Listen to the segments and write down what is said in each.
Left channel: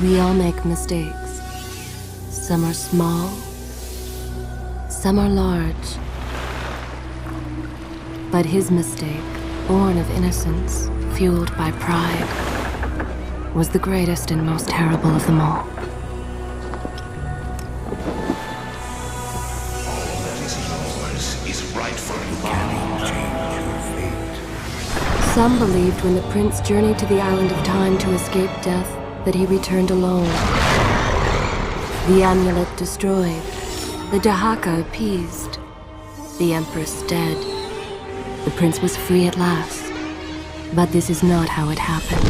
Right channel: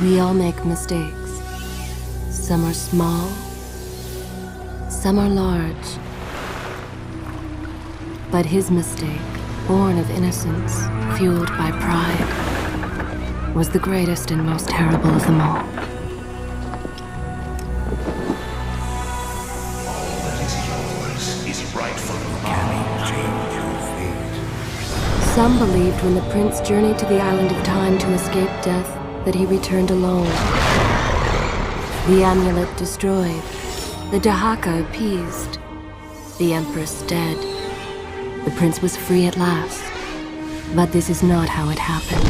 We all make mistakes. Some are small, some are large. But his mistake, born of innocence, fueled by pride, was the greatest and most terrible of them all. Some believed when the prince journeyed to the island of time to escape death that he returned alone. The amulet destroyed, the Dahaka appeased, the empress dead. The prince was free at last. But this is not how it happened.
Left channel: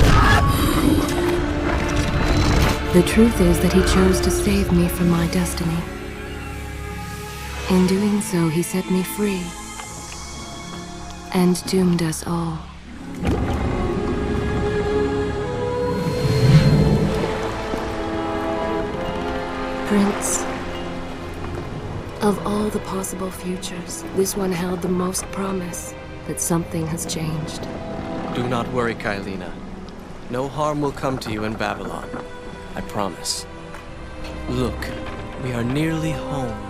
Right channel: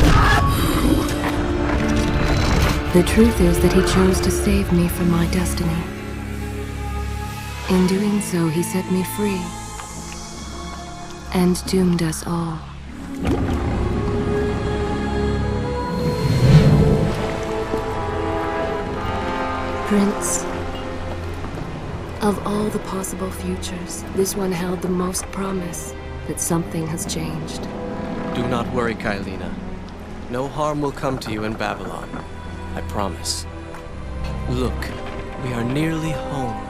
The truth is that he chose to save me from my destiny. In doing so, he set me free and doomed us all. Prince, of all the possible futures, this one held the most promise that something has changed. Do not worry, Kailina. No harm will come to you in Babylon. I promise. Look, we are nearly home.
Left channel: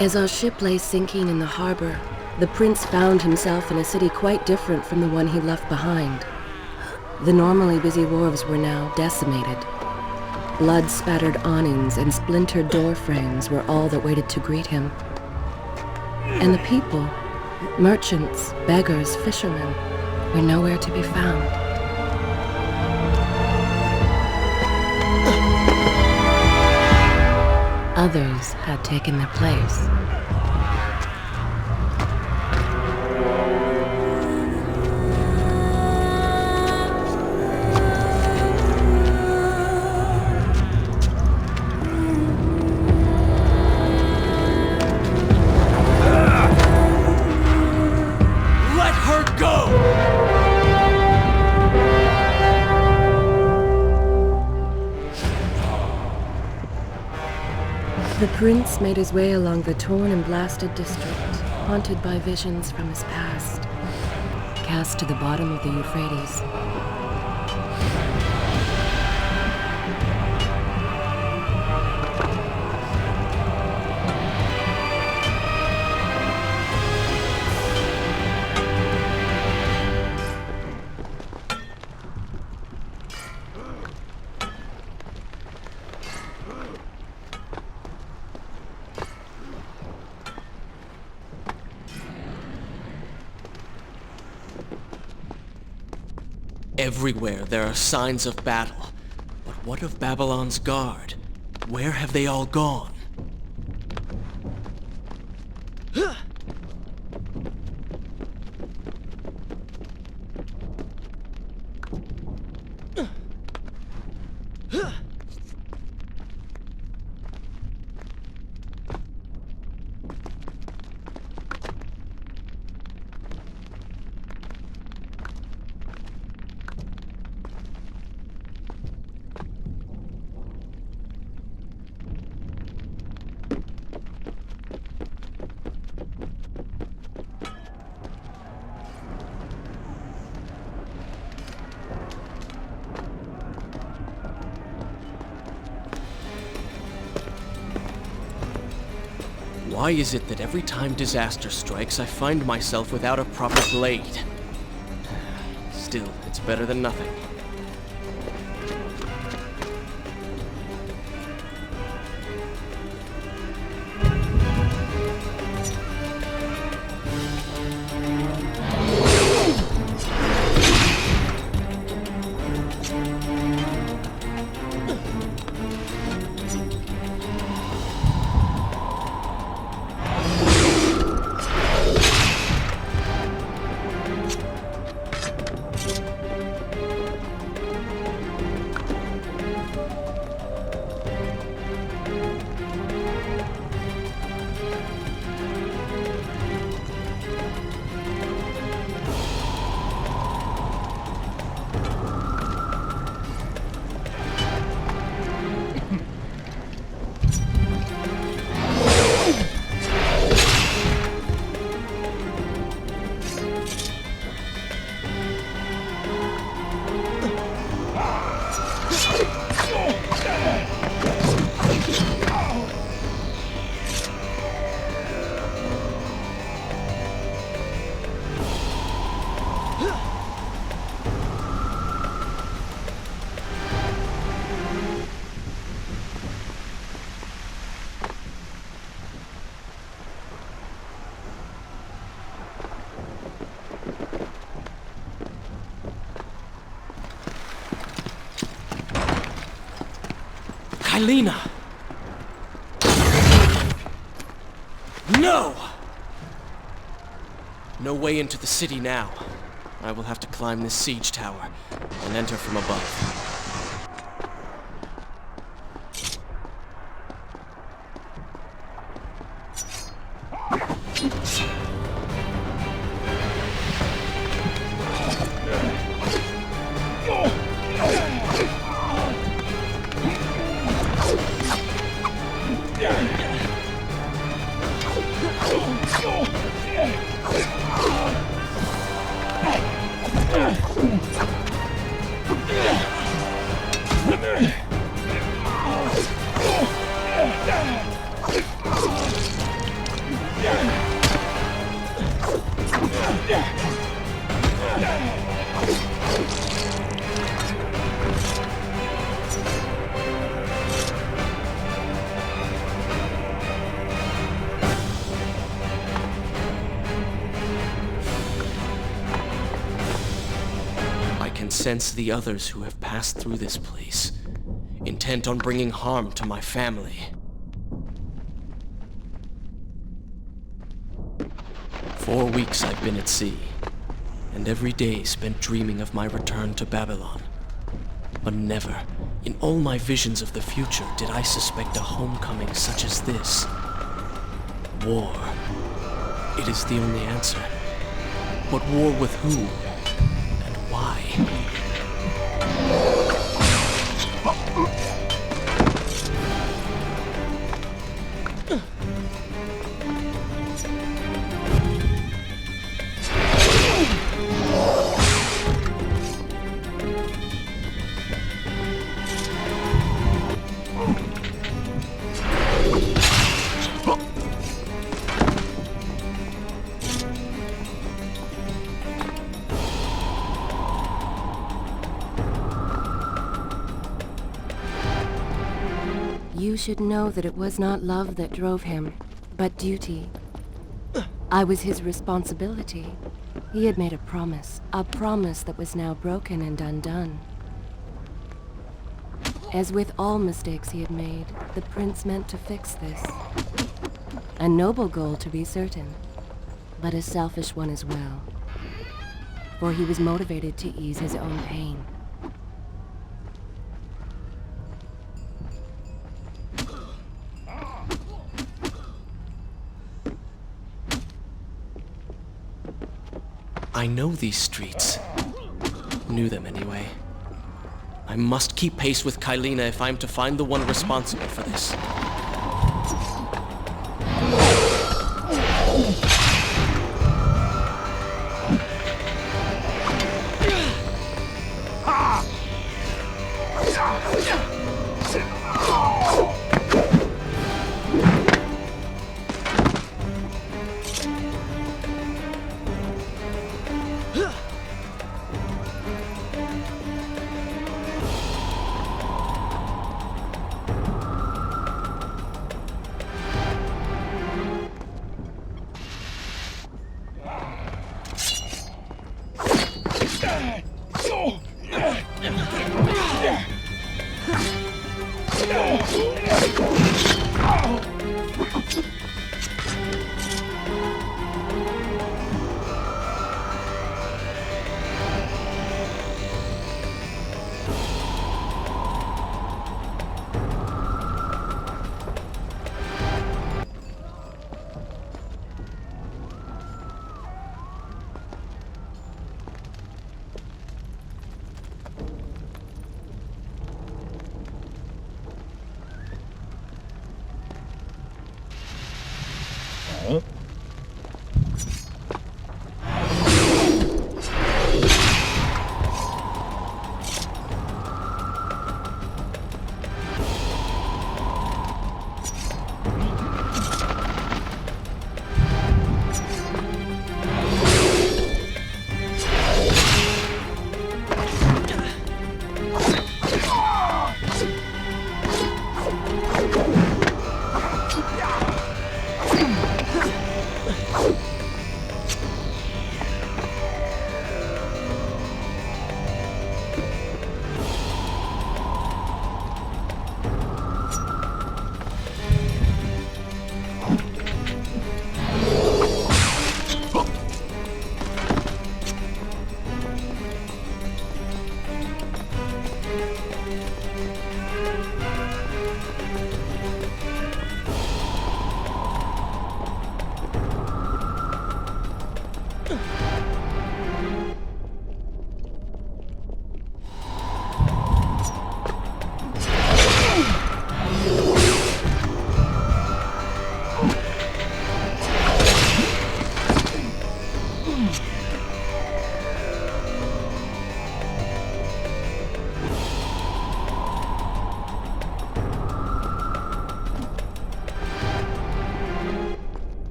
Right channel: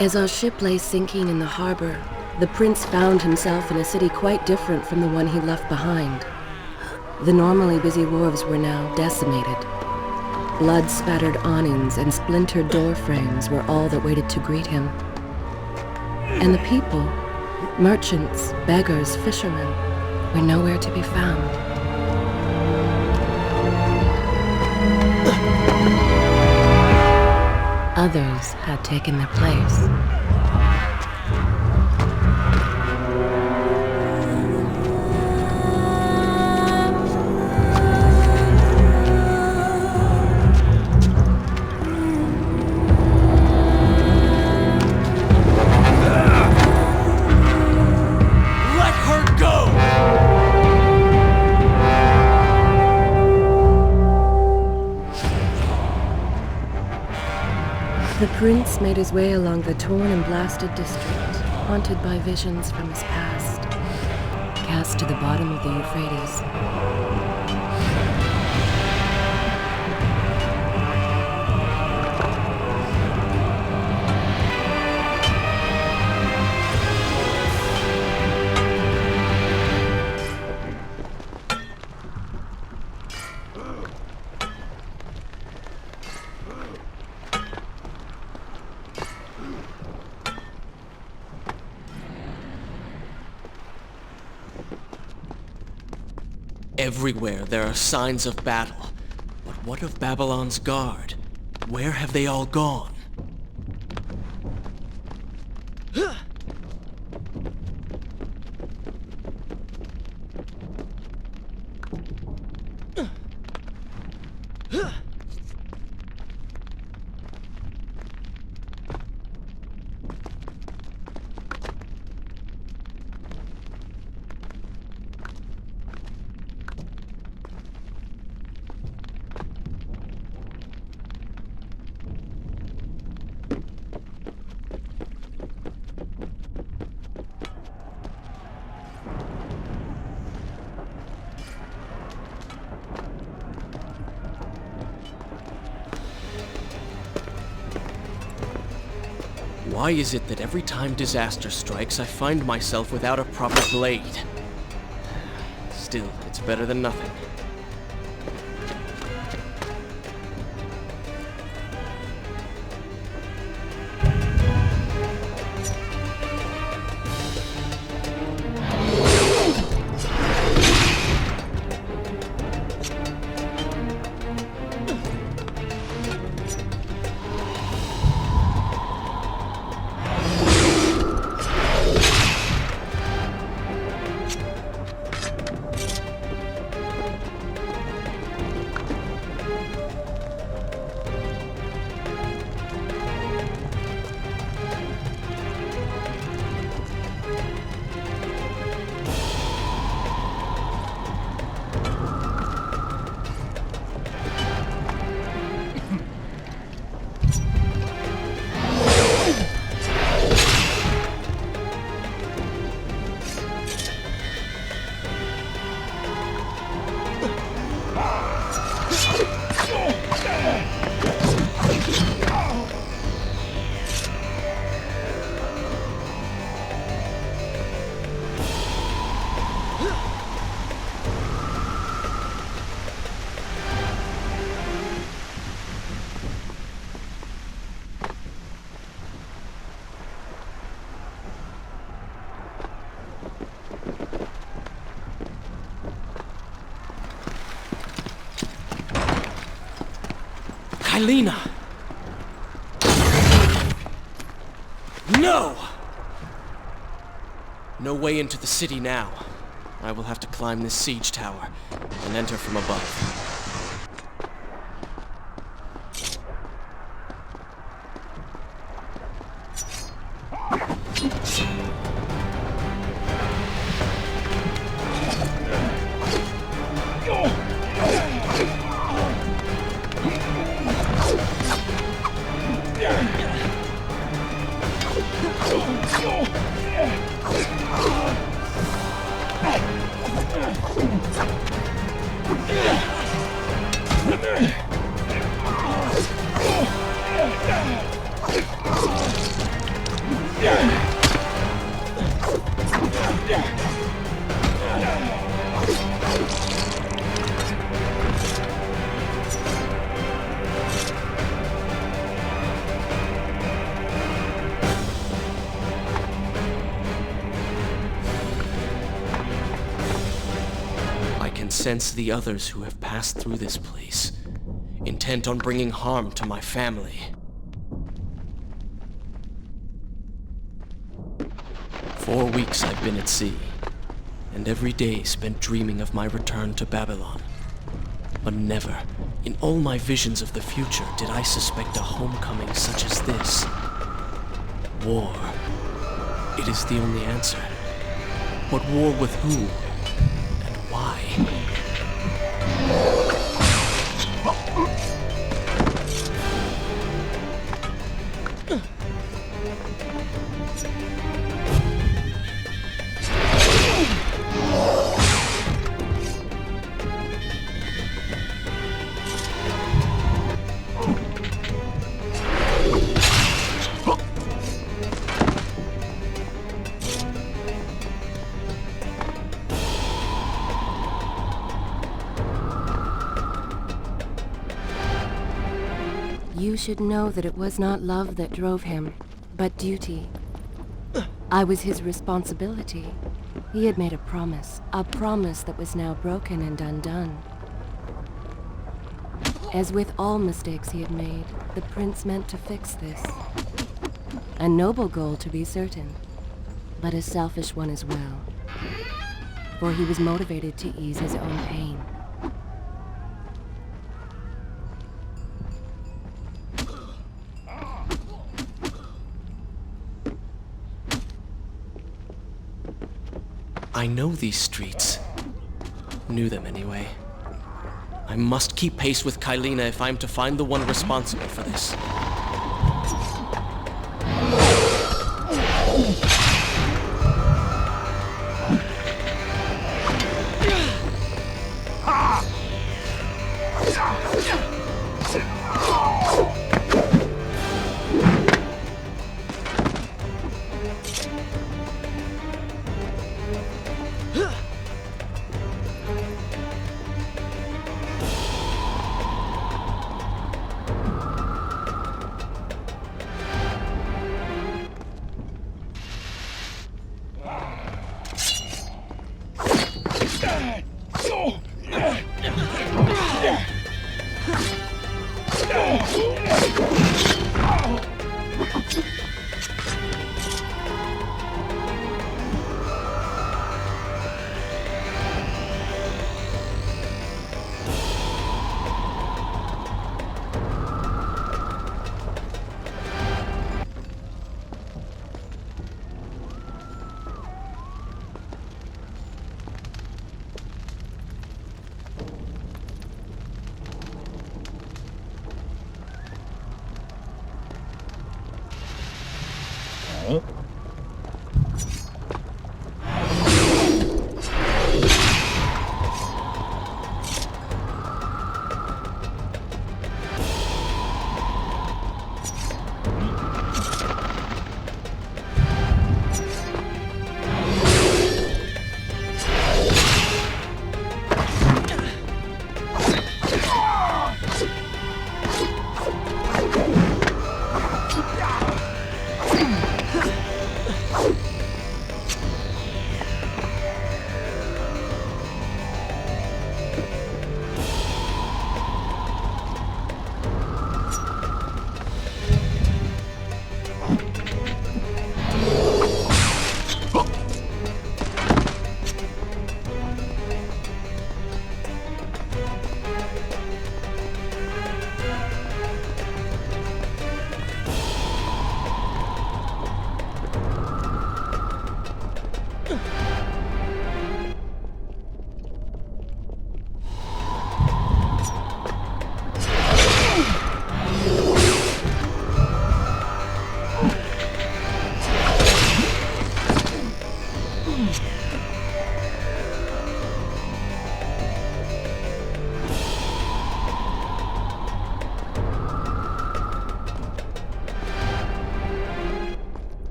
As our ship lay sinking in the harbor, the prince found himself in a city quite different from the one he left behind. The normally busy wharves were now decimated. Blood-spattered awnings and splintered door frames were all that waited to greet him. And the people, merchants, beggars, fishermen, were nowhere to be found. Others had taken their place. Let her go! The prince made his way along the torn and blasted district, haunted by visions from his past, cast to the bottom of the Euphrates. Everywhere there are signs of battle. But what of Babylon's guard? Where have they all gone? Why is it that every time disaster strikes, I find myself without a proper blade? Still, it's better than nothing. Kylina! No! No way into the city now. I will have to climb this siege tower and enter from above. I can sense the others who have passed through this place, intent on bringing harm to my family. 4 weeks I've been at sea, and every day spent dreaming of my return to Babylon. But never, in all my visions of the future, did I suspect a homecoming such as this. War. It is the only answer. But war with who? And why? You should know that it was not love that drove him, but duty. I was his responsibility. He had made a promise that was now broken and undone. As with all mistakes he had made, the prince meant to fix this. A noble goal, to be certain, but a selfish one as well. For he was motivated to ease his own pain. I know these streets. Knew them anyway. I must keep pace with Kylina if I'm to find the one responsible for this.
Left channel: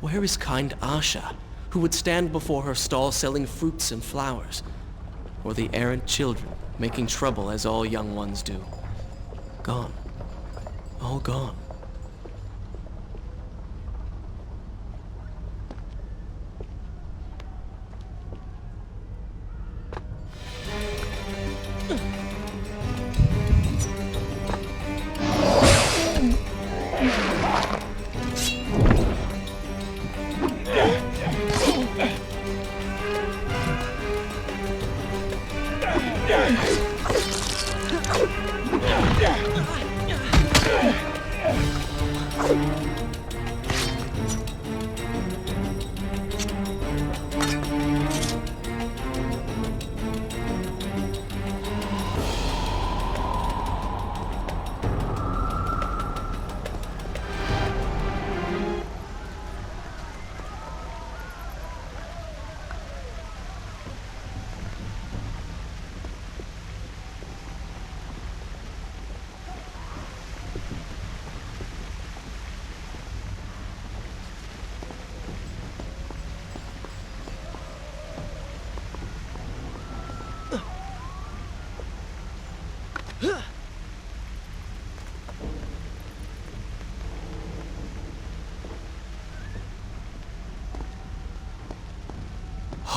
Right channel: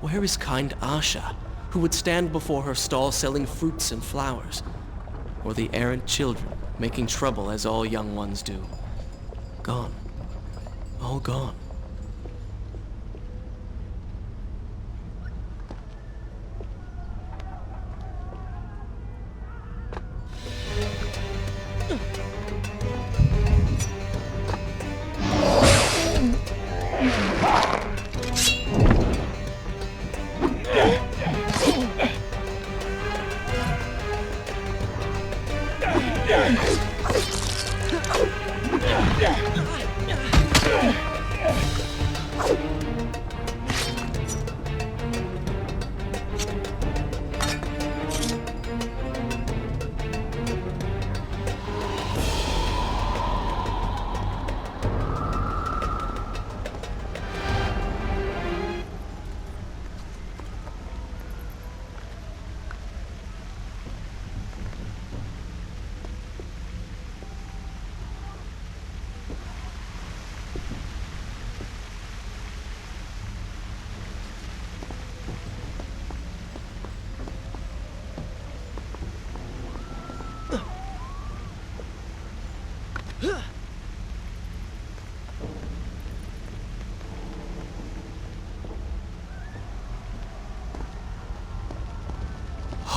Where is kind Asha, who would stand before her stall selling fruits and flowers? Or the errant children, making trouble as all young ones do? Gone. All gone.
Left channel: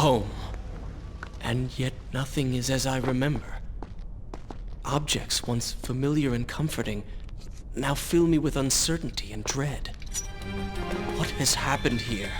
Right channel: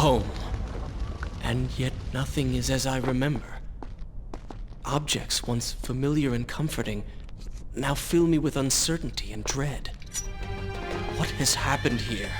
Home. And yet nothing is as I remember. Objects once familiar and comforting now fill me with uncertainty and dread. What has happened here?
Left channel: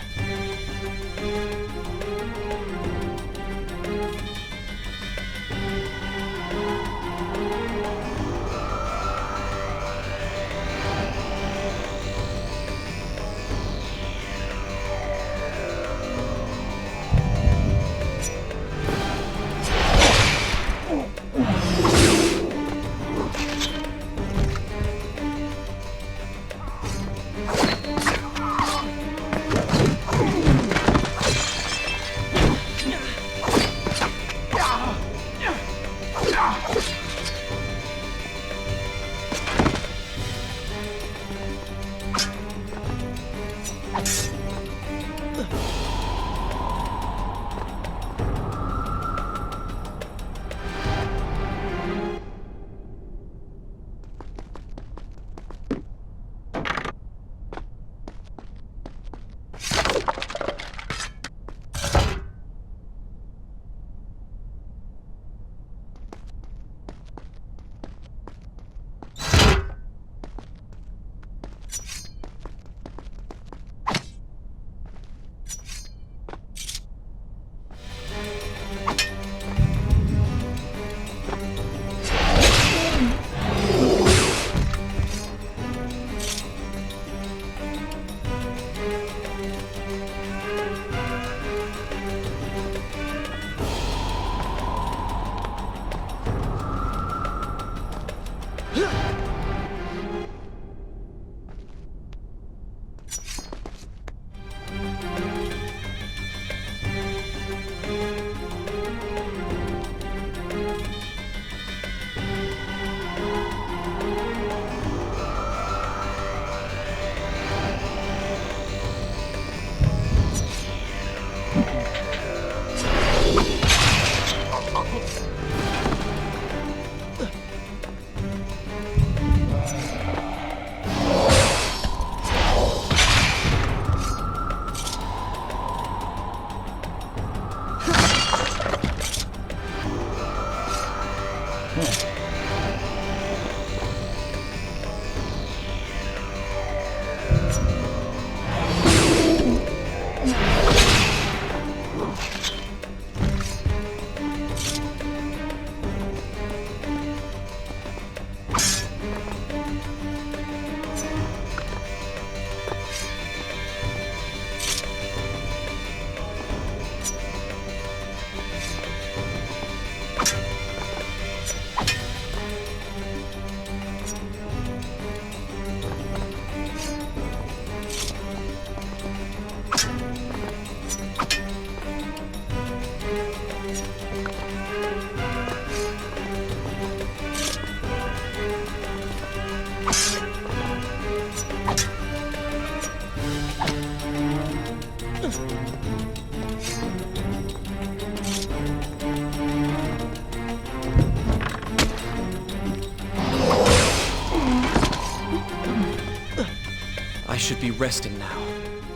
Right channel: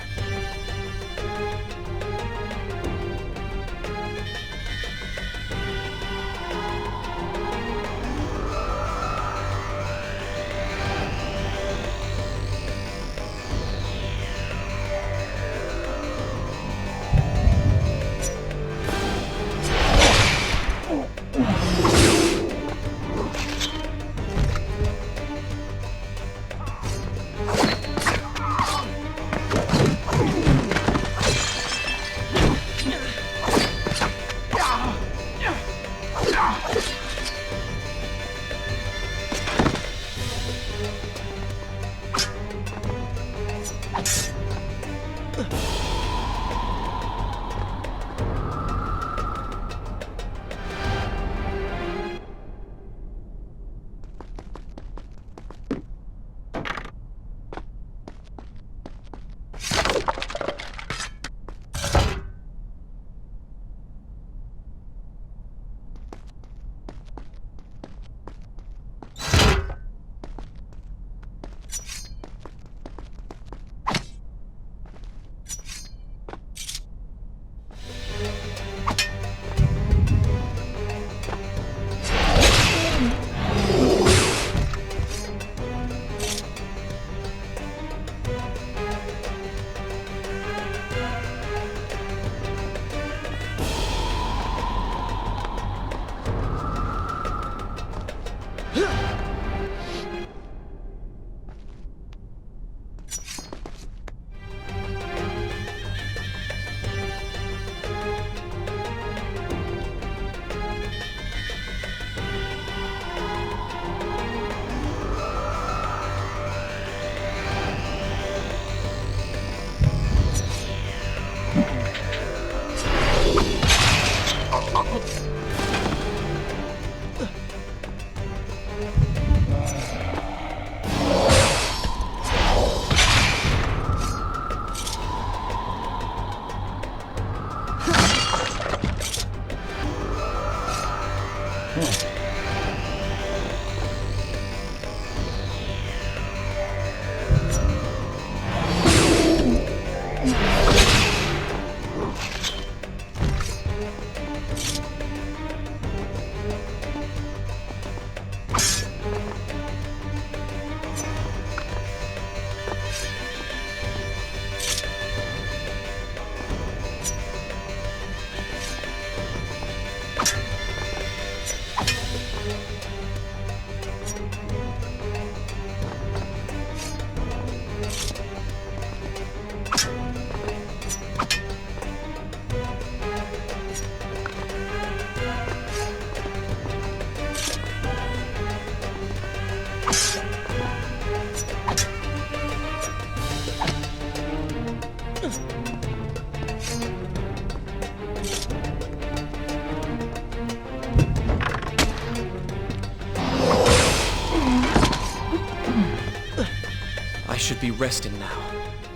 should be resting now,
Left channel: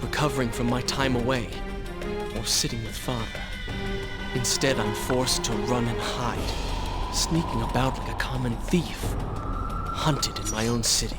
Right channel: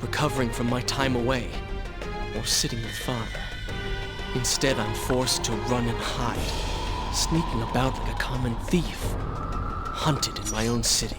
recovering from my time away, or sitting with father. Instead, I'm forced to run and hide, sneaking about like a common thief, hunted in my own city.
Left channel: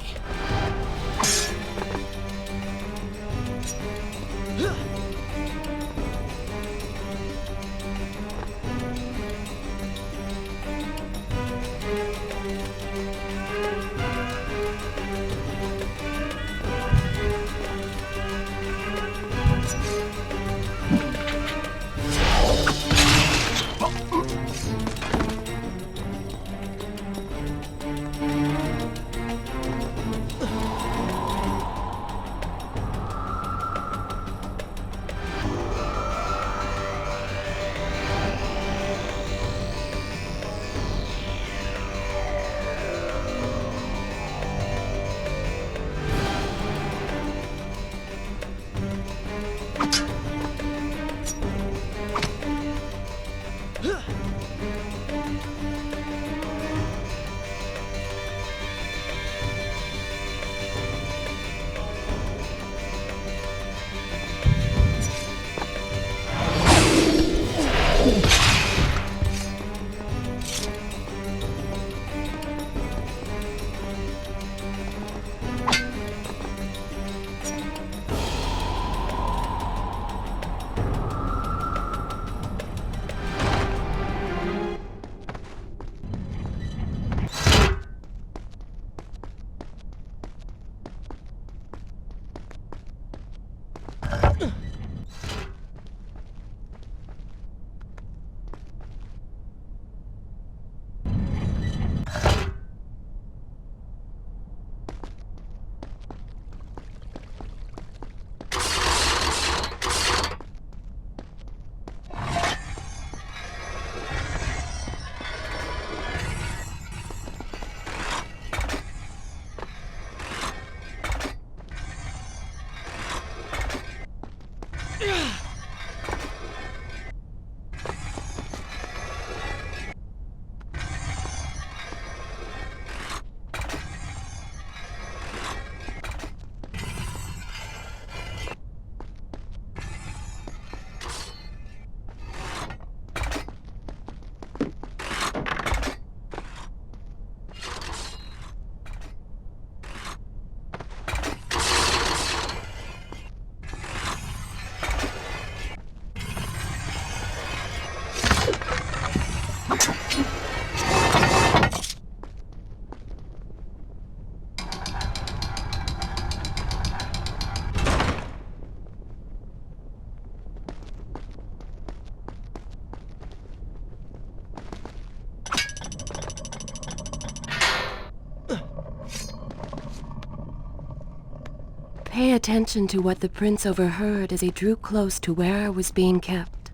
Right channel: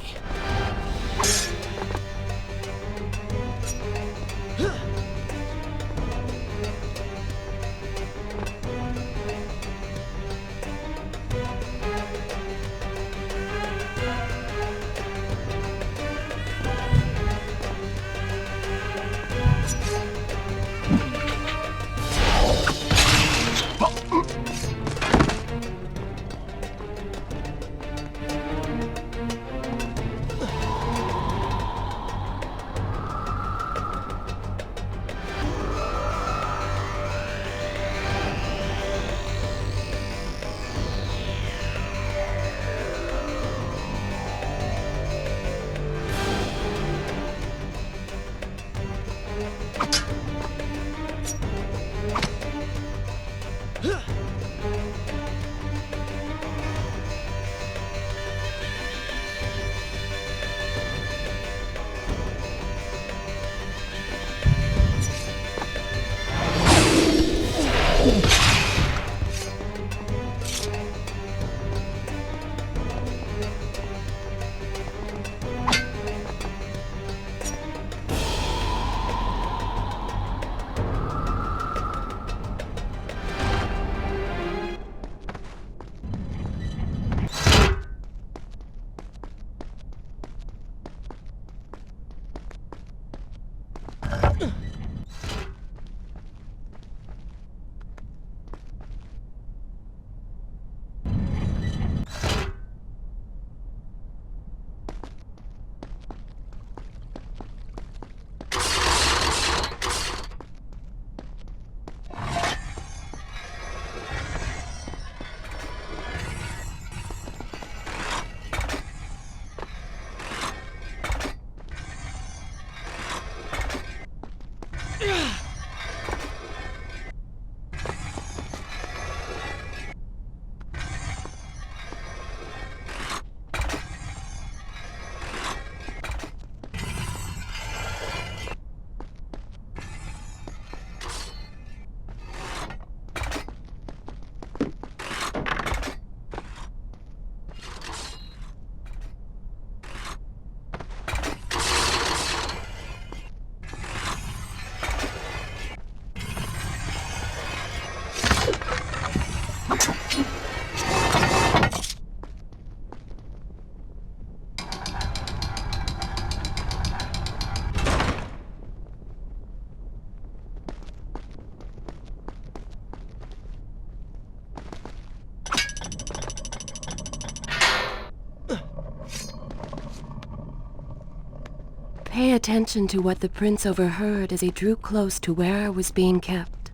Pay attention to what the prince overheard as he drew close to where I was being kept.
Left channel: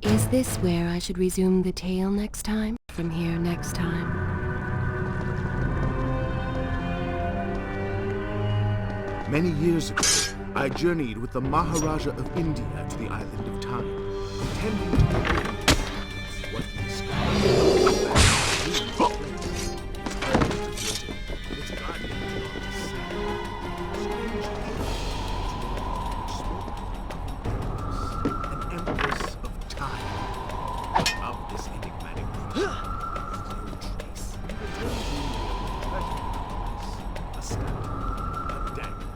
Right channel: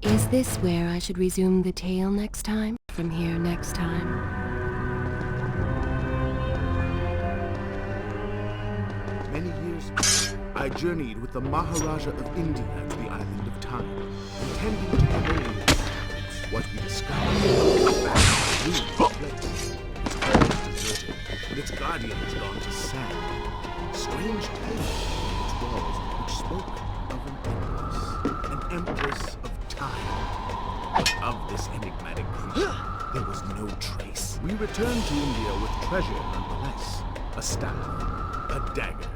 Is this where I should resume the tale next time? From here next time? Many years ago, I journeyed with the Maharaja of India to the island of Time, intending to learn what we discovered. This place. Its halls deserted, and its guardians gone to sand. Strange tales, its walls which spoke of an empress of time. But of this enigmatic creature, there was no trace. We returned to India with treasure nonetheless. A staff, a dagger,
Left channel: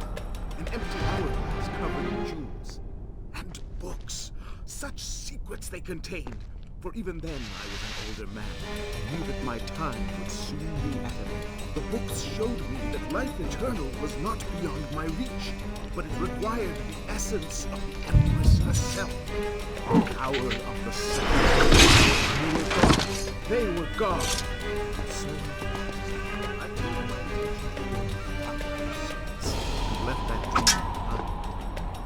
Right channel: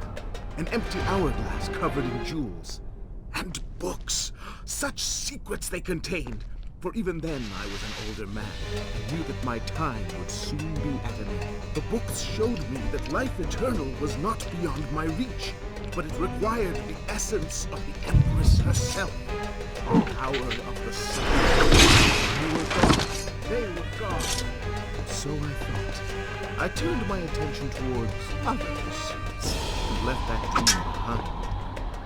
an empty hourglass covered in jewels, and books. Such secrets they contained. For even then I was an older man, and knew that my time would soon be at an end. The books showed me that life eternal was not beyond my reach, but it required the essence of the Empress herself. The power of the sun. They were gone. They were gone. And so I thought. I turned my attention towards other pursuits, and left that dream behind.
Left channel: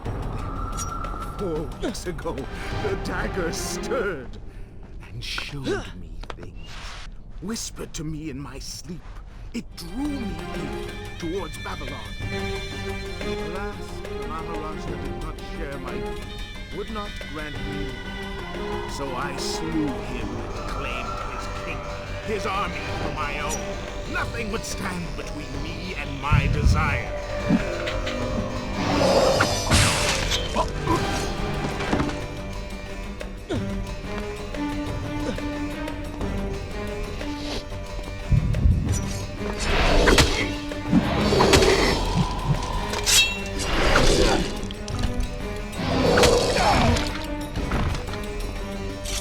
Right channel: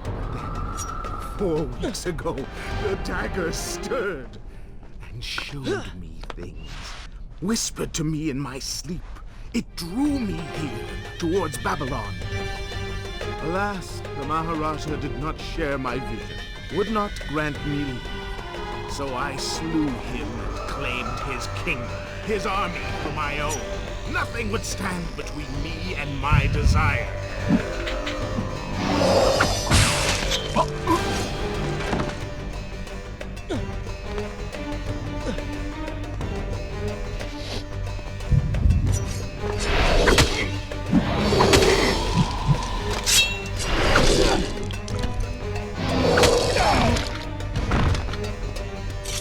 But then, 4 weeks ago, the dagger stirred. And showed me things, whispered to me in my sleep. It drew me here, towards Babylon. Alas, the Maharaja did not share my vision, would not grant me leave. So I slew him and claimed his kingdom, his army for my own. Nothing would stand between me and my desire.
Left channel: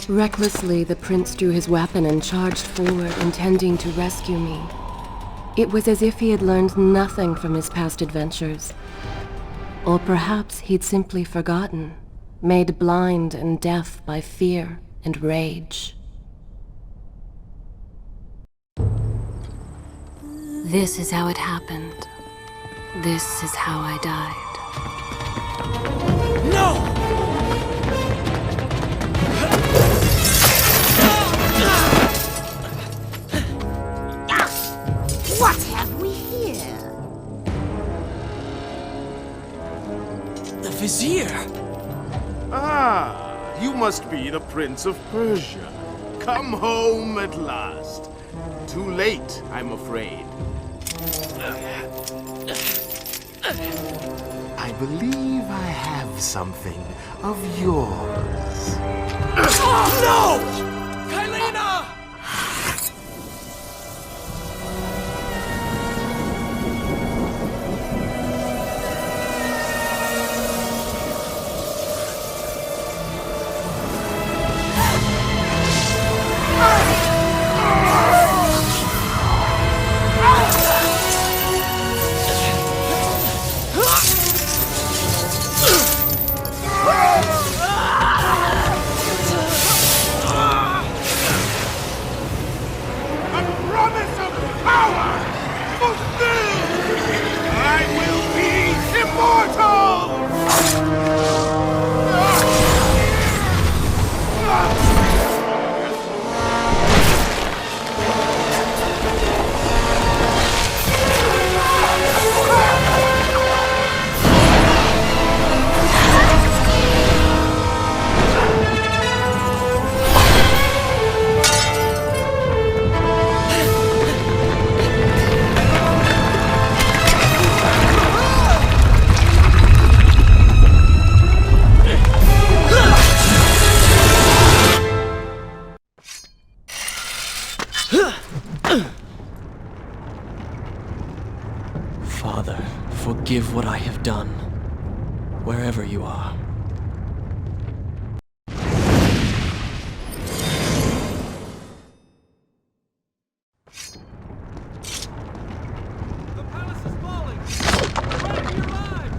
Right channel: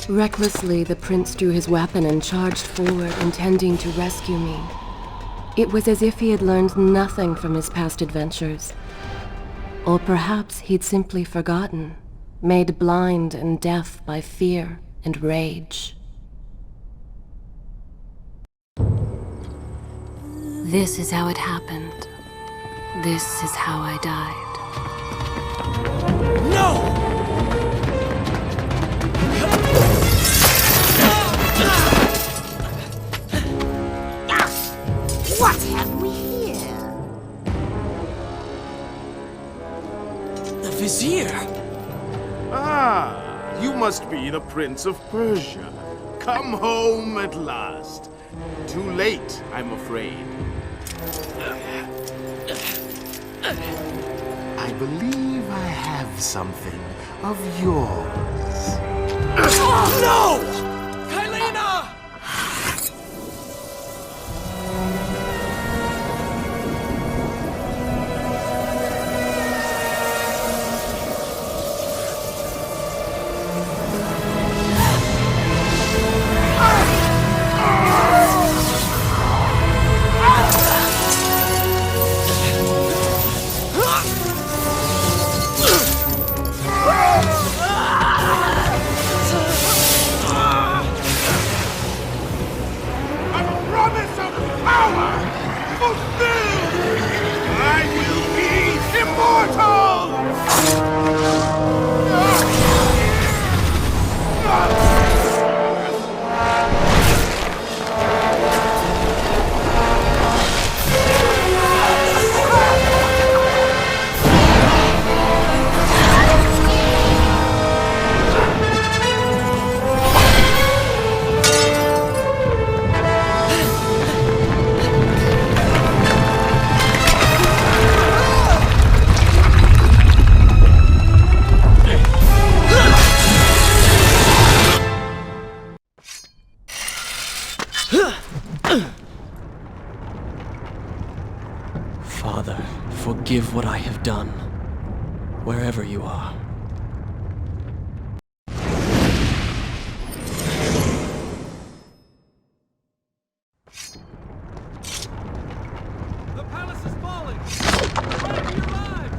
Recklessly, the prince drew his weapon and charged forward, intending to rescue me. It was as if he had learned nothing from his past adventures. Or perhaps he'd simply forgotten, made blind and deaf by fear and rage. This is how it happened. This is how I died. No! What have we here? The Vizier! Ah, you must be the Prince of Persia. Come home at last. Too late, I'm afraid. I believe I have something of yours. No! Kylena! A promise of power fulfilled! I will be immortal! Father, forgive what I have done, wherever you are. The palace is falling! Run for your lives!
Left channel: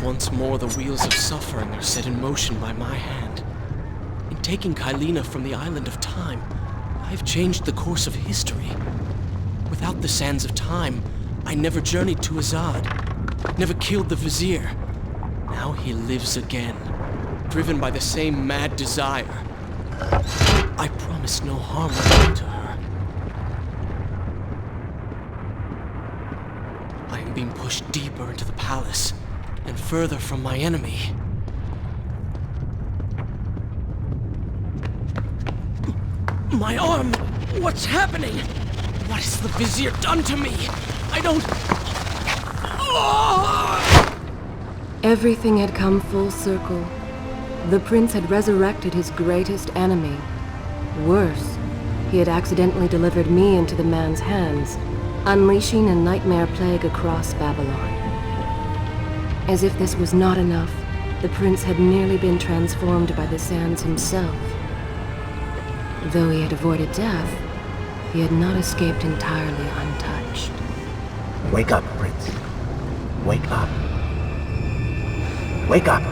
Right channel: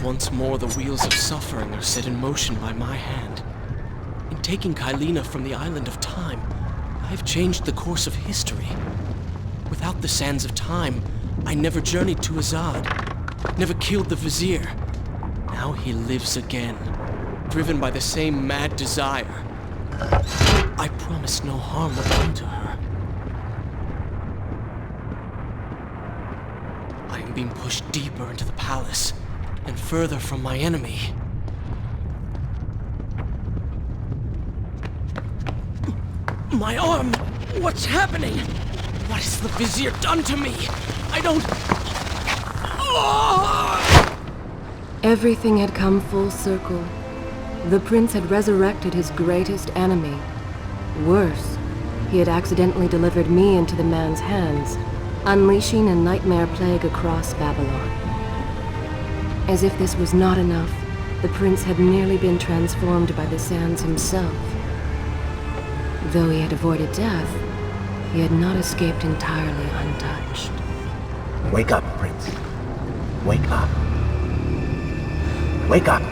Once more, the wheels of suffering are set in motion by my hand. In taking Kylina from the island of time, I've changed the course of history. Without the sands of time, I never journeyed to Azad, never killed the Vizier. Now he lives again, driven by the same mad desire. I promise no harm will come to her. I am being pushed deeper into the palace, and further from my enemy. My arm! What's happening? What has the Vizier done to me? I don't... Everything had come full circle. The prince had resurrected his greatest enemy. Worse, he had accidentally delivered me into the man's hands, unleashing a nightmare plague across Babylon. As if this was not enough, the prince had nearly been transformed by the sands himself. Though he had avoided death, he had not escaped entirely untouched. Wake up, Prince. Wake up. Wake up!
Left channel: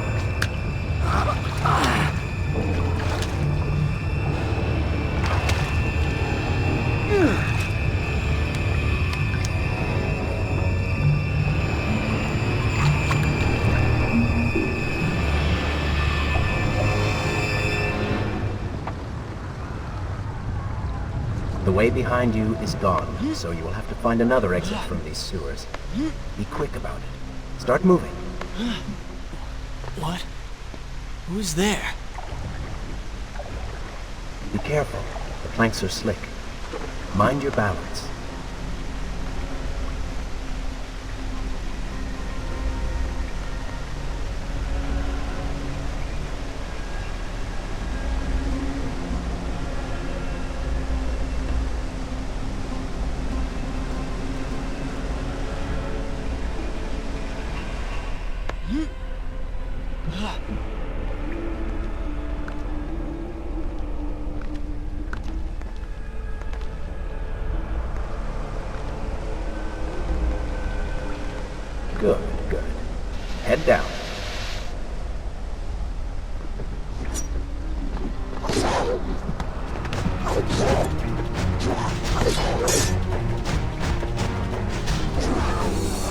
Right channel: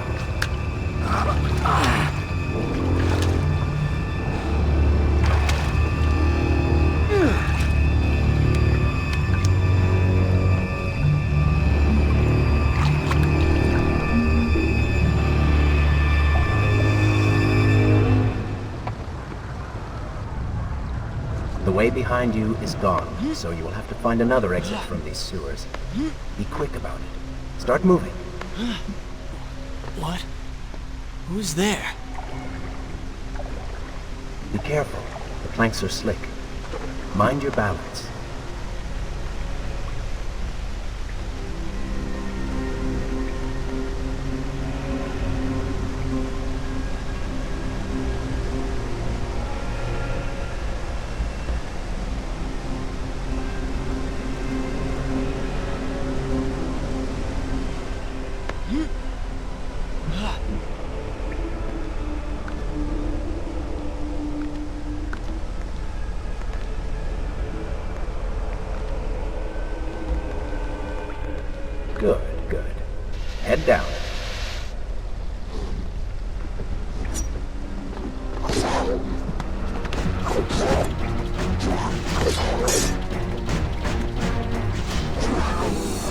The way behind you is gone, so you will have to find another exit from these sewers. Be quick about it. Start moving. What? Who's there? Be careful. The planks are slick. Mind your balance. Good, good. Head down.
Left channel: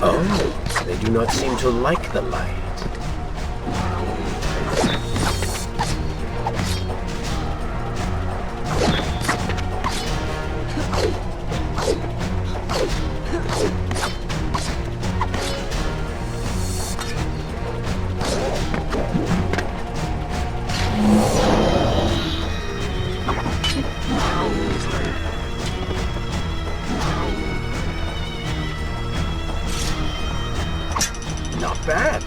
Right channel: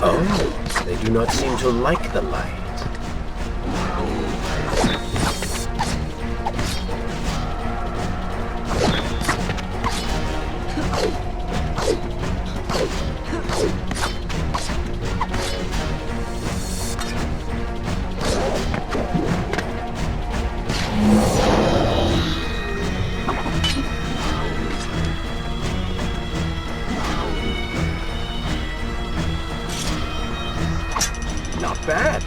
Oh, they do not seem to like the light. Not bad.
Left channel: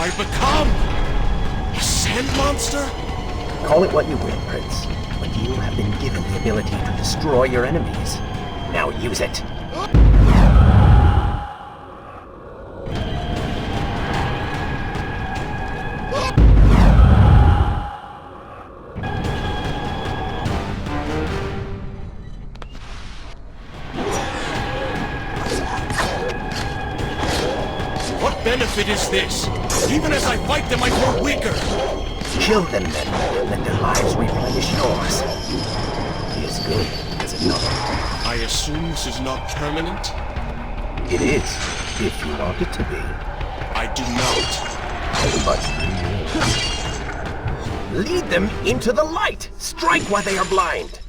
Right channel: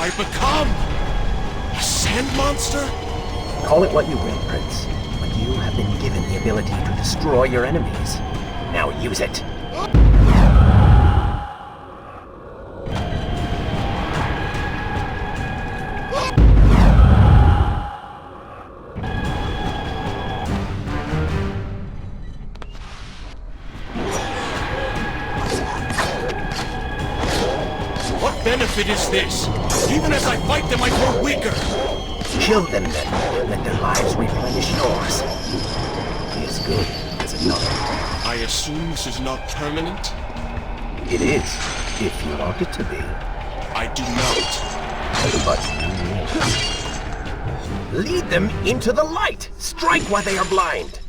I become? A sand monster? Call it what you will, Prince, but you have been given the ability to destroy your enemies. Now use it. What benefit is this? Even as I fight them, I grow weaker. Kill them then. Let their lives replenish yours. It is good, is it not? I assume this is not permanent? It is, if you want it to be. I do not. But you will. Lead them into the light! Strike while they are blind!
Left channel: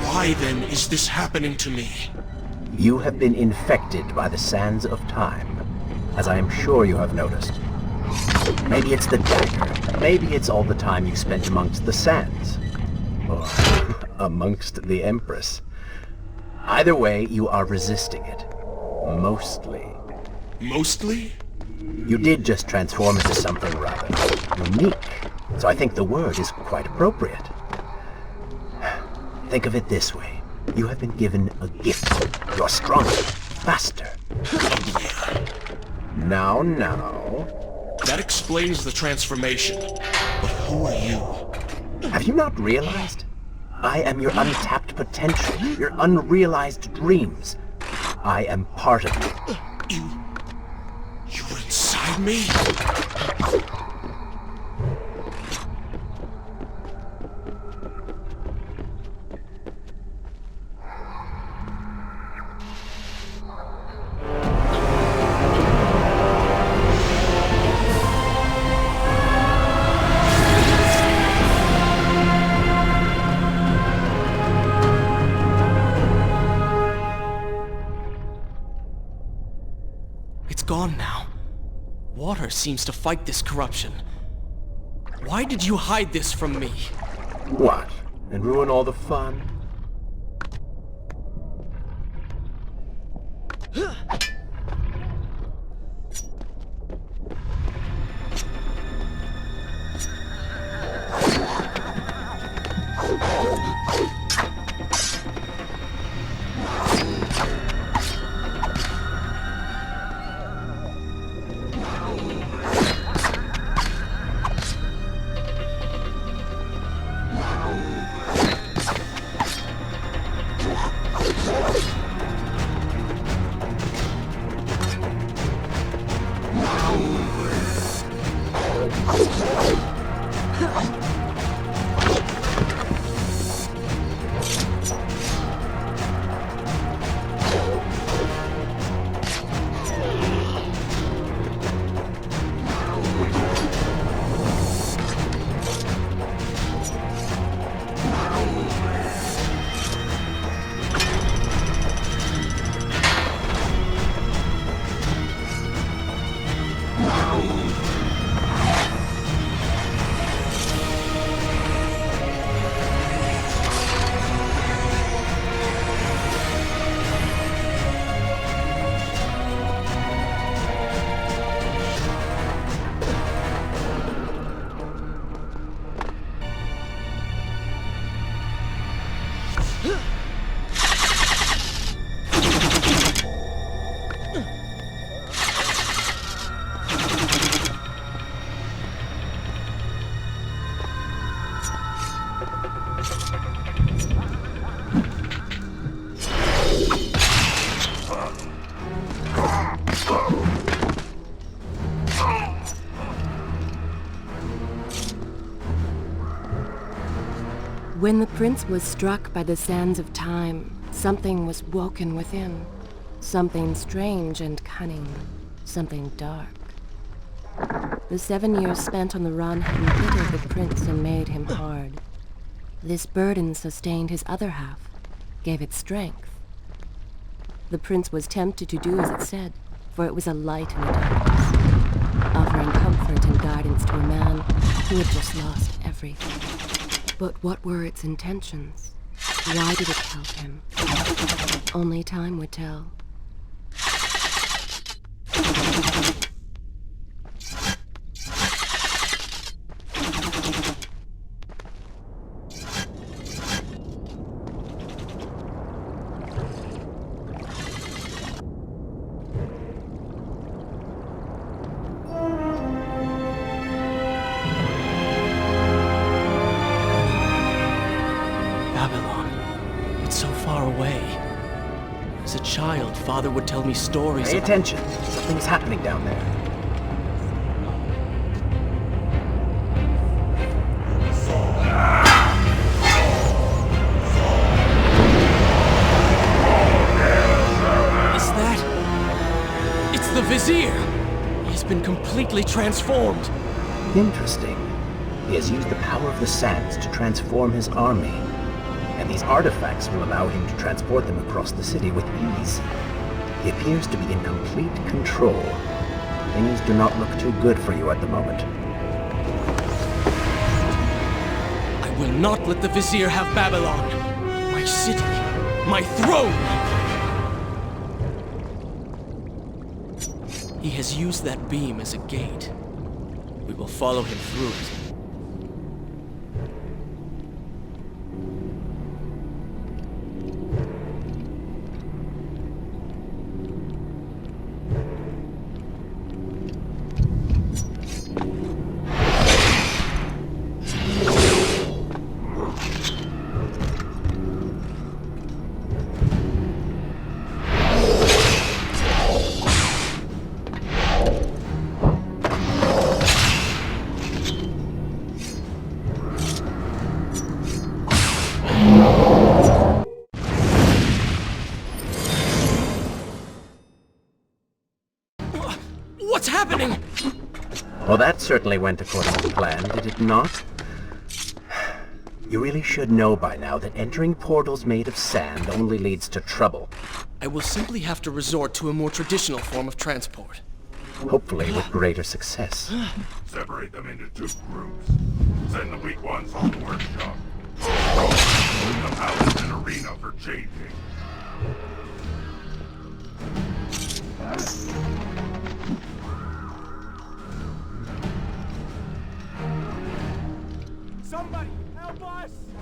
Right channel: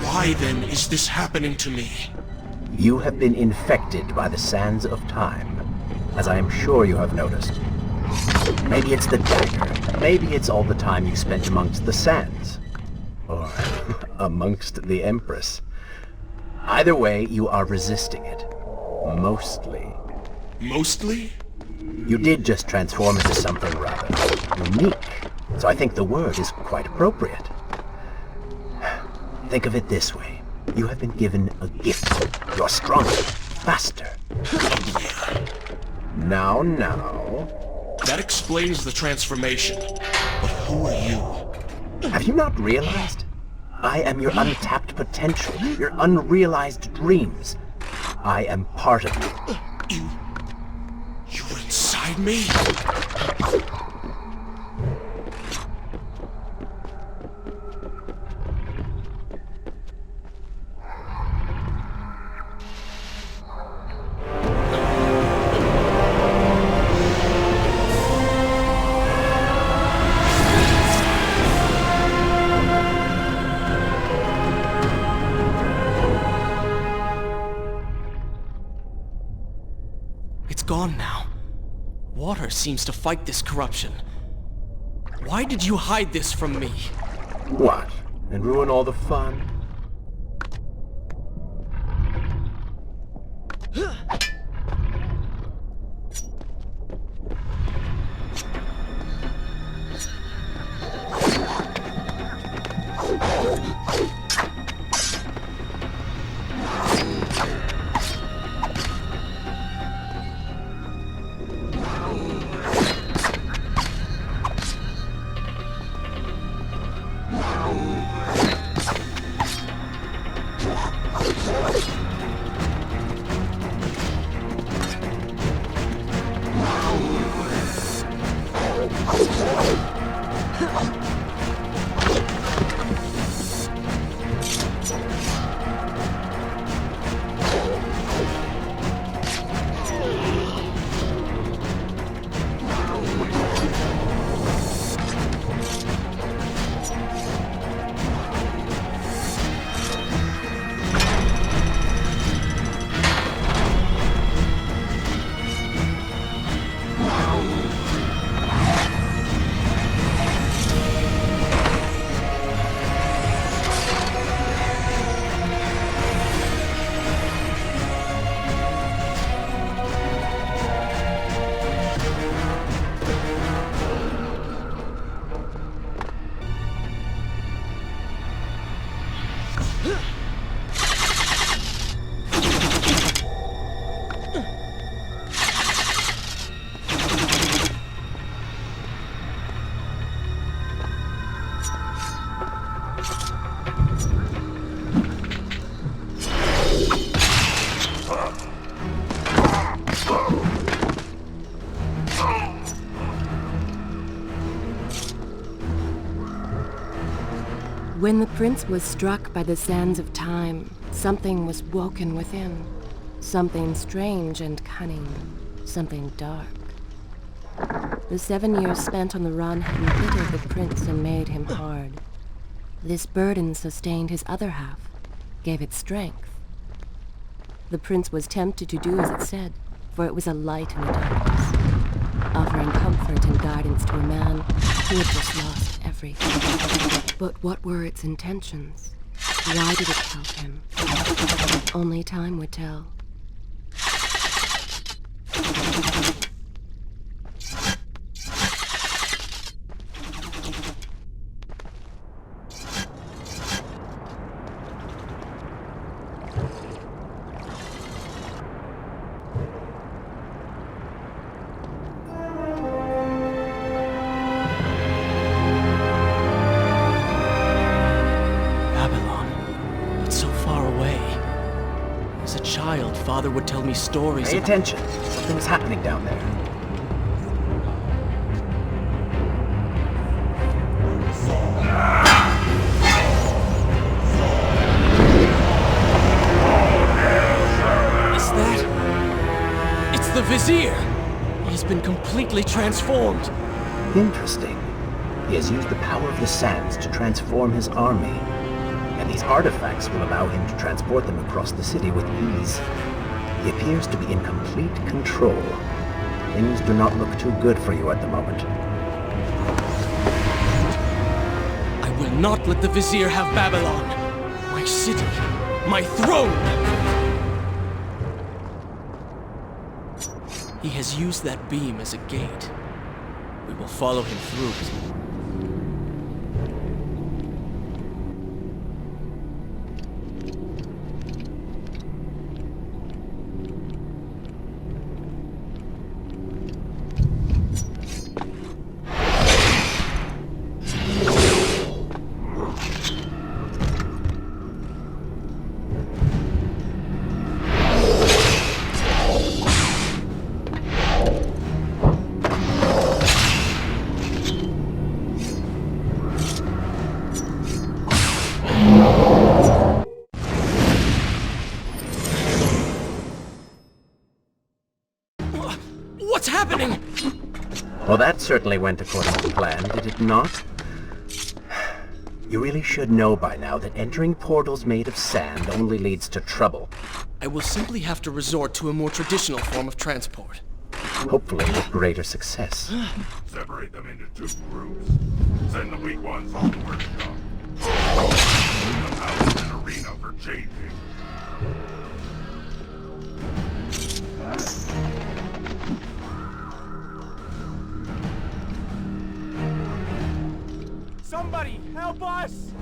Why then is this happening to me? You have been infected by the sands of time, as I am sure you have noticed. Maybe it's the dagger. Maybe it's all the time you spent amongst the sands. Or amongst the Empress. Either way, you are resisting it. Mostly. Mostly? You did just transform into something rather unique, so I think the word is quite appropriate. Think of it this way. You have been given a gift. You're stronger, faster. Now. That explains the transformation. But who are you? Have you not realized? I am your untapped potential, your unrealized dreams. I am part of you. You're inside me? It's gone now. Water seems to fight this corruption. Why did you hide this from me? What? And ruin all the fun? When the prince was struck by the sands of time, something was woken within. Something strange and cunning. Something dark. The 7 years spent on the run had embittered the prince and made him hard. This burden sustained his other half, gave it strength. The prince was tempted to do as it said, for it was a light in the darkness, offering comfort and guidance to a man who had just lost everything. But what were its intentions? Why did it help him? Only time would tell. Babylon. It's so far away. As a child, Father would tell me stories Pay about... attention. Something's happening down there. Is that... It's the Vizier! He has been completely transformed. Interesting. He has used the power of the sands to transform his army. And these artifacts will allow him to transport them across the city with ease. He appears to be in complete control. Things do not look too good for you at the moment. I will not let the Vizier have Babylon. My city. My throne! He has used that beam as a gate. We will follow him through it. What's happening? Well, that certainly went according to plan, did it not? You really should know by now that entering portals made of sand only leads to trouble. I will simply have to resort to a more traditional form of transport. Hopefully with greater success. Separate them into 2 groups. Send the weak ones to the workshop. The house is an arena for changing. Somebody, help us!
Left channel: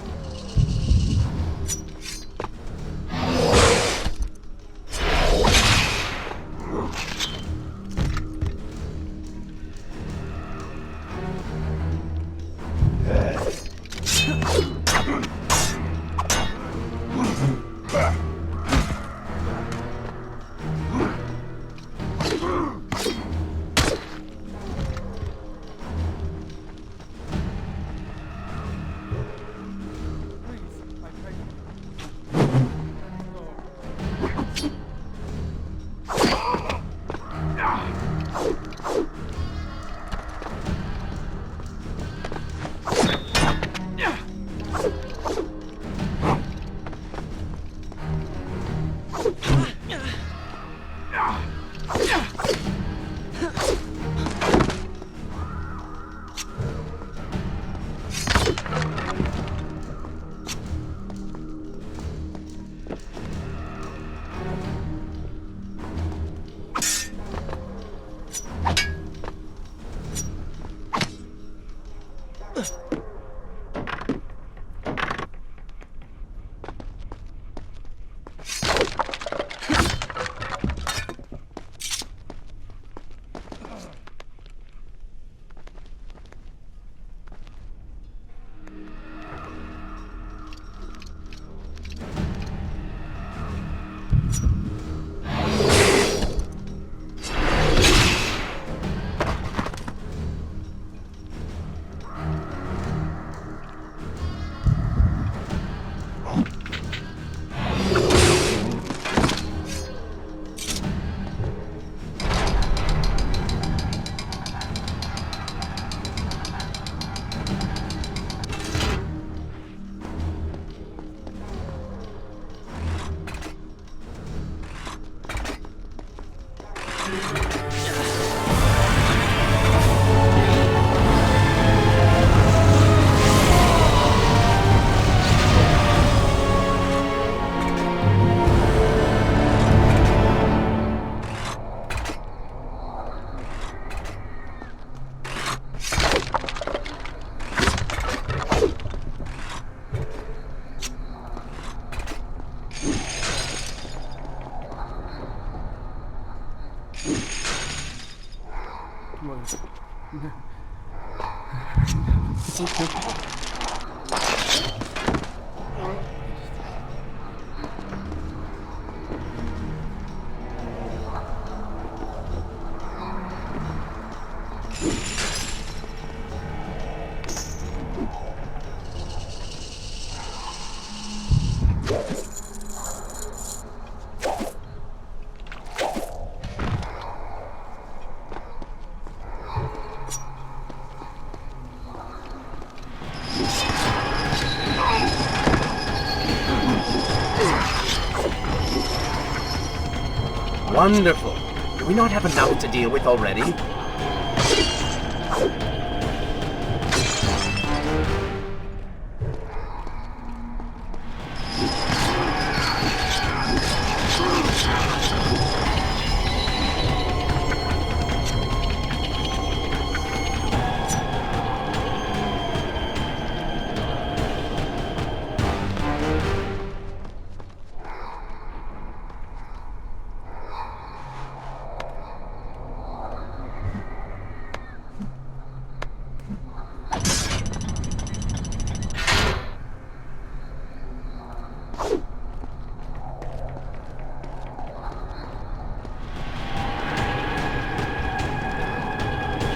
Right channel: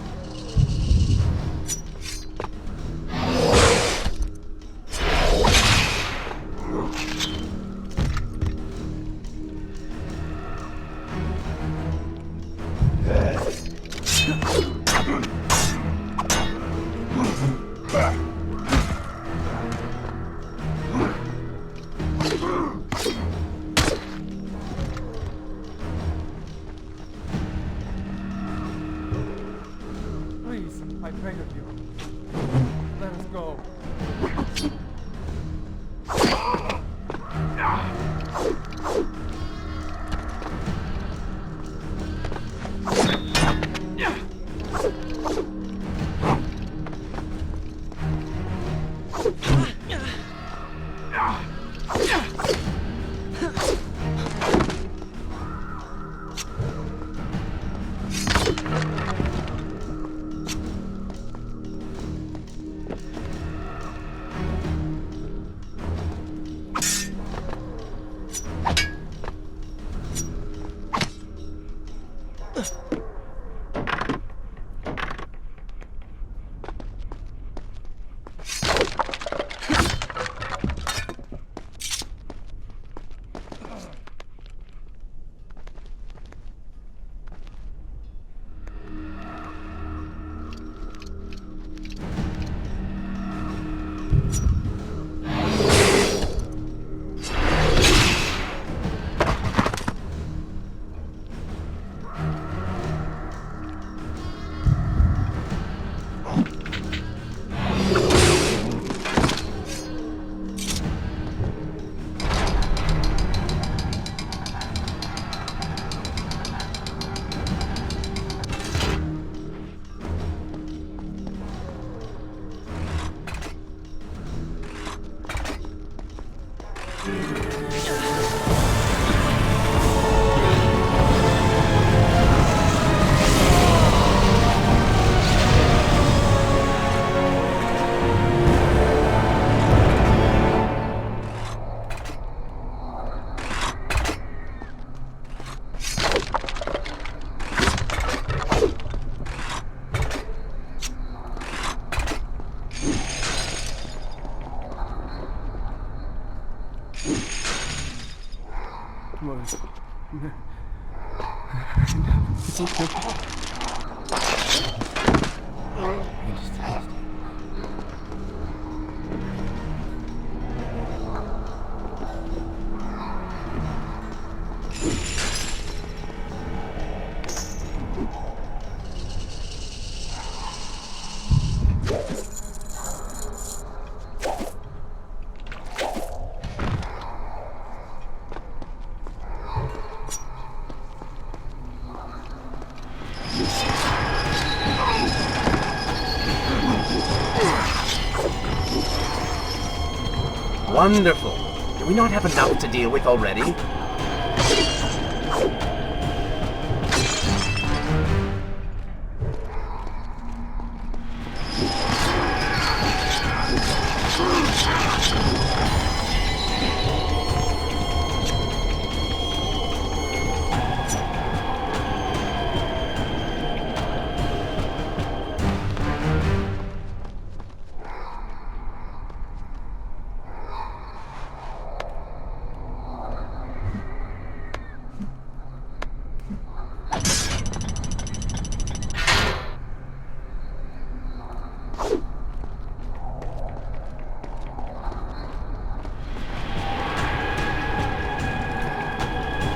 Wonderful. Do we not have enough to deal with already?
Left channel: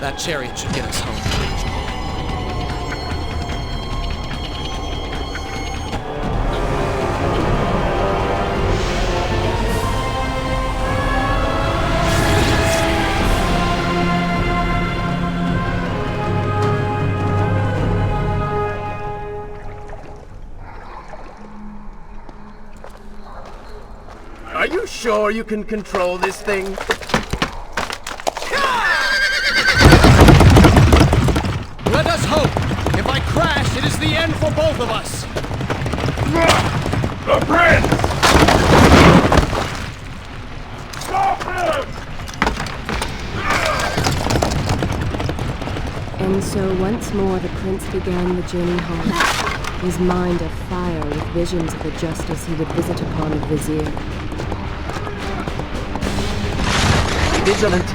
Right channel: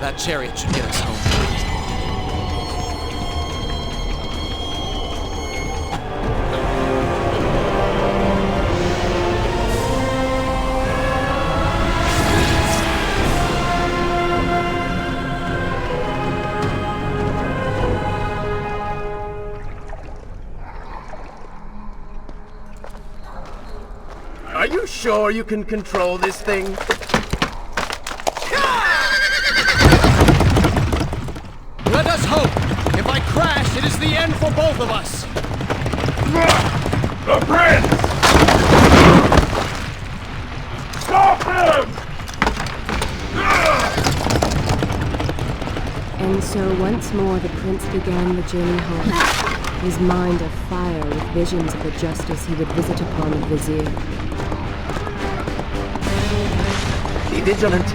That chariot should get us home. Are you sure you can control this thing? Let us hope! If I crash, it is the end for both of us! The prince! Stop him! And so once more the prince began the journey home, his mind afire with visions of the justice he would visit upon the vizier. Be vigilant.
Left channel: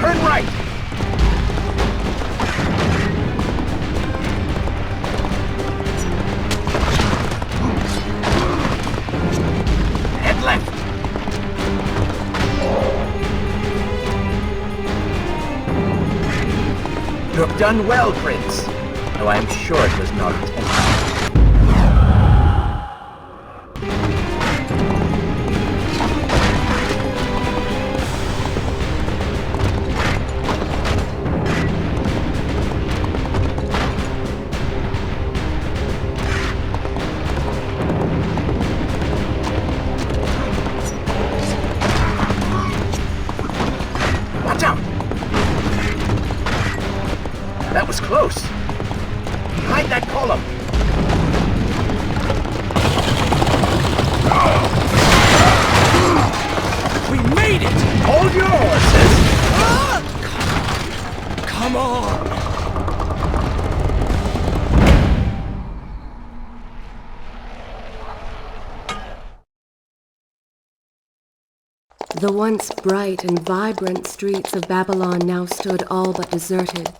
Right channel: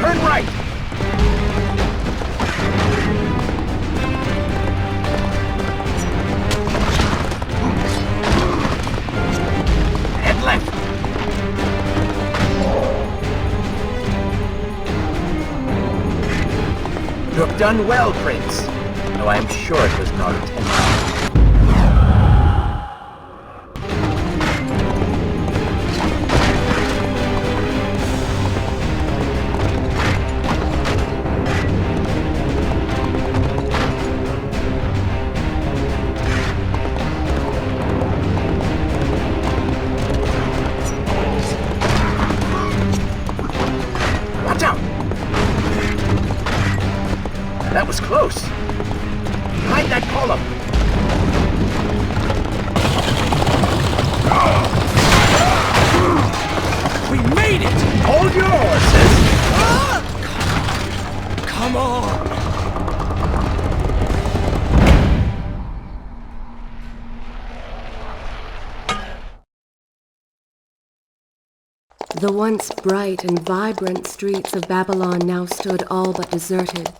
Turn right! Head left! You have done well, Prince, though I am sure it was not intentional. Watch out! That was close. Behind that column. We made it! Hold your horses. Come on! The once bright and vibrant streets of Babylon now stood all but deserted,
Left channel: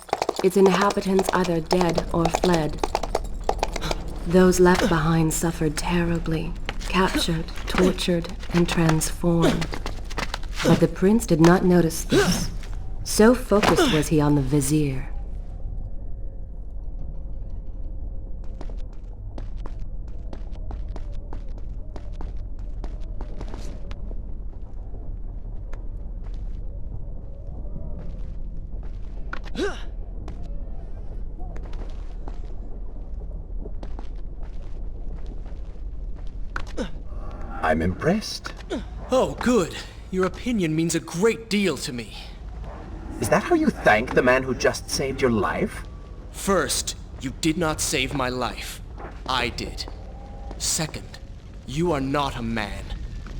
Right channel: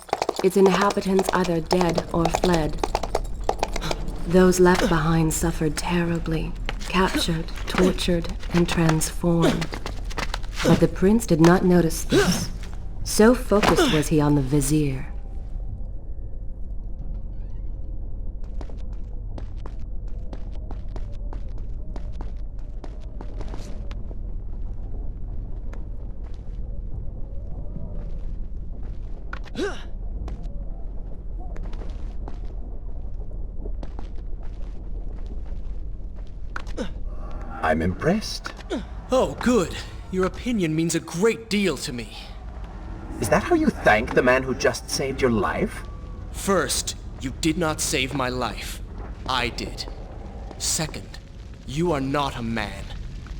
its inhabitants either dead or fled. Those left behind suffered terribly, captured, tortured, and transformed. But the prince did not notice this. So focused was he on the vizier. I'm impressed. Oh, good. Your opinion means a great deal to me. Is that how you thank the man who just saved your life? First, you did not save my life. I did. Second, you are not a man.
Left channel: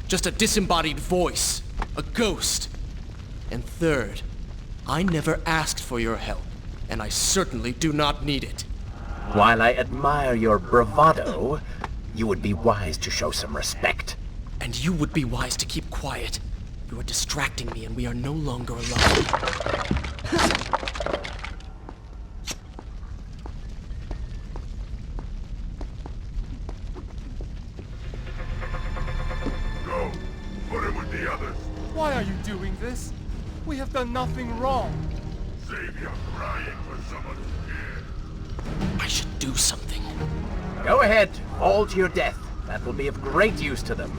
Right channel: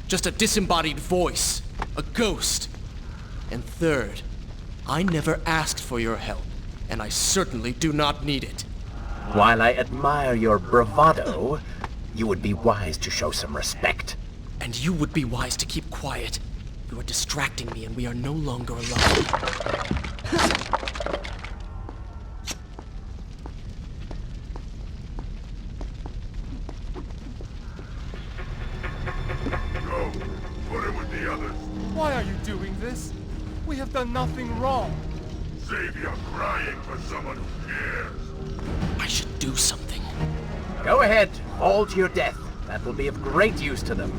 Just a disembodied voice. A ghost. And third, I never asked for your help, and I certainly do not need it. While I admire your bravado, you would be wise to show some respect. And you would be wise to keep quiet. You are distracting me and we are no longer alone. Go. Put him with the others. Why are you doing this? We have done nothing wrong. Save your crying for someone who cares. I should do something. Go ahead, fall to your death. That will be of great use to them.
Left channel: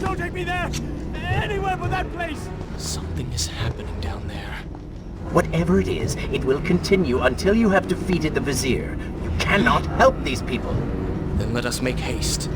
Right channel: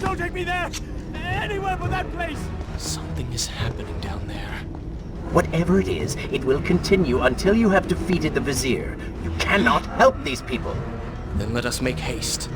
Don't take me there! Anywhere but that place! Something is happening down there. Whatever it is, it will continue until you have defeated the Vizier. You cannot help these people. Then let us make haste.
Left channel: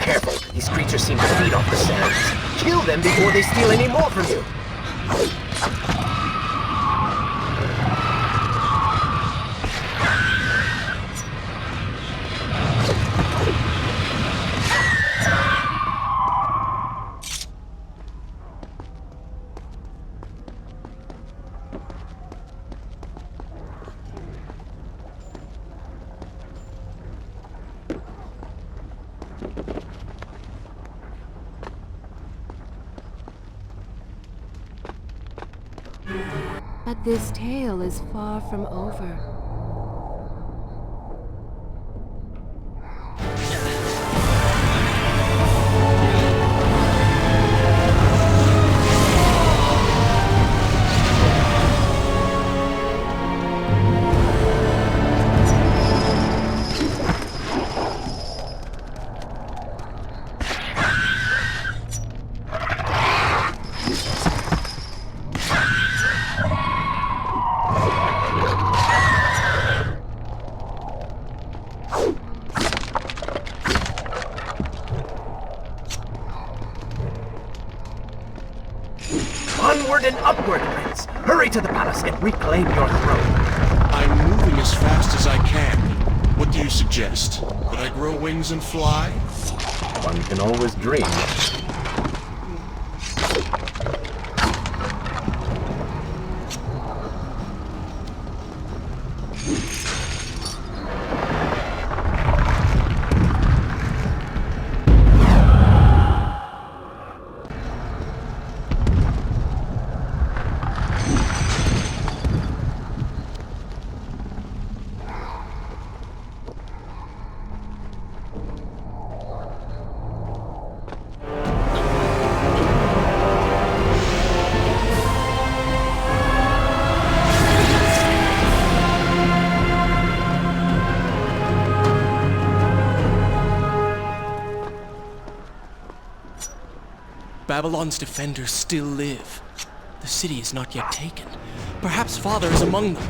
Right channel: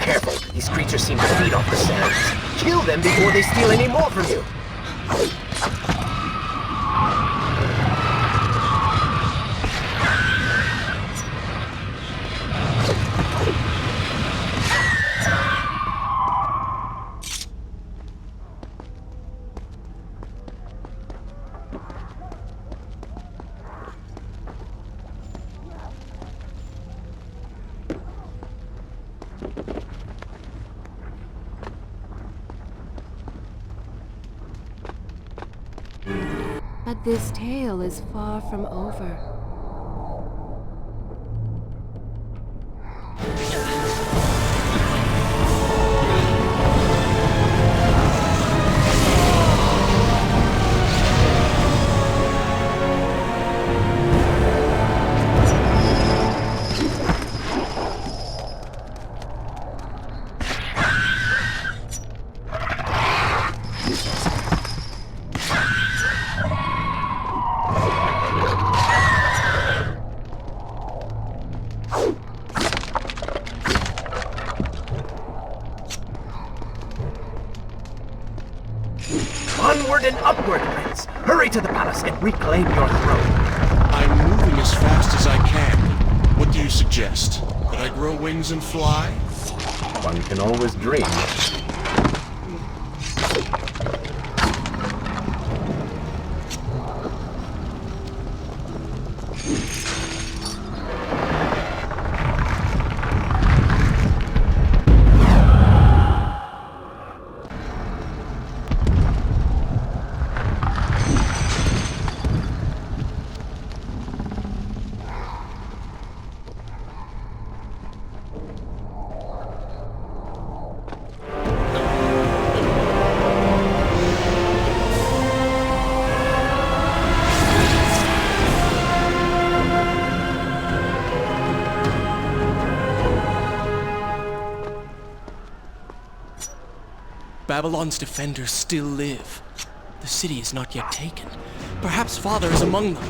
Careful, these creatures seem to feed off the sands. Kill them before they steal any more from you. But this tale is far from over. us and reclaim your throne. I'm moving as fast as I can. What do you suggest? That I grow wings and fly? One can always dream. Babylon's defenders still live. The city is not yet taken. Perhaps Father is among them.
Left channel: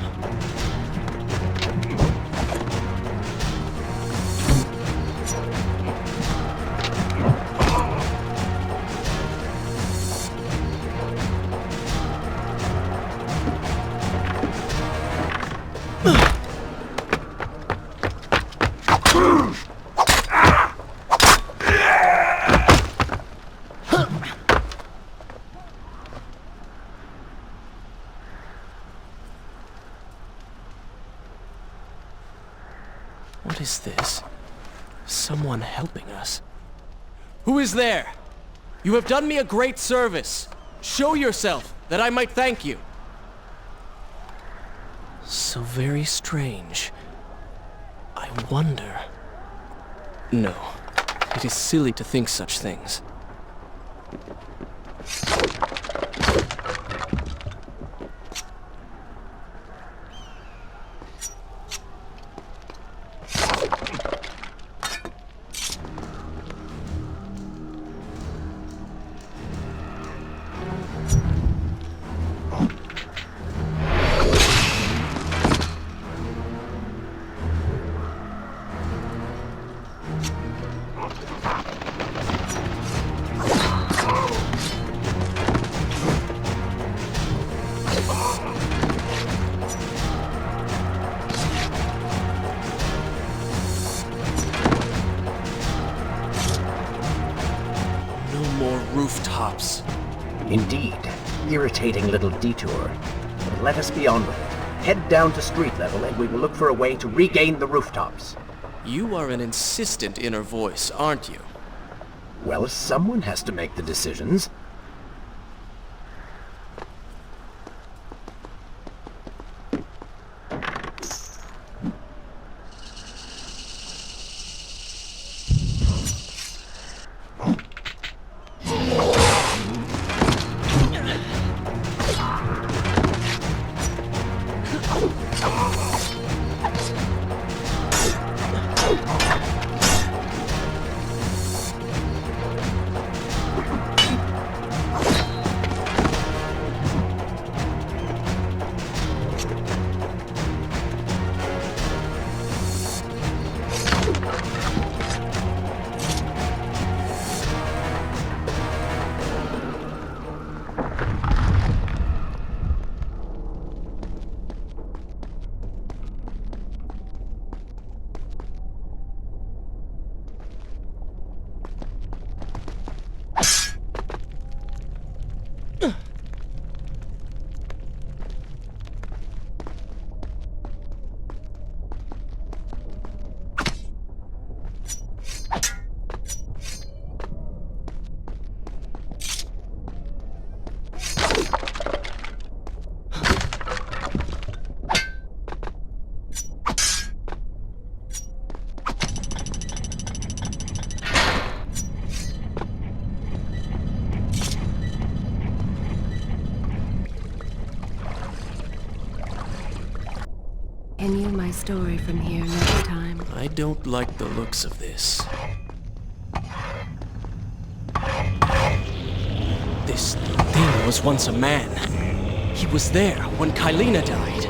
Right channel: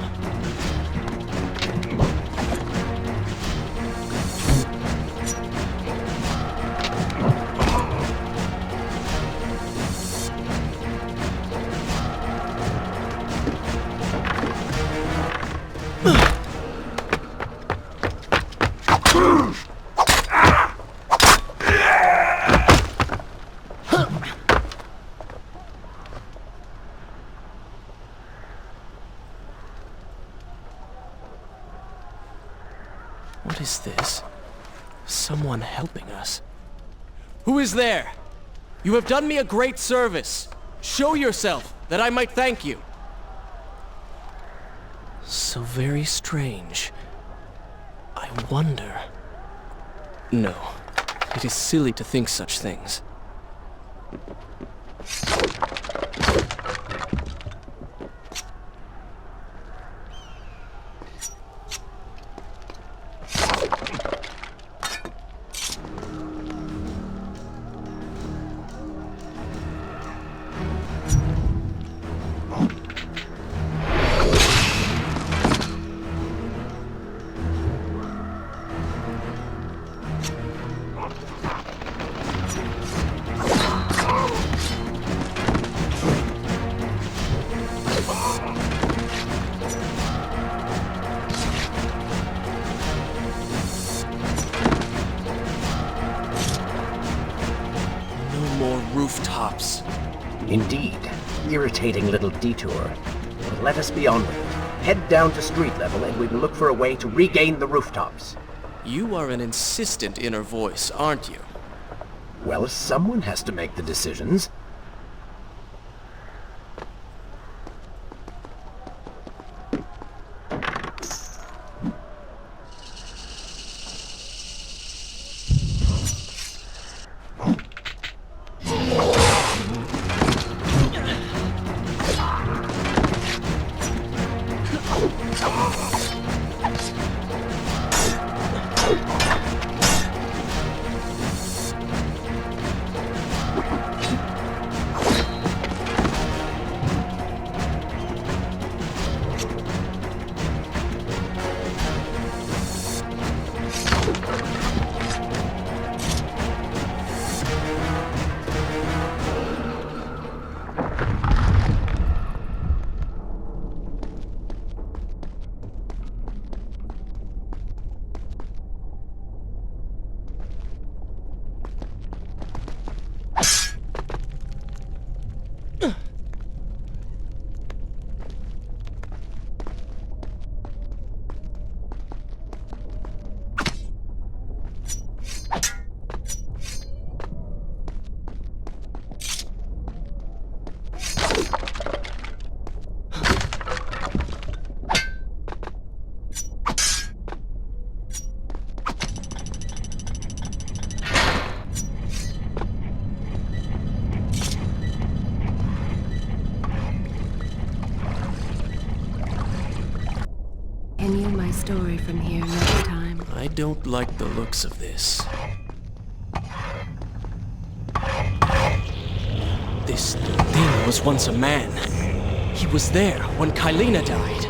What is this? Someone helping us. Who is there? You have done me a great service. Show yourself, that I might thank you. So very strange. I wonder... No, it is silly to think such things. More rooftops. Indeed. Irritating little detour. But let us be on with it. Head down to street level and we will look for a way to regain the rooftops. You are an insistent inner voice, aren't you? Well, someone has to make the decisions. Continue my story from here next time. I don't like the looks of this. This thing was once a man. He was there when Kylena died.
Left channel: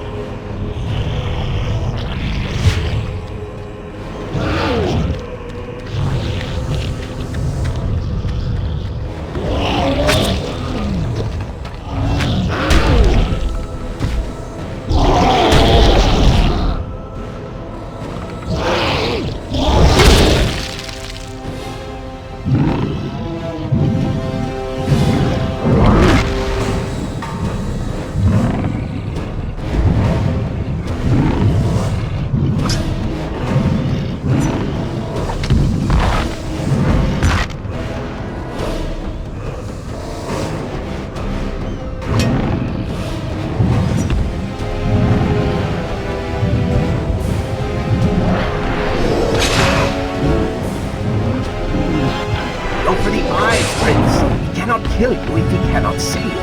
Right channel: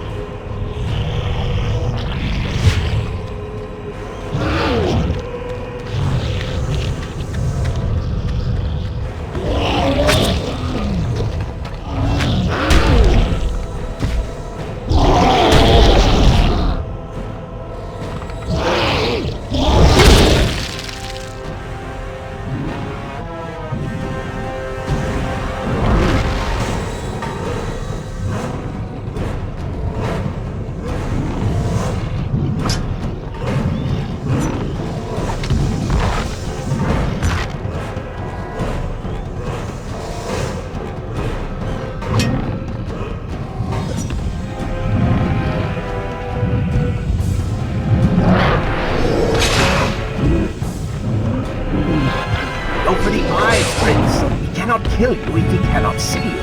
kill you if he cannot see you.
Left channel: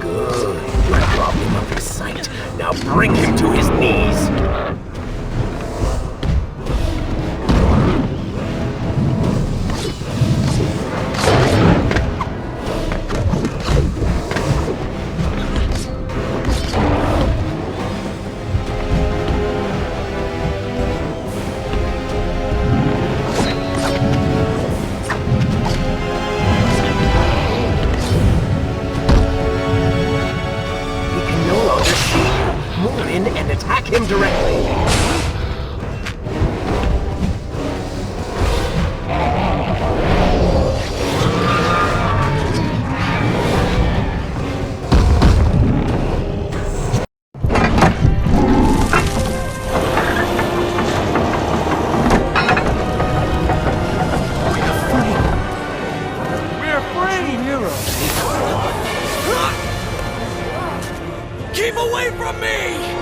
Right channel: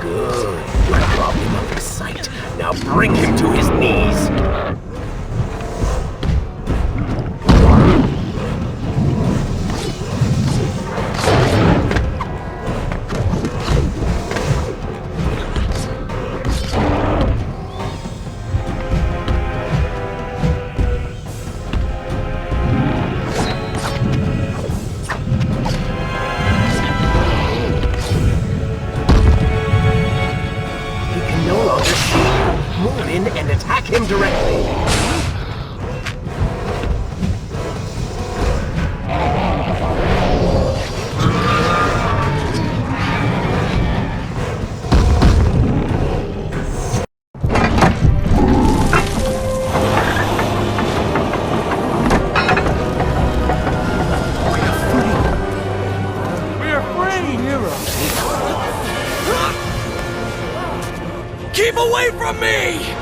Good. You have robbed him of his sight. Now bring him to his knees. He can no longer see you. Move in and attack him directly. We're free! Keep away from me!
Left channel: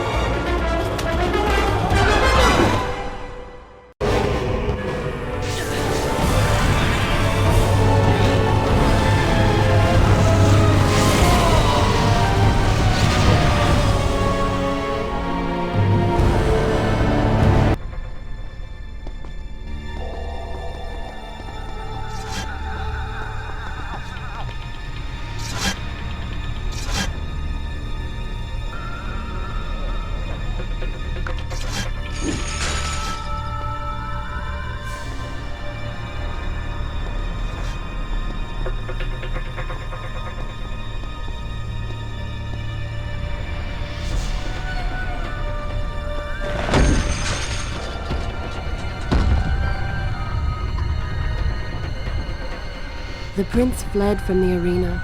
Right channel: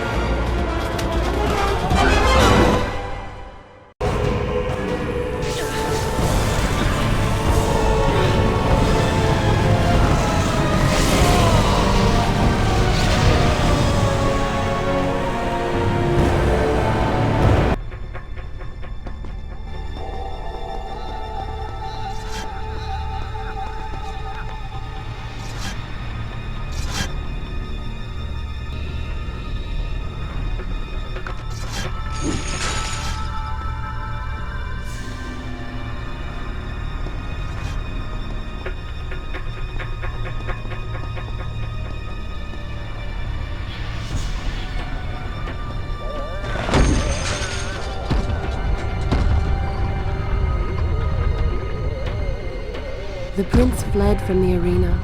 The prince fled from the arena,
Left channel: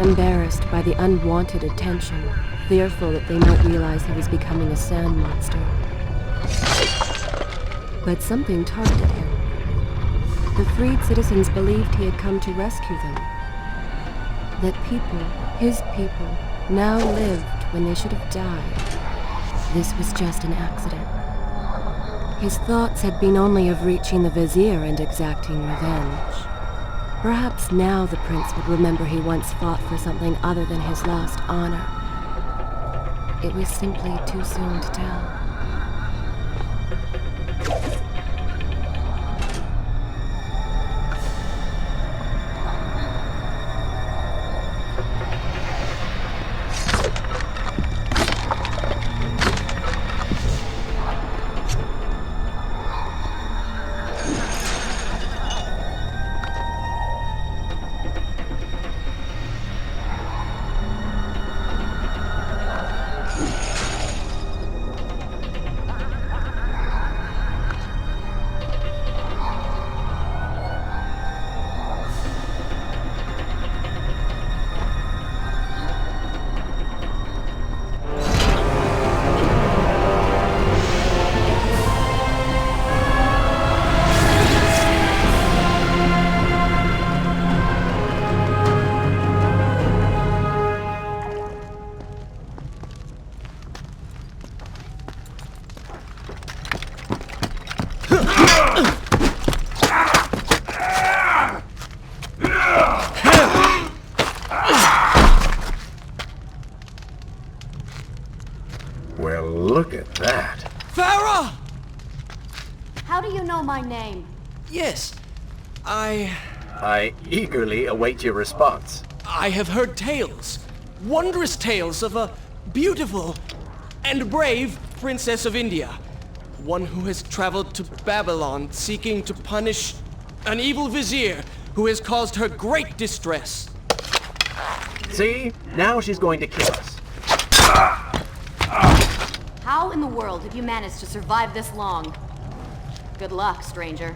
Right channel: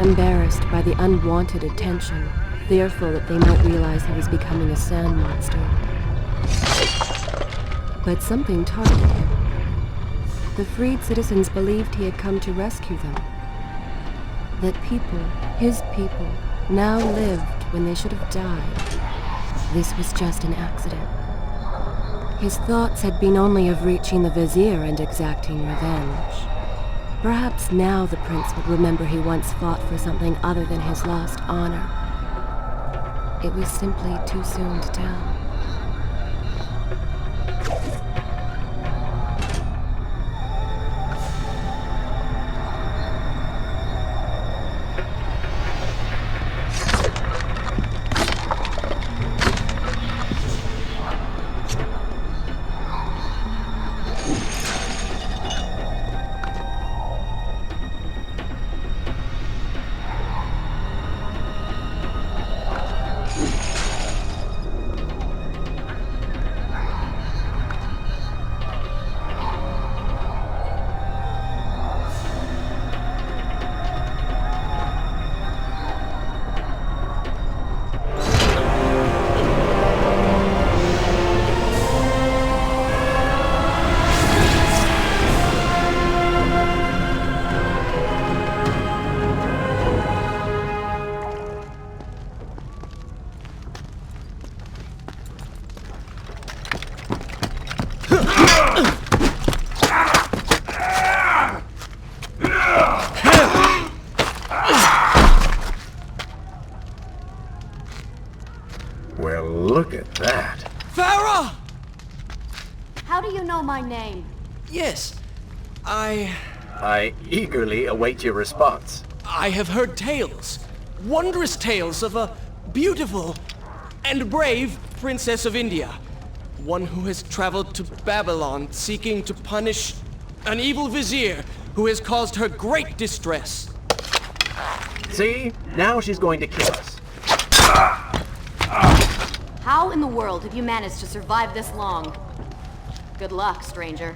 embarrassed by the unwanted attention, fearful that they might realize he was becoming a sand monster. But something targeted him. The freed citizens believed he had come to rescue them. That people, his people, now lived when they should have died. This was just an accident. His thoughts had been only of reaching the vizier and exacting revenge. Perhaps now the prince would remember he once fought for something other than his lost honor. It was simply too soon to tell. Well, look at that. Farah! How do you know my name? Yes, I eagerly await your response. have heard tales, wondrous tales of a beautiful and brave princess of India. One who has traveled to Babylon seeking to punish an evil vizier who has caused her great distress. See? Now she's going to kill us. How in the world have you managed to survive this long? Good luck, stranger.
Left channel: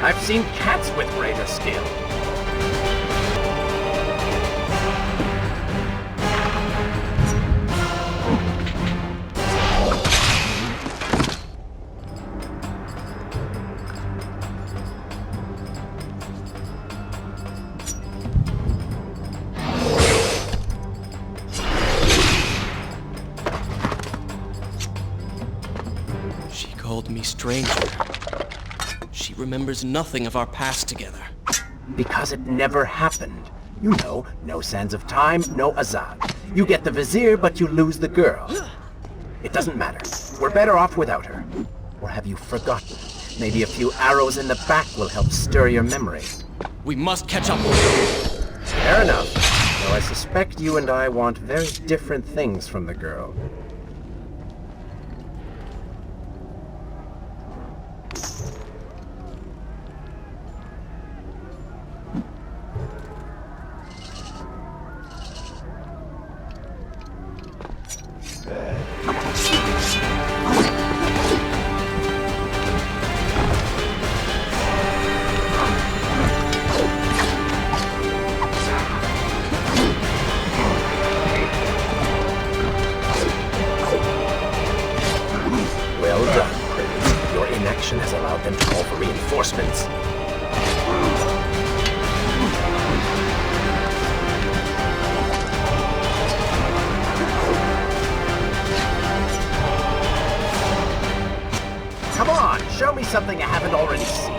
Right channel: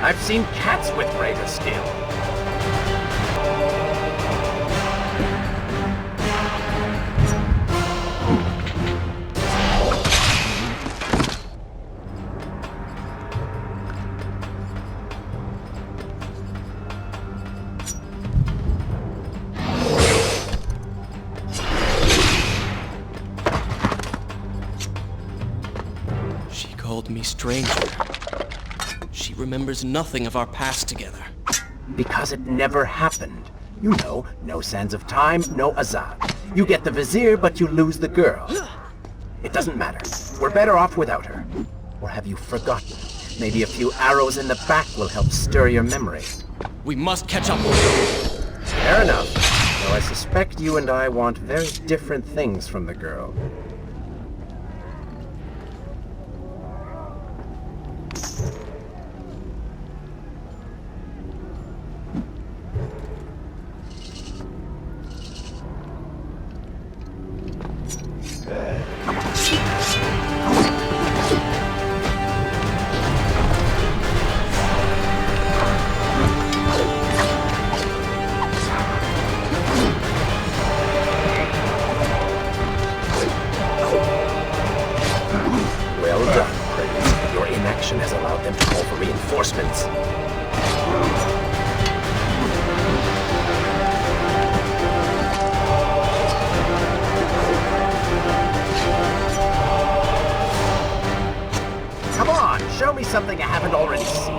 I've seen cats with greater skill. She called me stranger. She remembers nothing of our past together. Because it never happened. You know, no sands of time, no Azad. You get the vizier, but you lose the girl. It doesn't matter. We're better off without her. Or have you forgotten? Maybe a few arrows in the back will help stir your memory. We must catch up. Fair enough. Though I suspect you and I want very different things from the girl. Well done, Prince. Your inaction has allowed them to call for reinforcements. Come on, show me something I haven't already seen.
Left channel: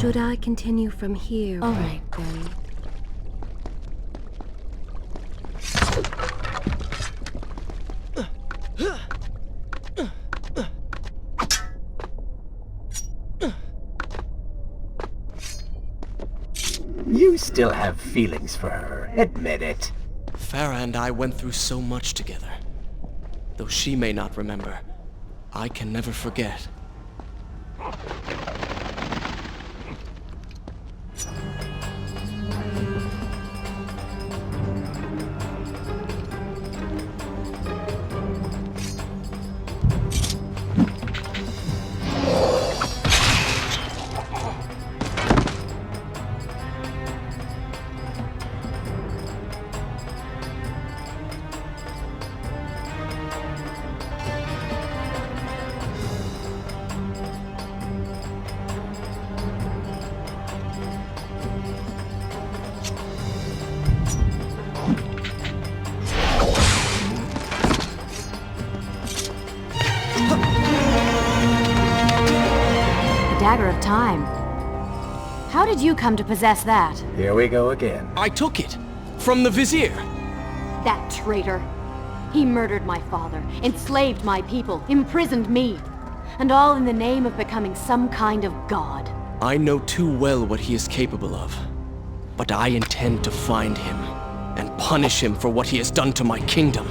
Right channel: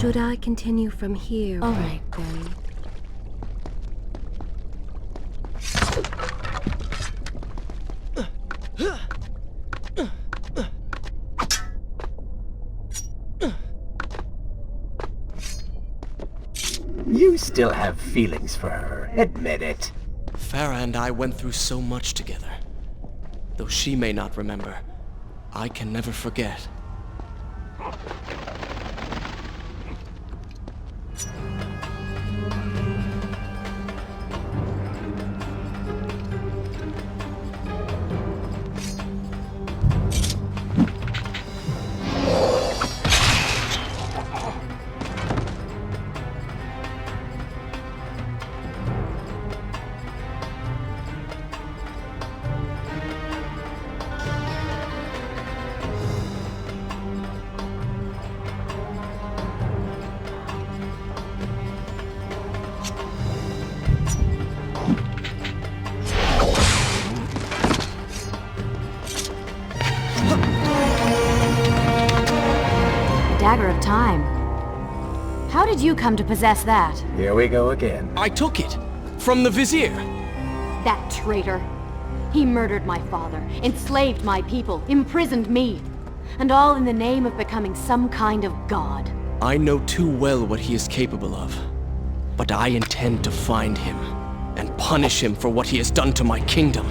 Should I continue from here? All right, then. You still have feelings for her. Admit it. Farah and I went through so much together. Though she may not remember, I can never forget. Dagger of Time. How did you come to possess that? Here we go again. I took it! From the Vizier! That traitor. He murdered my father, enslaved my people, imprisoned me. And all in the name of becoming some kind of god. I know too well what he is capable of. But I intend to find him, and punish him for what he has done to my kingdom.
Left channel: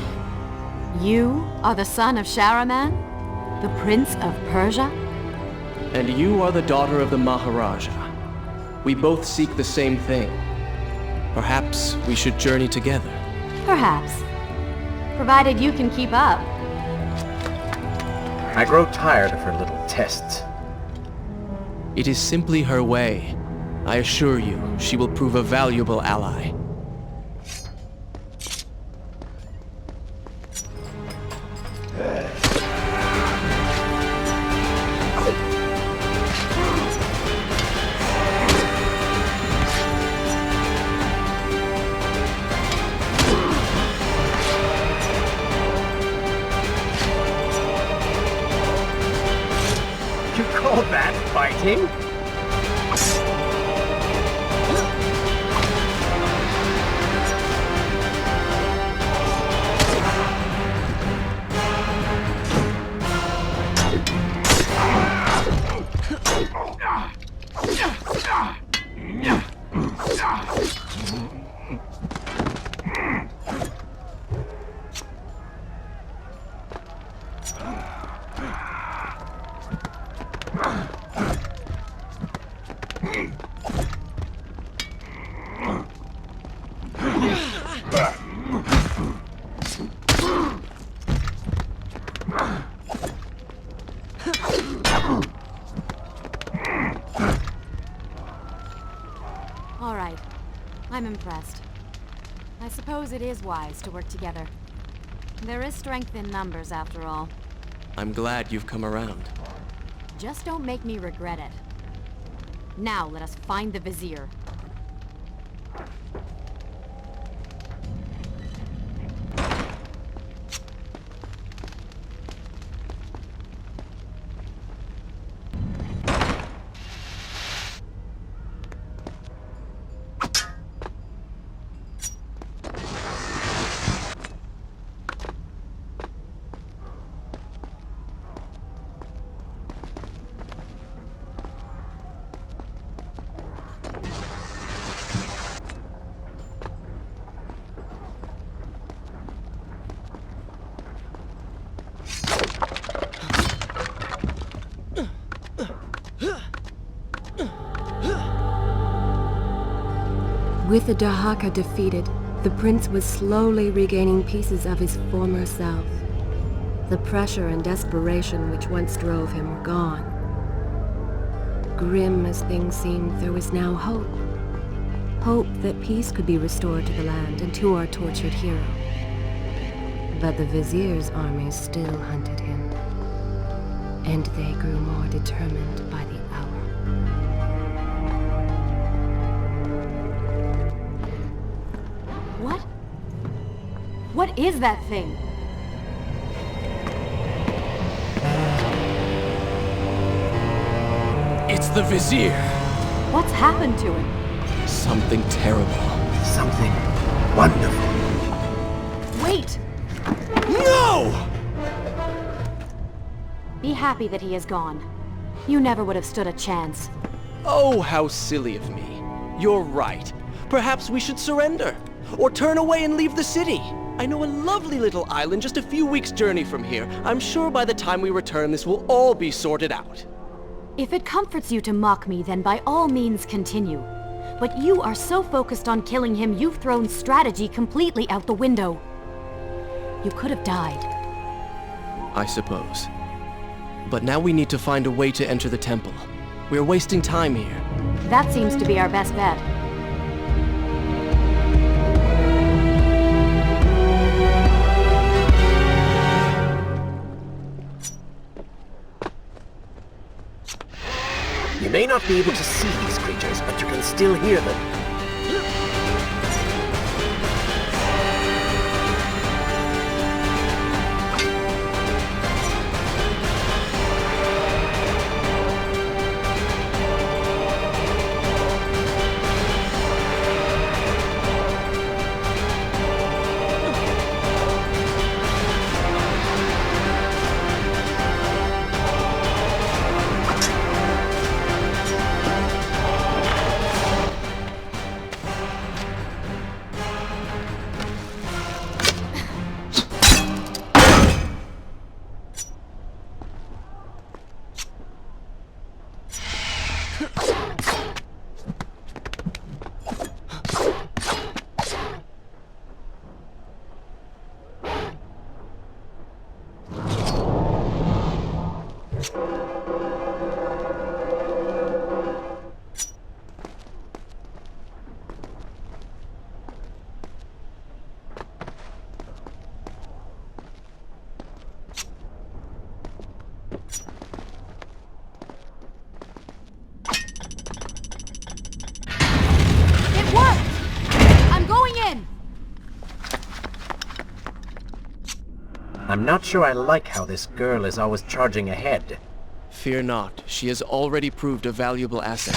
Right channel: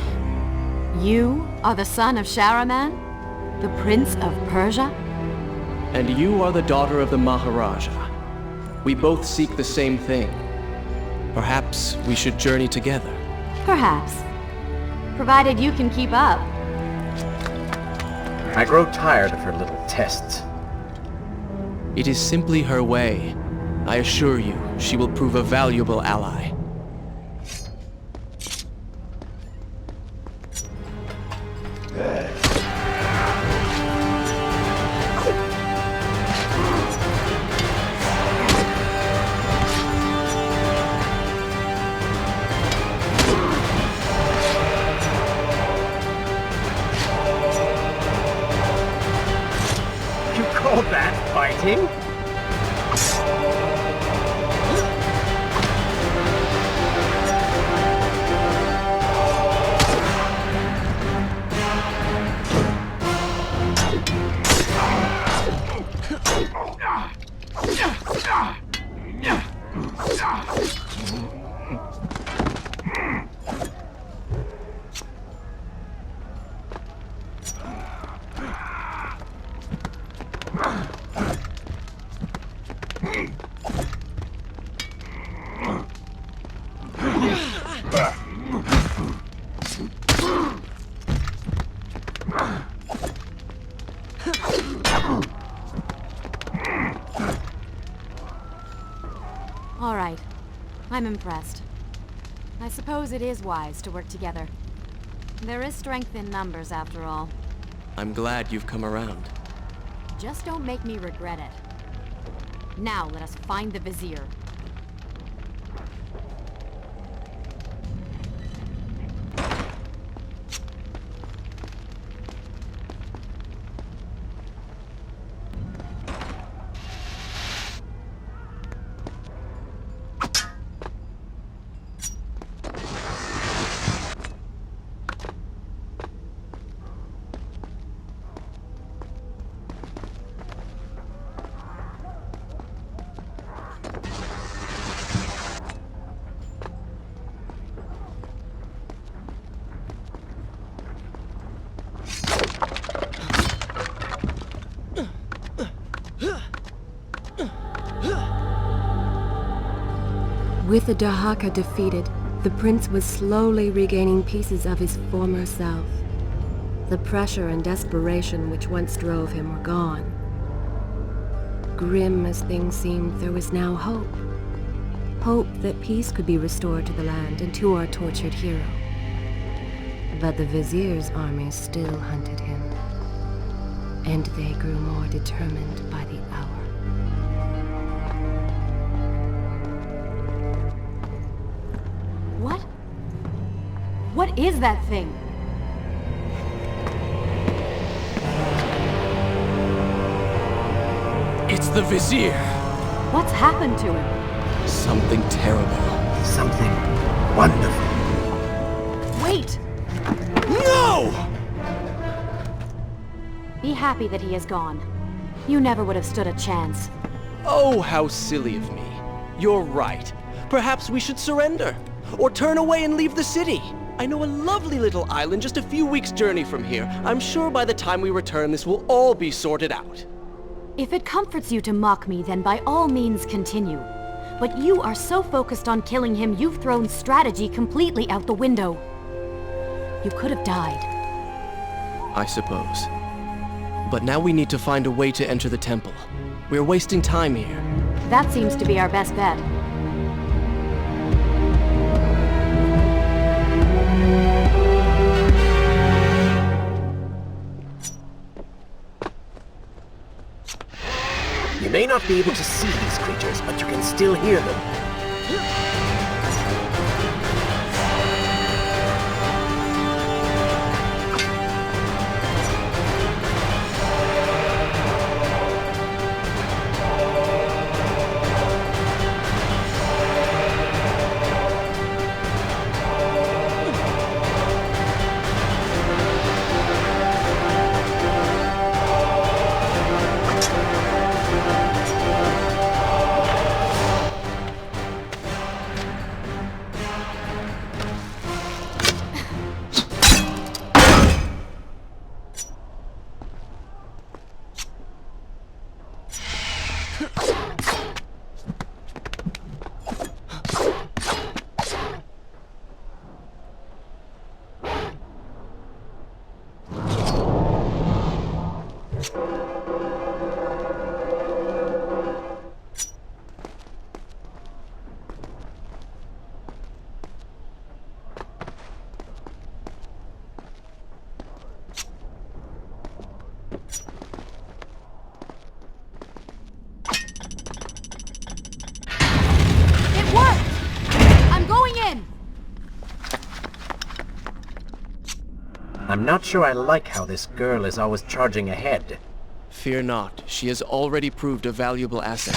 You are the son of Shahraman? The Prince of Persia? And you are the daughter of the Maharaja. We both seek the same thing. Perhaps we should journey together. Perhaps. Provided you can keep up. I grow tired of her little tests. It is simply her way. I assure you, she will prove a valuable ally. You call that fighting? All right. I'm impressed. I suppose it is wise to work together. There is strength in numbers, after all. I'm glad you've come around. Just don't make me regret it. Now let us find the Vizier. With the Dahaka defeated, the prince was slowly regaining pieces of his former self. The pressure and desperation which once drove him were gone. Grim as things seemed, there was now hope. Hope that peace could be restored to the land and to our tortured hero. But the Vizier's armies still hunted him, and they grew more determined by the hour. What? What is that thing? It's the Vizier! What's happened to him? Something terrible. Something wonderful. Wait! No! Be happy that he is gone. You never would have stood a chance. Oh, how silly of me. You're right. Perhaps we should surrender. Or turn away and leave the city. I know a lovely little island just a few weeks' journey from here. I'm sure by the time we return, this will all be sorted out. If it comforts you to mock me, then by all means continue. But you are so focused on killing him, you've thrown strategy completely out the window. You could have died. I suppose. But now we need to find a way to enter the temple. We're wasting time here. That seems to be our best bet. You may not be able to see these creatures, but you can still hear them. It worked! I'm going in! I'm not sure I like how this girl is always charging ahead. Fear not, she has already proved a valuable asset.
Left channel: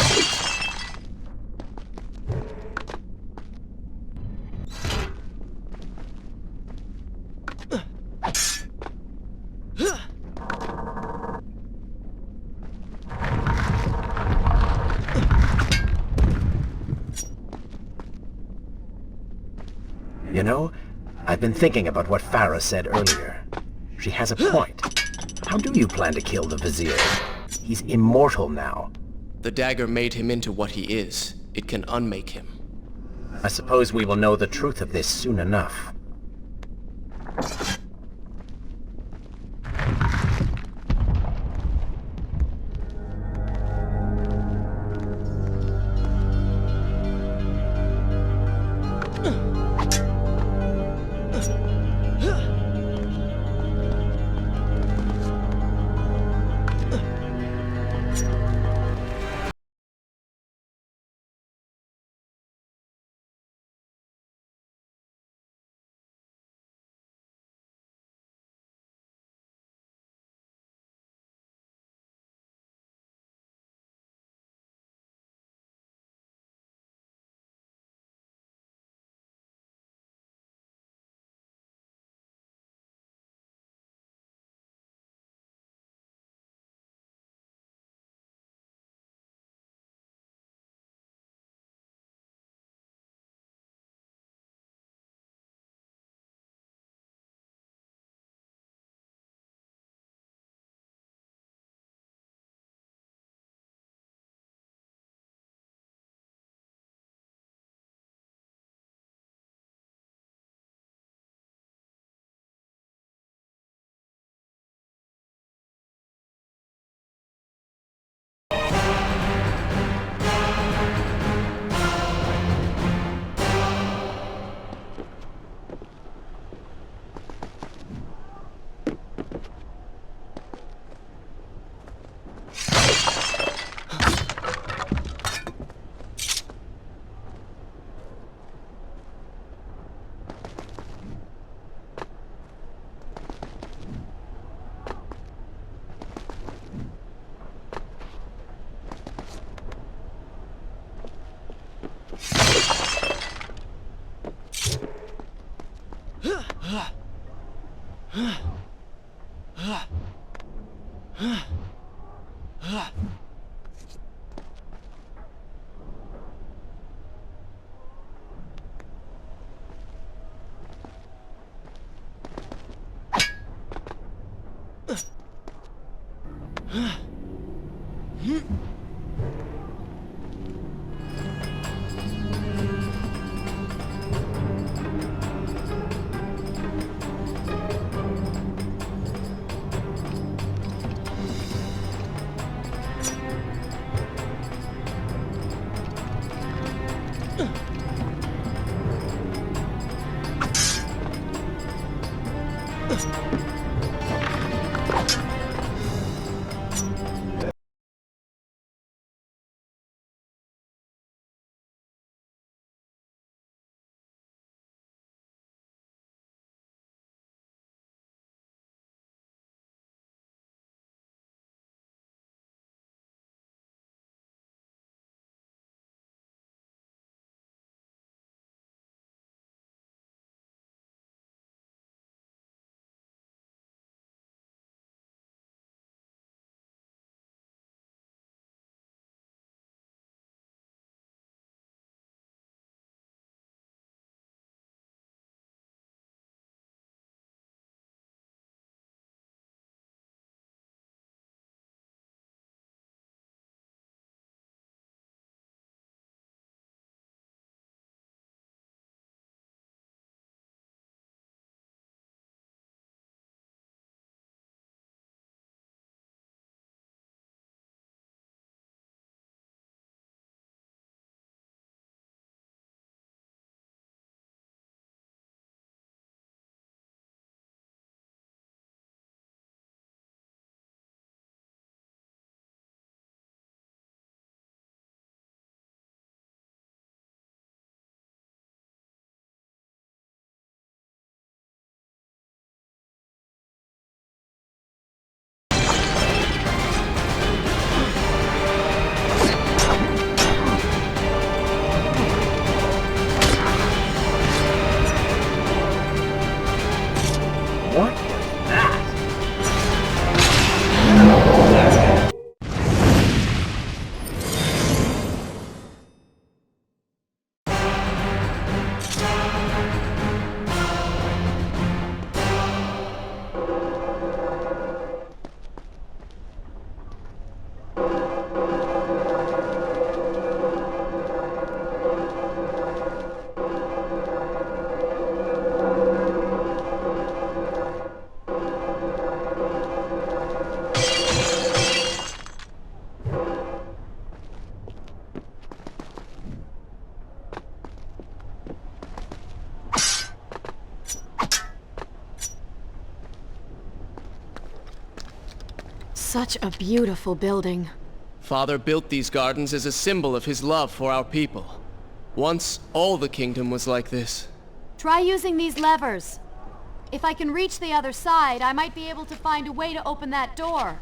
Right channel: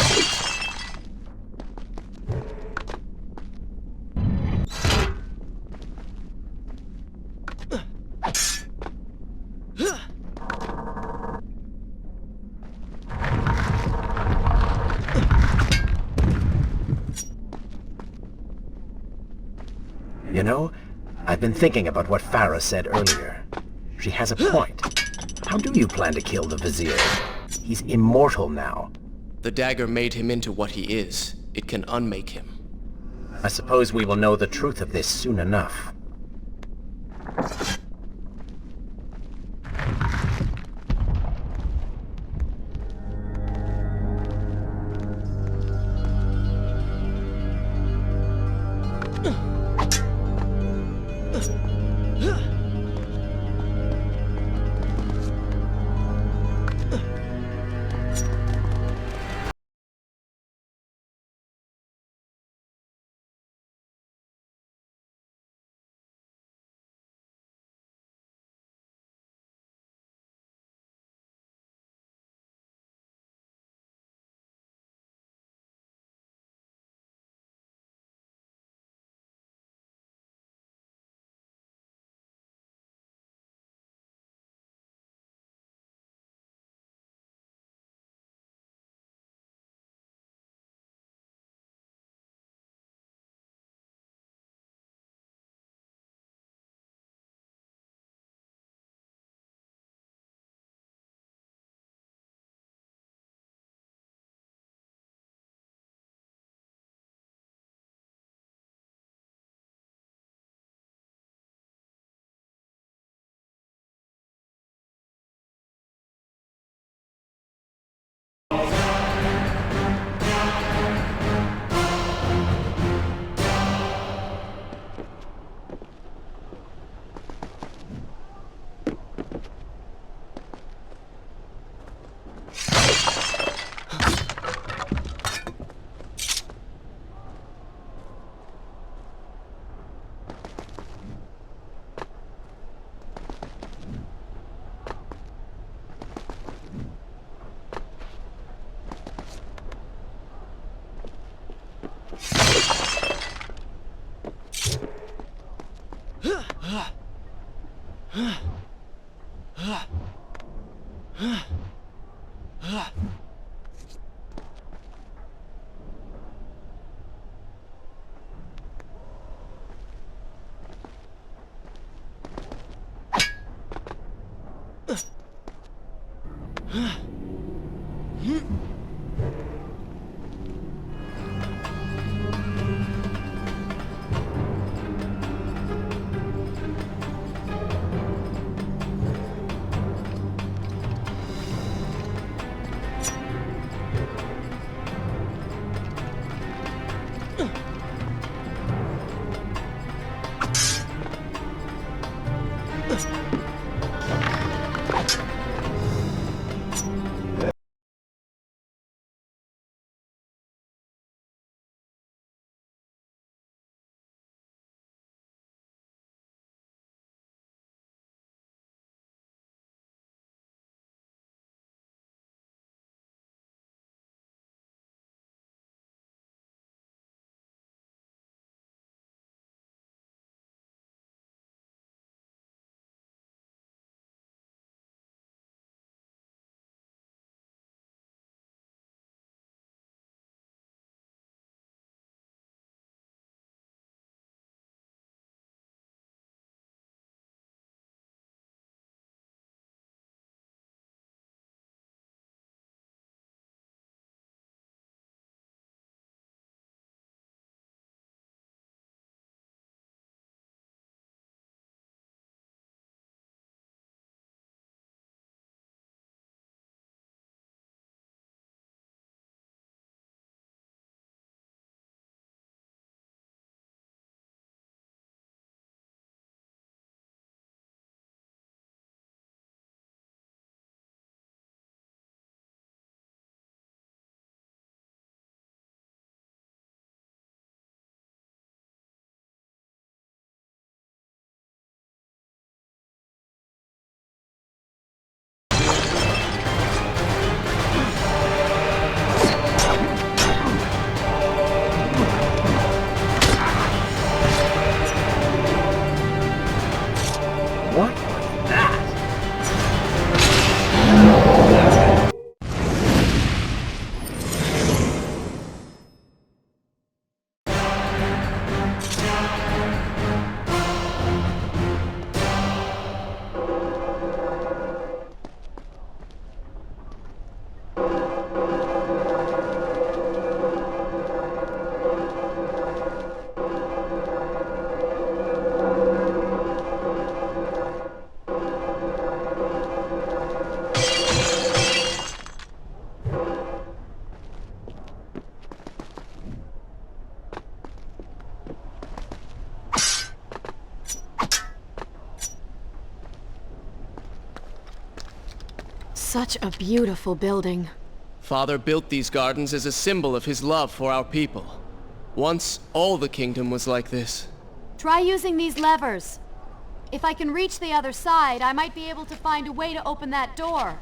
You know, I've been thinking about what Farah said earlier. She has a point. How do you plan to kill the Vizier? He's immortal now. The dagger made him into what he is. It can unmake him. I suppose we will know the truth of this soon enough. What was that? Such a beautiful building. Father built these gardens as a symbol of his love for our people. Once, all the kingdom was like this. Try using these levers. If I can reach the other side, I might be able to find a way to open that door.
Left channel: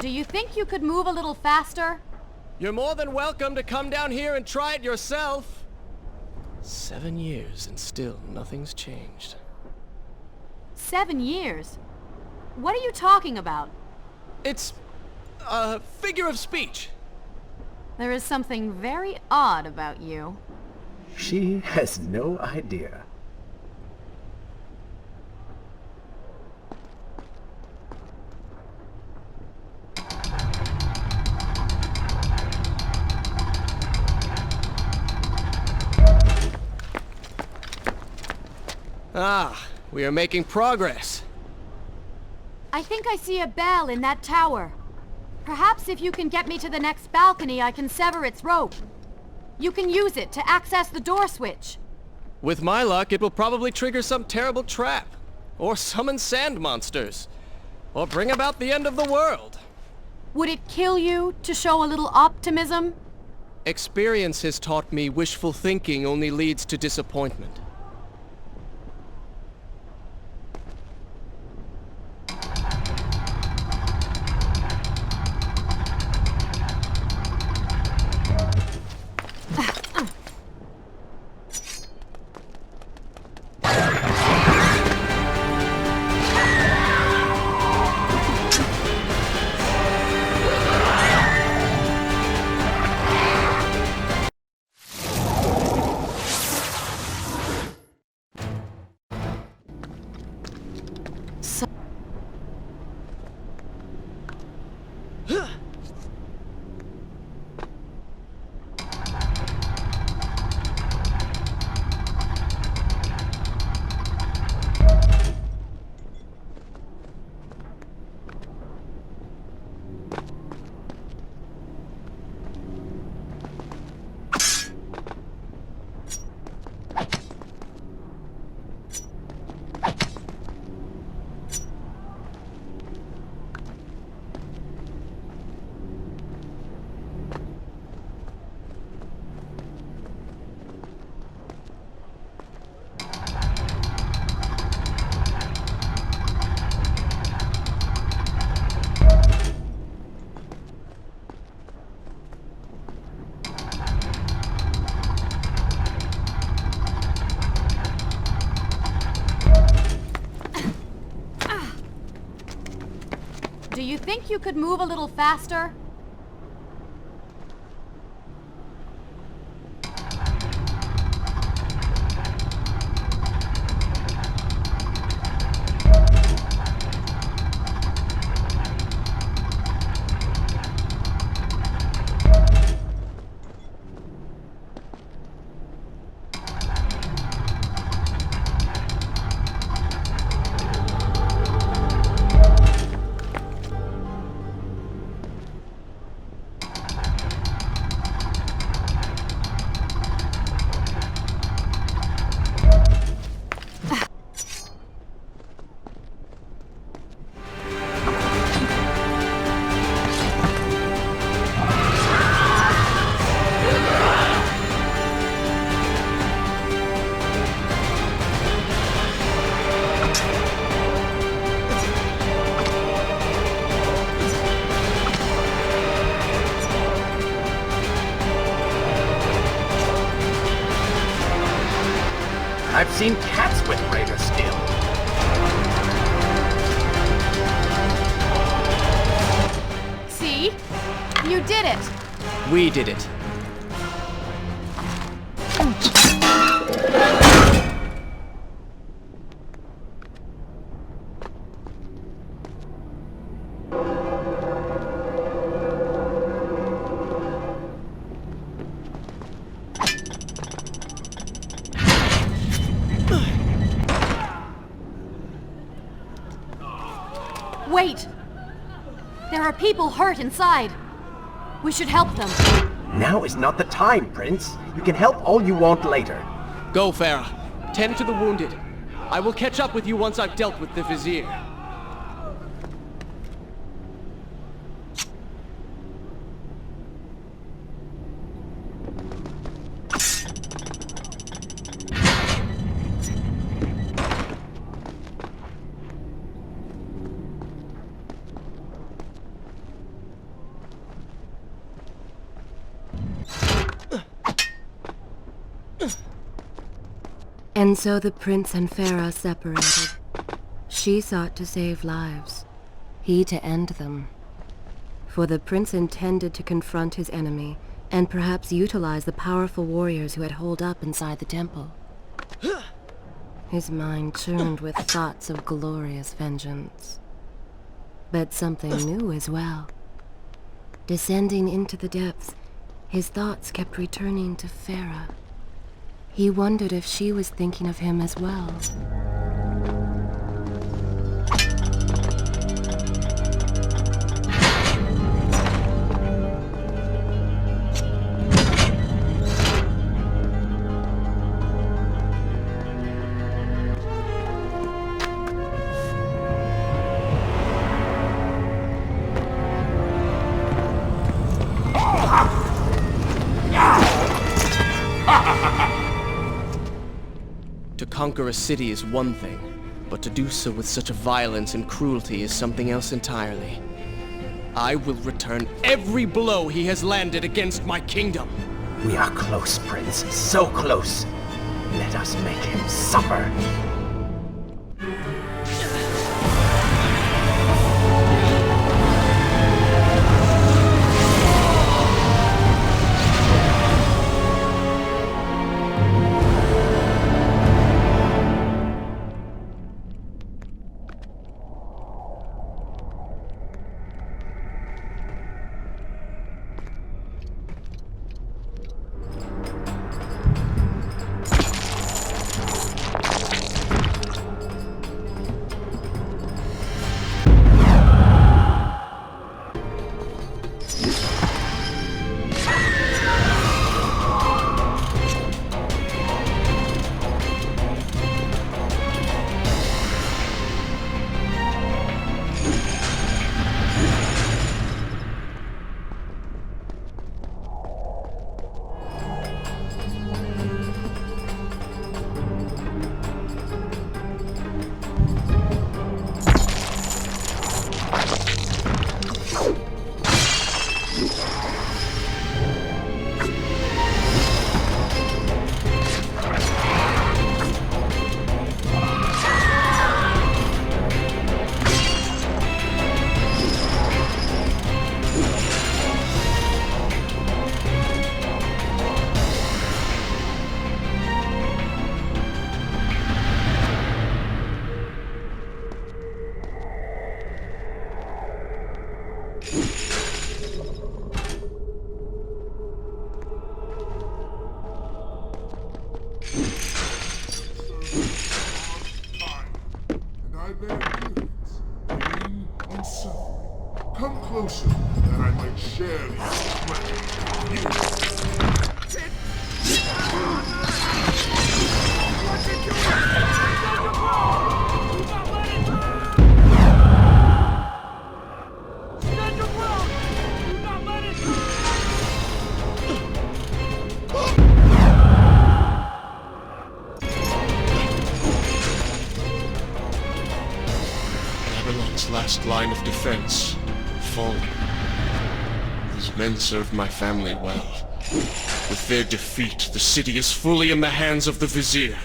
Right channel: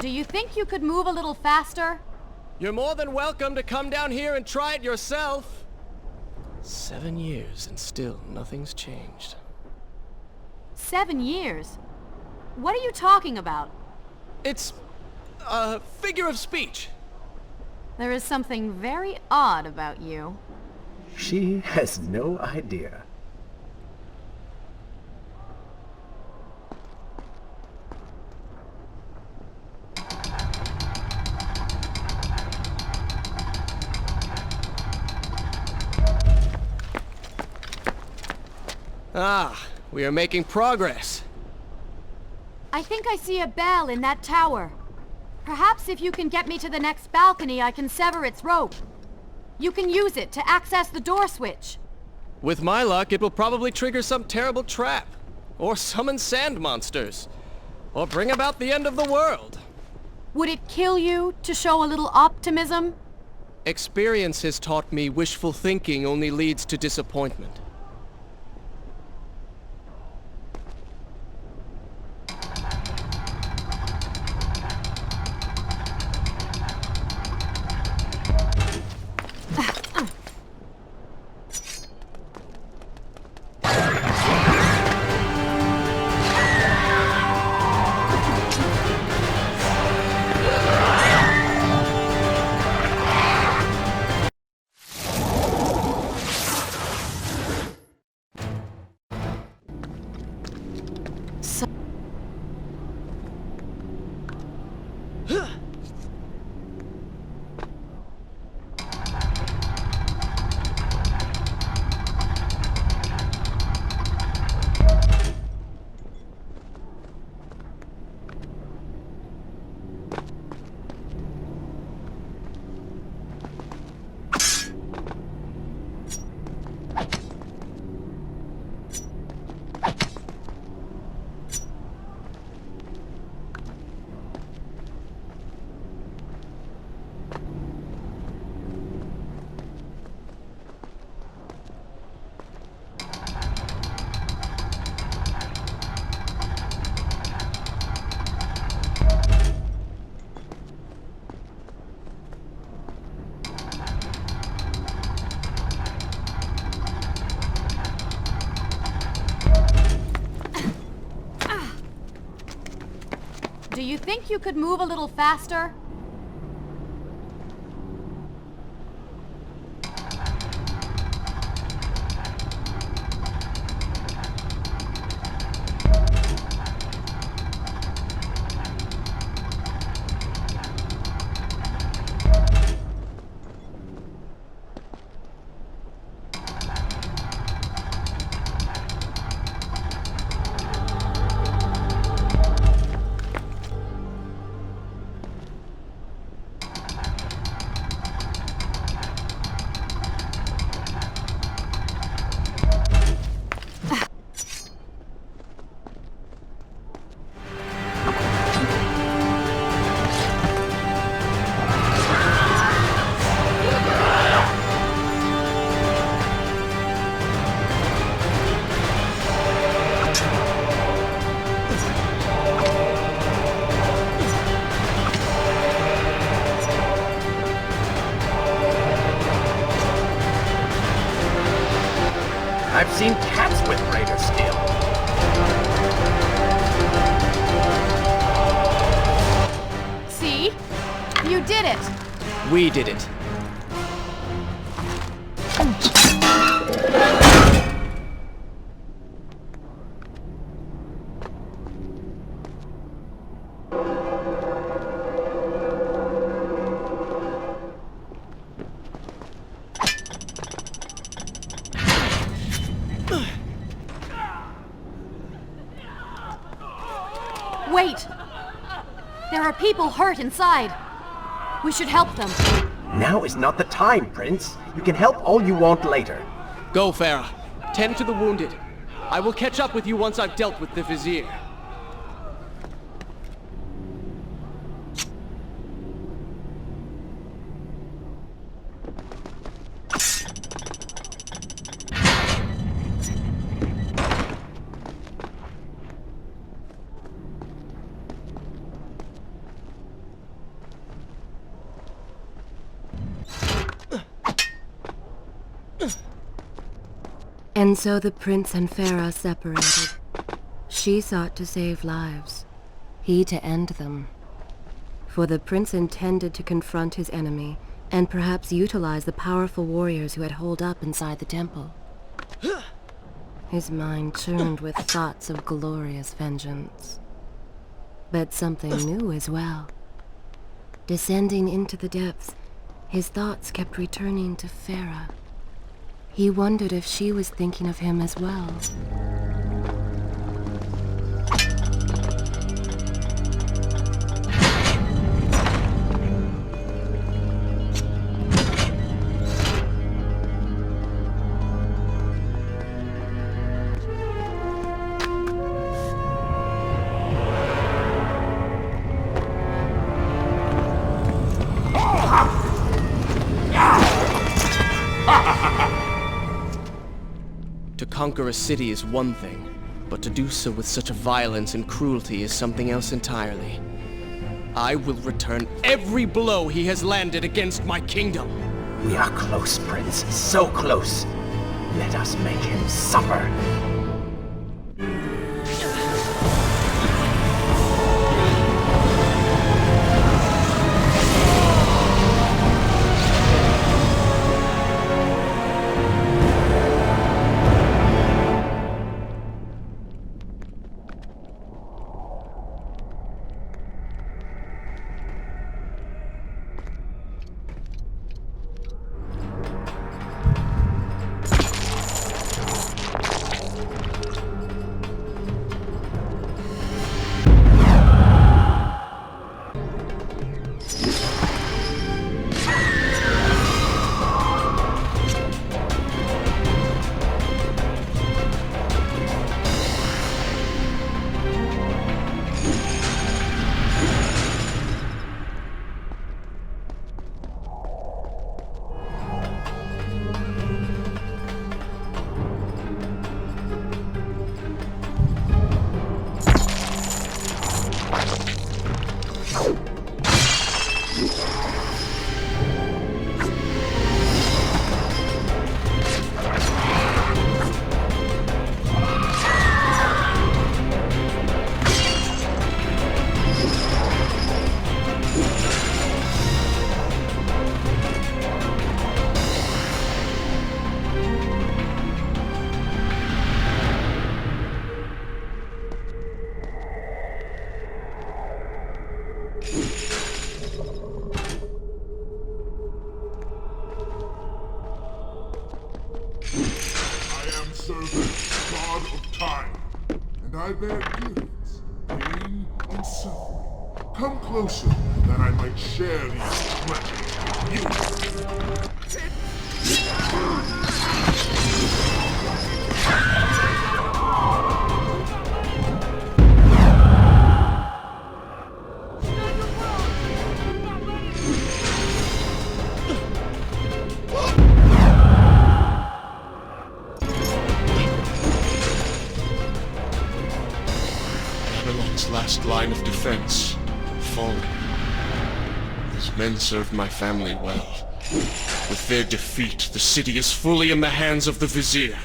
Do you think you could move a little faster? You're more than welcome to come down here and try it yourself. 7 years and still nothing's changed. 7 years? What are you talking about? It's a figure of speech. There is something very odd about you. She has no idea. Ah, we are making progress. I think I see a bell in that tower. Perhaps if you can get me to the next balcony, I can sever its rope. You can use it to access the door switch. With my luck, it will probably trigger some terrible trap. Or summon sand monsters. Or bring about the end of the world. Would it kill you to show a little optimism? Experience has taught me wishful thinking only leads to disappointment. Do you think you could move a little faster? I've seen cats with greater skill. See? You did it! We did it. Wait! There are people hurt inside. We should help them. Now is not the time, Prince. You can help all you want later. Go, Farah. Tend to the wounded. I will catch up with you once I've dealt with the Vizier. And so the prince and Farah separated. She sought to save lives, he to end them. For the prince intended to confront his enemy, and perhaps utilize the powerful warriors who had holed up inside the temple. His mind churned with thoughts of glorious vengeance. But something new as well. Descending into the depths, his thoughts kept returning to Farah. He wondered if she was thinking of him as well. To conquer a city is one thing, but to do so with such a violence and cruelty is something else entirely. I will return every blow he has landed against my kingdom. We are close, Prince. So close. Let us make him suffer. I bear gifts, pain and suffering. Come closer, that I might share these pleasures with you. Stand your ground! Do not let it... Babylon's last line of defense, fallen. These men served my family well. With their defeat, the city is fully in the hands of the Vizier.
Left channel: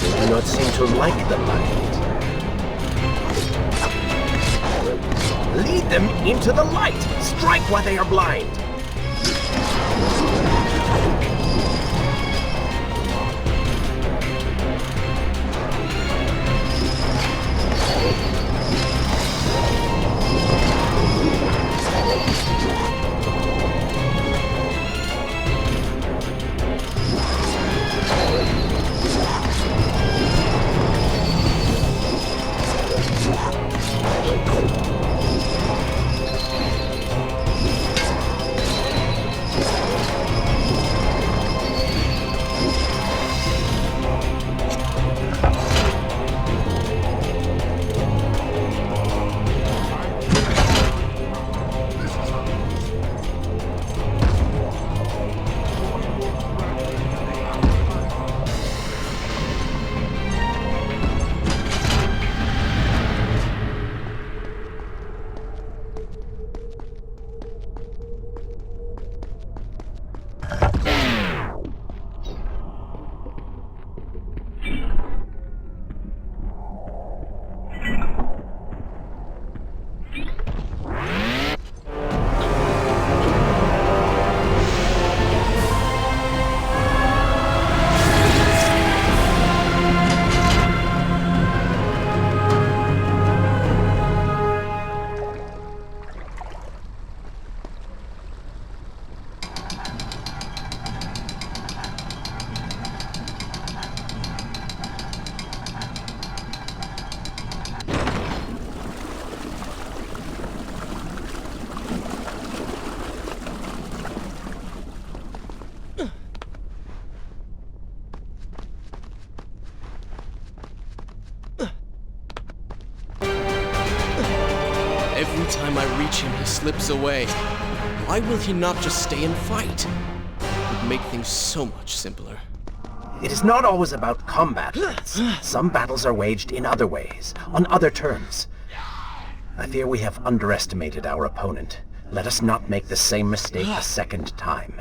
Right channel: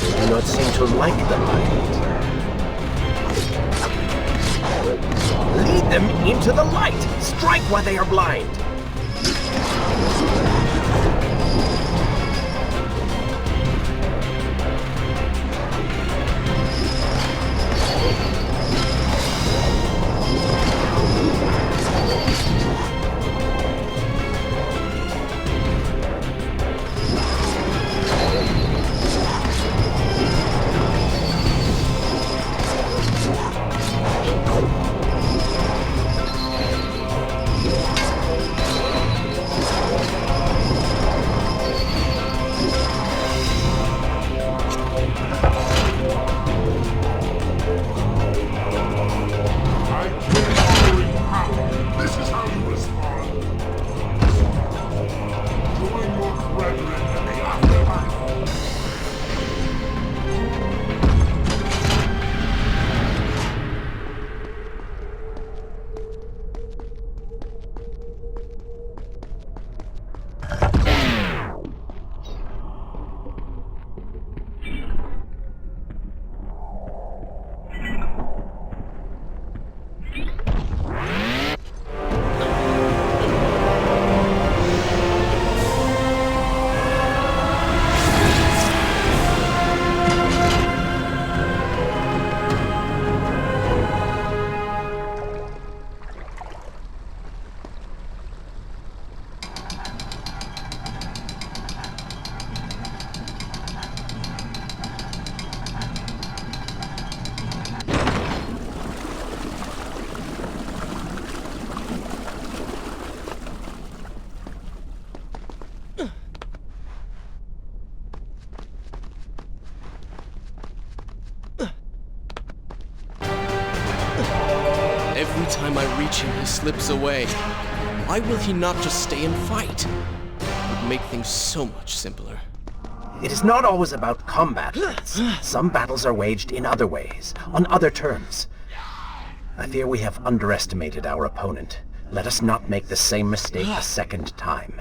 They do not seem to like the light. Lead them into the light! Strike while they are blind! time I reach him, he slips away. Why will he not just stay and fight? It would make things so much simpler. It is not always about combat, Prince. Some battles are waged in other ways, on other terms. I fear we have underestimated our opponent. Let us not make the same mistake a second time.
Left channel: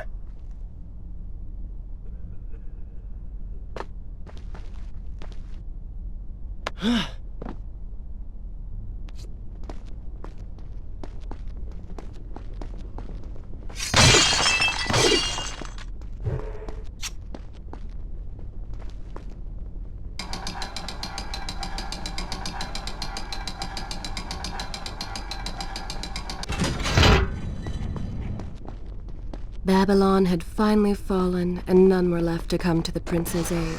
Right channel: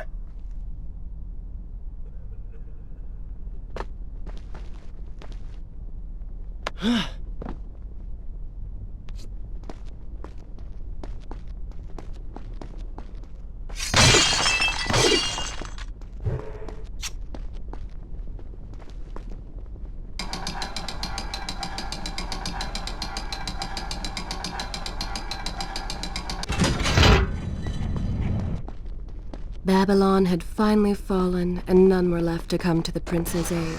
Babylon had finally fallen, and none were left to come to the prince's aid.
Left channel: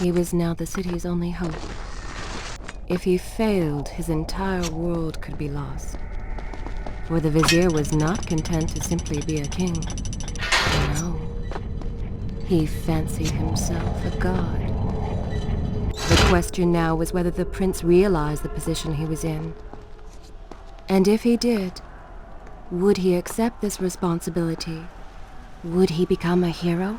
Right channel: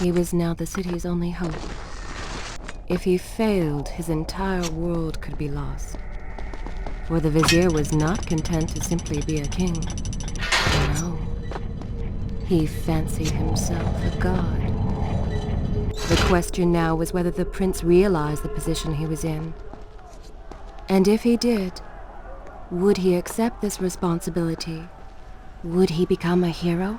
He was now the city's only hope. If he failed, his entire world could be lost. For the vizier was not content to simply be a king. No. He fancied himself a god. The question now was whether the prince realized the position he was in. And if he did, would he accept this responsibility? Would he become a hero?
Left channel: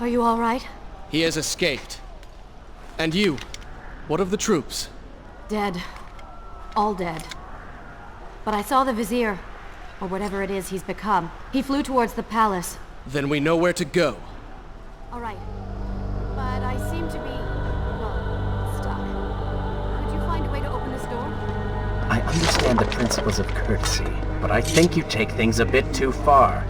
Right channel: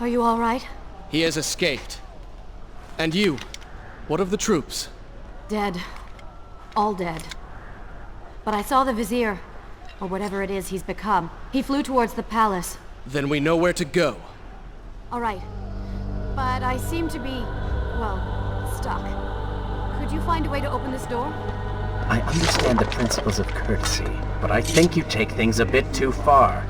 Are you all right? He has escaped. And you? What of the troops? Dead. All dead. But I saw the vizier, or whatever it is he's become. He flew towards the palace. Then we know where to go. All right. But I seem to be, well, stuck. Could you find a way to open this door? I understand the principles of courtesy, but I think you take things a bit too far.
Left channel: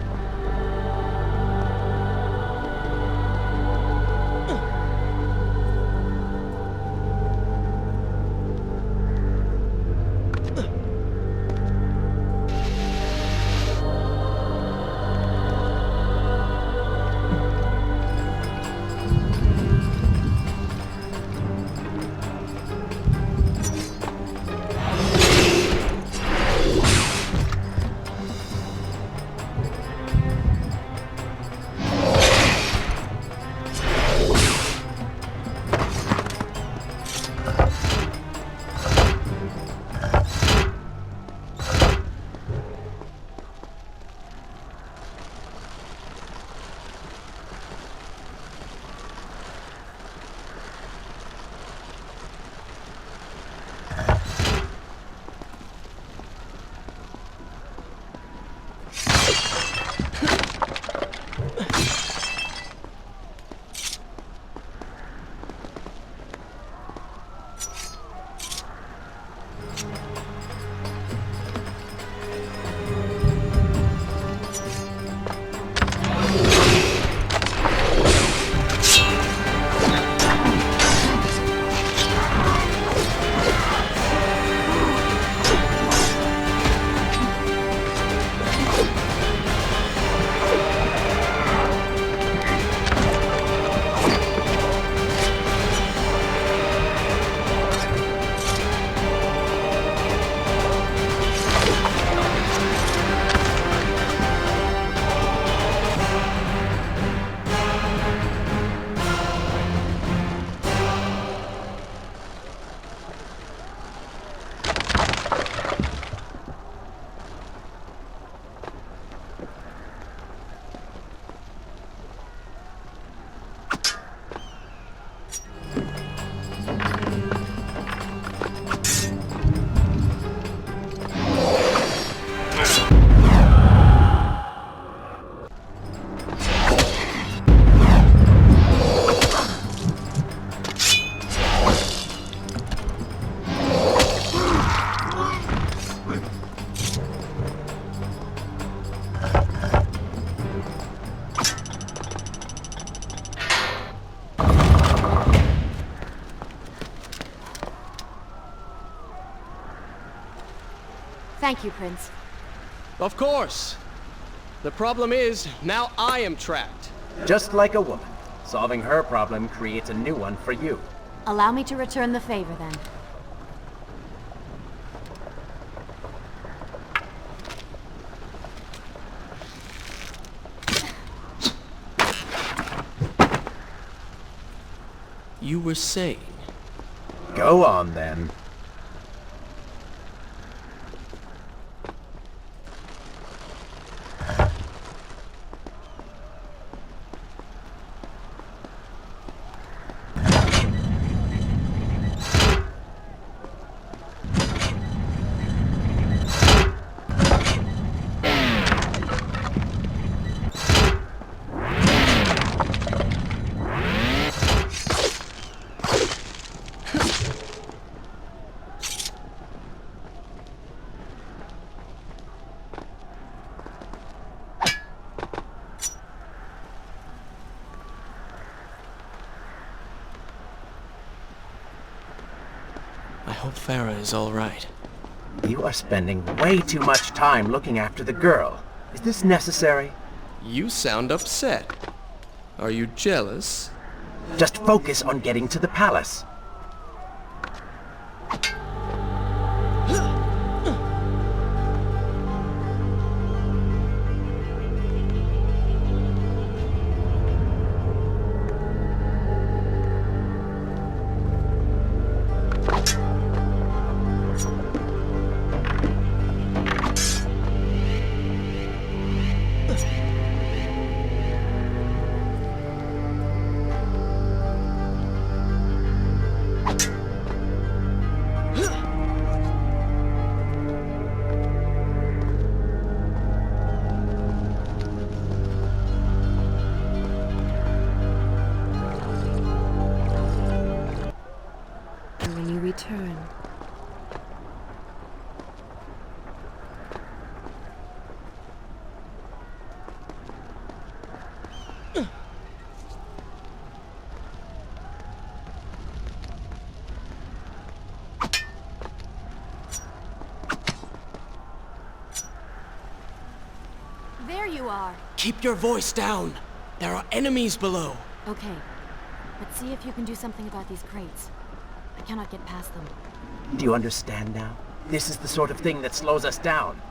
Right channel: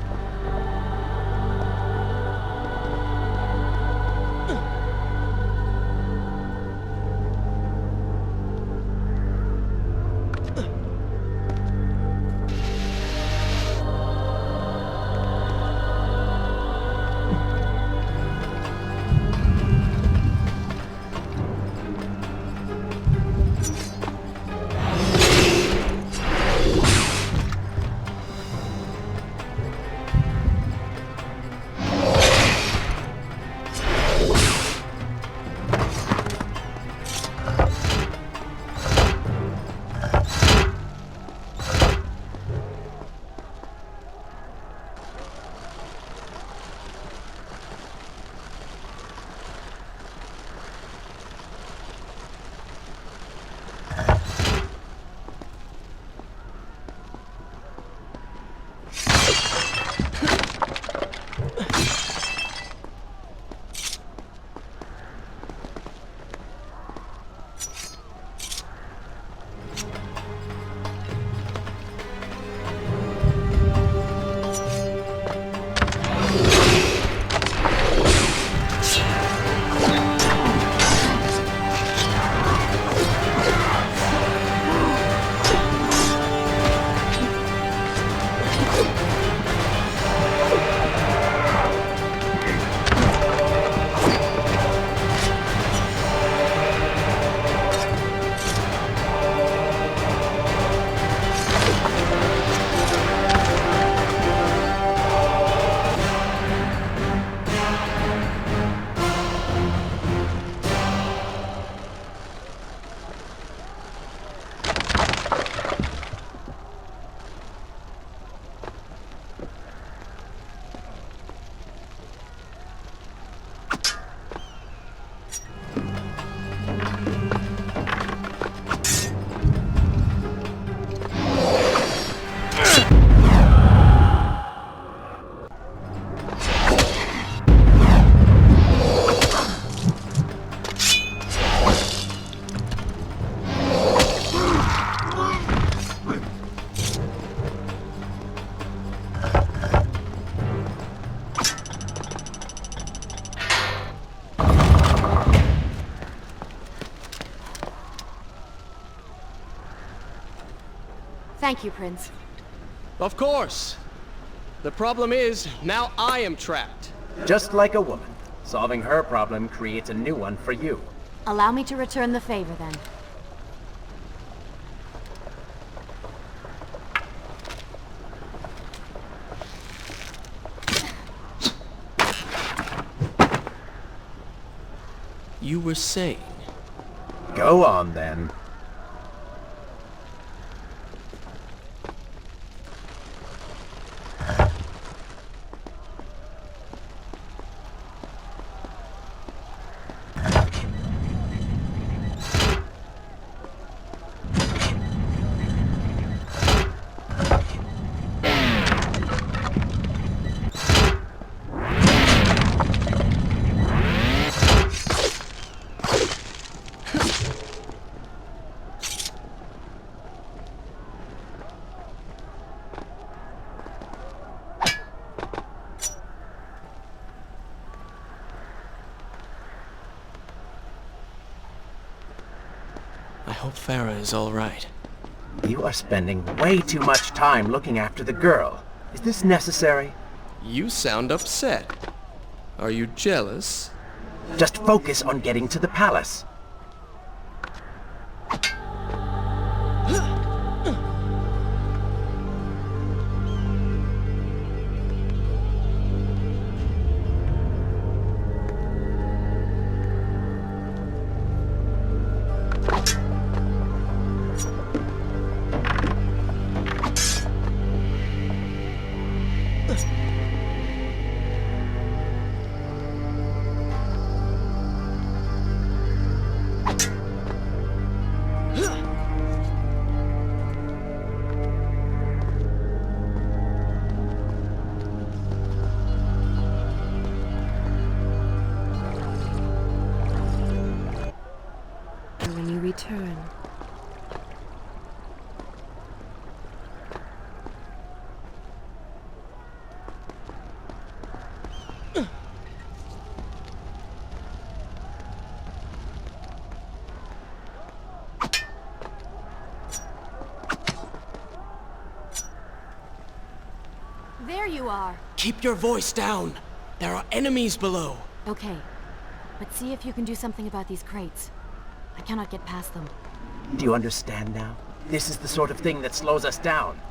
Thank you, Prince. Of course. The problem is, now I am trapped. Just like a woman. Solving her problem creates a new one for you. Allow me to return the favor, then. You were saying... Go on, then. I hope Farah is all right. You are spending way too much time looking after the girl. Is this necessary? You sound upset. Are you jealous? Just focus on getting to the palace. When you return. There you are. Keep your voice down. There are enemies below. Okay, but see if you can do something about these crates. I cannot get past them. Do you understand now? This is the sort of thing that slows us down.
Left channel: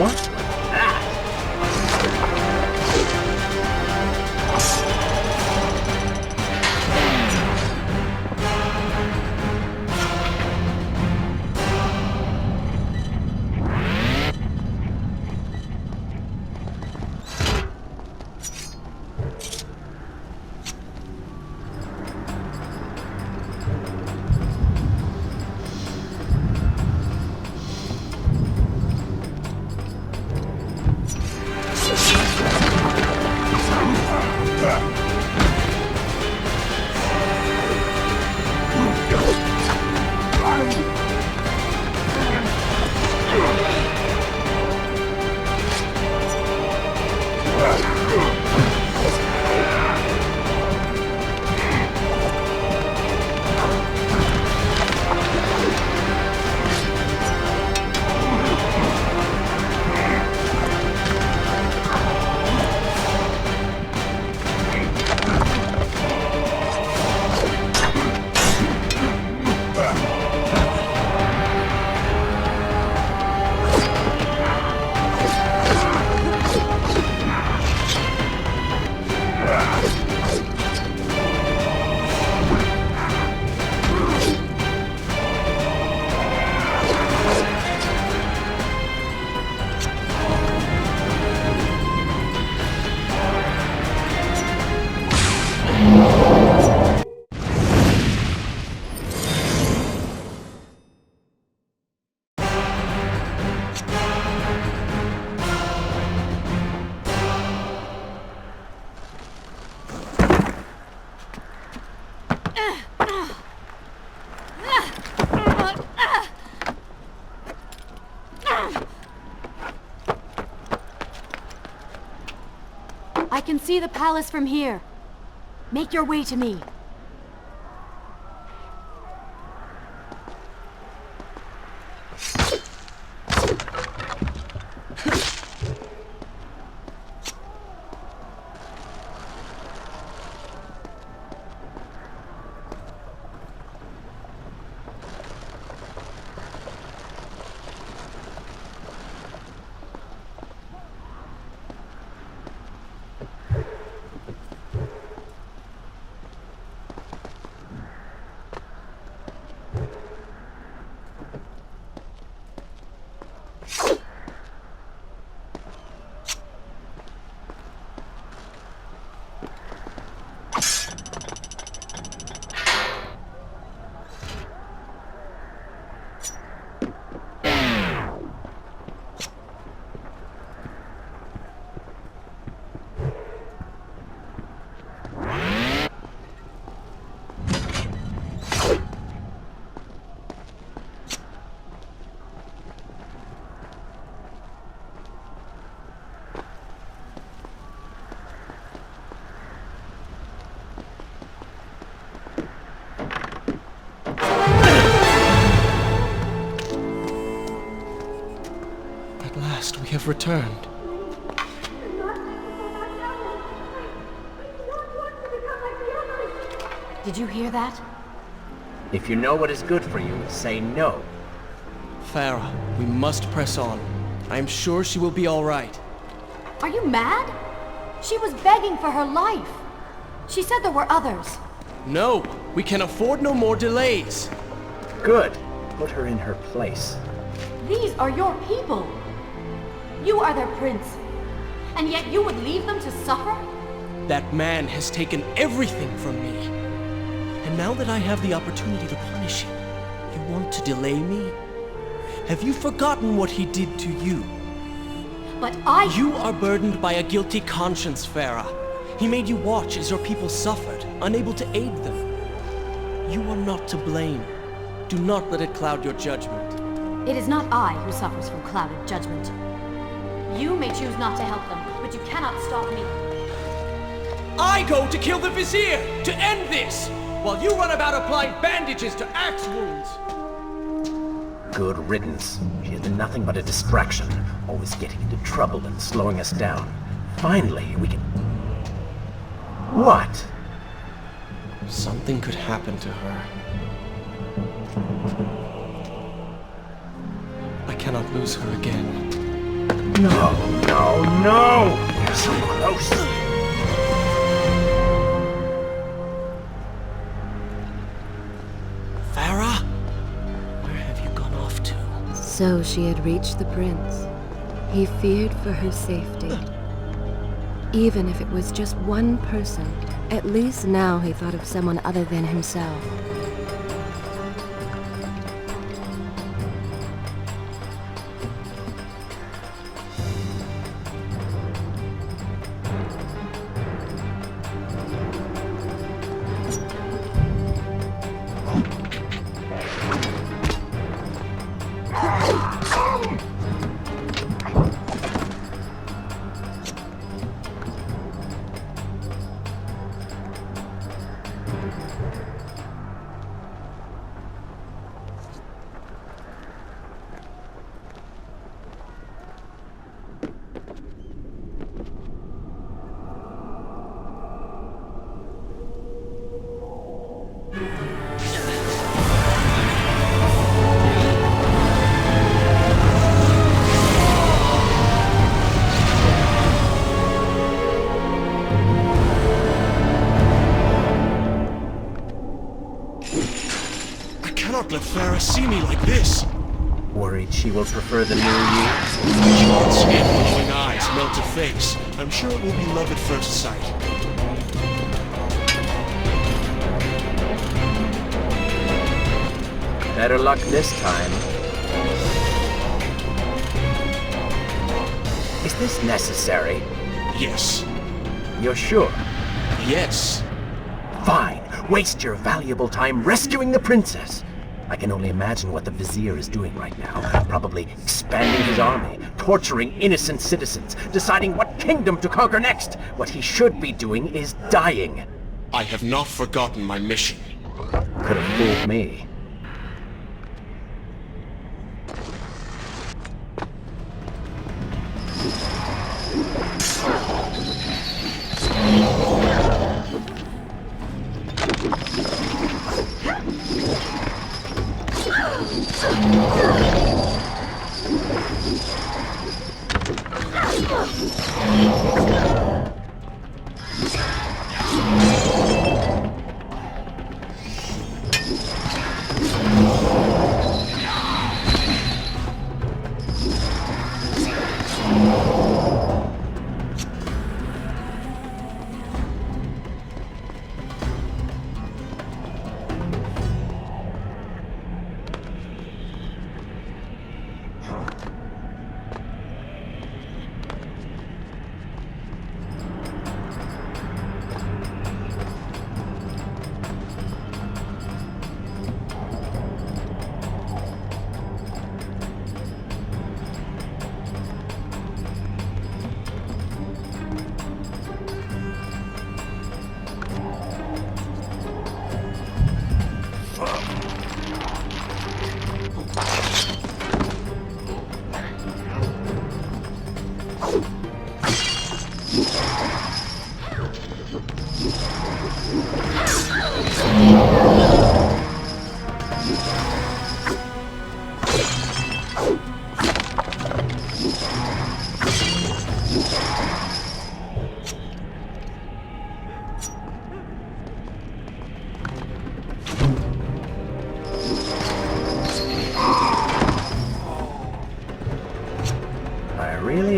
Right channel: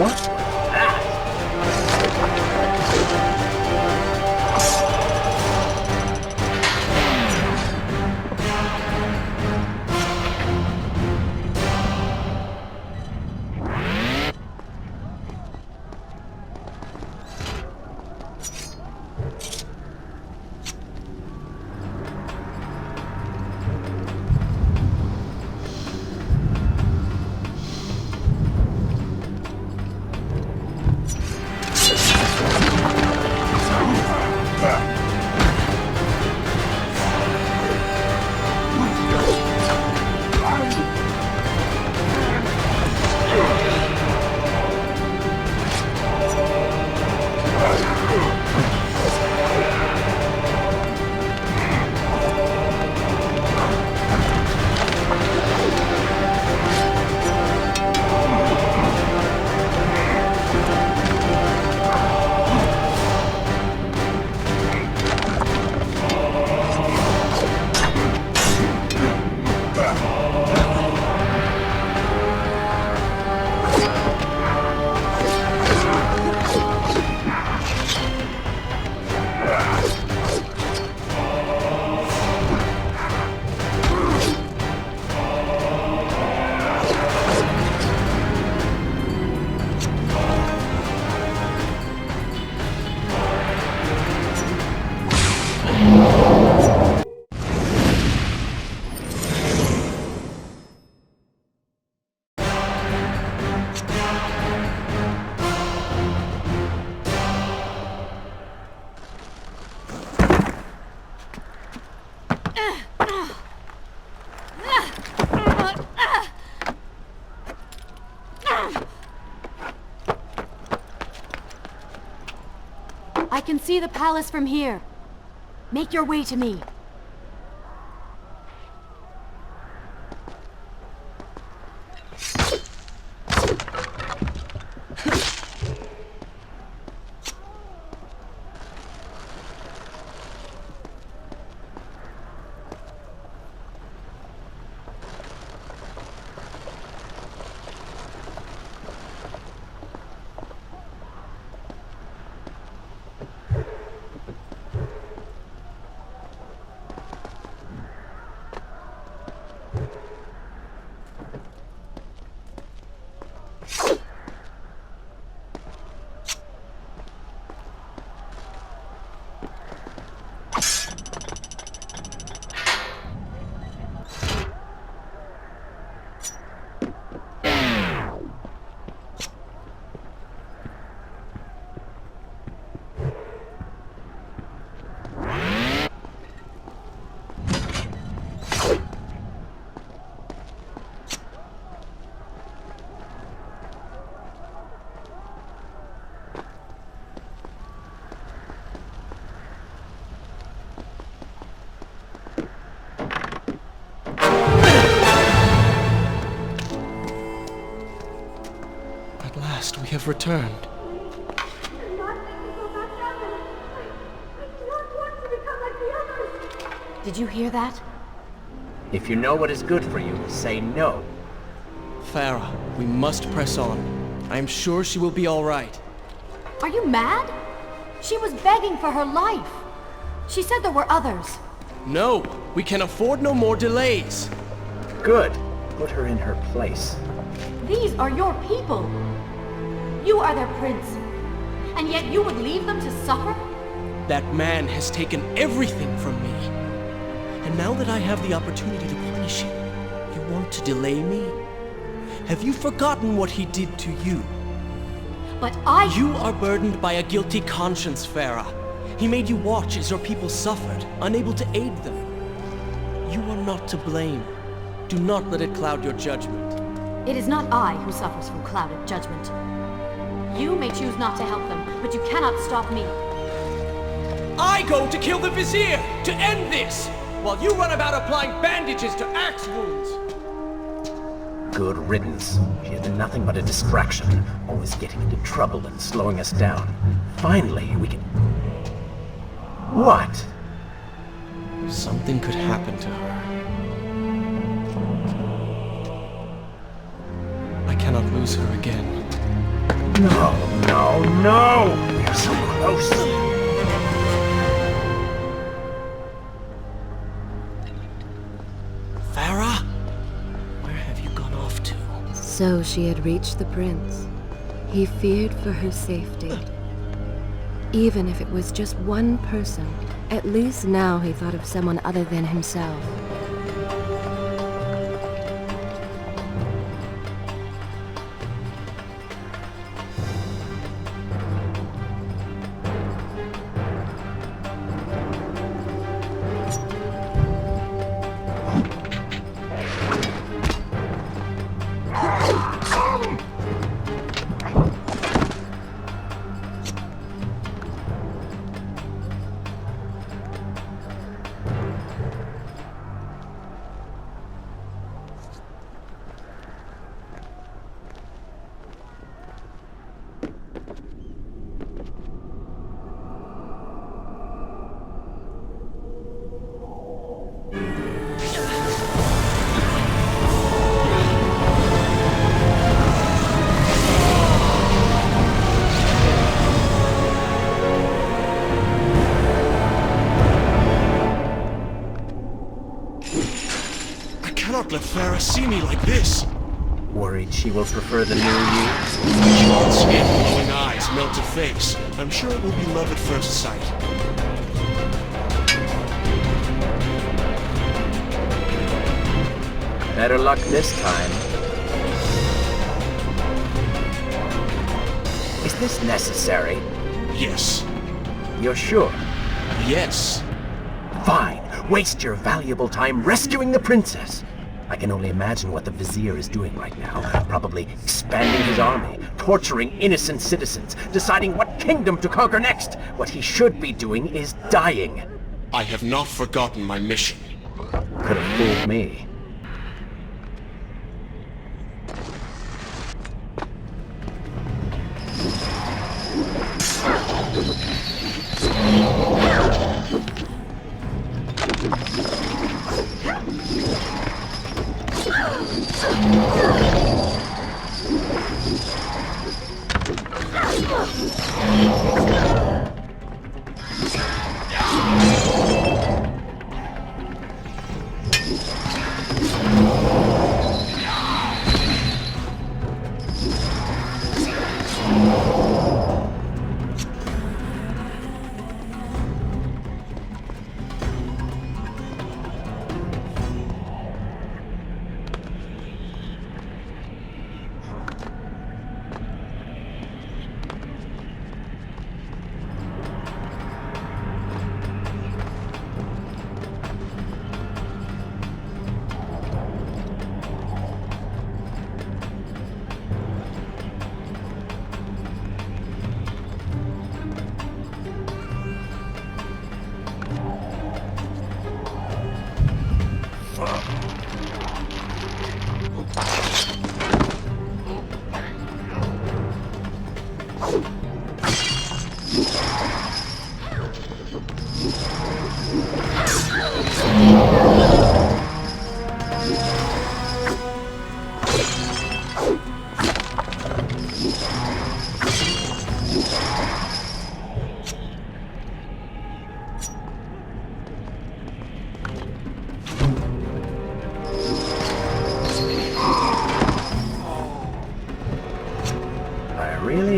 What was that? I can see the palace from here. Make your way to me. At last, we have returned. Did you hear that? If you know what is good for you, say no. Farah, we must press on. I am sure she will be all right. Are you mad? She was begging for her life. She said there were others. No, we can afford no more delays. Good. Put her in her place. These are your people. You are their prince. And yet you would leave them to suffer? That man has taken everything from me. And now that I have the opportunity to punish him, you want to delay me? Have you forgotten what he did to you? But You are burdened by a guilty conscience, Farah. He made you watch as your people suffered, unable to aid them. You are not to blame. Do not let it cloud your judgment. It is not I who suffers from clouded judgment. You may choose not to help them, but you cannot stop me. I go to kill the Vizier, to end this, while you run about applying bandages to axe wounds. Good riddance. She has been nothing but a distraction, always getting into trouble and slowing us down. Finally, we can... What? Something could happen to her. I cannot lose her again. No, no, no! You're so close! Farah? Where have you gone off to? So she had reached the prince. He feared for her safety. Even if it was just one person, at least now he thought of someone other than himself. Let Farah see me like this. Worried she will prefer the new you? Short skin, glowing eyes, melted face. I'm sure it will be love at first sight. Better luck this time. Is this necessary? Yes. You're sure? Yes. Fine. Waste your valuable time rescuing the princess. I can only imagine what the Vizier is doing right now. Probably expanding his army, torturing innocent citizens, deciding what kingdom to conquer next. What he should be doing is dying. I have not forgotten my mission. Could have fooled me.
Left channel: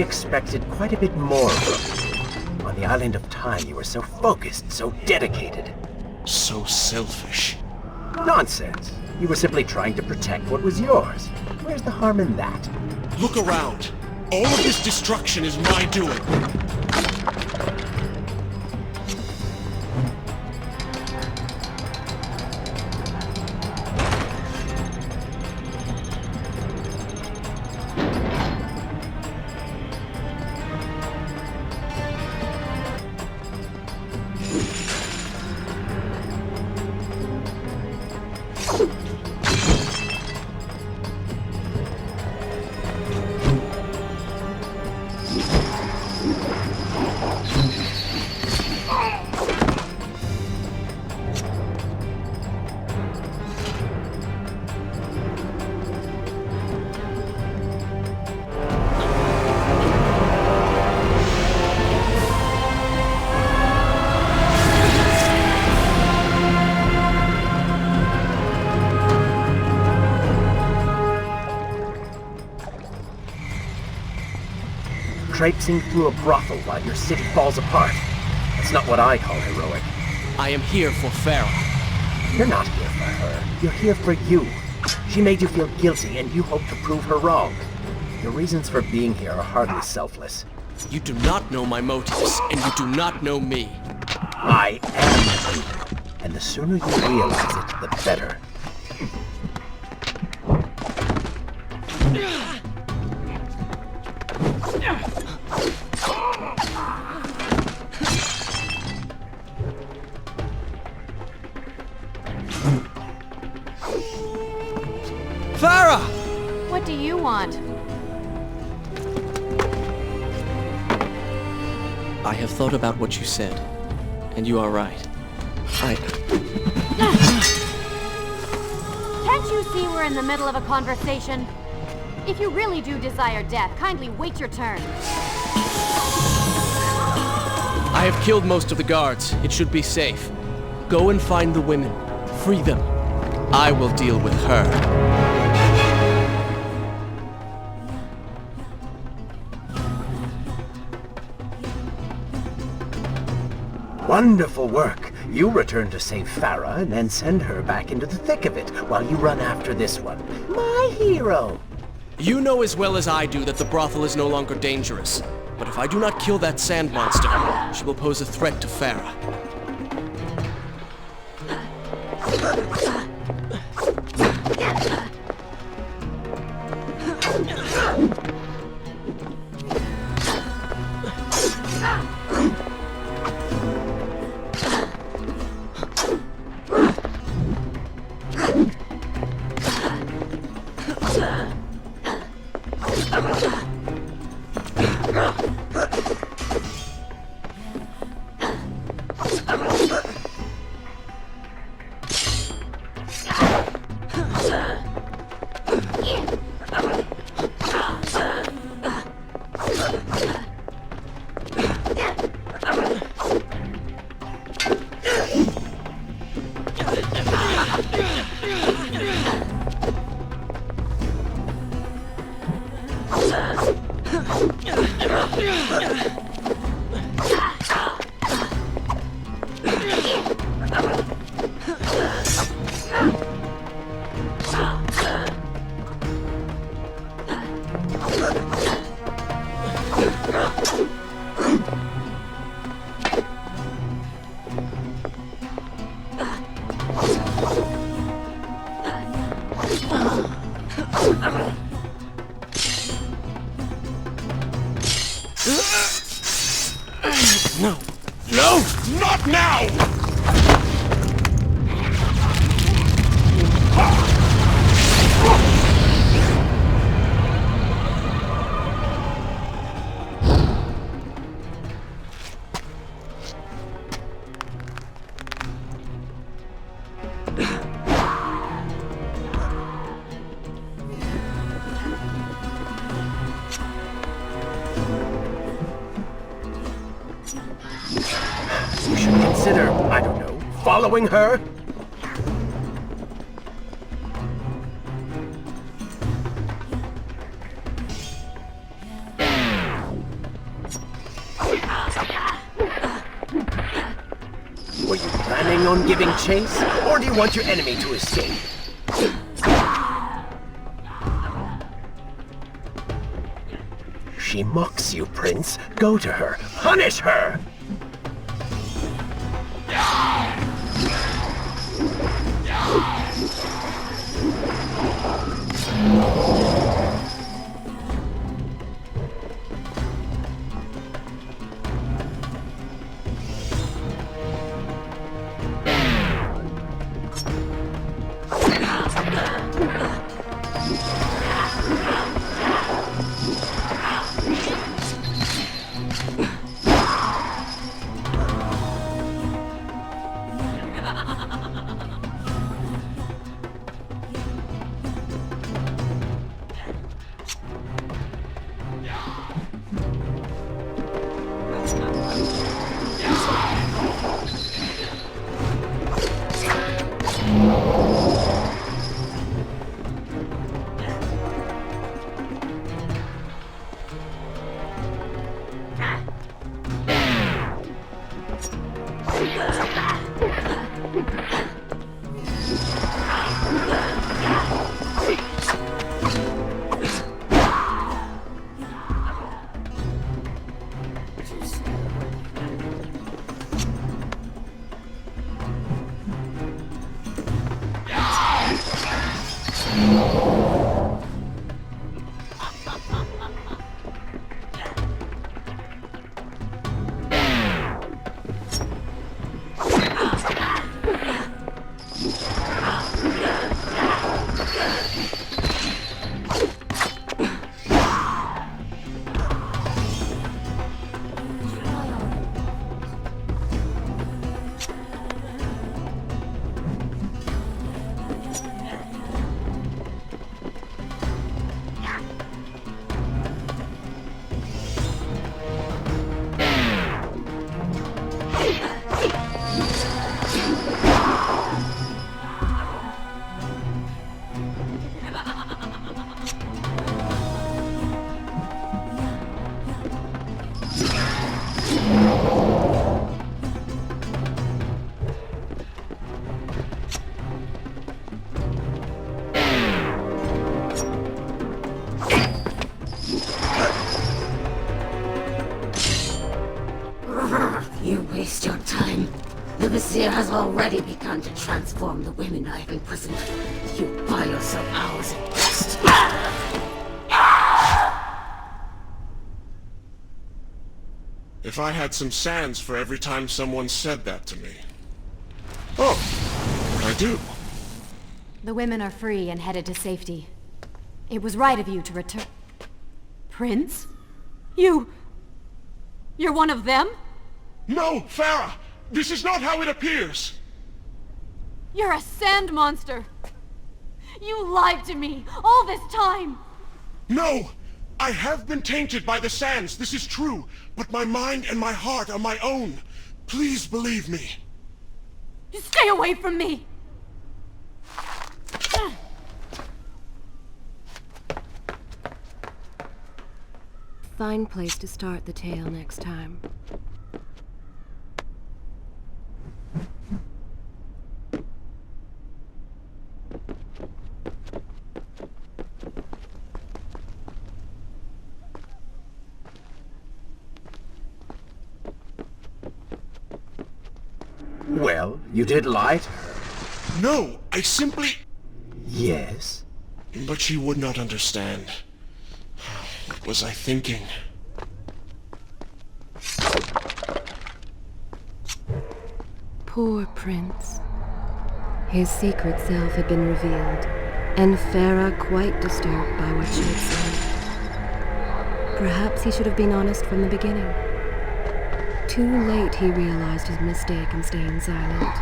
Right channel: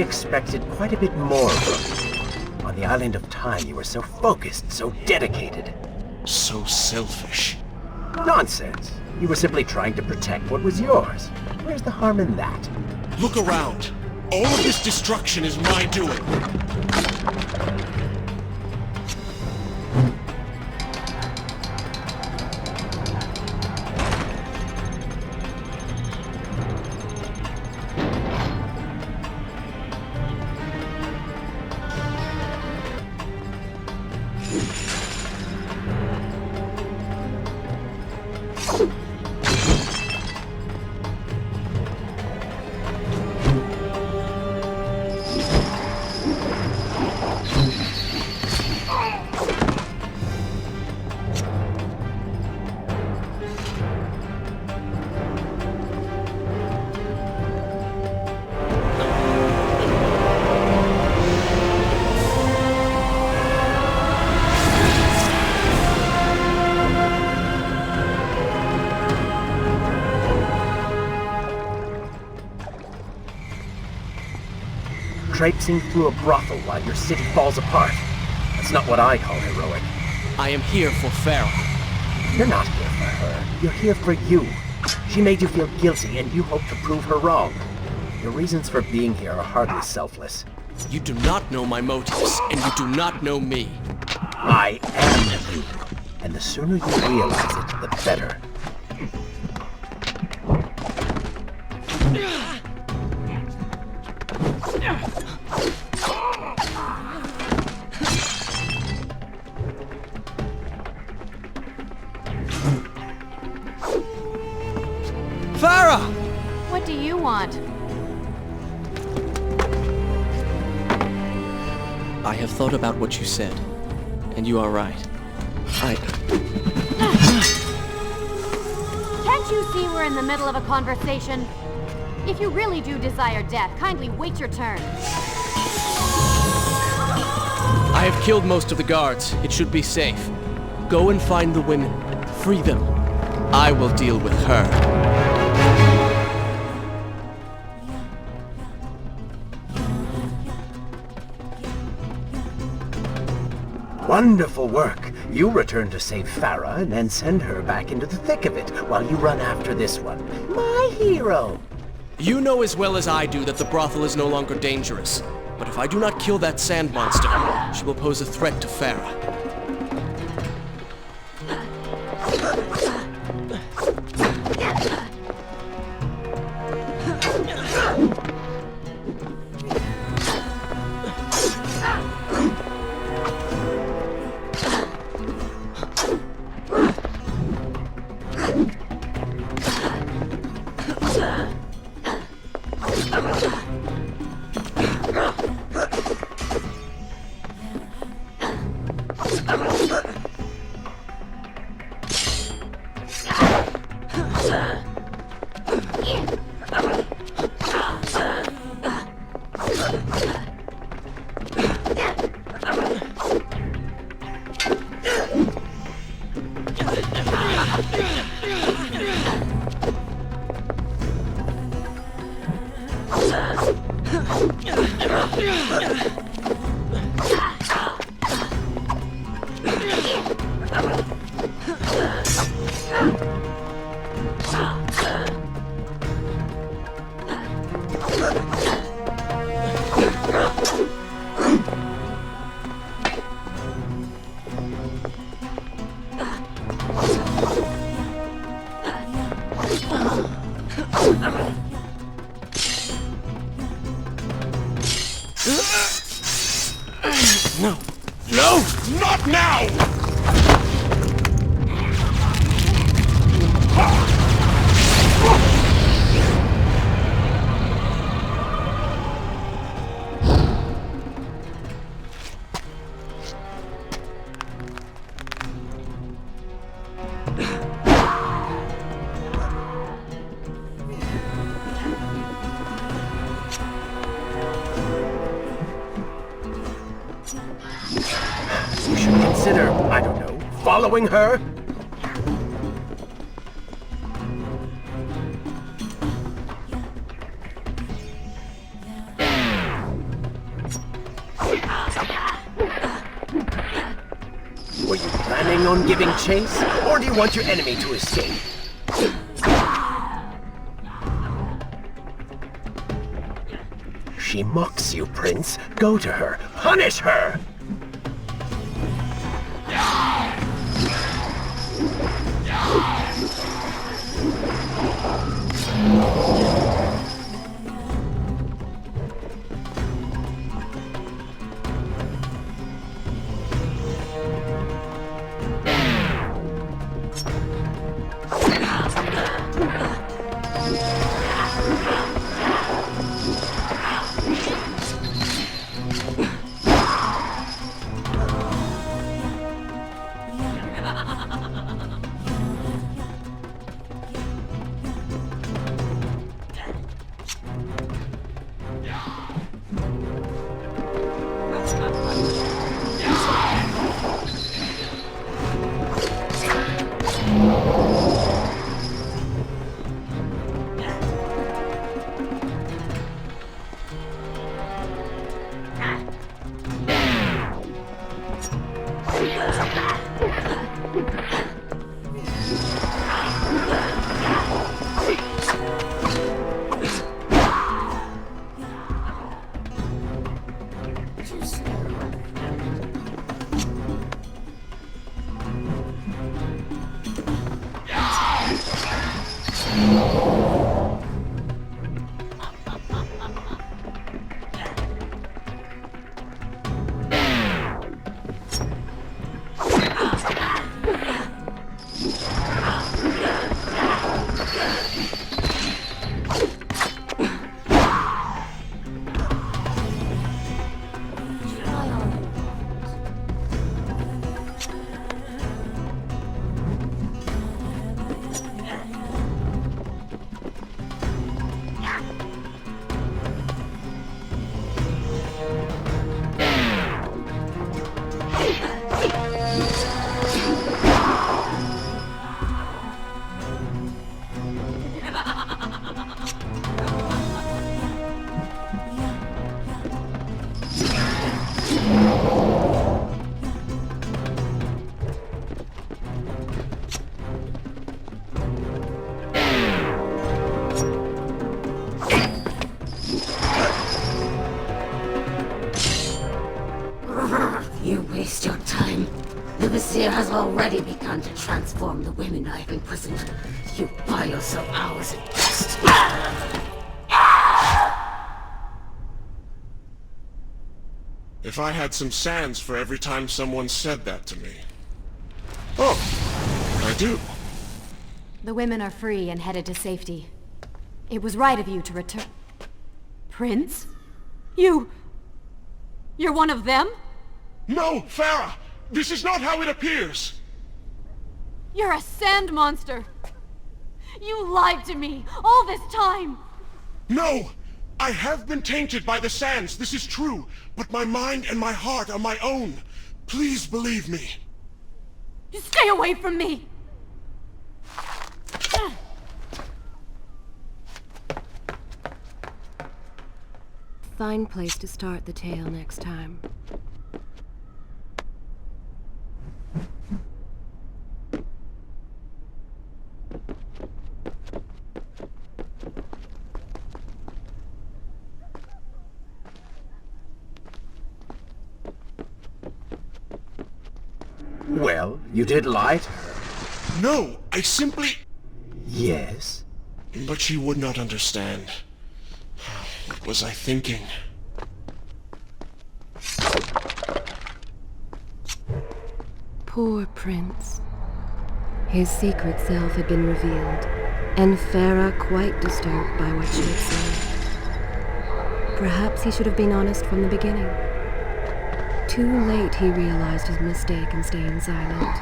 Expected quite a bit more from you. On the island of time, you were so focused, so dedicated. So selfish. Nonsense. You were simply trying to protect what was yours. Where's the harm in that? Look around. All of this destruction is my doing. Traipsing through a brothel while your city falls apart. That's not what I call heroic. I am here for Farah. You're not here for her. You're here for you. She made you feel guilty, and you hope to prove her wrong. Your reasons for being here are hardly selfless. You do not know my motives, and you do not know me. I am you, and the sooner you realize it, the better. Farah! What do you want? I have thought about what you said, and you are right. Can't you see we're in the middle of a conversation? If you really do desire death, kindly wait your turn. I have killed most of the guards. It should be safe. Go and find the women. Free them. I will deal with her. Wonderful work. You return to save Farah and then send her back into the thick of it while you run after this one. My hero! You know as well as I do that the brothel is no longer dangerous. But if I do not kill that sand monster, she will pose a threat to Farah. No! No! Not now! You should consider, I don't know, following her? Were you planning on giving chase, or do you want your enemy to escape? She mocks you, Prince. Go to her. Punish her! You waste your time. The Vizier has already begun to transform the women I've imprisoned. You buy yourself hours at best. If I had some sands for every time someone said that to me. Oh, I do. The women are free and headed to safety. It was right of you to return. Prince? You're one of them? No, Farah! This is not how it appears! You're a sand monster! You lied to me all this time! No! I have been tainted by the sands, this is true, but my mind and my heart are my own. Please believe me. Stay away from me! Fine place to start the tale next time. Well, you did lie to her. No, I simply... Yes? But she would not understand. What was I thinking? Poor Prince. His secret self had been revealed, and Farah quite disturbed by what she had seen. Perhaps he should have been honest from the beginning. Too late he realized his mistake in staying silent.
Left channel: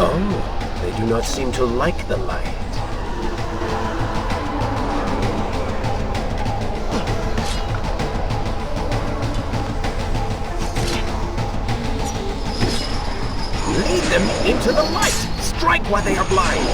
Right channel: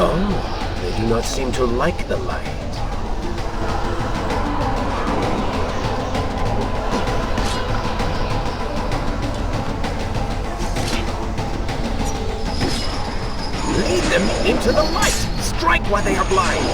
Oh, they do not seem to like the light. Lead them into the light! Strike while they are blind!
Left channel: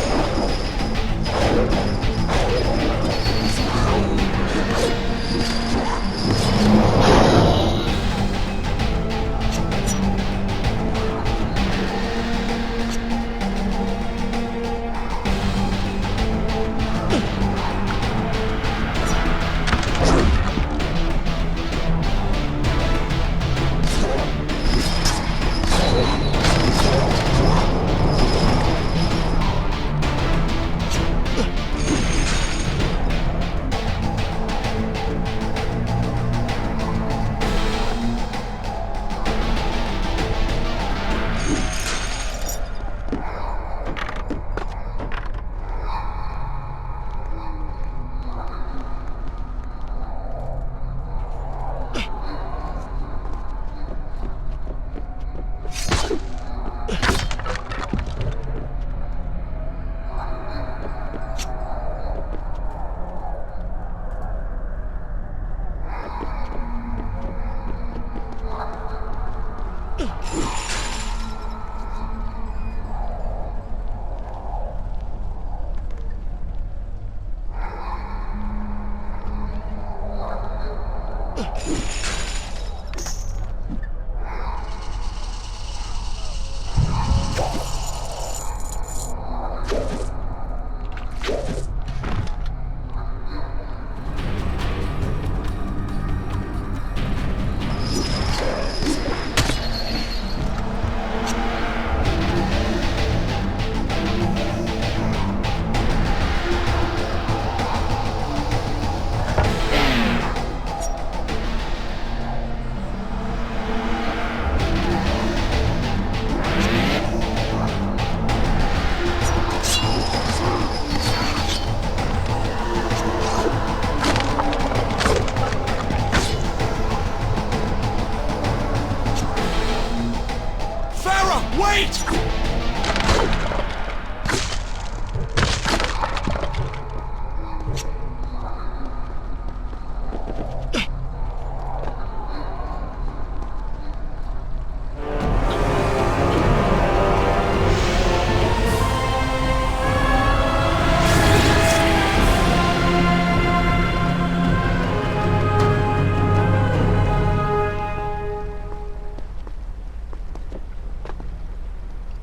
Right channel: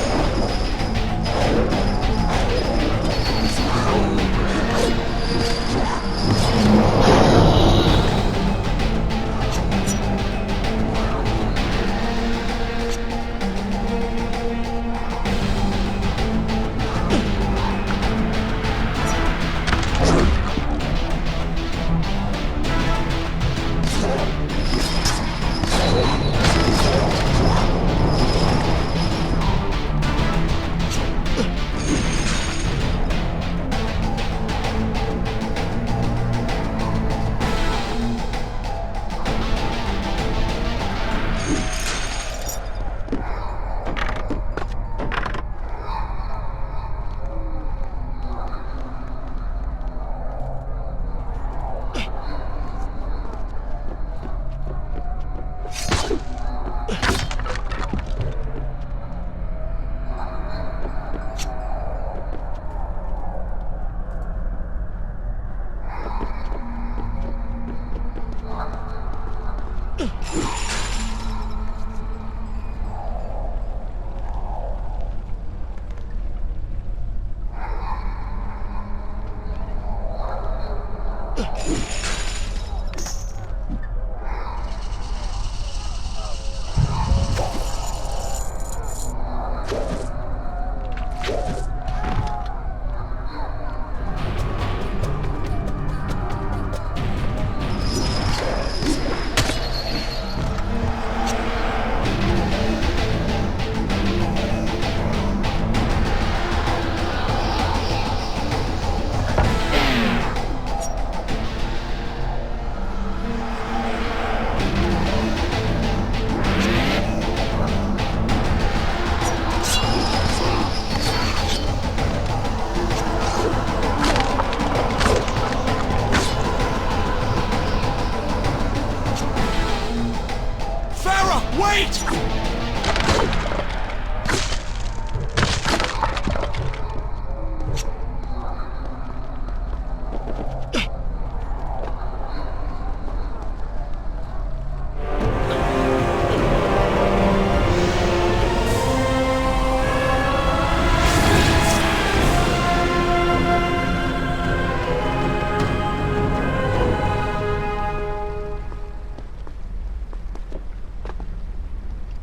Wait!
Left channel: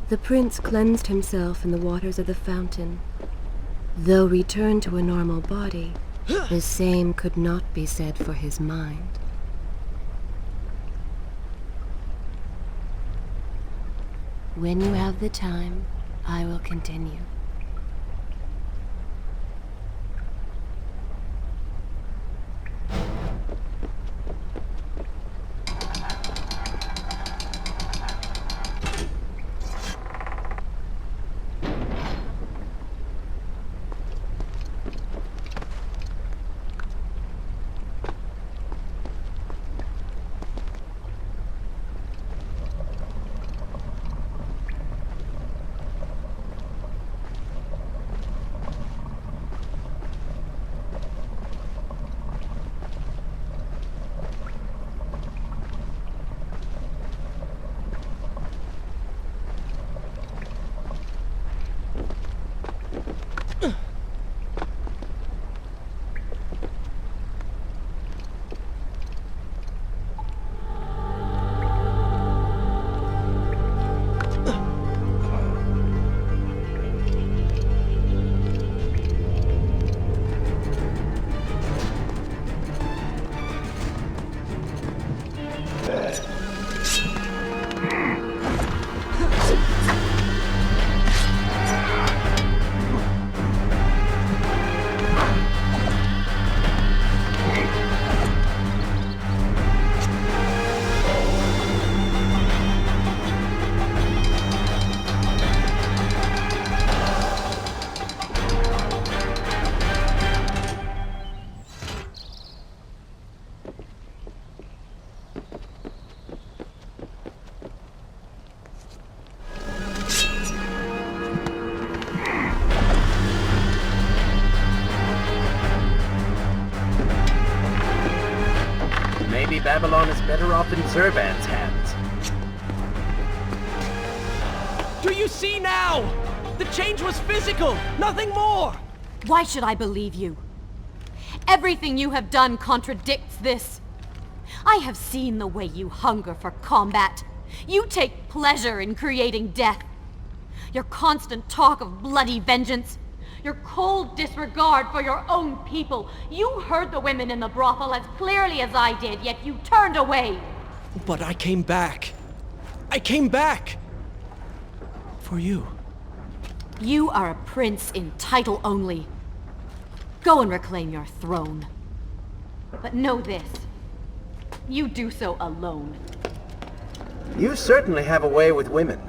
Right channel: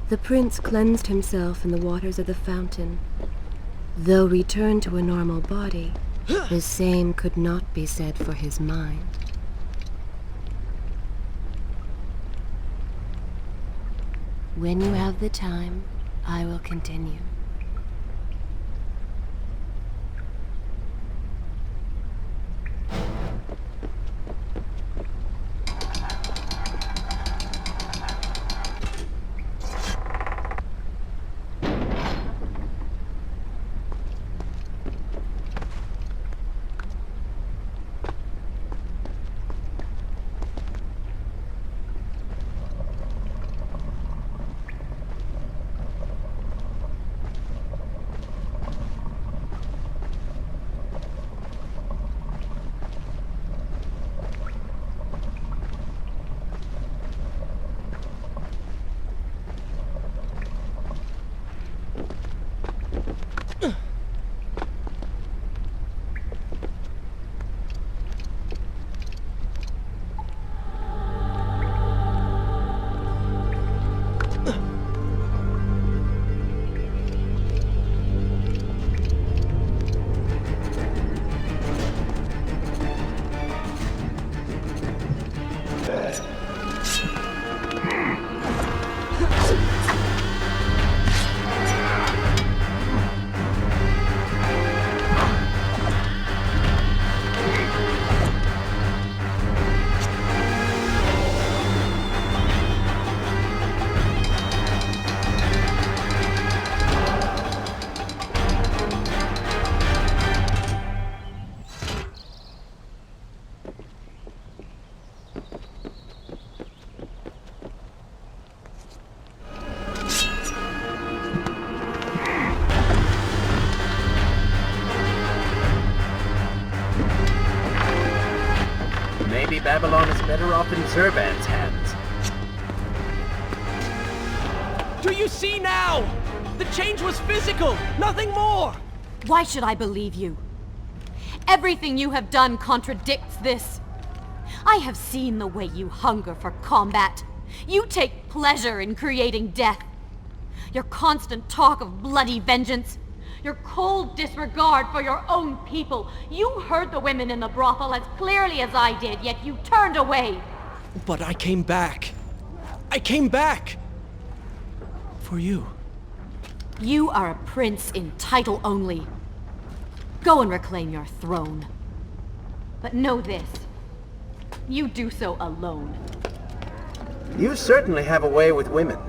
The prince cleansed himself in the waters of the fountain. Though returned to a normal body, the same could not be said for his mind. When you have the time, I will continue. Maybe Babylon is better off in Zurban's hands. Do you see now? The change was physical, nothing more! Why should I believe you? Everything you have done contradicts this. I have seen the way you hunger for combat. You take pleasure in creating death. Your constant talk of bloody vengeance. Your cold disregard for your own people. You heard the women in the brothel as clearly as I did, yet you turned away. But I came back. I came back! For you. You are a prince in title only. Go and reclaim your throne. But know this. You do so alone. You certainly have a way with women.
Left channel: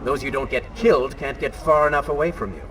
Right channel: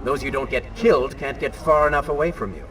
Those you don't get killed can't get far enough away from you.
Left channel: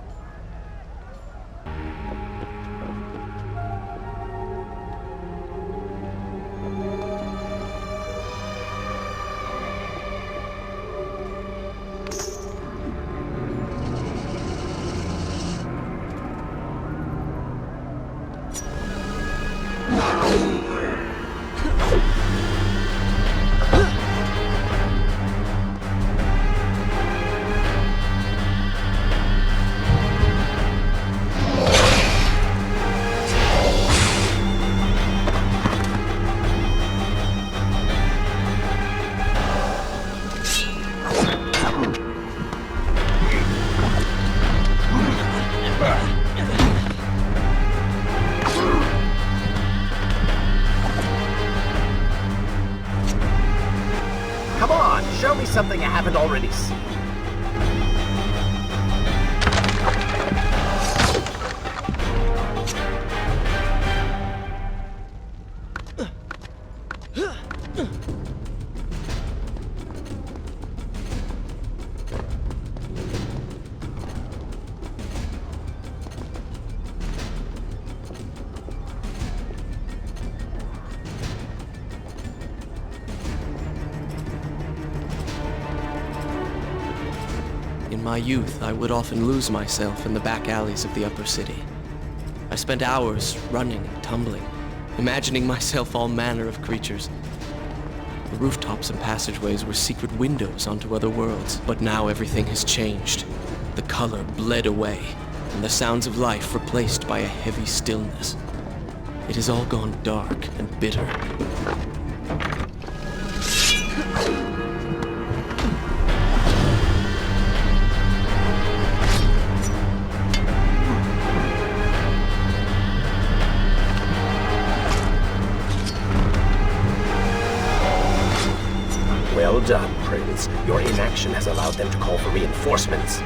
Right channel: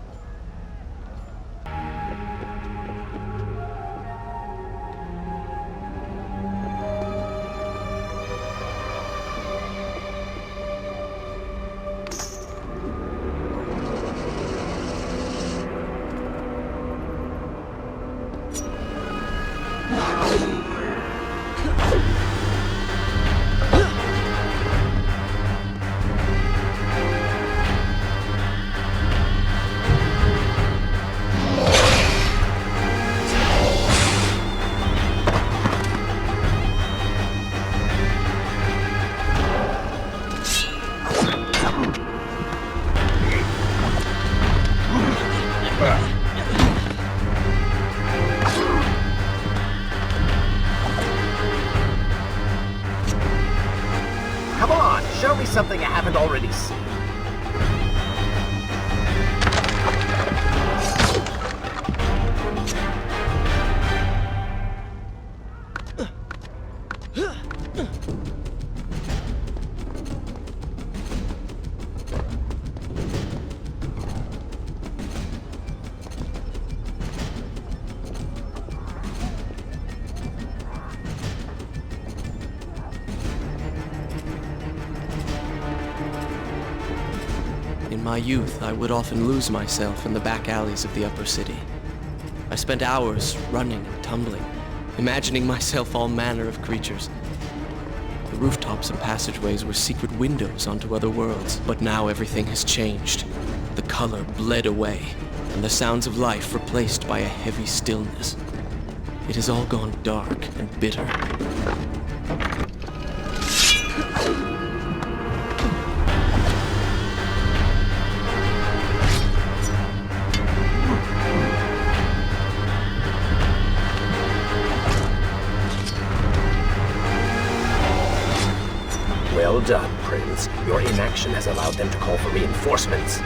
Come on, show me something I haven't already seen. In my youth, I would often lose myself in the back alleys of the upper city. I spent hours running and tumbling, imagining myself all manner of creatures. The rooftops and passageways were secret windows onto other worlds, but now everything has changed. The color bled away, and the sounds of life replaced by a heavy stillness. It has all gone dark and bitter. Well Well done, Prince. Your inaction has allowed them to call for reinforcements.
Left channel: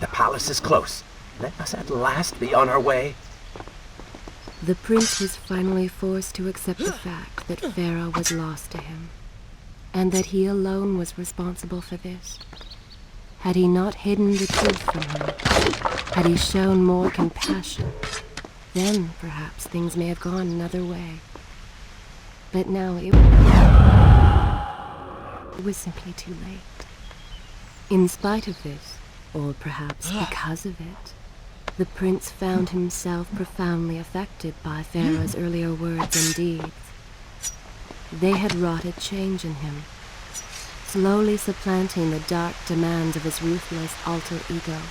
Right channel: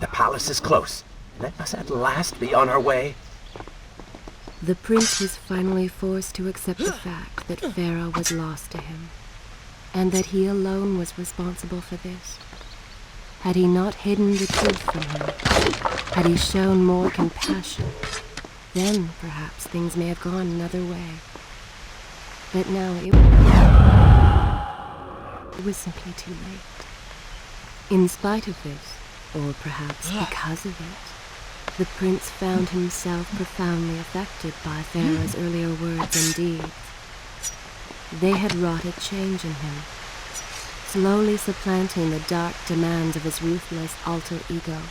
The palace is close. Let us at last be on our way. The prince was finally forced to accept the fact that Pharaoh was lost to him, and that he alone was responsible for this. Had he not hidden the truth from him, had he shown more compassion, then perhaps things may have gone another way. But now it was simply too late. In spite of this, or perhaps because of it, the prince found himself profoundly affected by Pharaoh's earlier words and deeds. They had wrought a change in him, slowly supplanting the dark demands of his ruthless alter ego.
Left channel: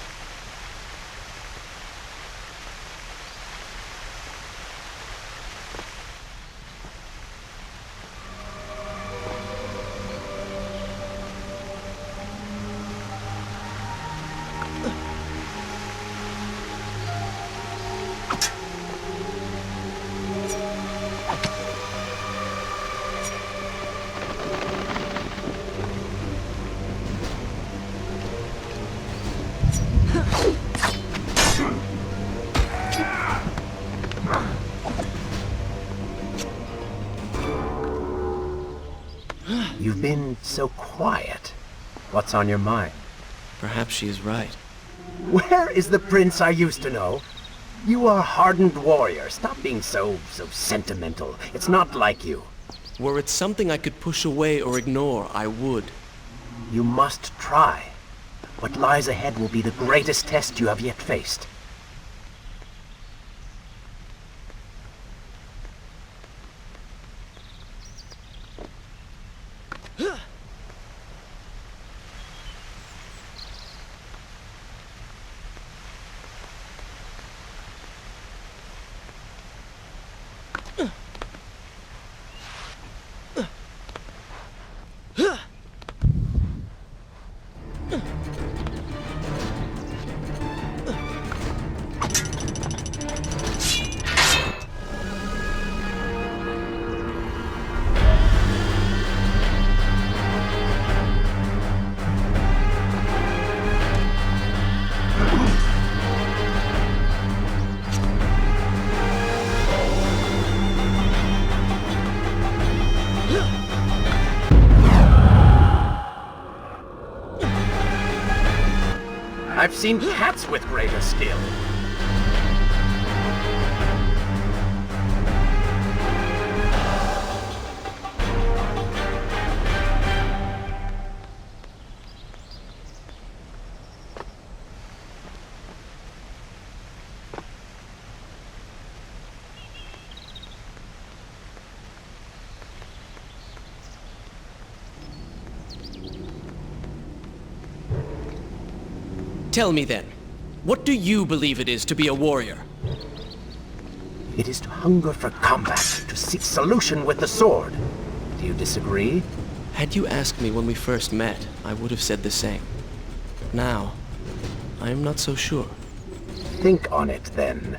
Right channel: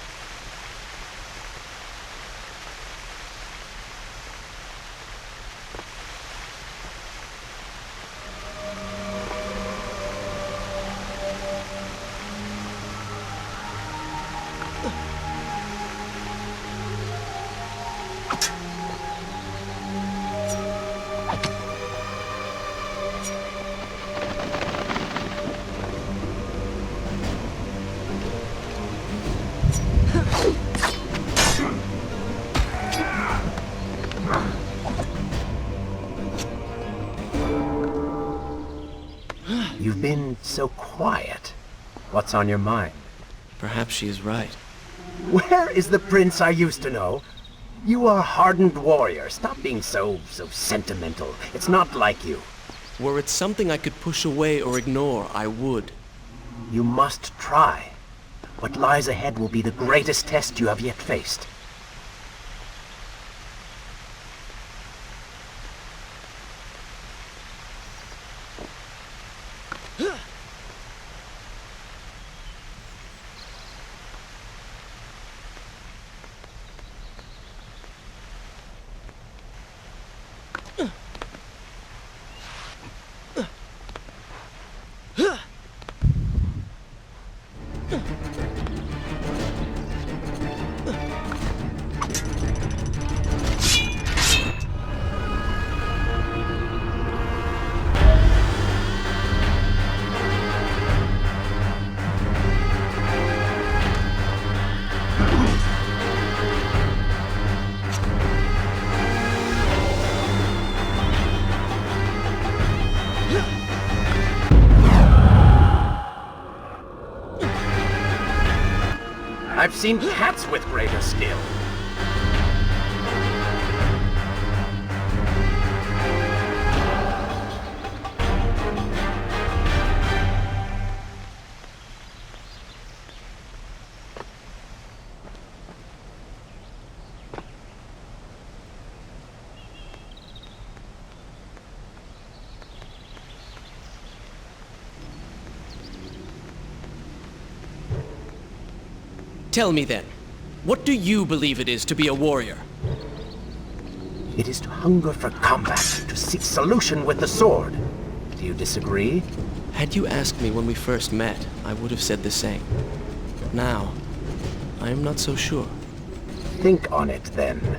You've been so quiet. What's on your mind? Perhaps she is right. Where is the prince I used to know? You are a hardened warrior. Stop being so sentimental. It's not like you. Were it something I could push away or ignore, I would. You must try. What lies ahead will be the greatest test you have yet faced. I've seen cats with greater skill. Tell me then, what do you believe it is to be a warrior? It is to hunger for combat, to seek solution with the sword. Do you disagree? Had you asked me when we first met, I would have said the same. Now, I am not so sure. Think on it then.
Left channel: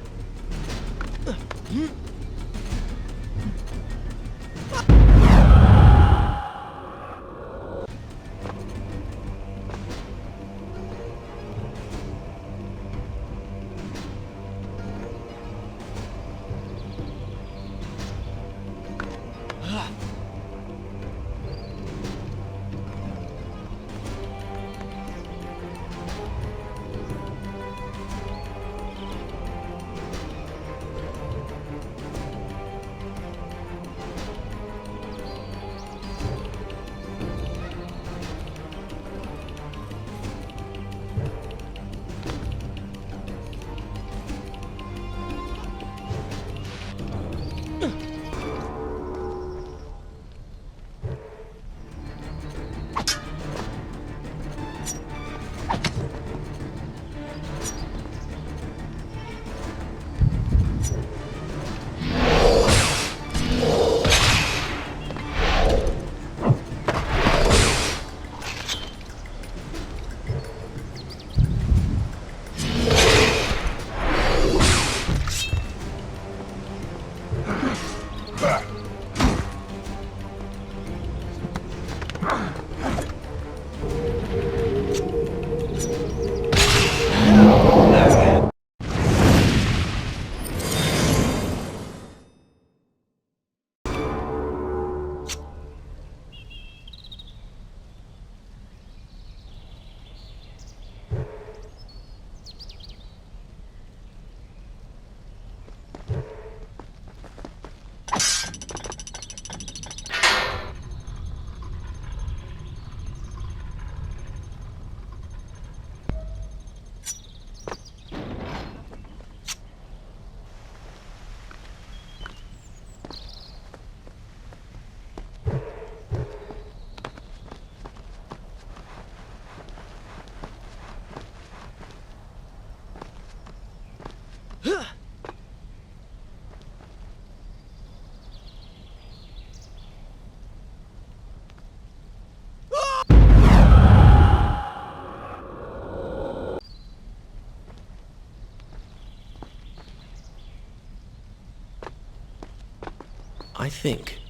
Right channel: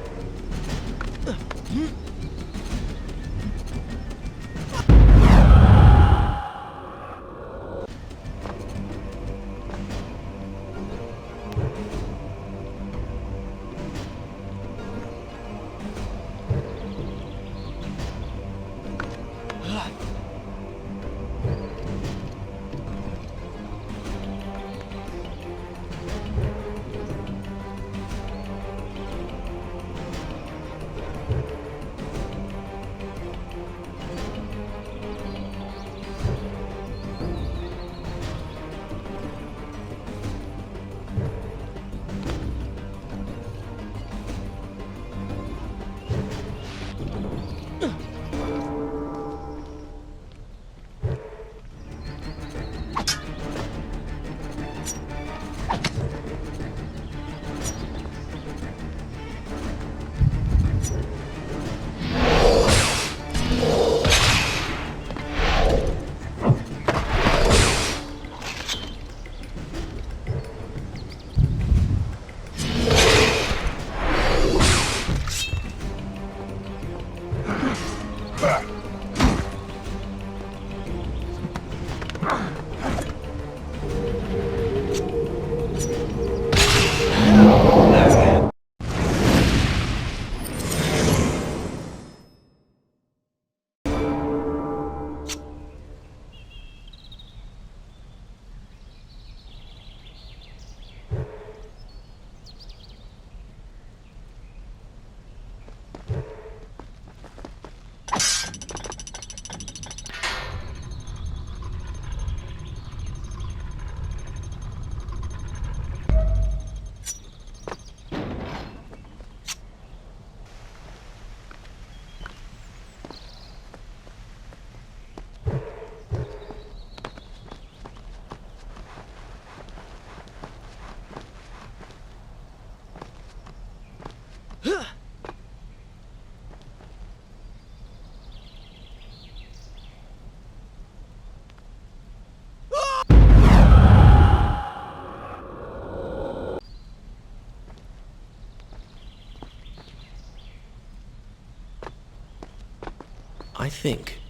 I think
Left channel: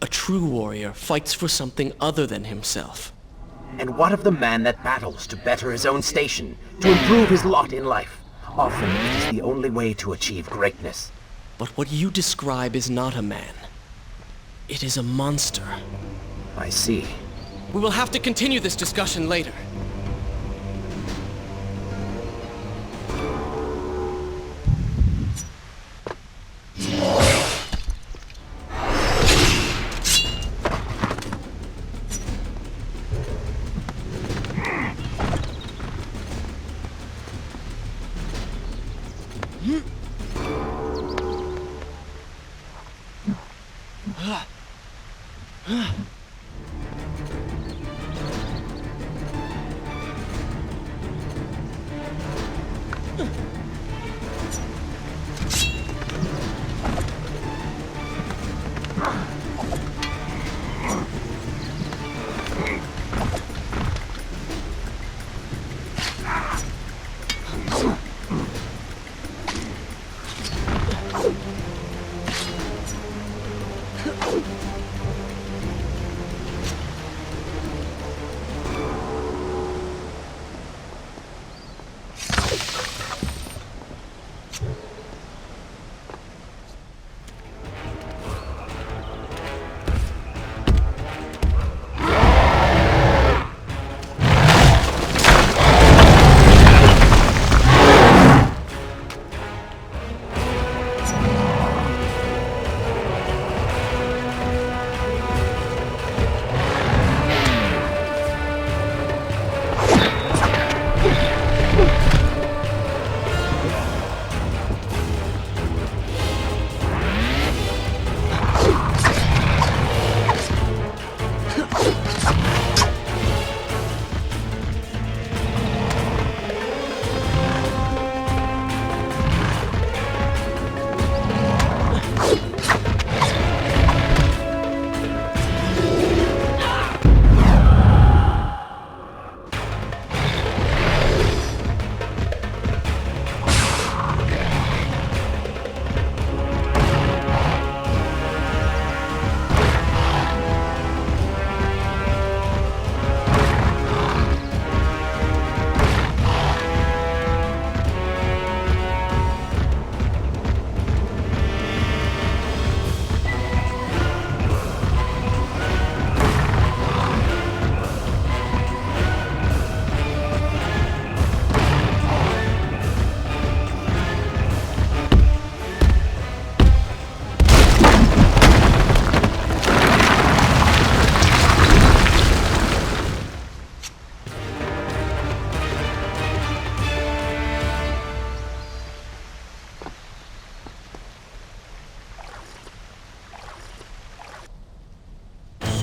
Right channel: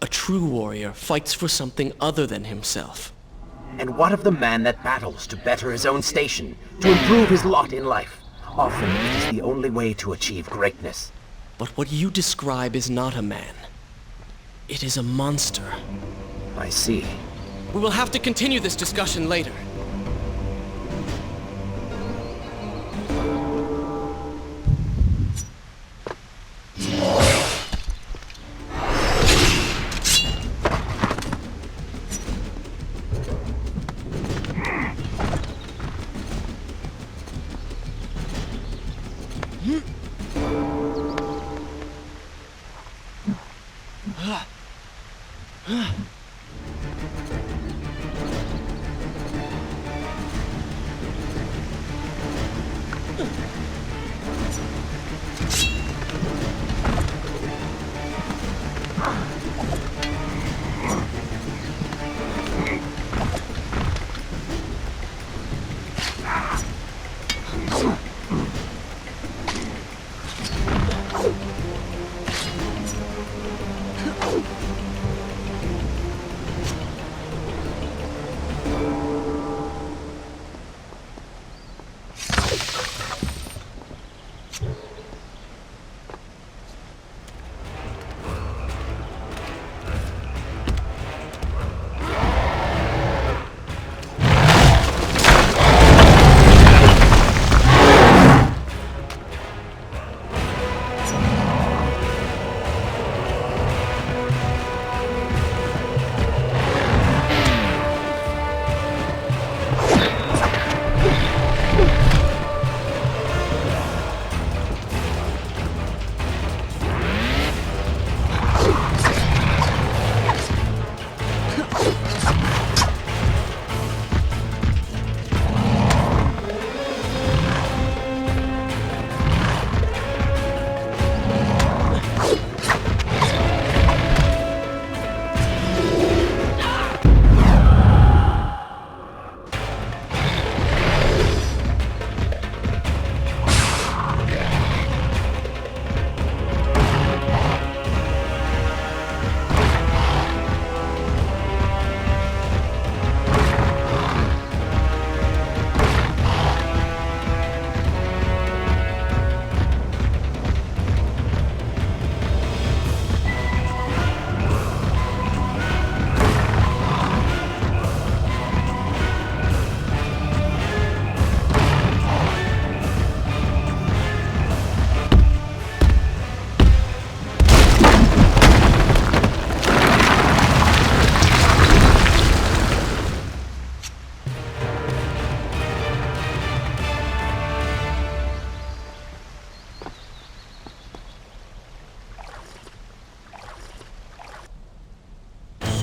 a true warrior fights for something other than himself. And what of the man that battles to better his own station, to improve his lot in life? Often it is the only way to achieve greatness. But what you describe is not a man. It is a monster. I see. We will have to continue this discussion later.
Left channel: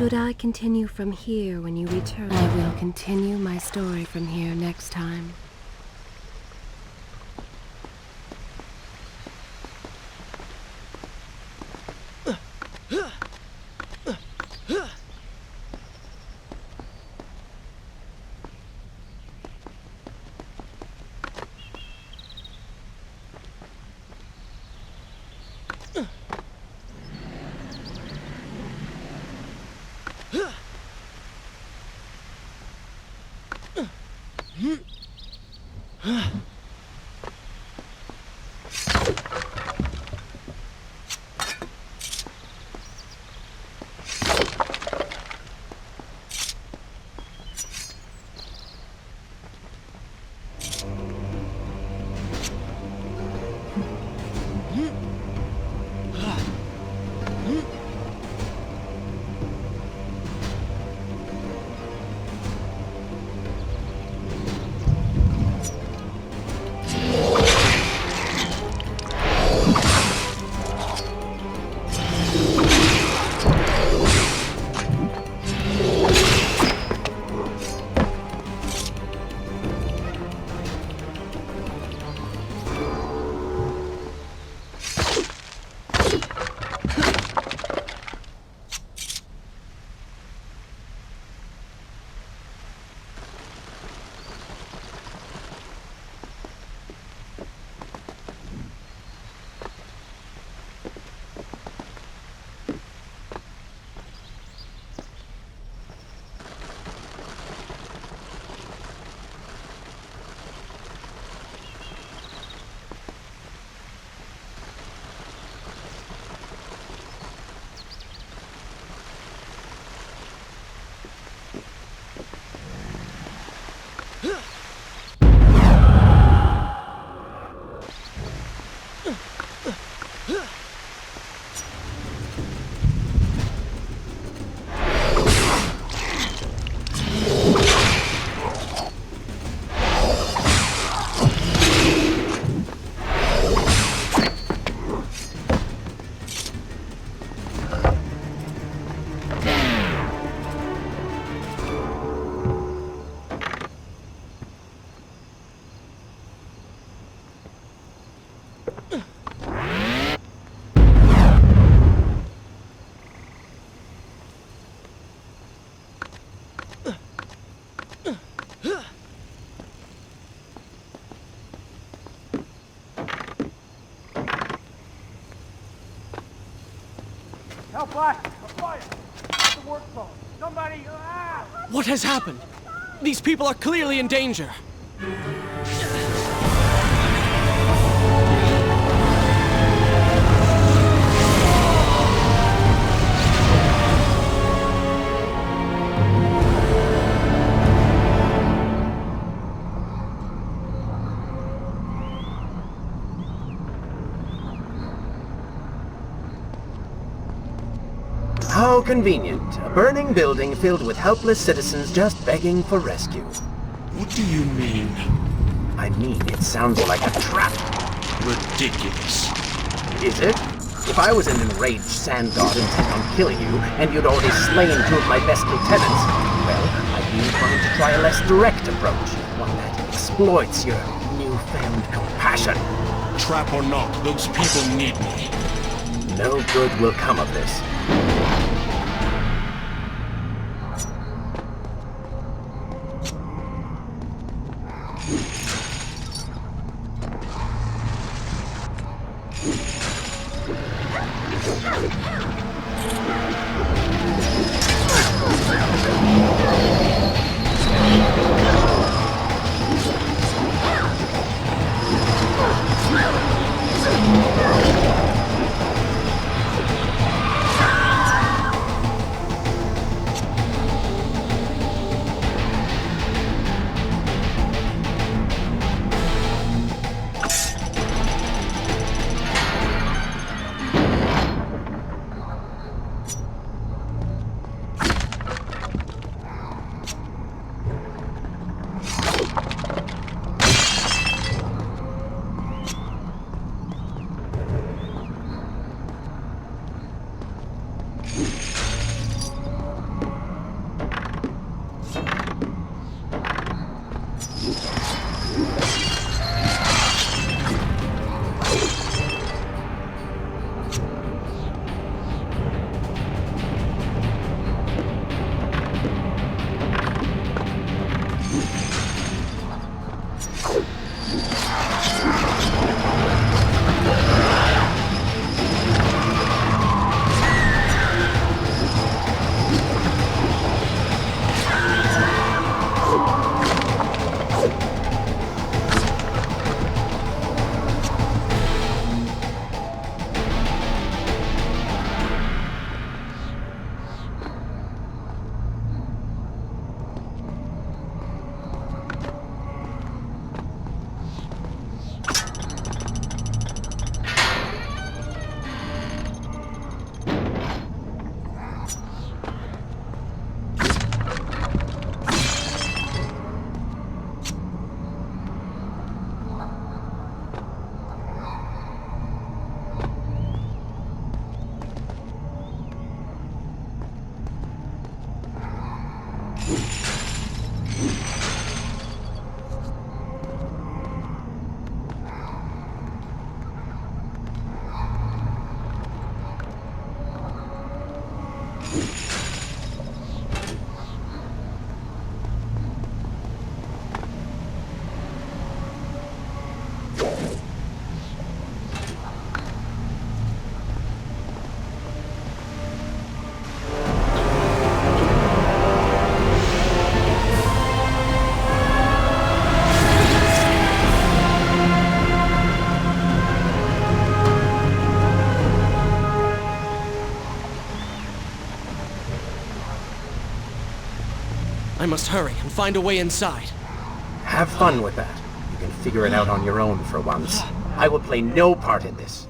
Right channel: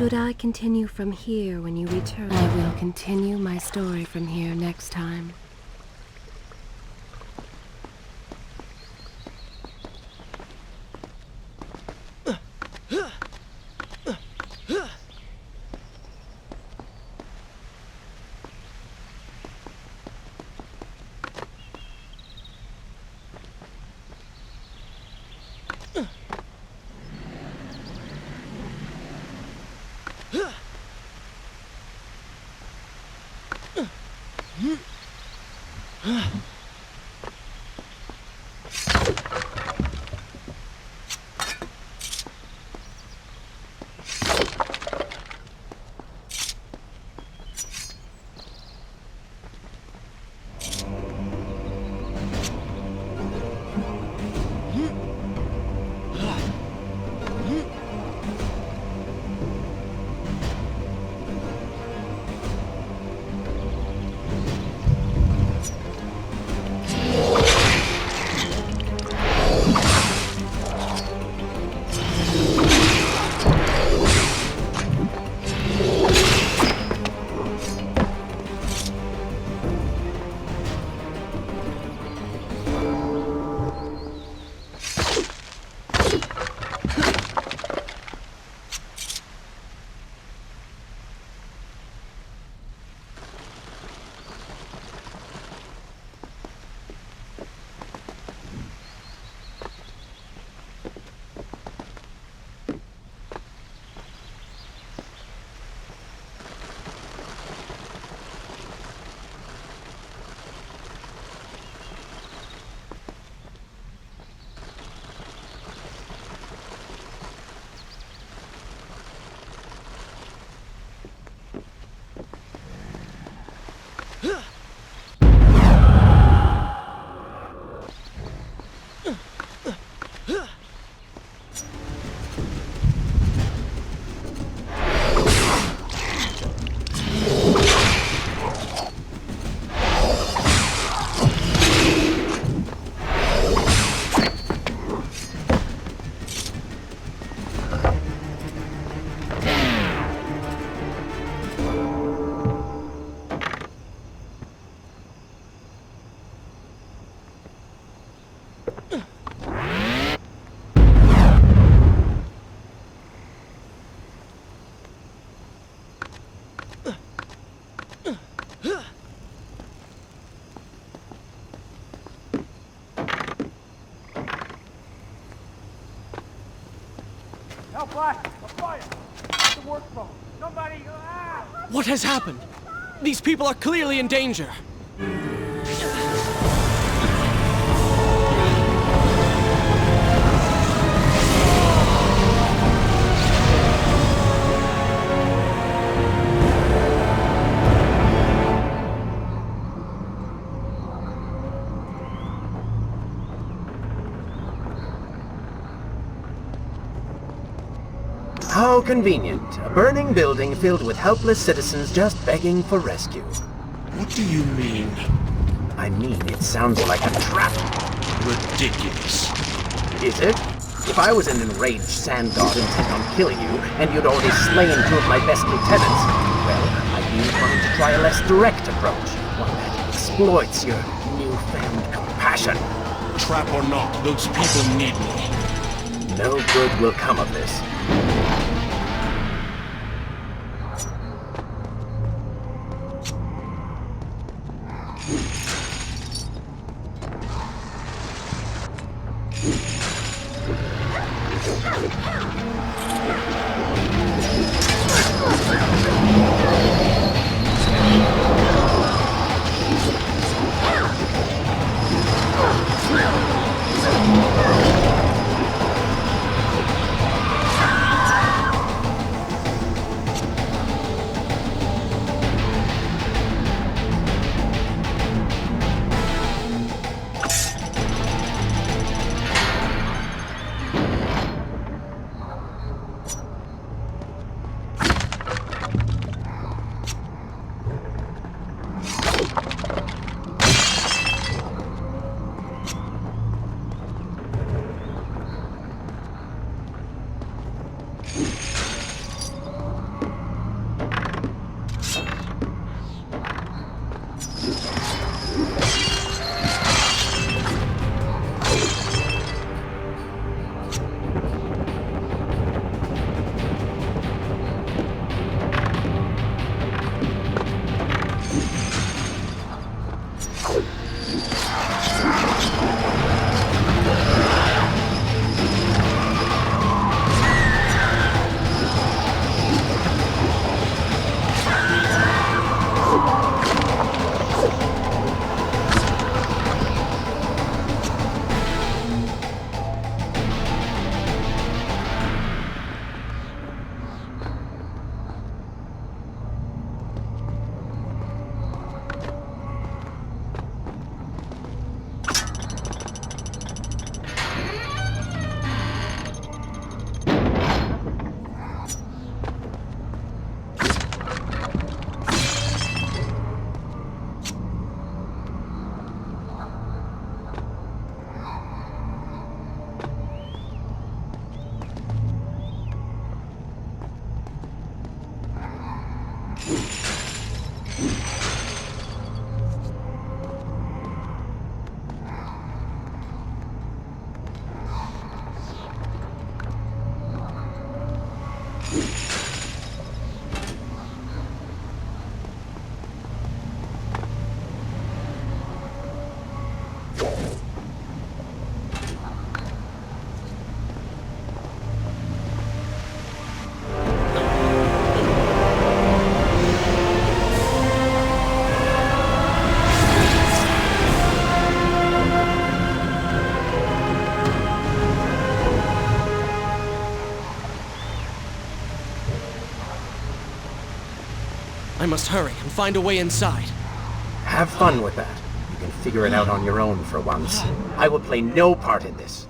Should I continue from here when you return? I will continue my story from here next time. Black, a fire! At the work phone. Somebody, What has happened? These people are clearly in danger. How convenient. A burning building filled with helpless citizens just begging for rescue. What do you mean? I mean, it sounds like a trap. Ridiculous. Is it? If I was an enraged sand god intent on killing you, and you'd already slain two of my best lieutenants, well, I'd be inclined to try a less direct approach. One that exploits your newfound compassion. Trap or not, those people need me. No good will come of this. I must hurry and find a way inside. Have fun with that. You can figure it out on your own for once. I will play no part in this.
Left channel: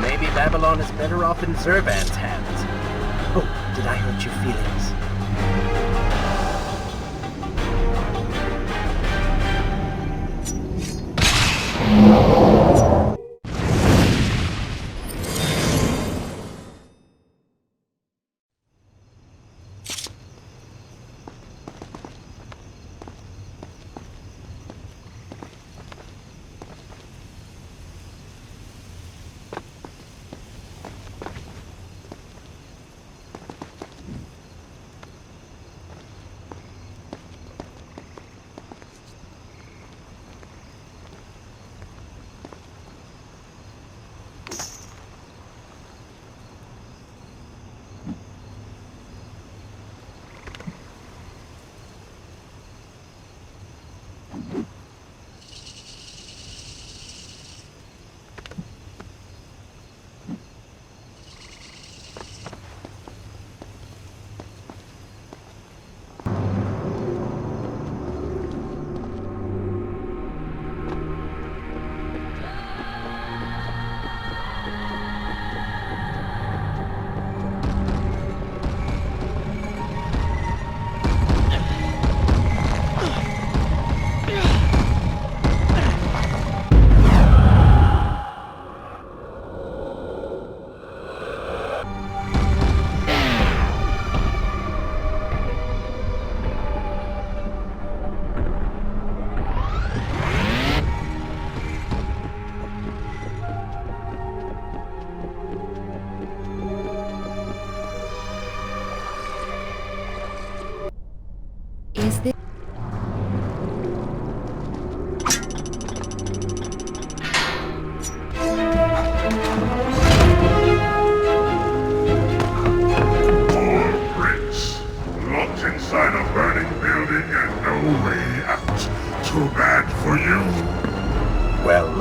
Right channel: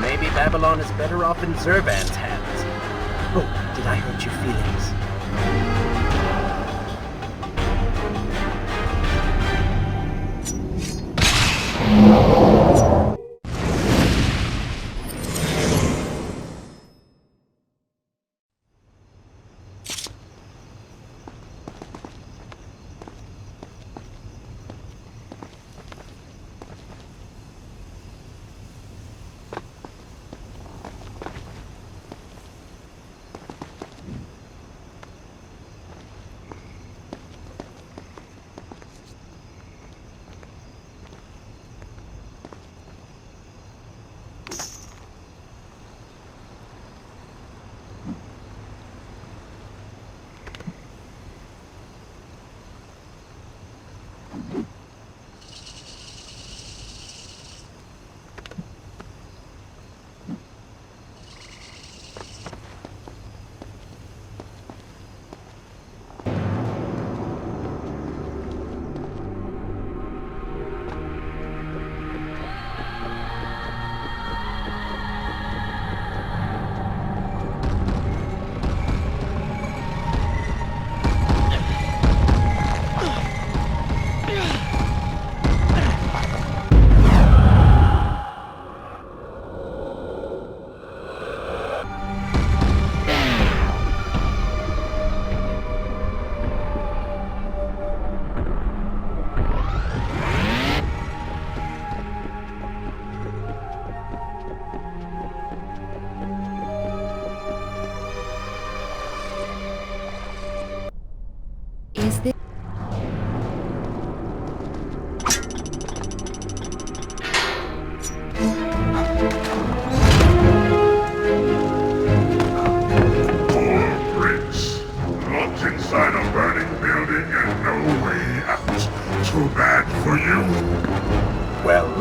Maybe Babylon is better off in Zurvan's hands. Oh, did I hurt your feelings?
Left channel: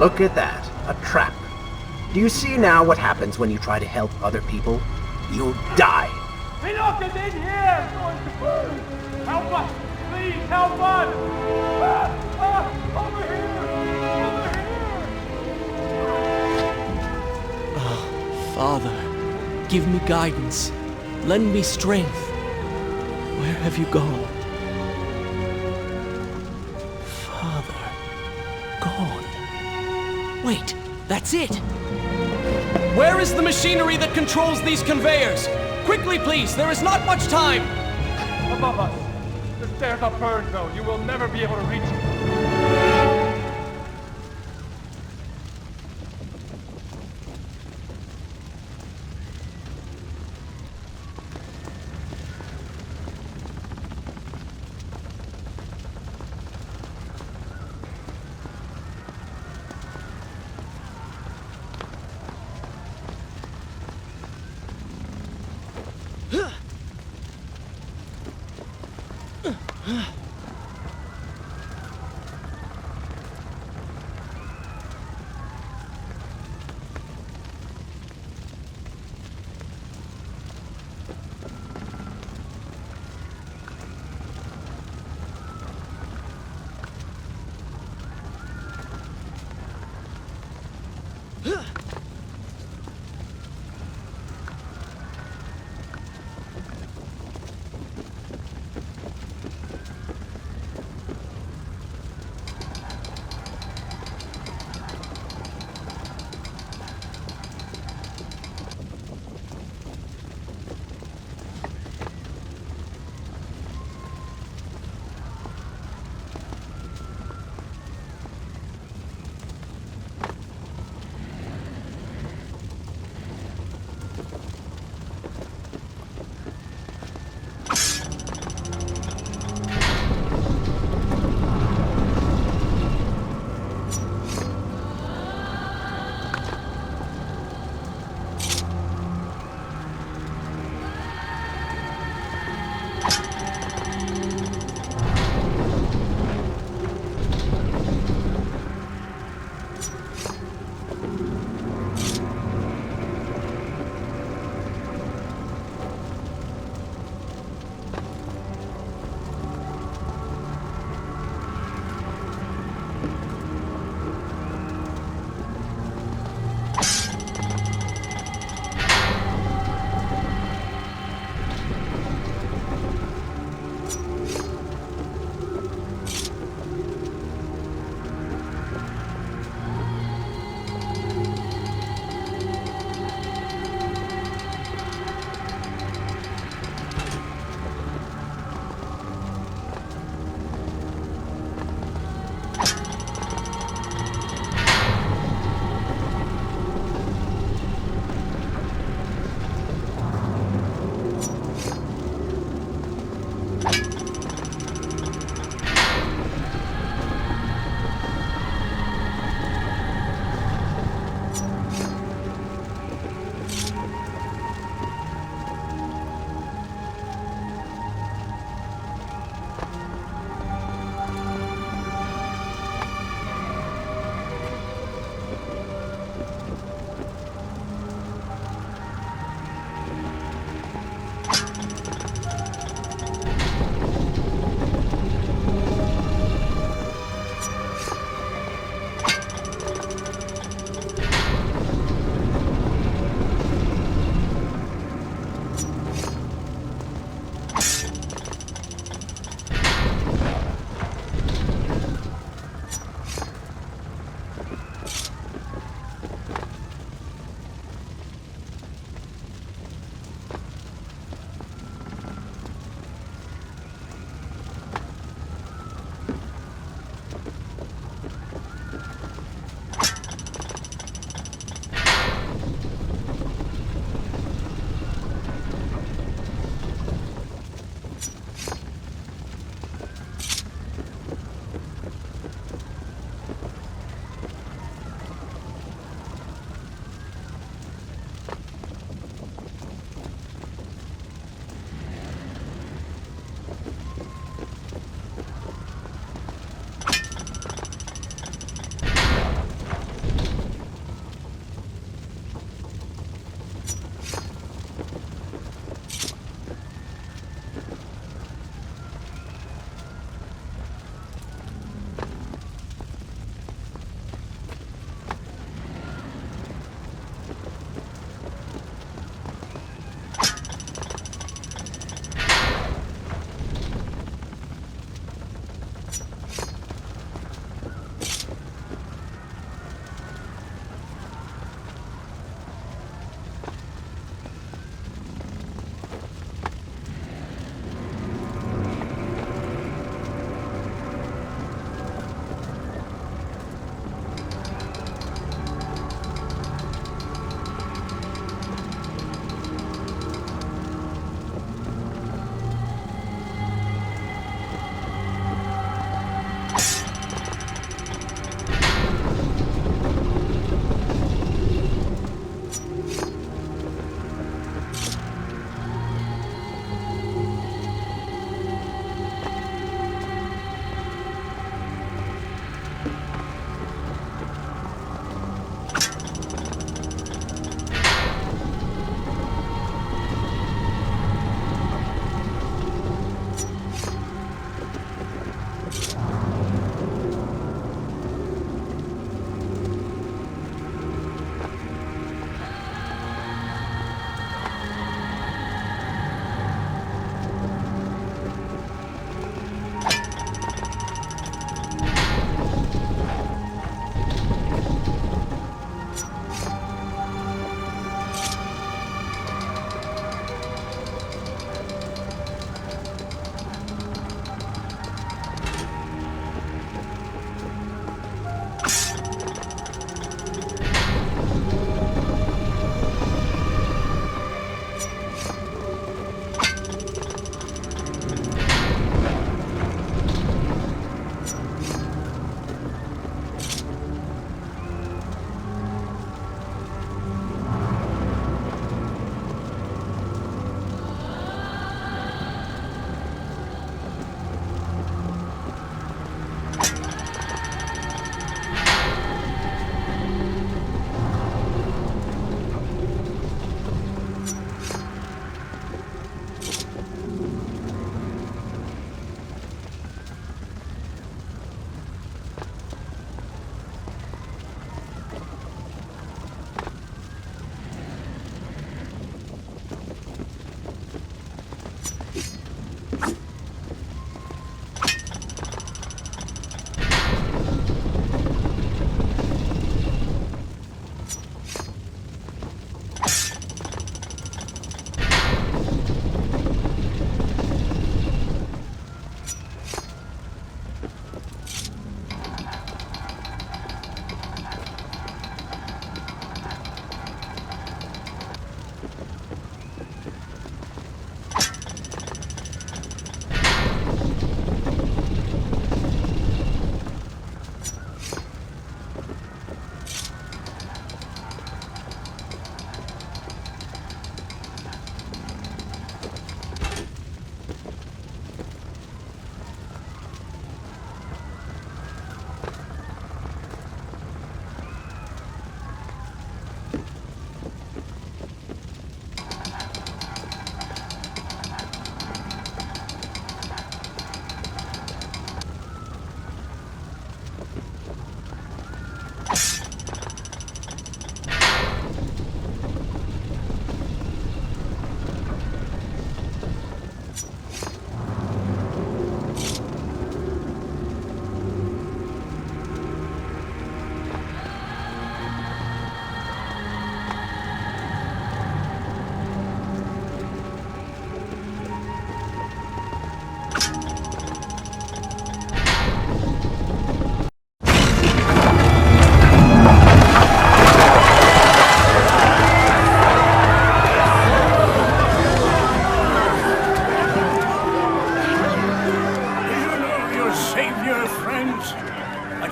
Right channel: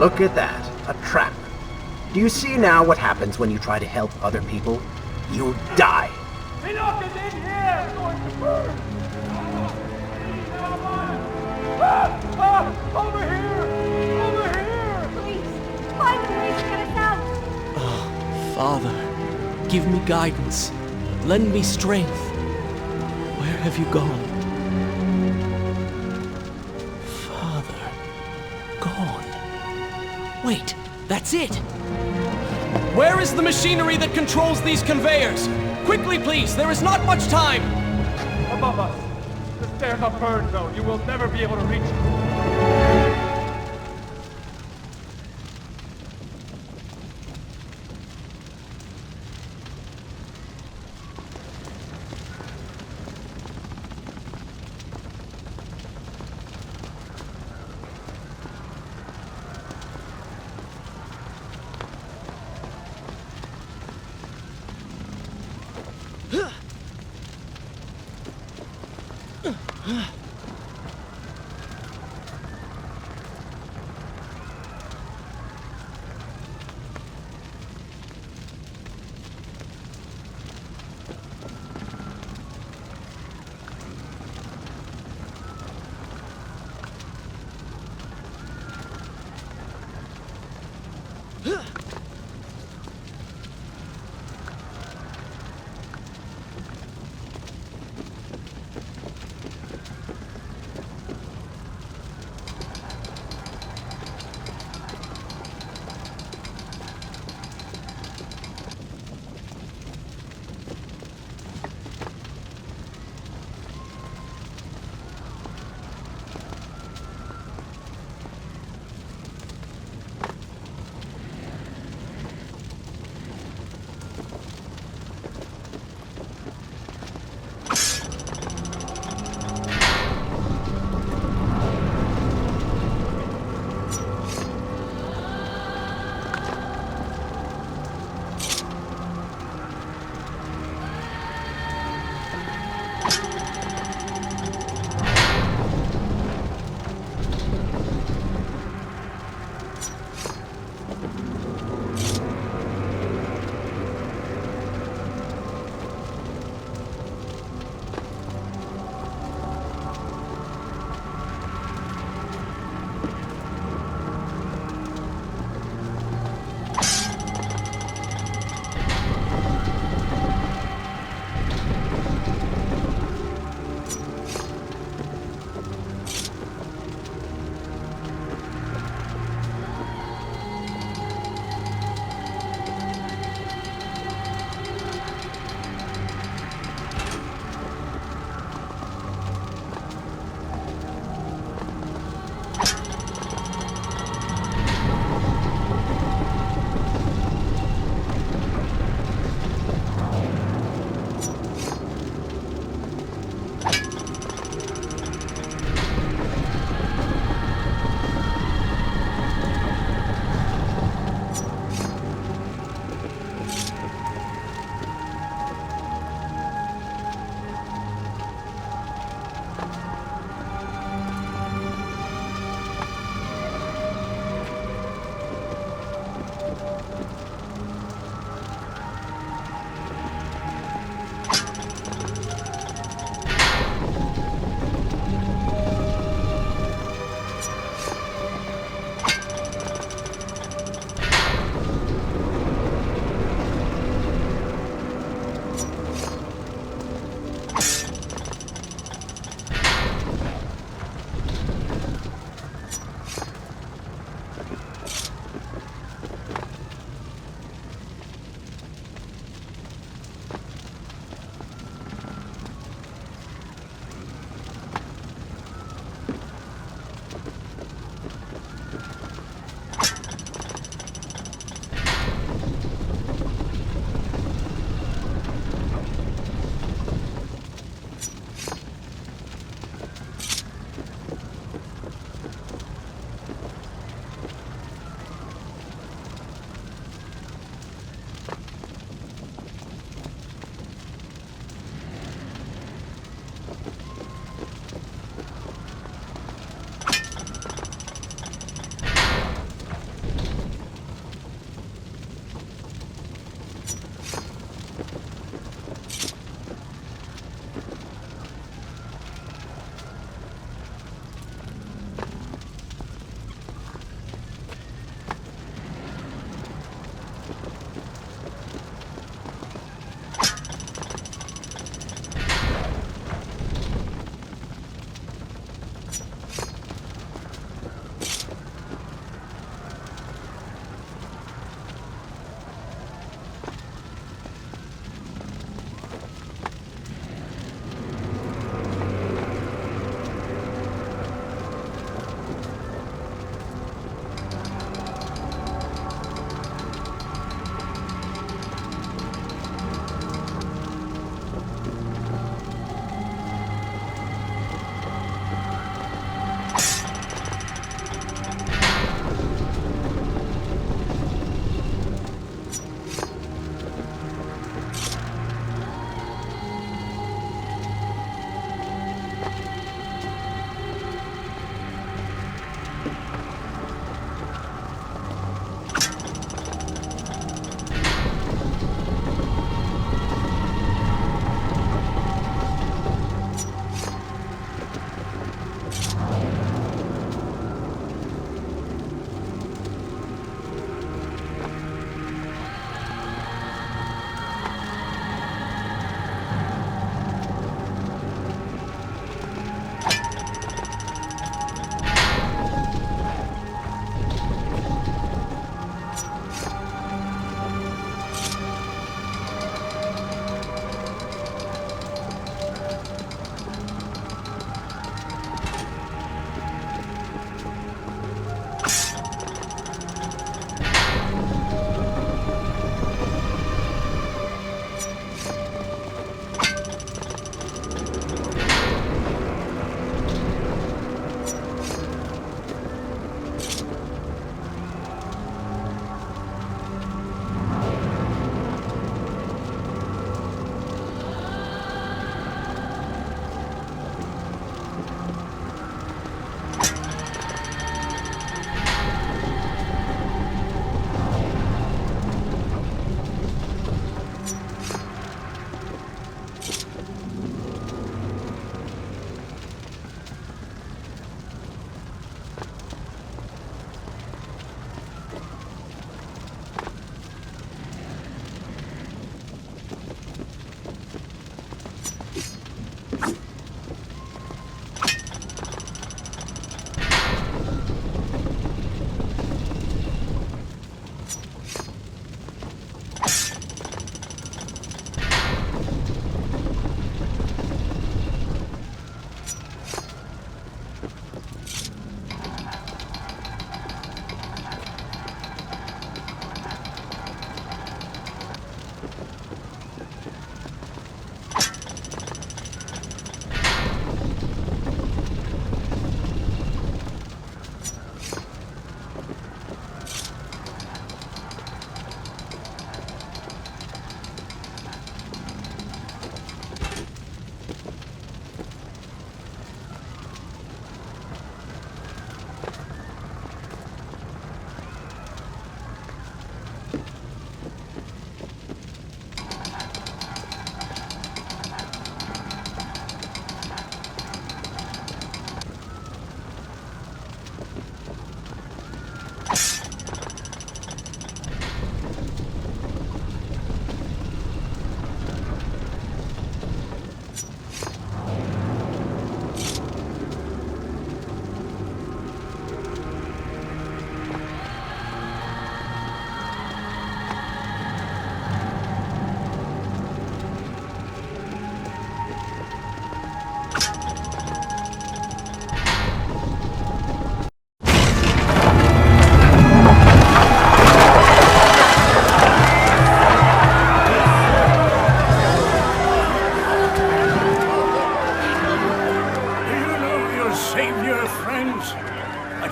Look at that. A trap. Do you see now what happens when you try to help other people? You die. Enoch is in here! It's going to burn! Help us! Please, help us! Over here! Over here! Father, give me guidance. Lend me strength. Where have you gone? Father, gone. Wait, that's it! Where is the machinery that controls these conveyors? Quickly, please, there is not much time! Above us. The stairs are burned, though. You will never be able to reach it.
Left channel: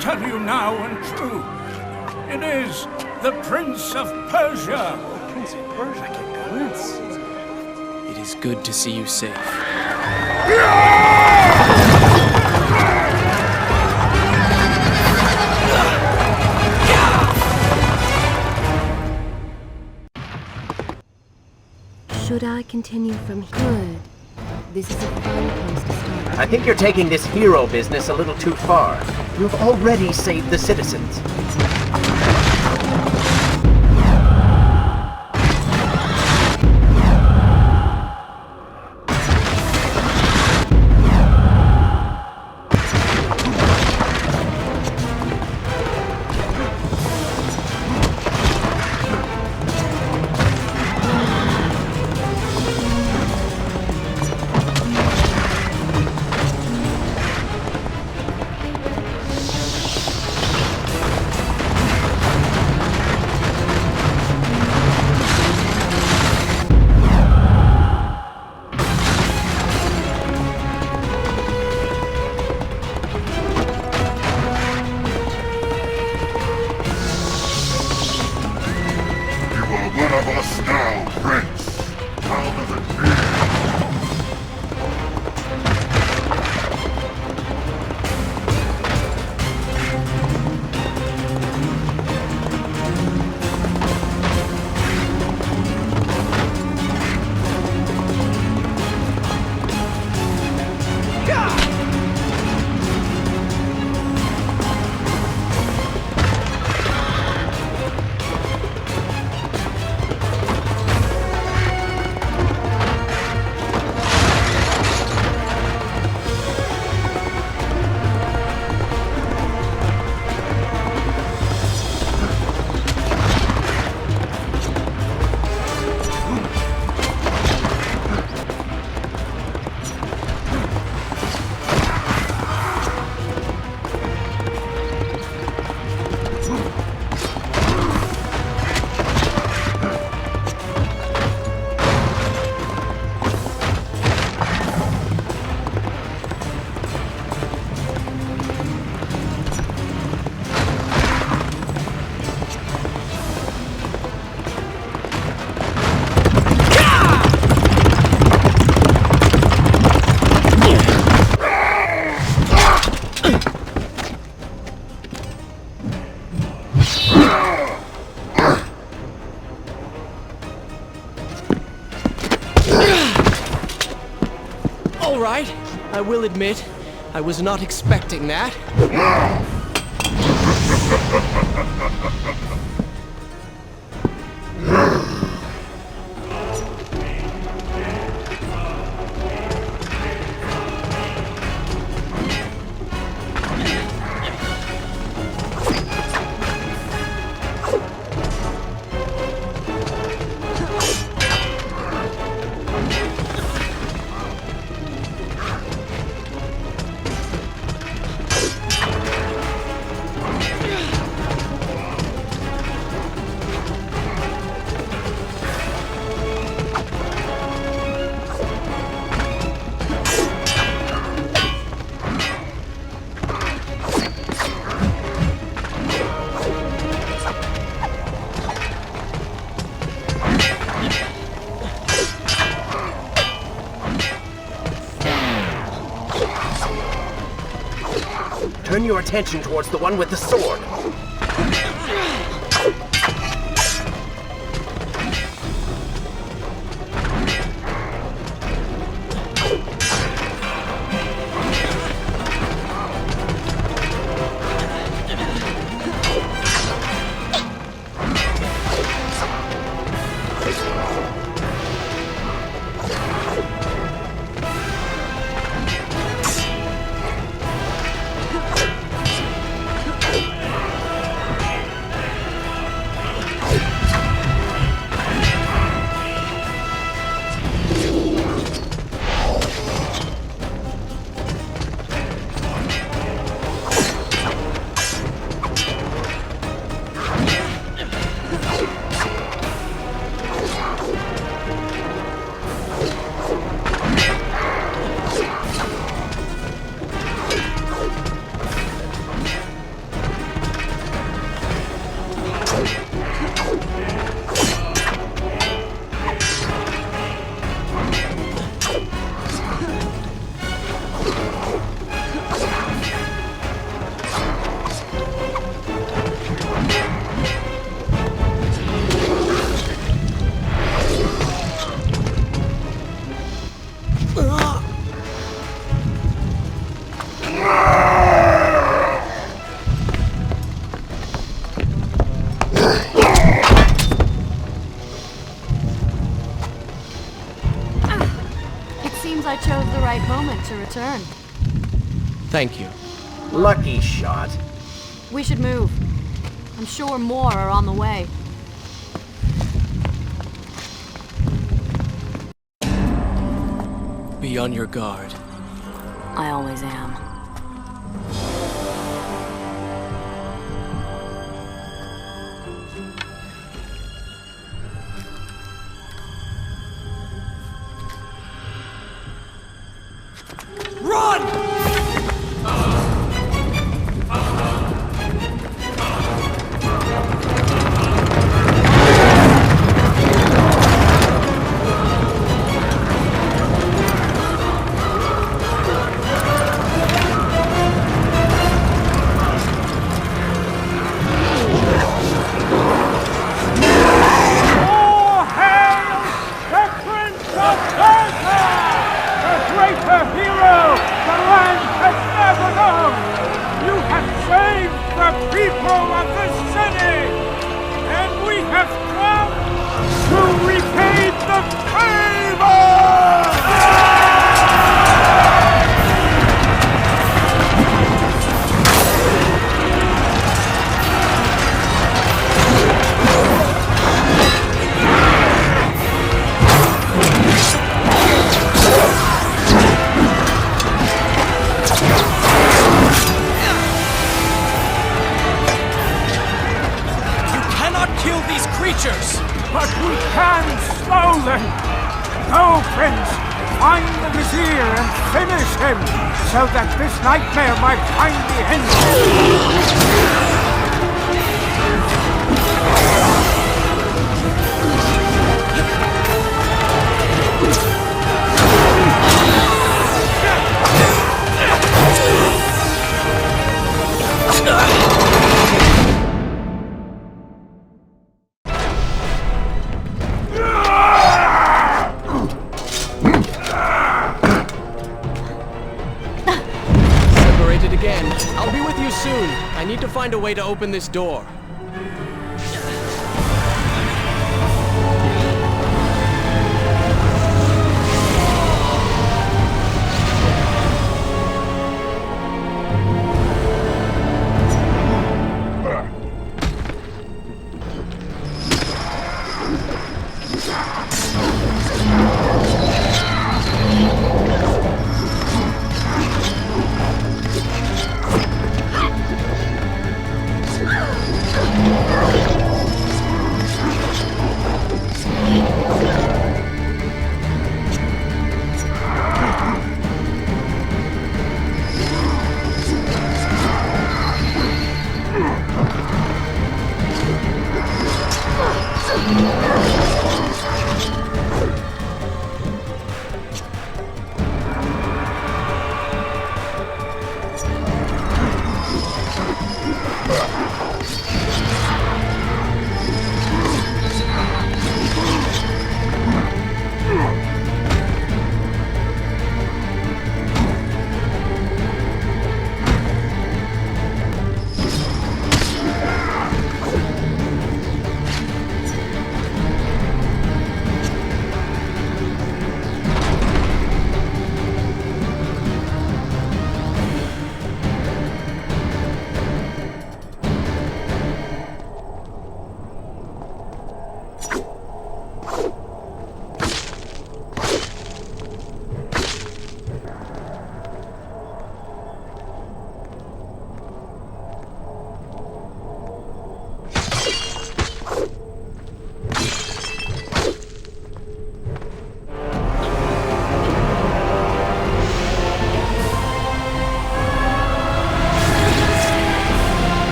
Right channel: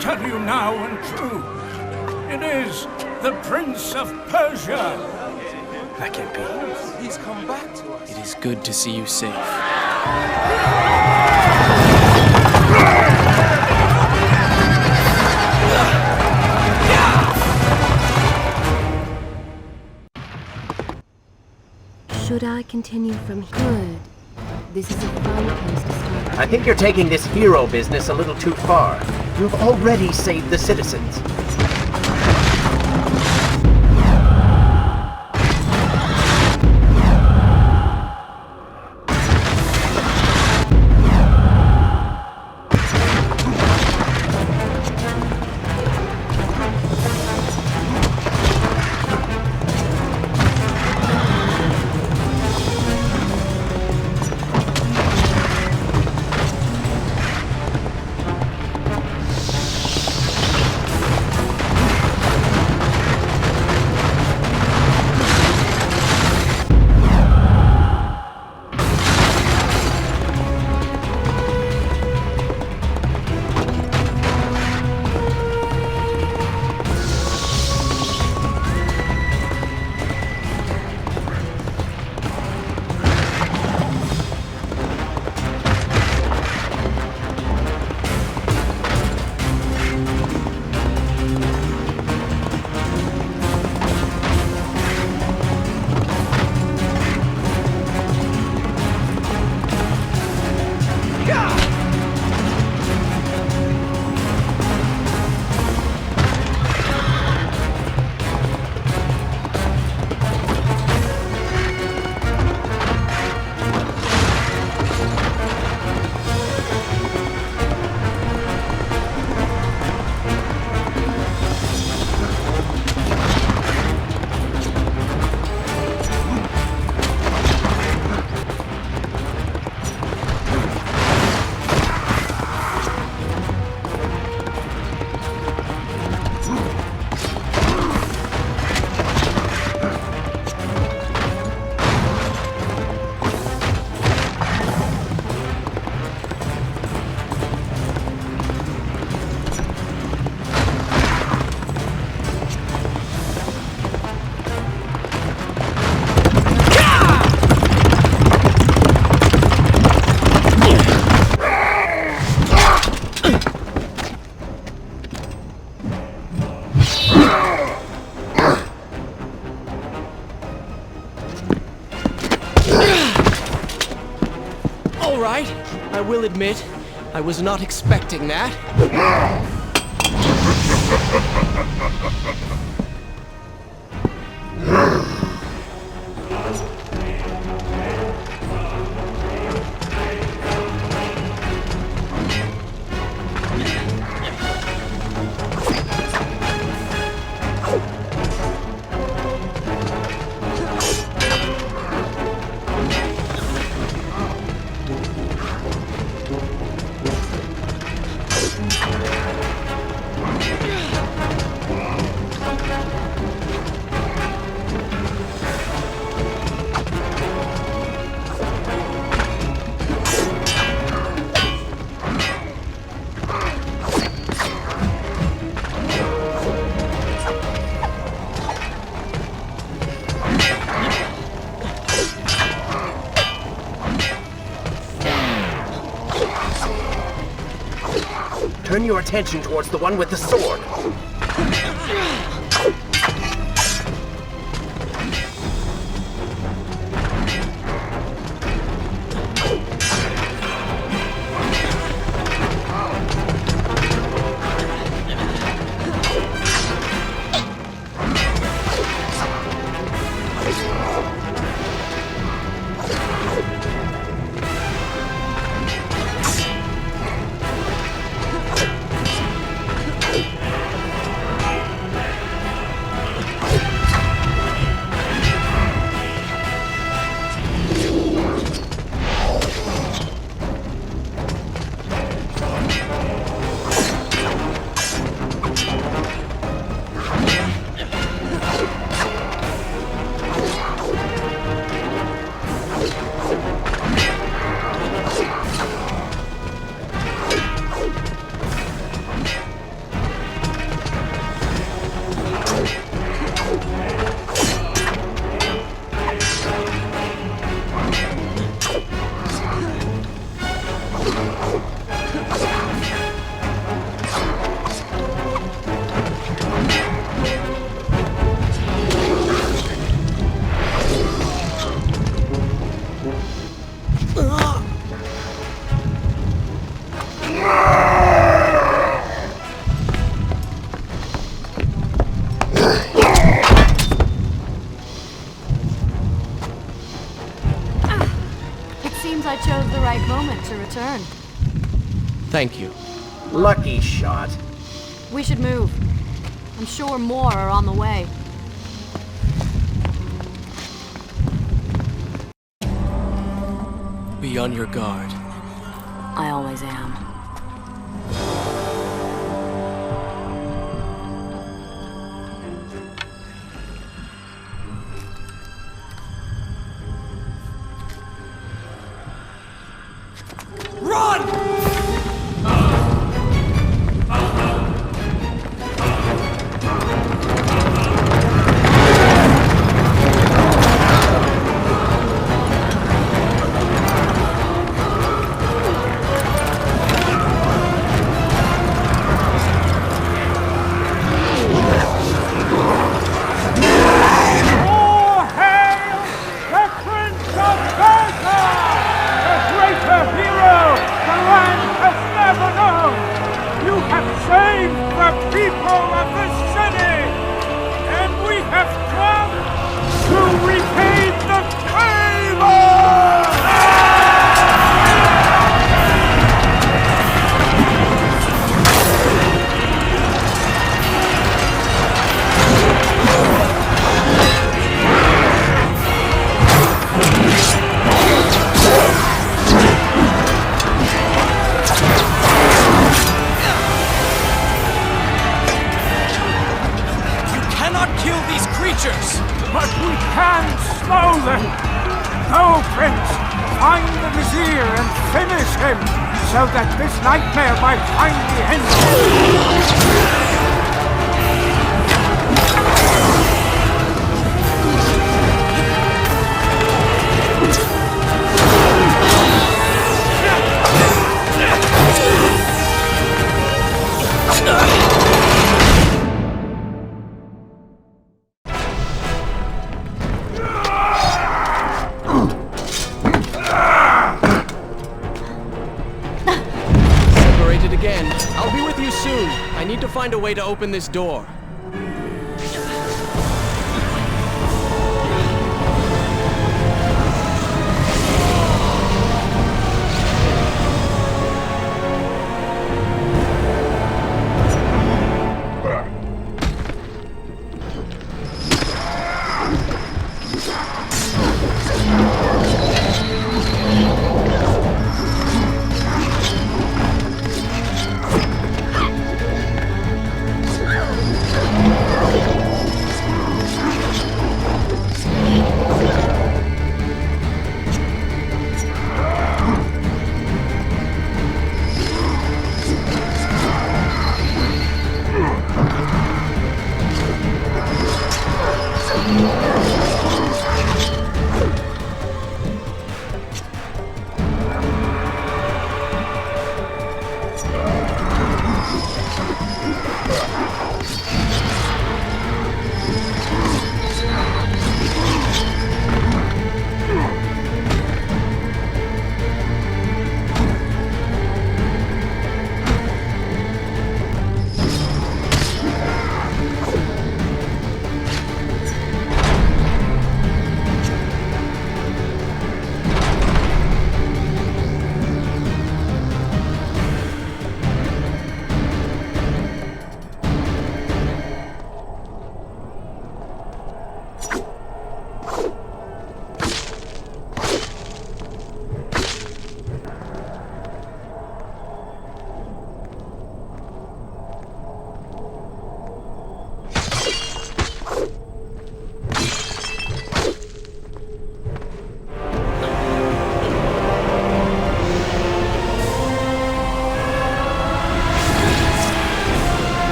tell you now and true. It is the Prince of Persia. That can't be. Prince, he's come back to us. It is good to see you safe. Should I continue from here? Good. This is a fine place to start. I think you're taking this hero business a little too far. You've already saved the citizens. All right, I will admit, I was not expecting that. Turn your attention towards the one with the sword. seems I chose the right moment to return. Thank you. Lucky shot. We should move. I'm sure more are on the way. Be on your guard. I always am. Run! All hail the Prince of Persia! A greater hero the land has never known! You have saved the people of the city! And we have come to repay the favor! You cannot kill these creatures! But we can slow them! Go, Prince! Find the Vizier and finish him, so that this nightmare might finally end! Separated again. I'll be with you soon. I need to find a way to open this door.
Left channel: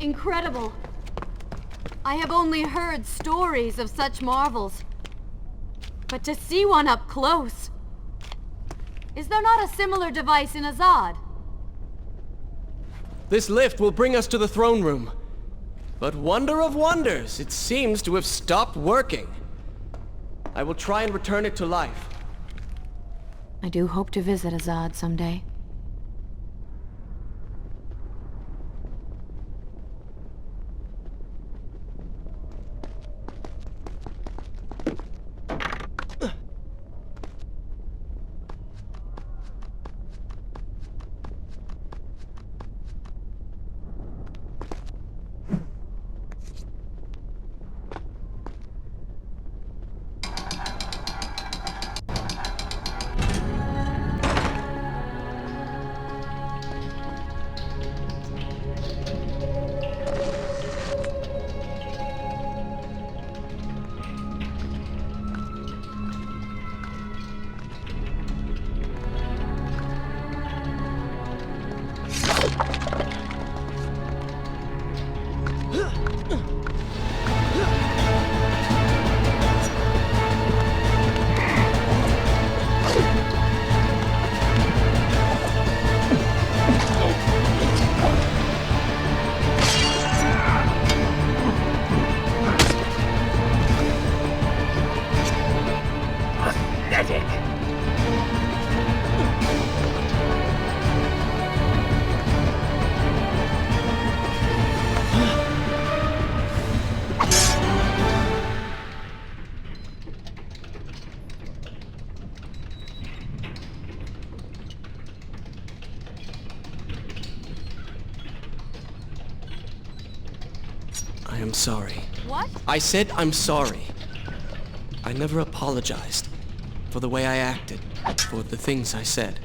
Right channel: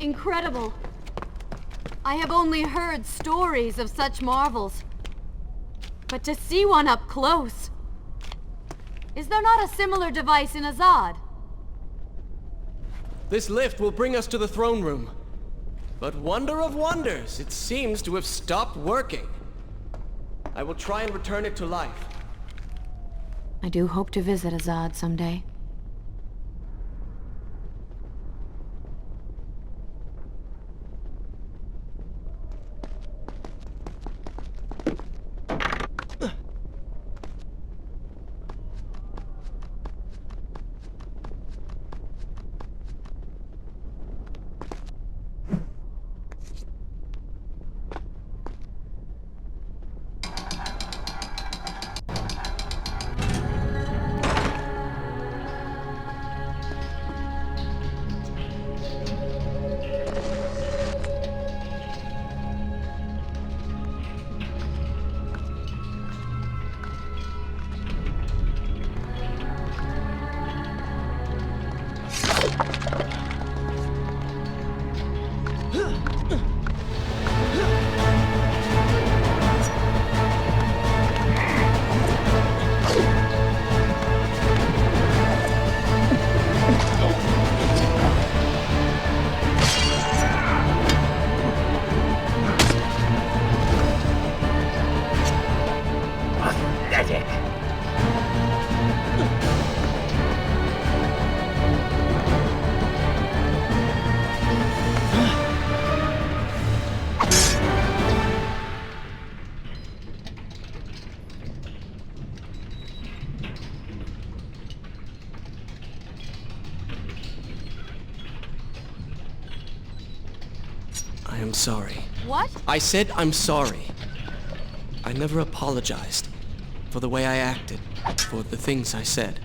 Incredible. I have only heard stories of such marvels. But to see one up close... Is there not a similar device in Azad? This lift will bring us to the throne room. But wonder of wonders, it seems to have stopped working. I will try and return it to life. I do hope to visit Azad someday. Pathetic. I am sorry. What? I said I'm sorry. I never apologized for the way I acted, for the things I said,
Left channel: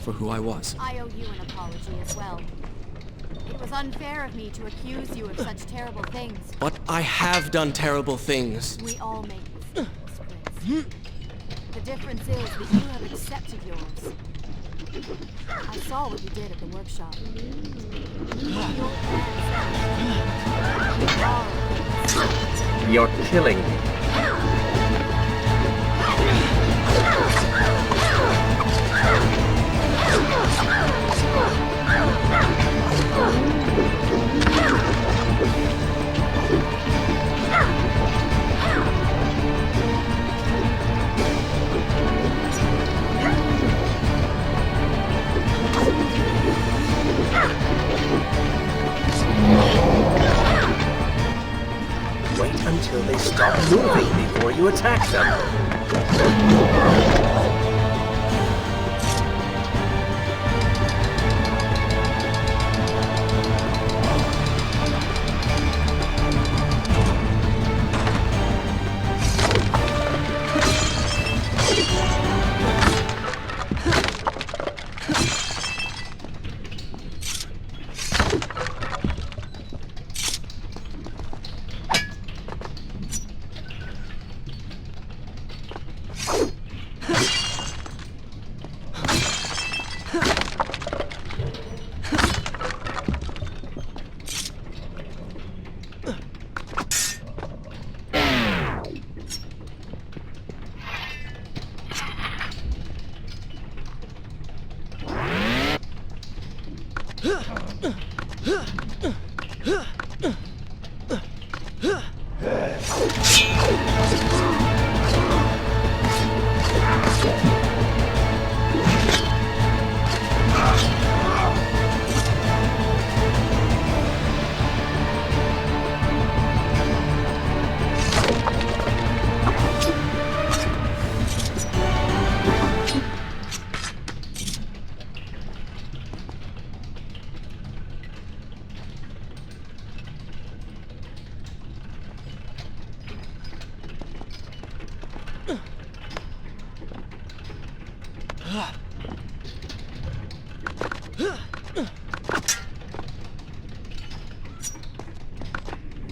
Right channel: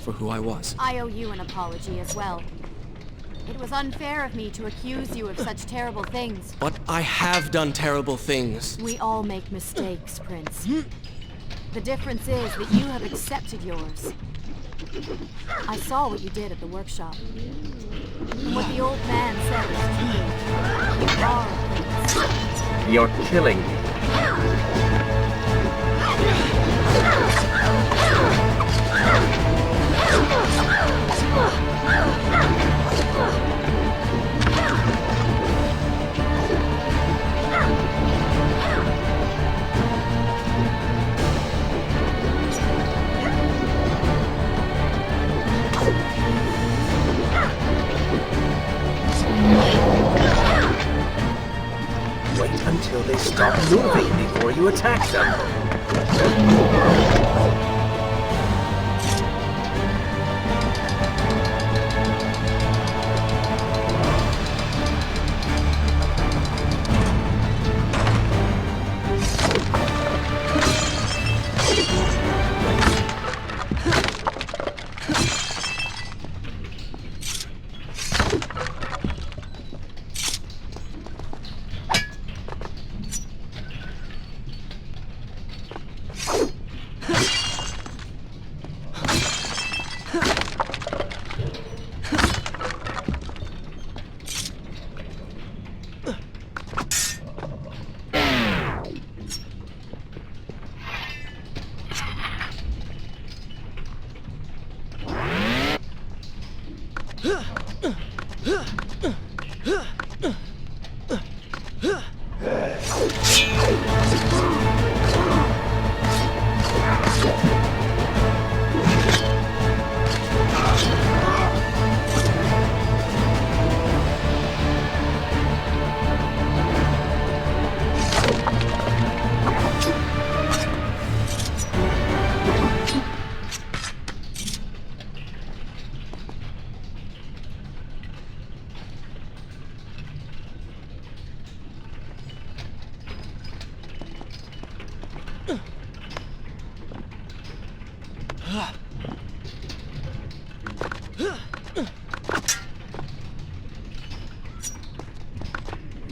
for who I was. I owe you an apology as well. It was unfair of me to accuse you of such terrible things. But I have done terrible things. We all make mistakes, Prince. The difference is that you have accepted yours. I saw what you did at the workshop. What the old man said is true. You are a prince. You're killing me. Wait until they stop moving before you attack them.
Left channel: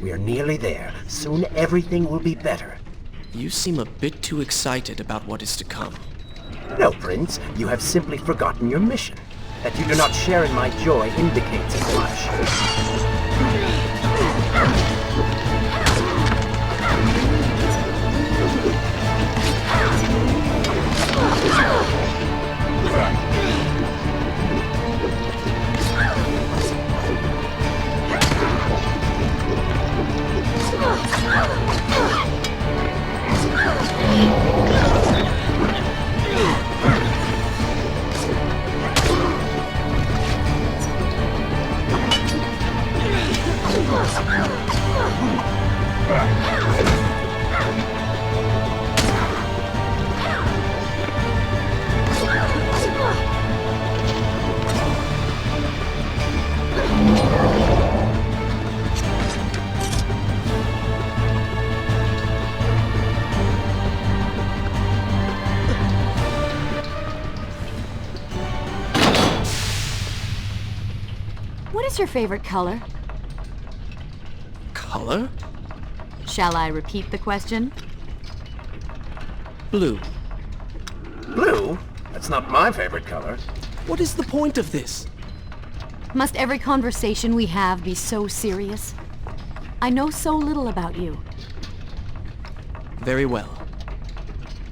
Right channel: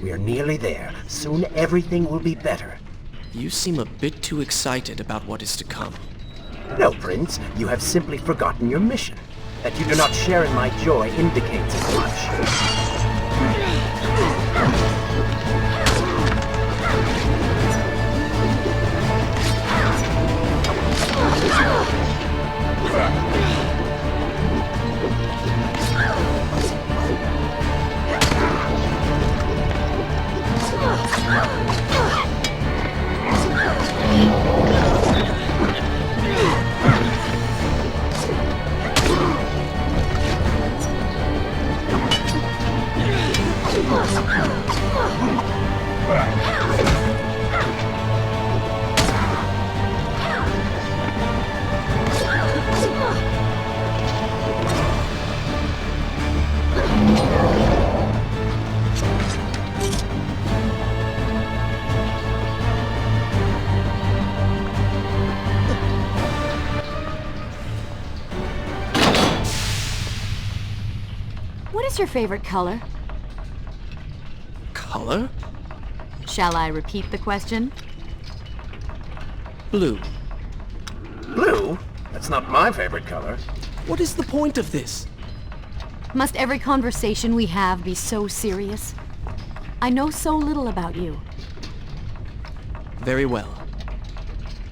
We're nearly there. Soon everything will be better. You seem a bit too excited about what is to come. No, Prince. You have simply forgotten your mission. That you do not share in my joy indicates as much. What is your favorite color? Color? Shall I repeat the question? Blue. Blue? That's not my favorite color. What is the point of this? Must every conversation we have be so serious? I know so little about you. Very well.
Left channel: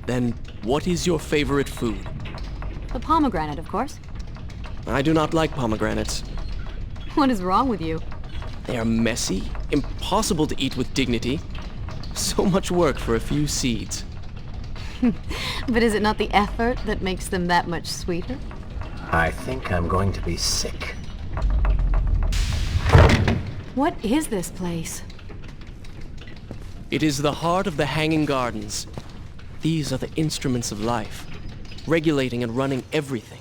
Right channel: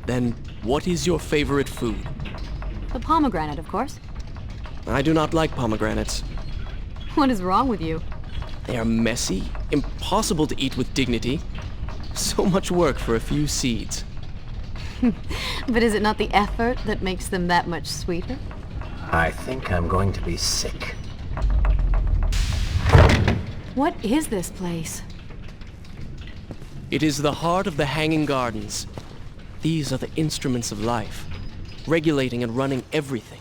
Then, what is your favorite food? The pomegranate, of course. I do not like pomegranates. What is wrong with you? They are messy, impossible to eat with dignity. So much work for a few seeds. But is it not the effort that makes them that much sweeter? I think I'm going to be sick. What is this place? It is the heart of the Hanging Gardens. These are the instruments of life, regulating and running everything.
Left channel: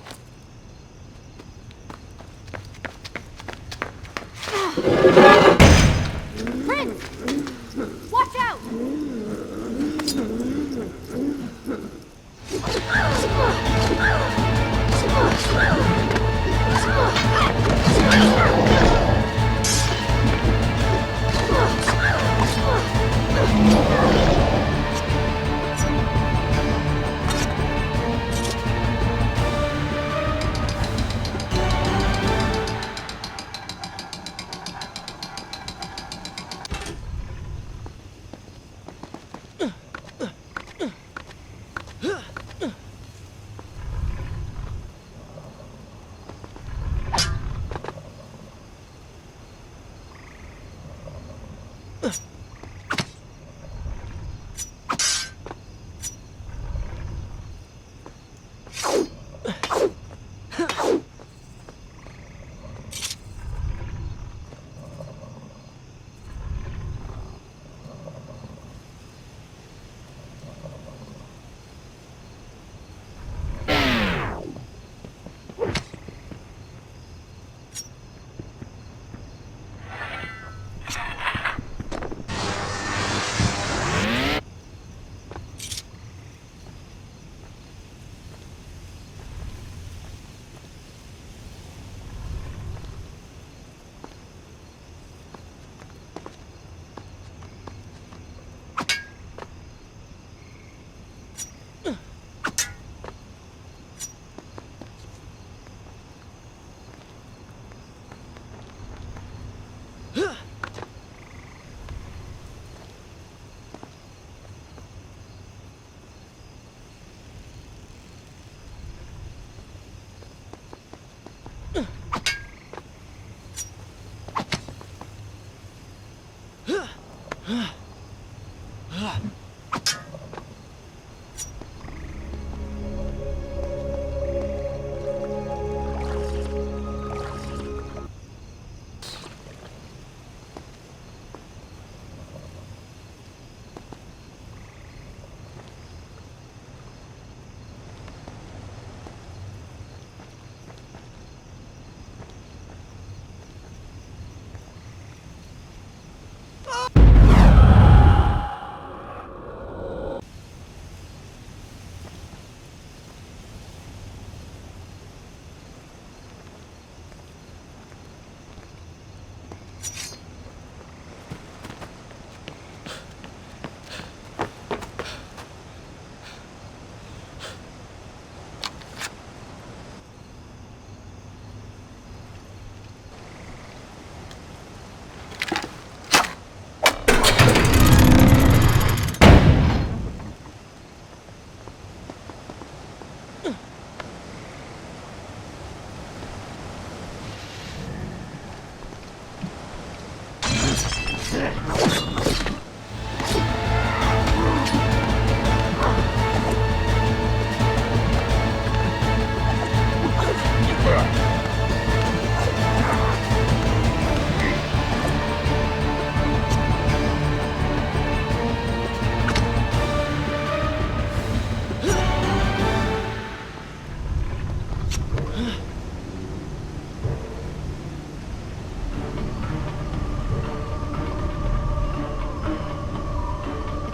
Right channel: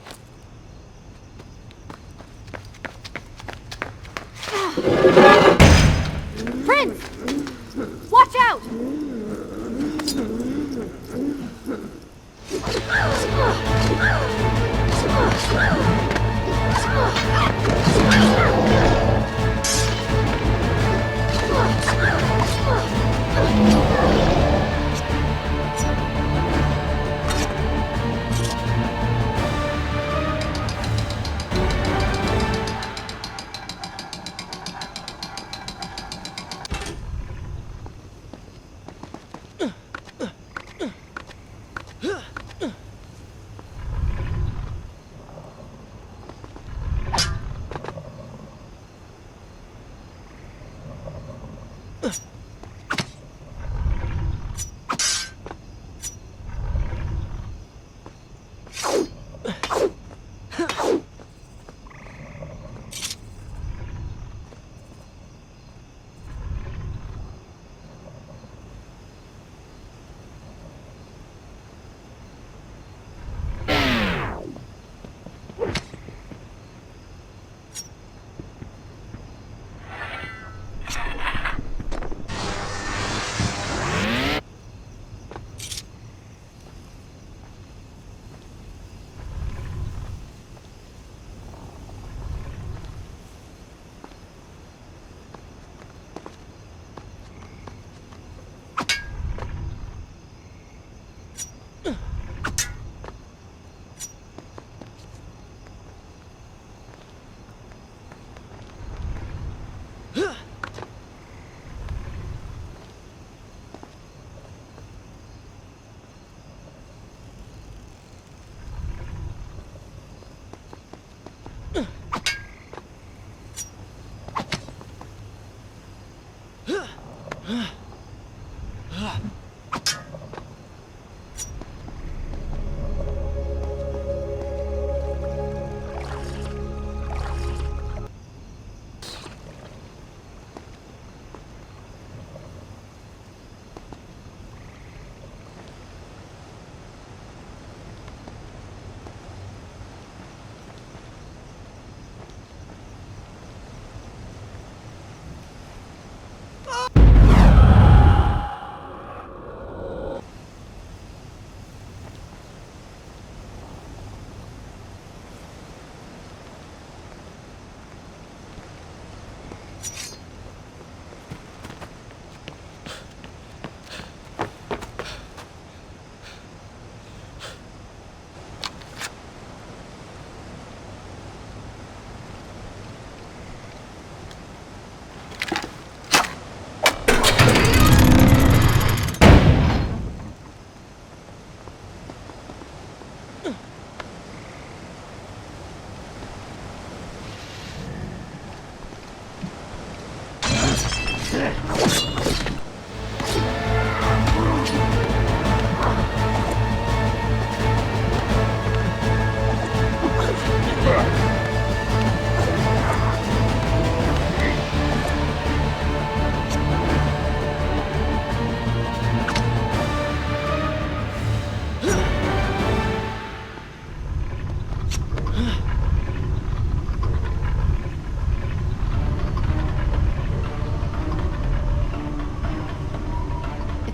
Prince! Watch out!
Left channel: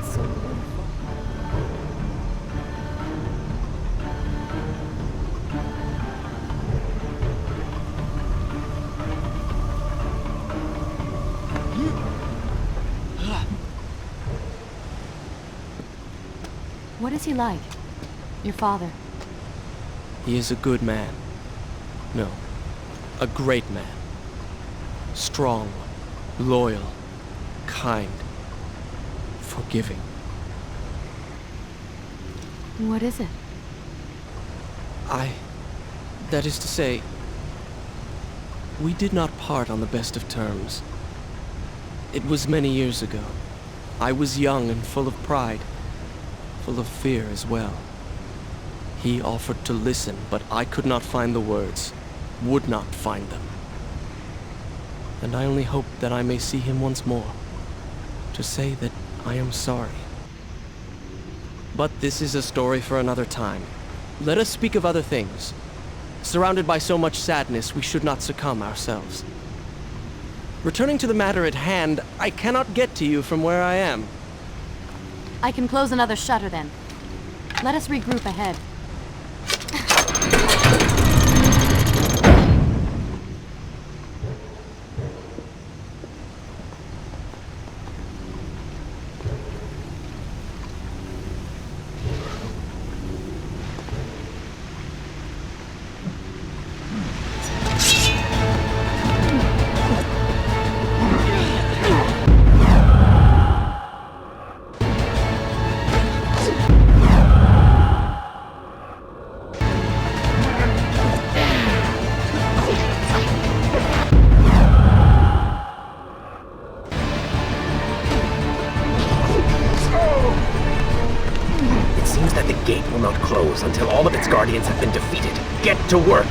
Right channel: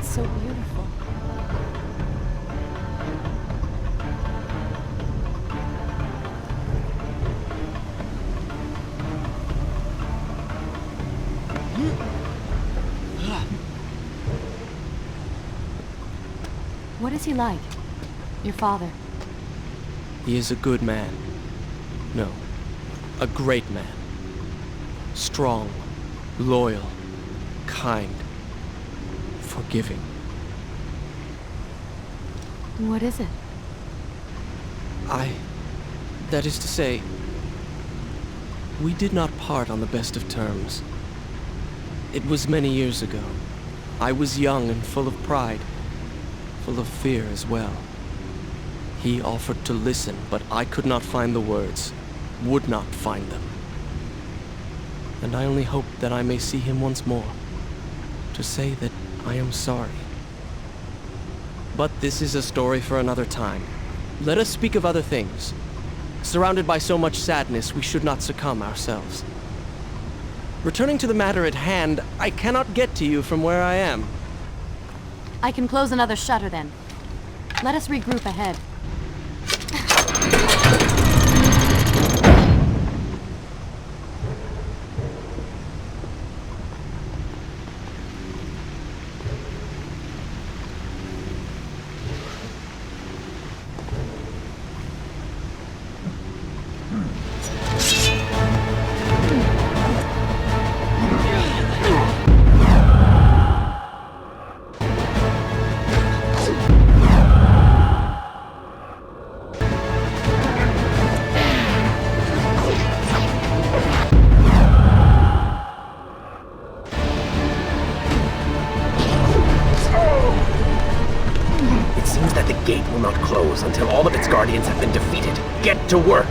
So beautiful. What is he like? Your father? He is a good man. No, a great man. Strong, loyal, kind, forgiving. What is it? That is to say, we did not part on the best of terms. It was many years ago. I was young and full of pride, full of fear as well. He offered to listen, but I could not find the words, would not find them. And I only hope that I may see him once more, to say that I am sorry. But this is a story for another time. Let us speak of other things. Surrounded by so much sadness, we should not succumb ourselves. Returning to the matter at hand, I cannot get to you from where I am. I can close another shutter then. Let us regroup ahead. It seems that the gate will not close until all of its guardians have been defeated. Get to work!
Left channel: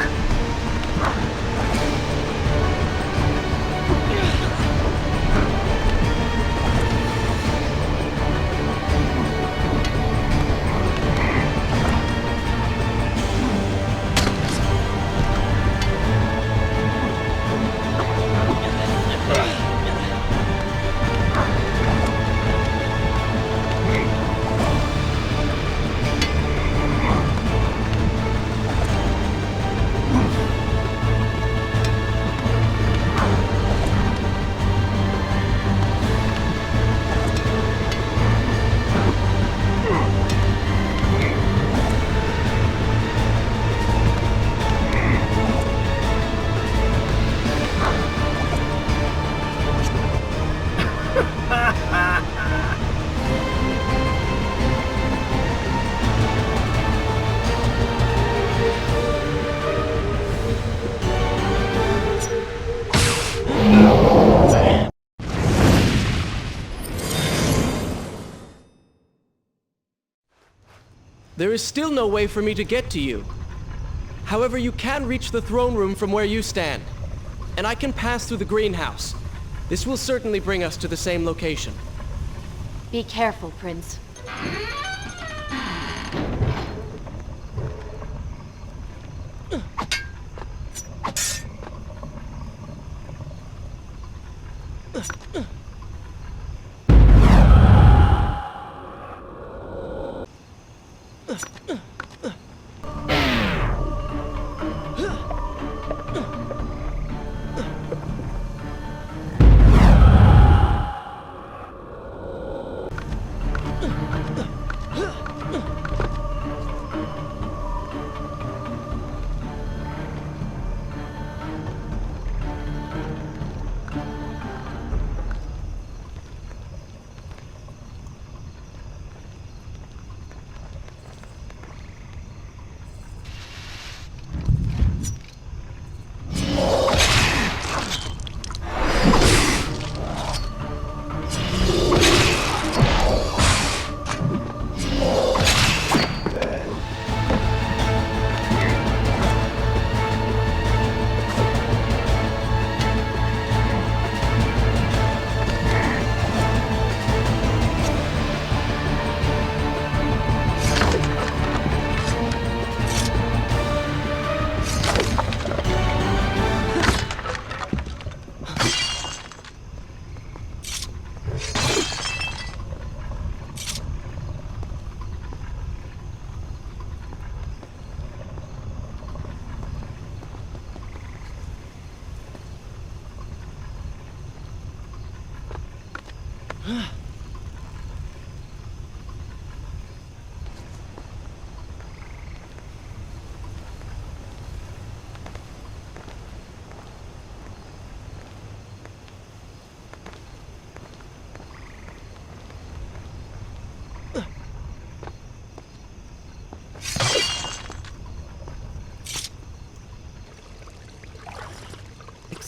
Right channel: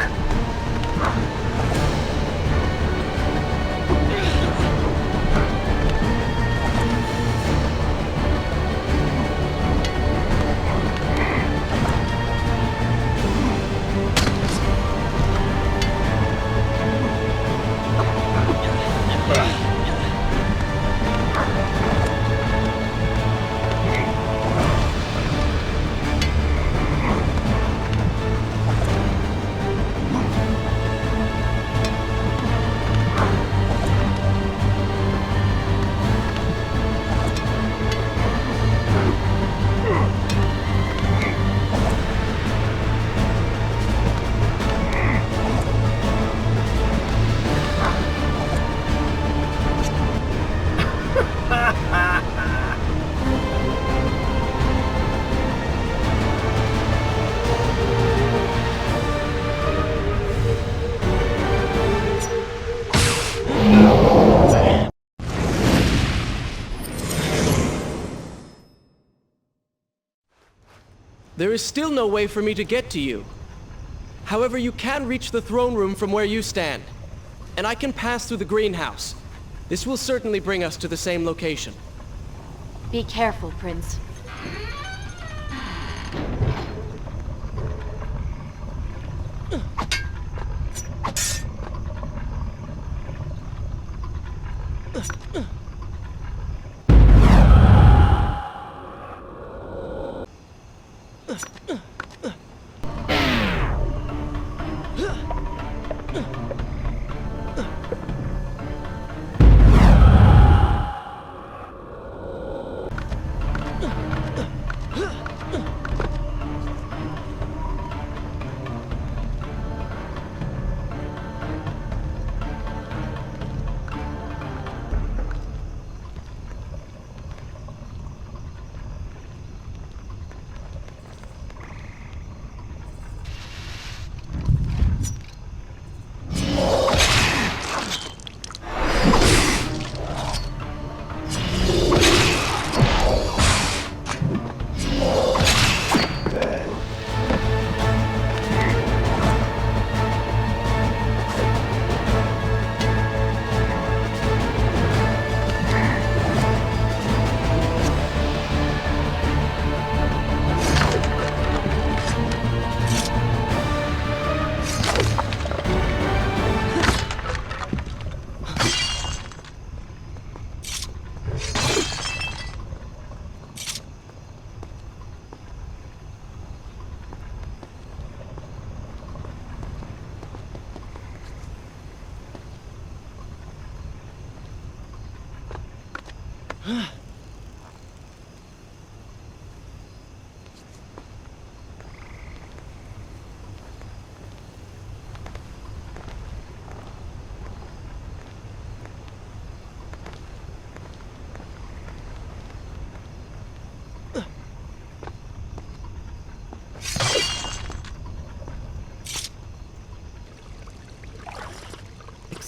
There is still no way for me to get to you. However, you can reach the throne room from where you stand, and I can pass through the greenhouse. This will certainly bring us to the same location. Be careful, Prince.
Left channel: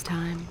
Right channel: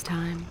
this time.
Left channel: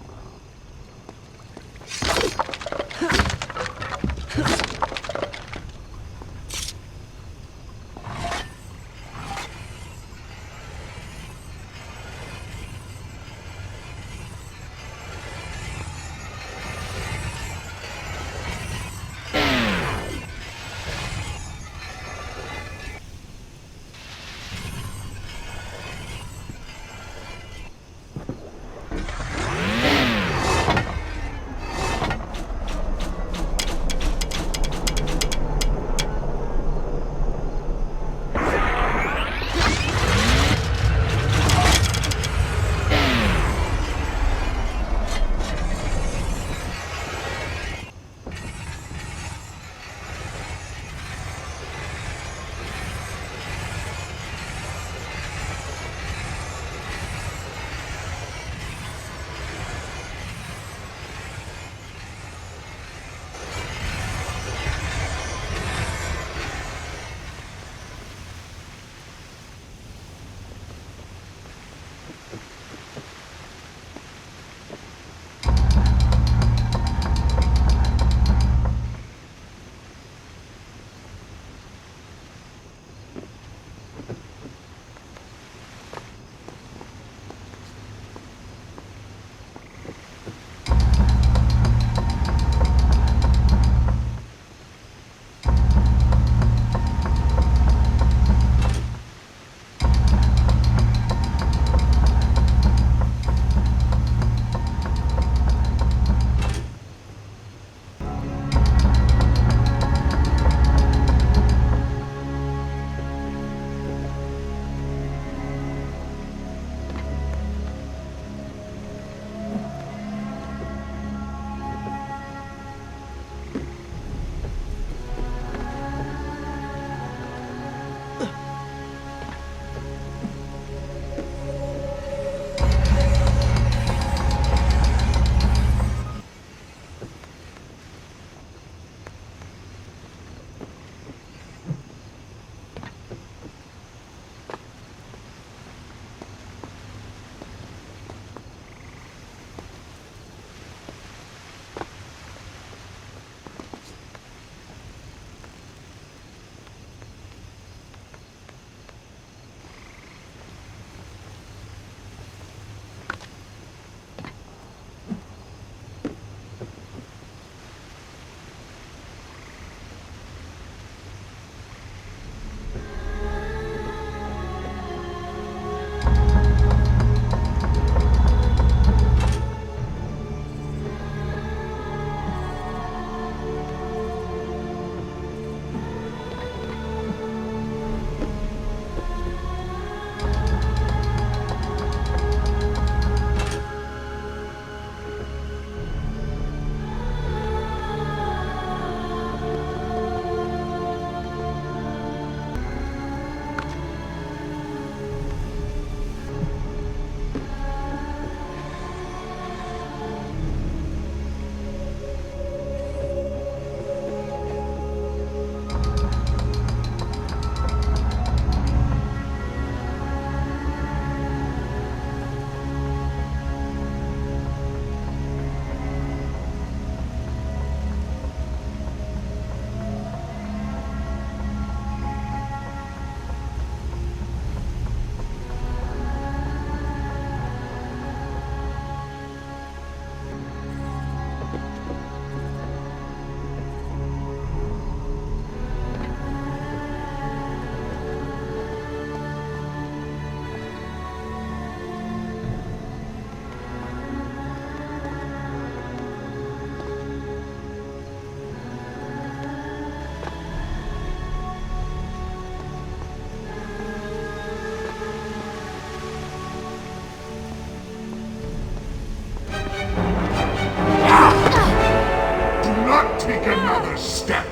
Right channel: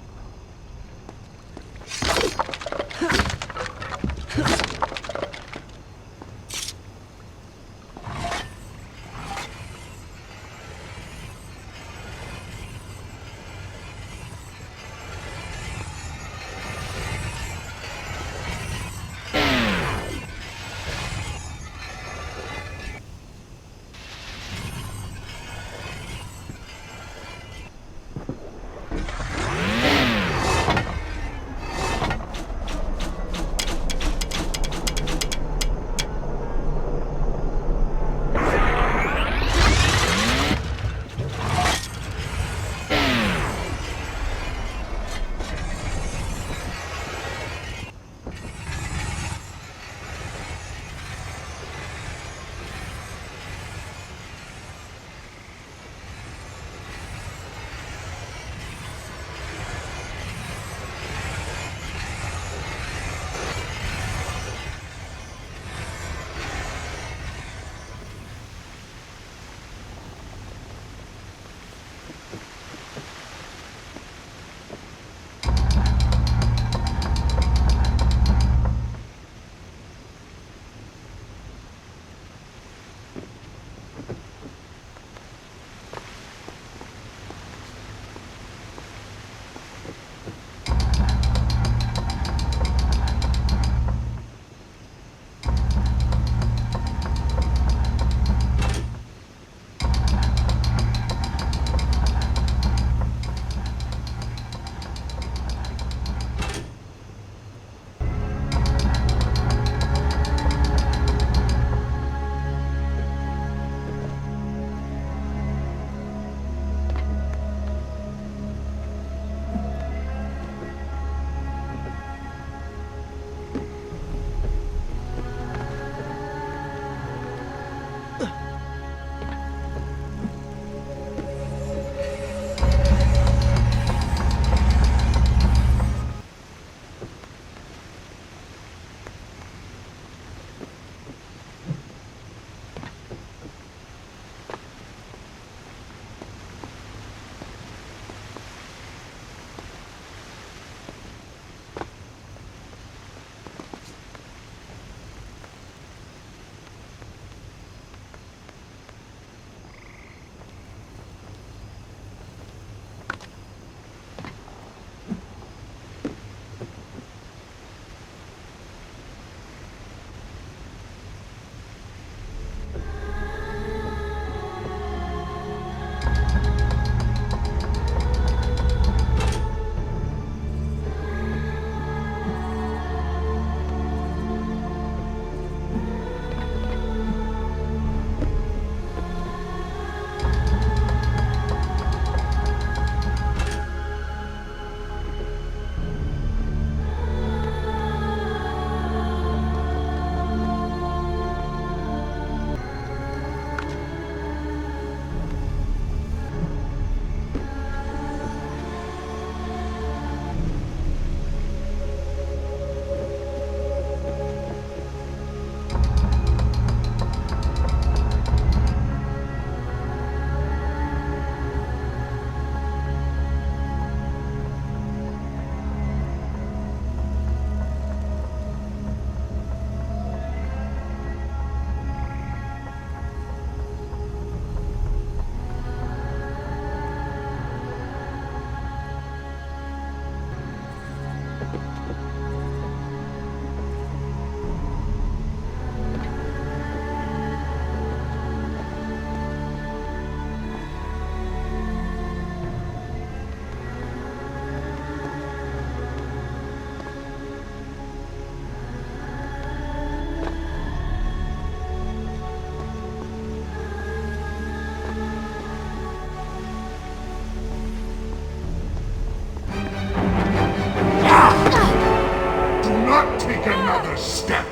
Take another step!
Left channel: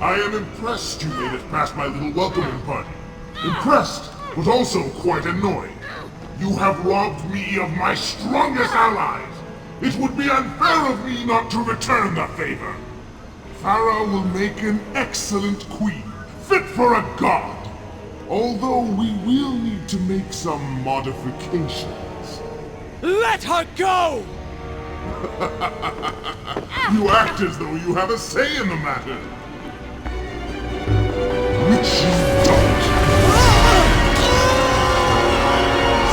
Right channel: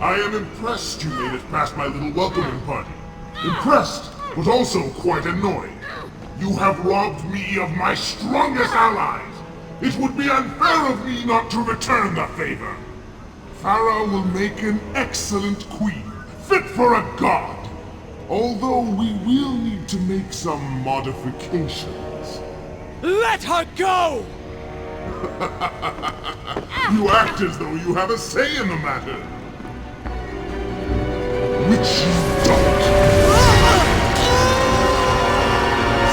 I am impressed you made it past my little welcoming party. Impressed, but also quite annoyed. You have robbed me of my strongest allies. It would be unfair of me not to return the favor. Farah will make an excellent queen, fit for a god. Although we will need to make some modifications. Let her go! You act as though you have a say in the matter. Which you don't.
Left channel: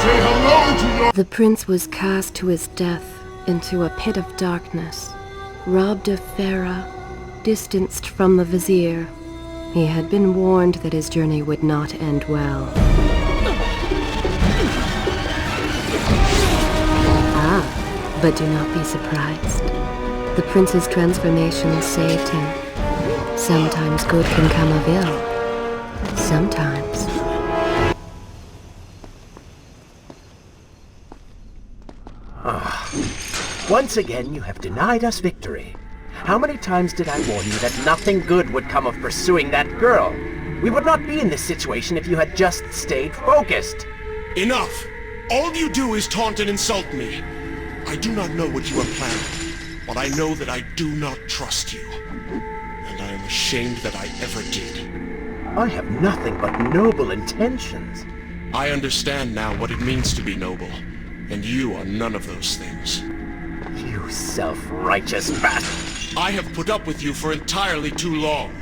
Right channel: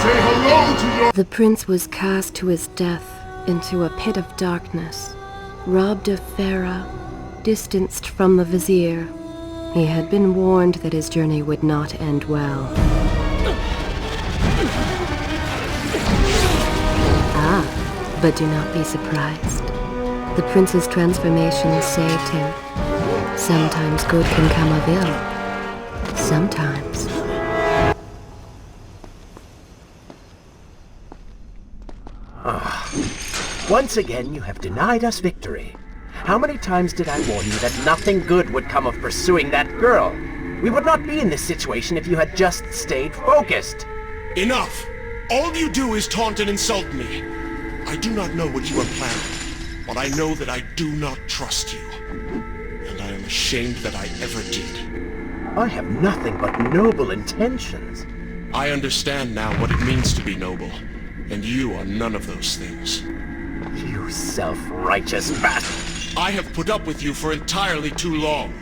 Say hello to your... The prince was cast to his death into a pit of darkness, robbed of Farah, distanced from the vizier. He had been warned that his journey would not end well. But do not be surprised. The prince's transformation saved him. Sometimes good can come of ill. Sometimes. Once again, you have denied us victory. How many times did I warn you that nothing good would come of pursuing that girl? We would not be in this situation if you had just stayed focused. Enough! All you do is taunt and insult me. I do not know what you are planning, but I know that I do not trust you. And I am ashamed that I ever did. I have nothing but noble intentions. I understand now what it means to be noble, and you are none of those things. You self-righteous bastard! I have put up with you for entirely too long.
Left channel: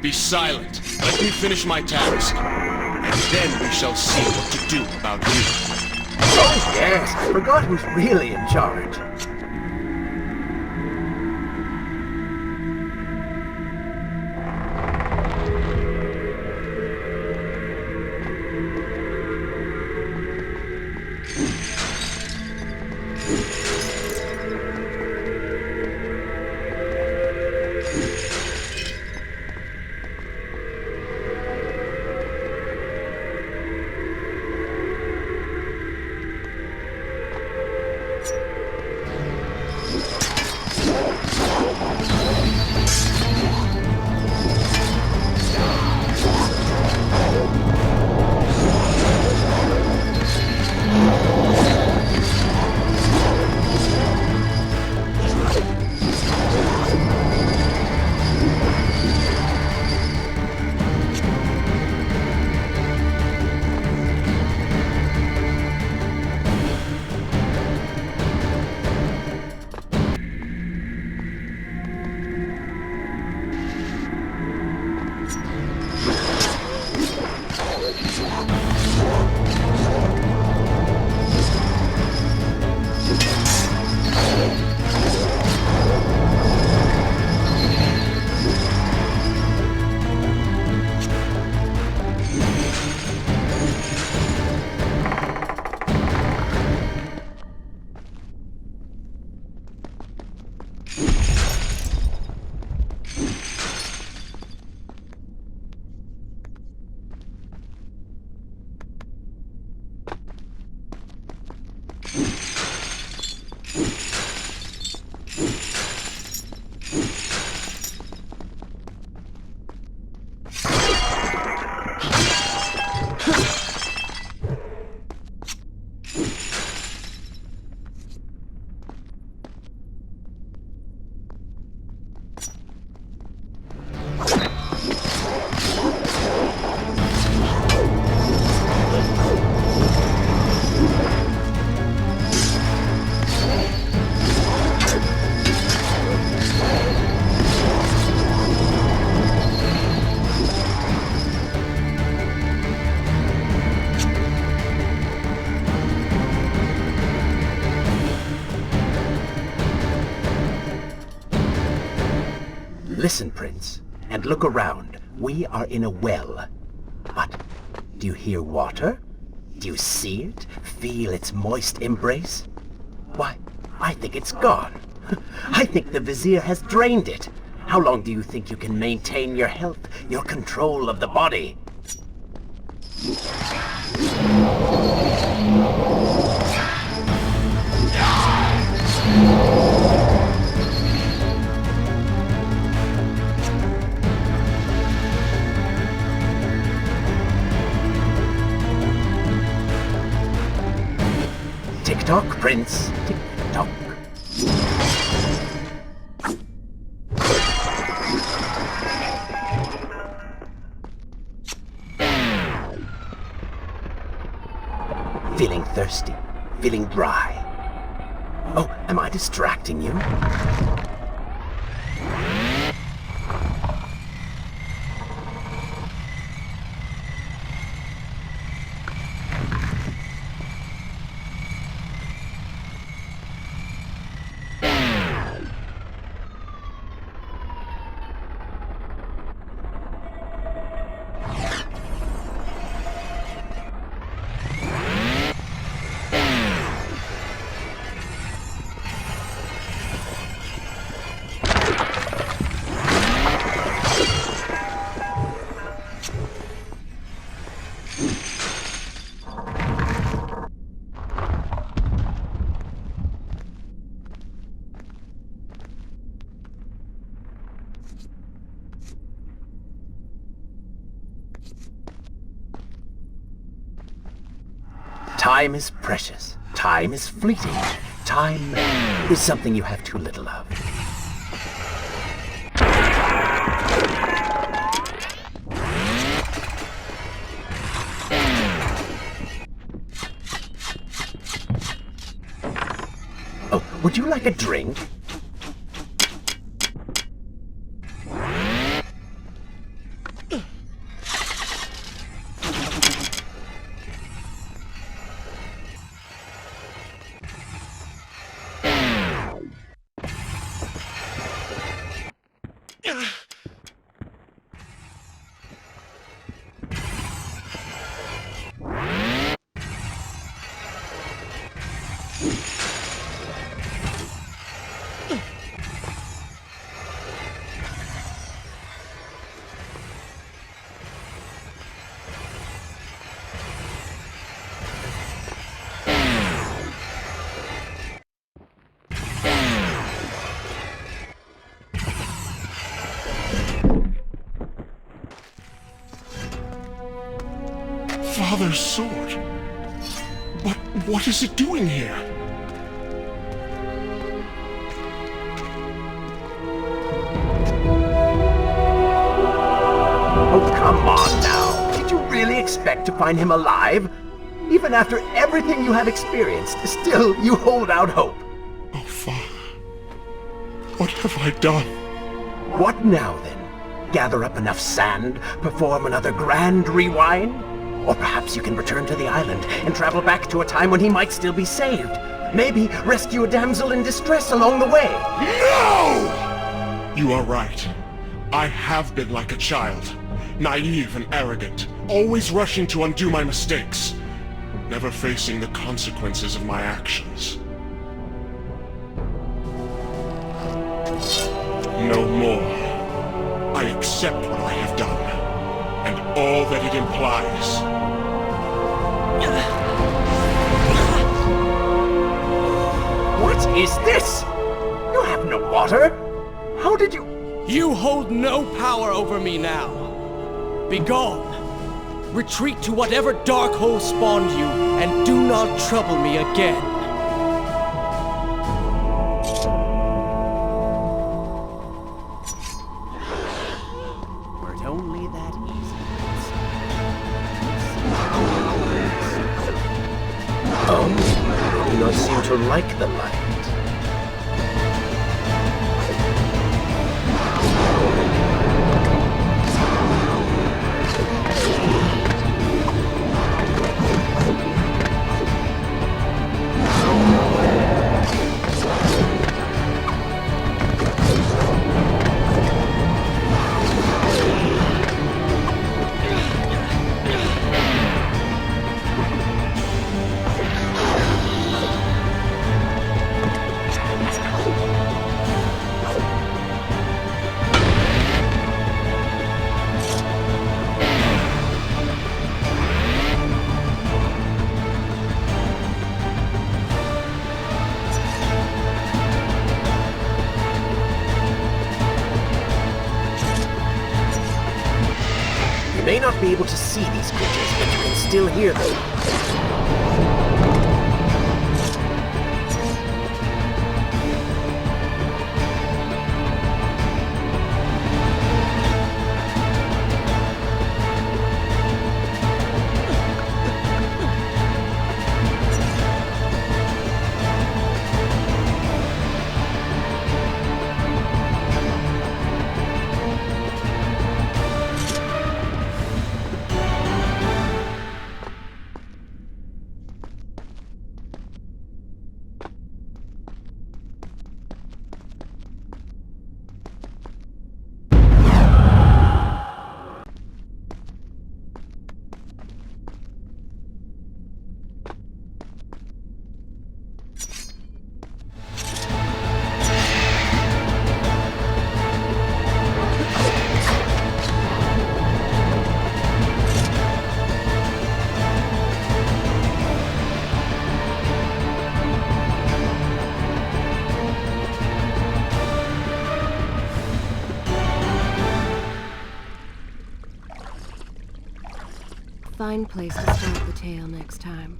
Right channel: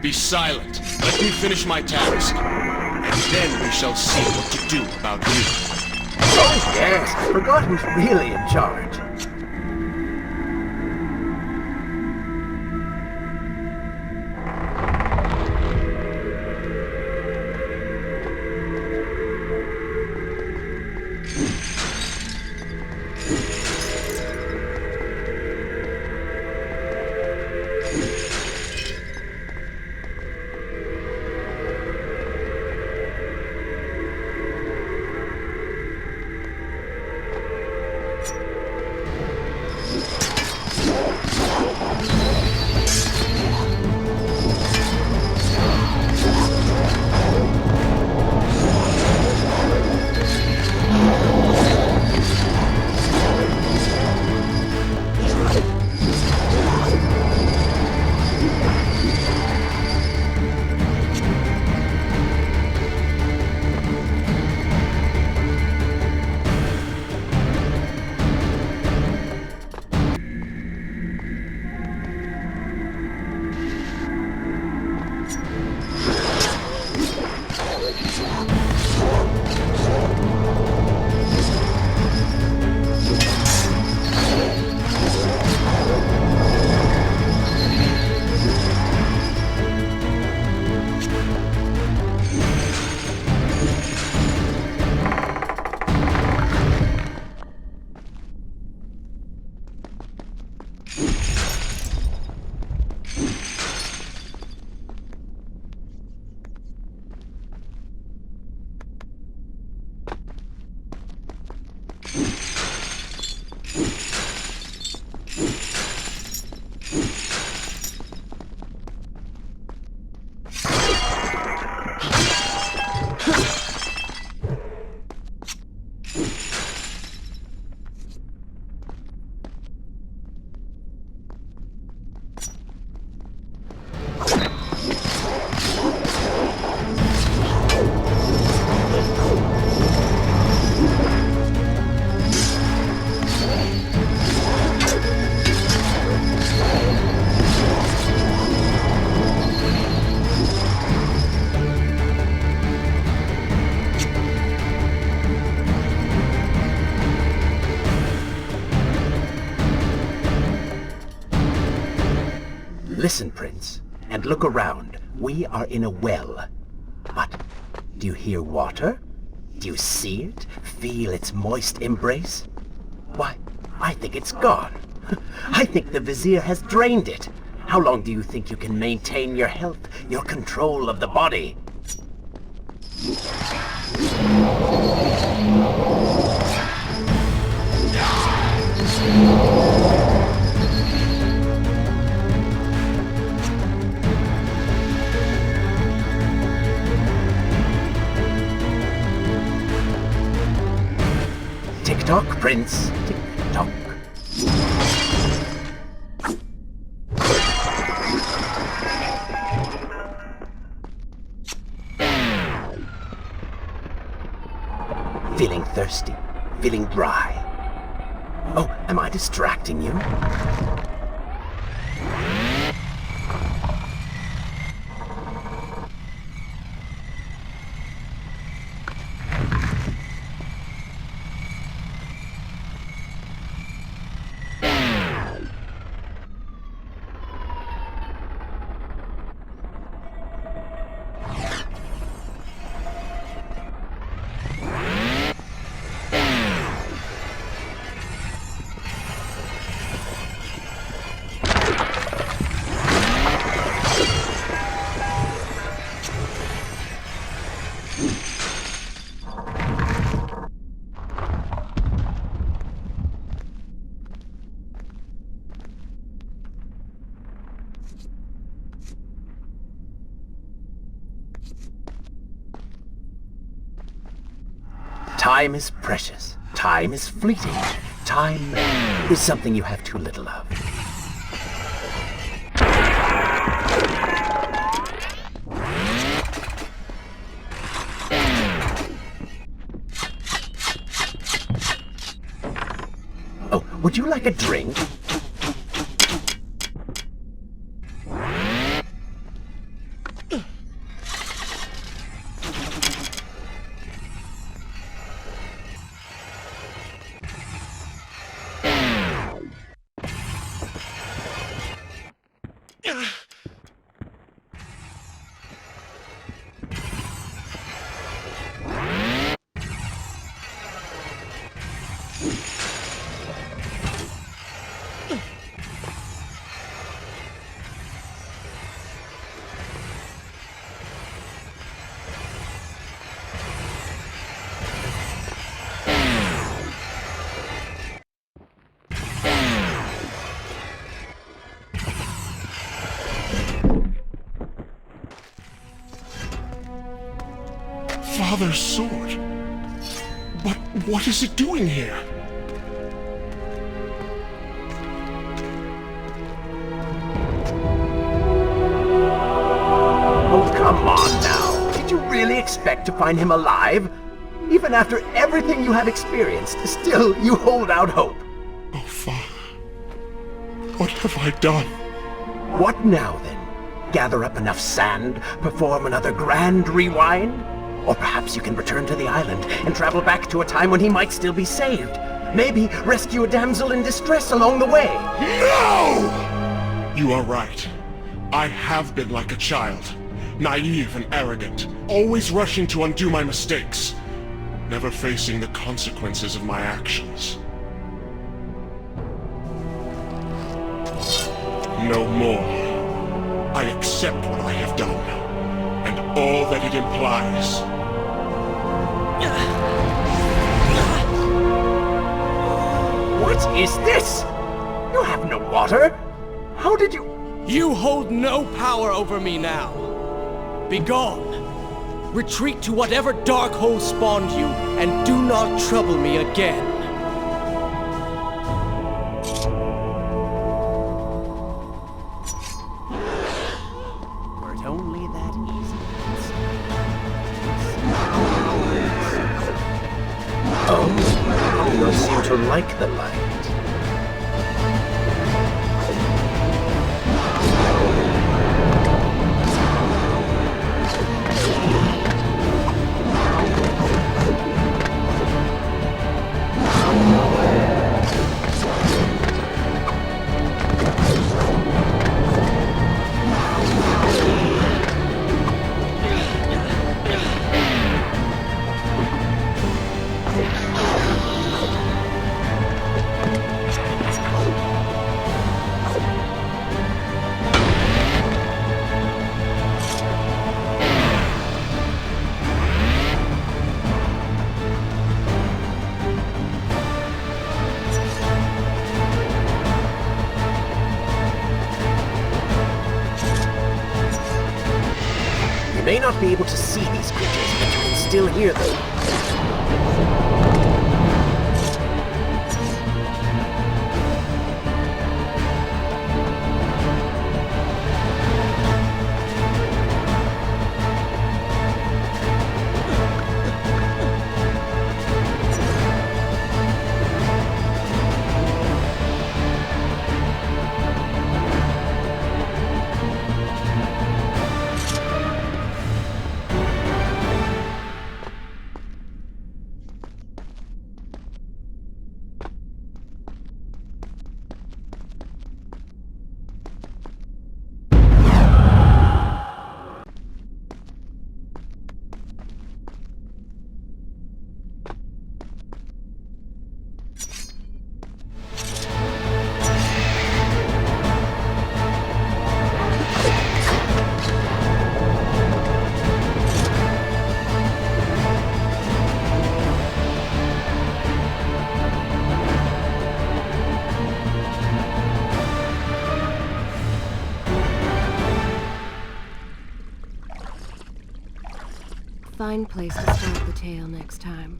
Be silent. Let me finish my task. And then we shall see what to do about you. Oh yes, I forgot who's really in charge. Listen, Prince, and look around. We are in a well. But do you hear water? Do you see it? Feel its moist embrace? Why, I think it's gone. I think the Vizier has drained it. How long do you think you can maintain your health, your control of the body? Tick-tock, Prince. Tick-tock. Feeling thirsty, feeling dry. Oh, am I distracting you? Time is precious. Time is fleeting. Time is something you have too little of. Oh, would you like a drink? Father's sword. But what is it doing here? Oh, come on now. Did you really expect to find him alive? Even after everything you have experienced, still you hold out hope. Oh, Father. What have I done? What now, then? Gather up enough sand, perform another grand rewind? Or perhaps you can return to the island and travel back to a time when he might still be saved. Maybe rescue a damsel in distress along the way. No! You are right. I have been like a child. Naive and arrogant. Always rushing to undo my mistakes. Never facing the consequences of my actions. No more. I accept what I have done, and all that it implies. What is this? You have no water? How did you... You hold no power over me now. Begone. Retreat to whatever dark hole spawned you, and do not trouble me again. Were it only that easy. Oh, you do not seem to like the light. You may not be able to see these creatures, but you can still hear them. fine place to start the tale next time.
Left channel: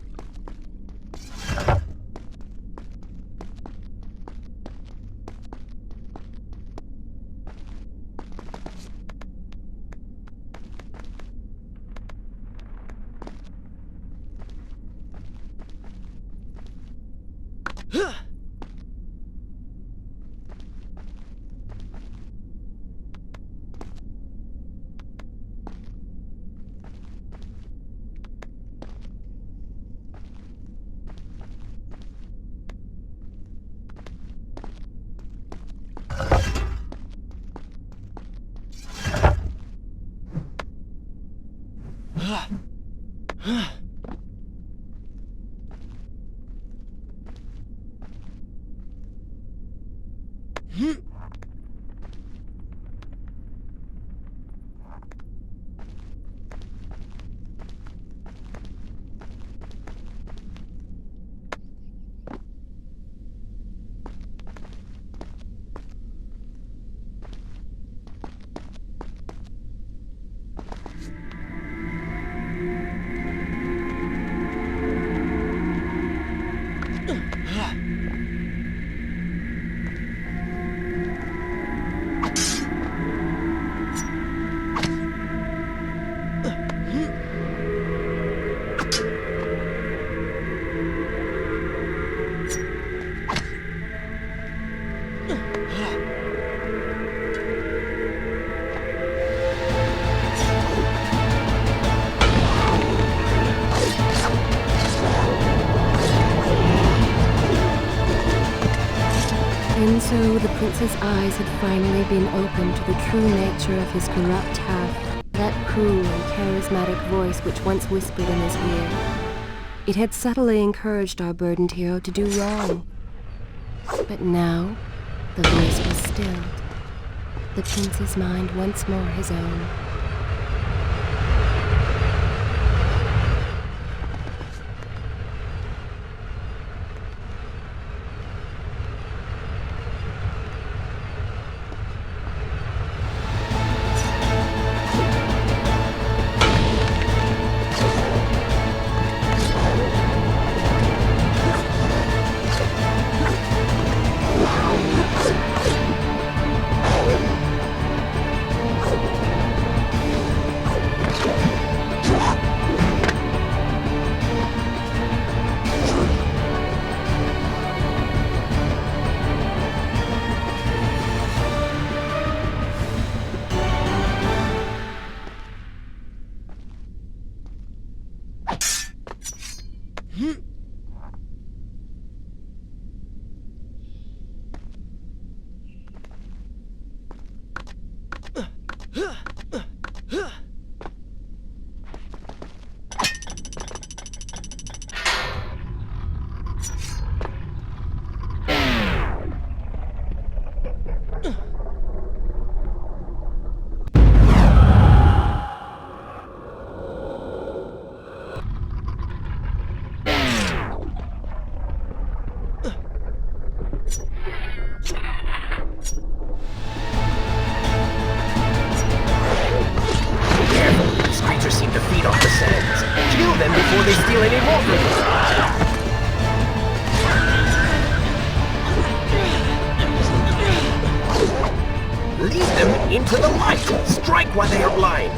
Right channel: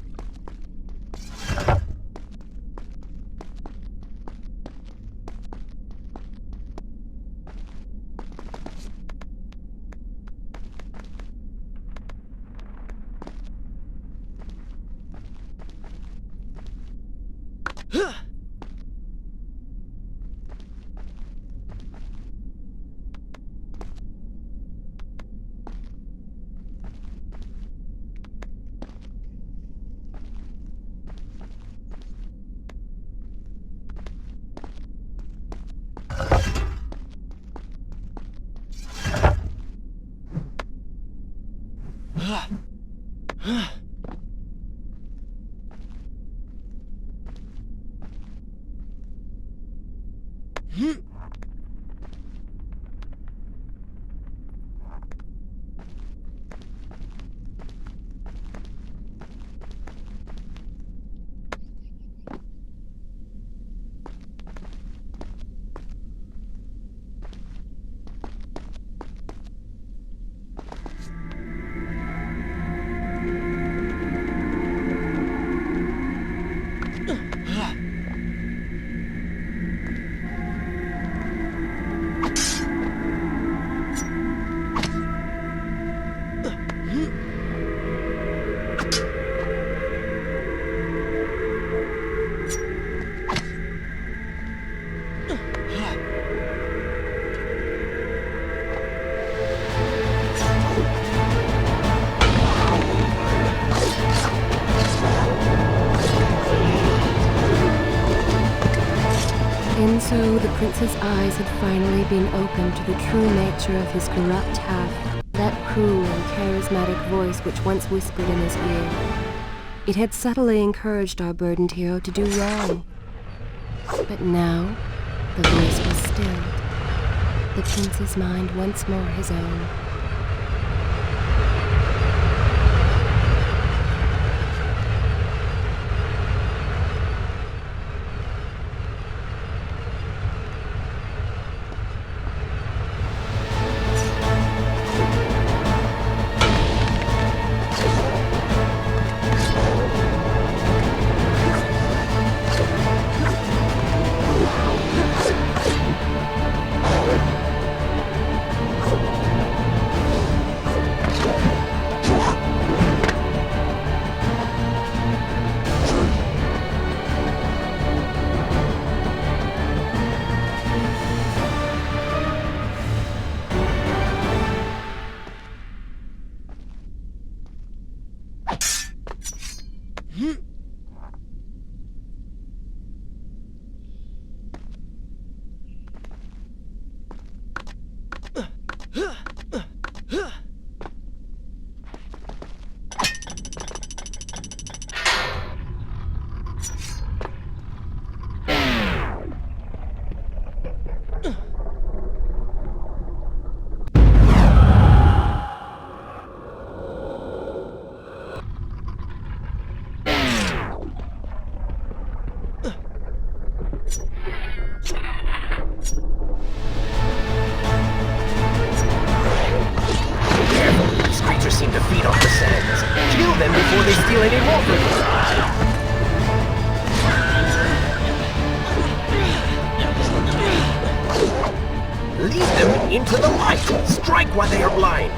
And so the prince's eyes had finally been opened to the true nature of his corrupt half, that cruel and charismatic voice which once whispered in his ear. It had subtly encouraged our burdened hero to do wrong. But now, the voice was stilled, the prince's mind once more his own. Seem to feed off the sands. Kill them before they steal any more from you. Lead them into the light. Strike while they are blind.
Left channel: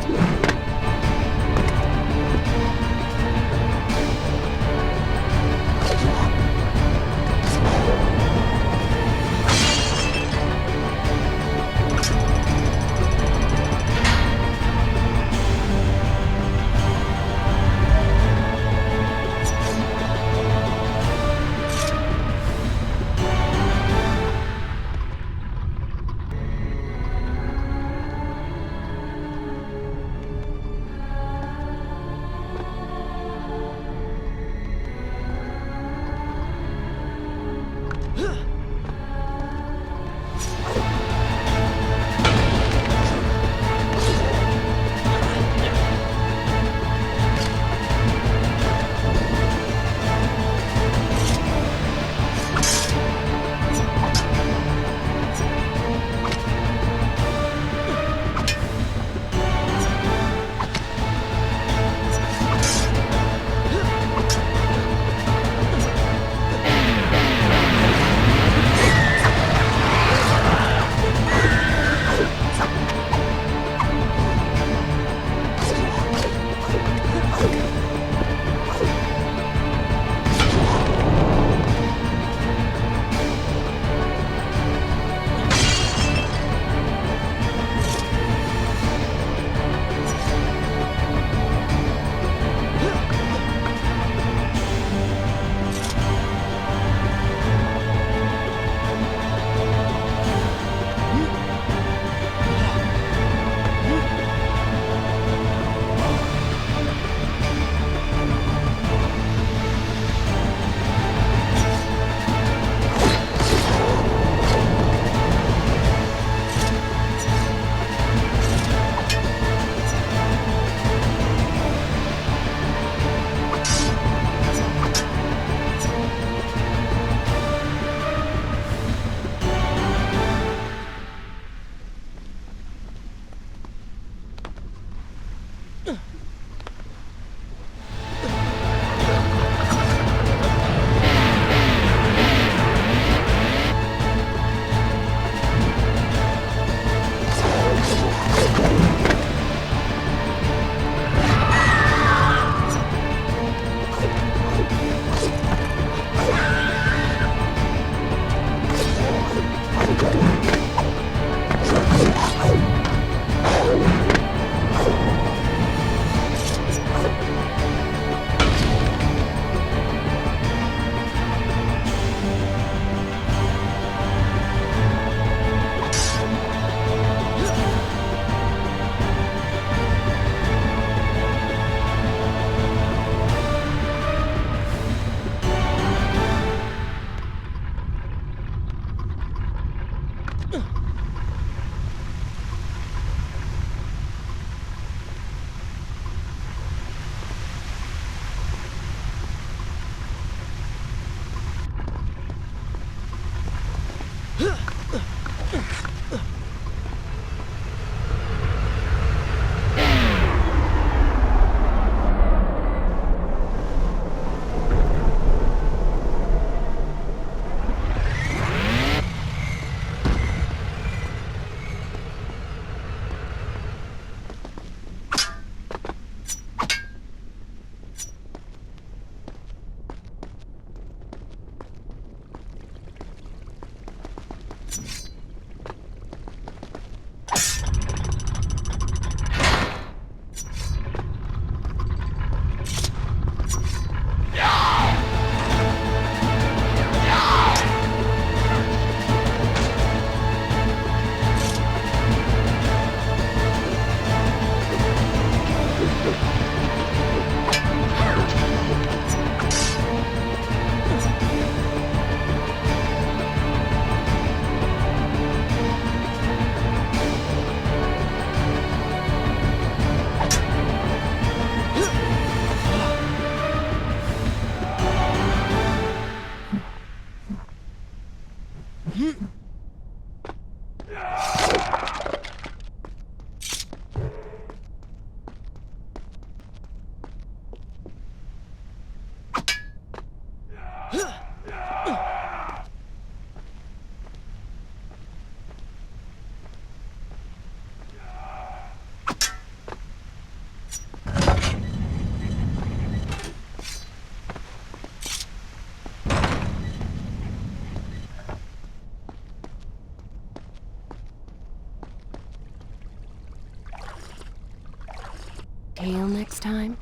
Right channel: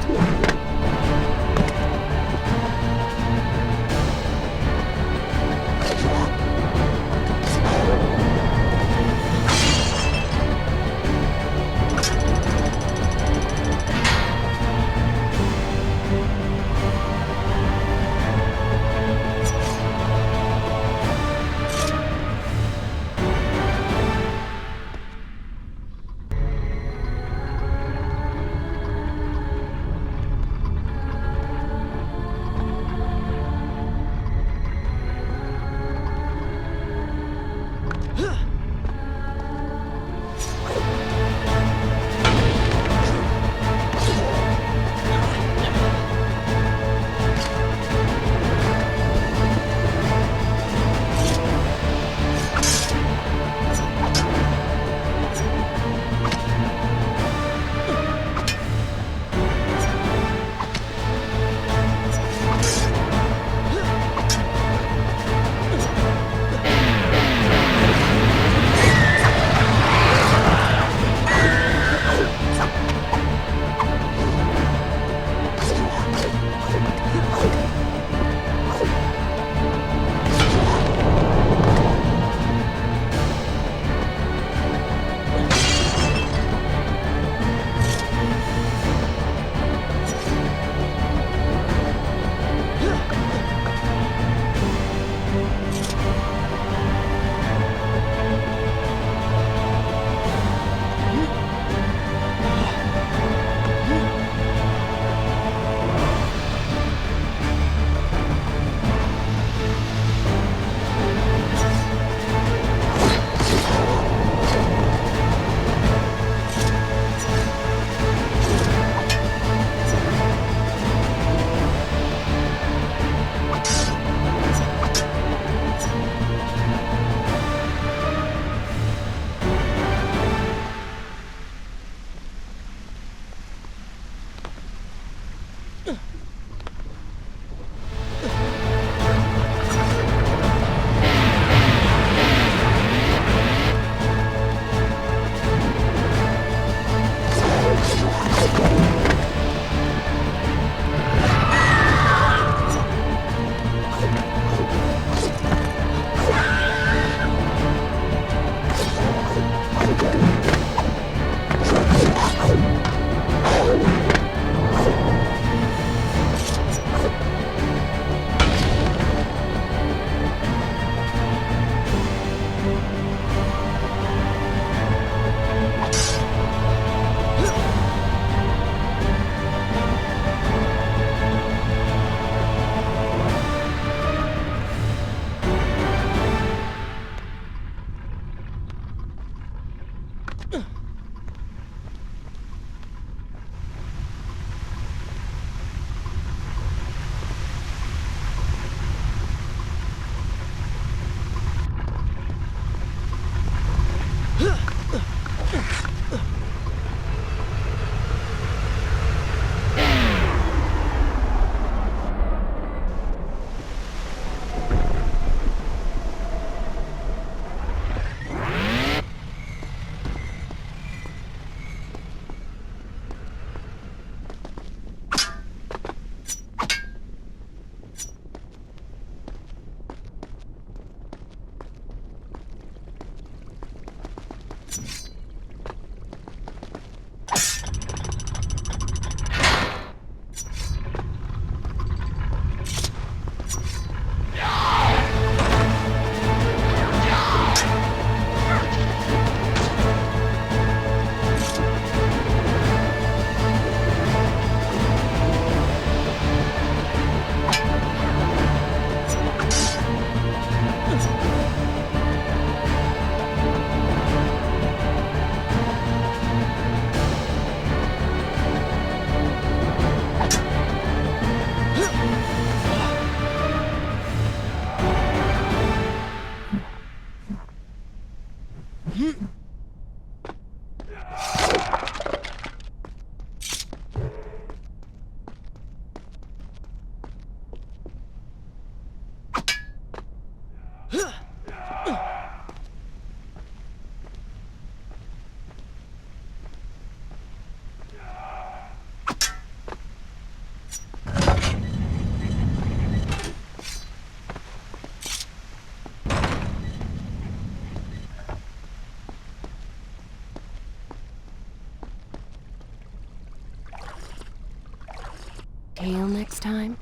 Hail next time?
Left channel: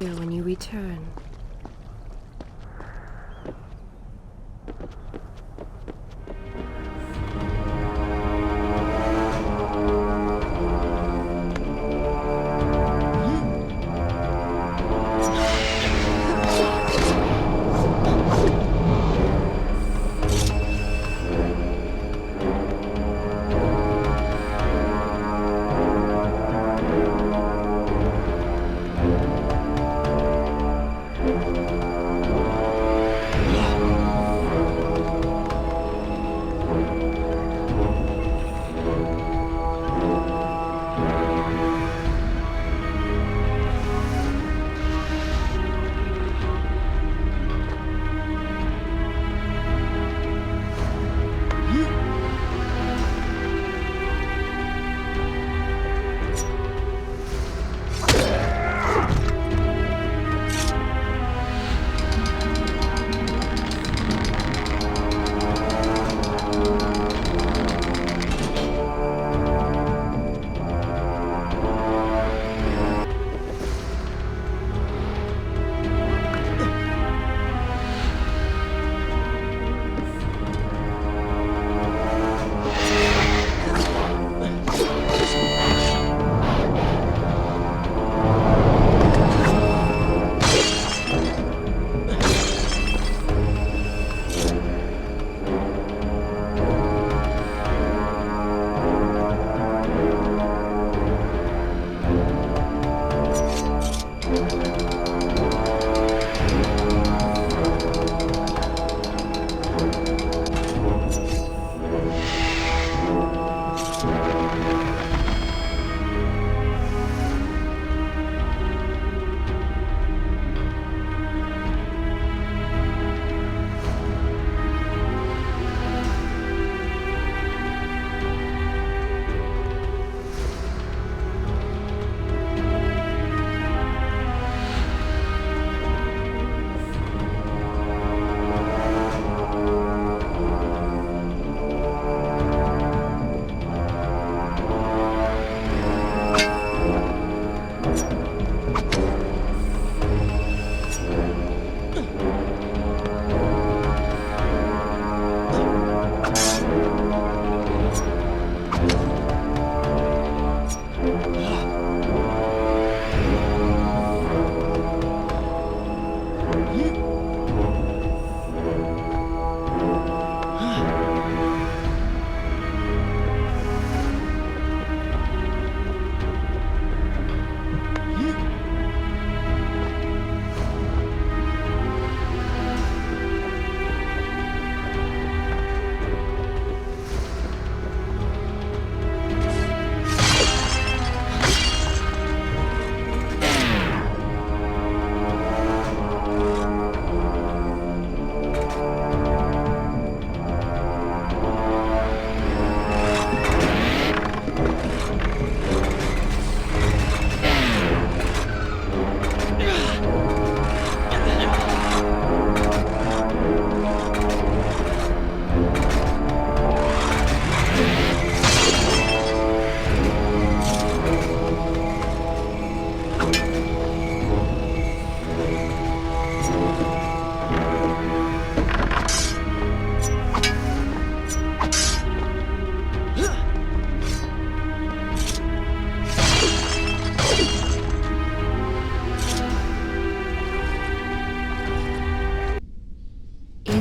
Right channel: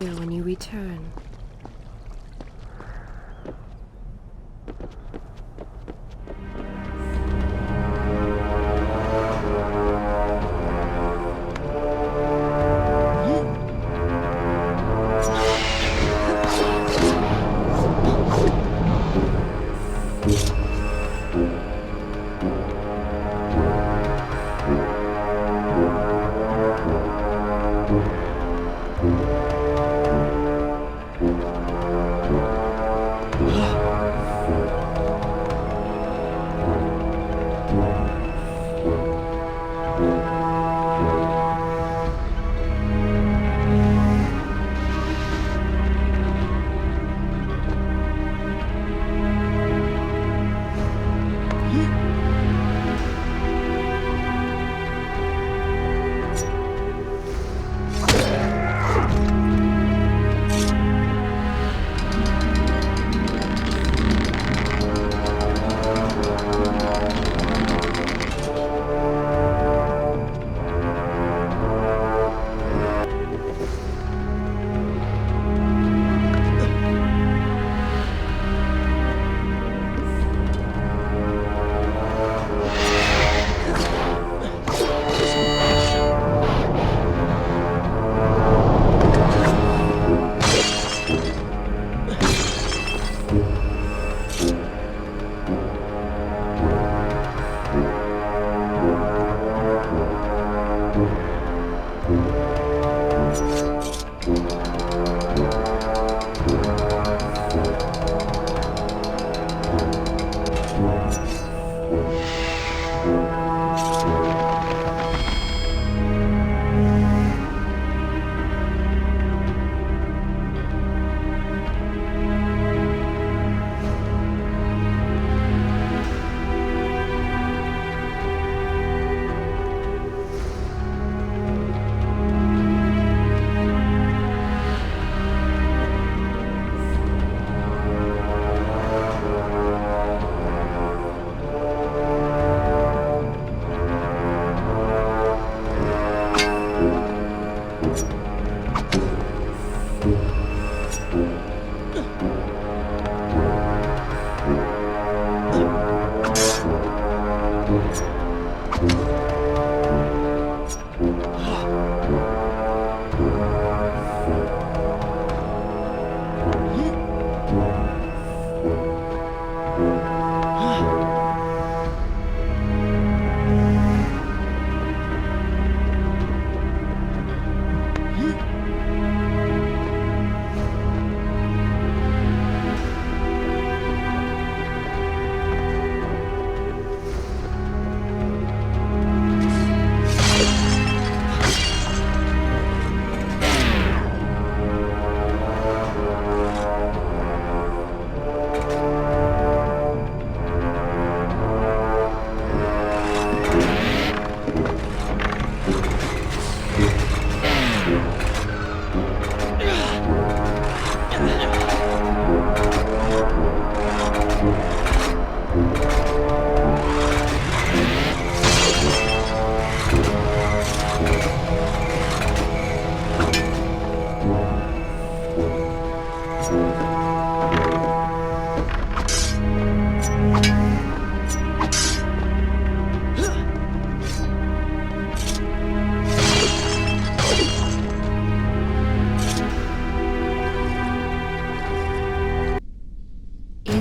When you return.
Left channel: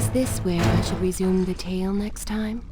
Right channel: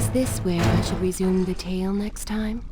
Is this where I should resume the tale next time?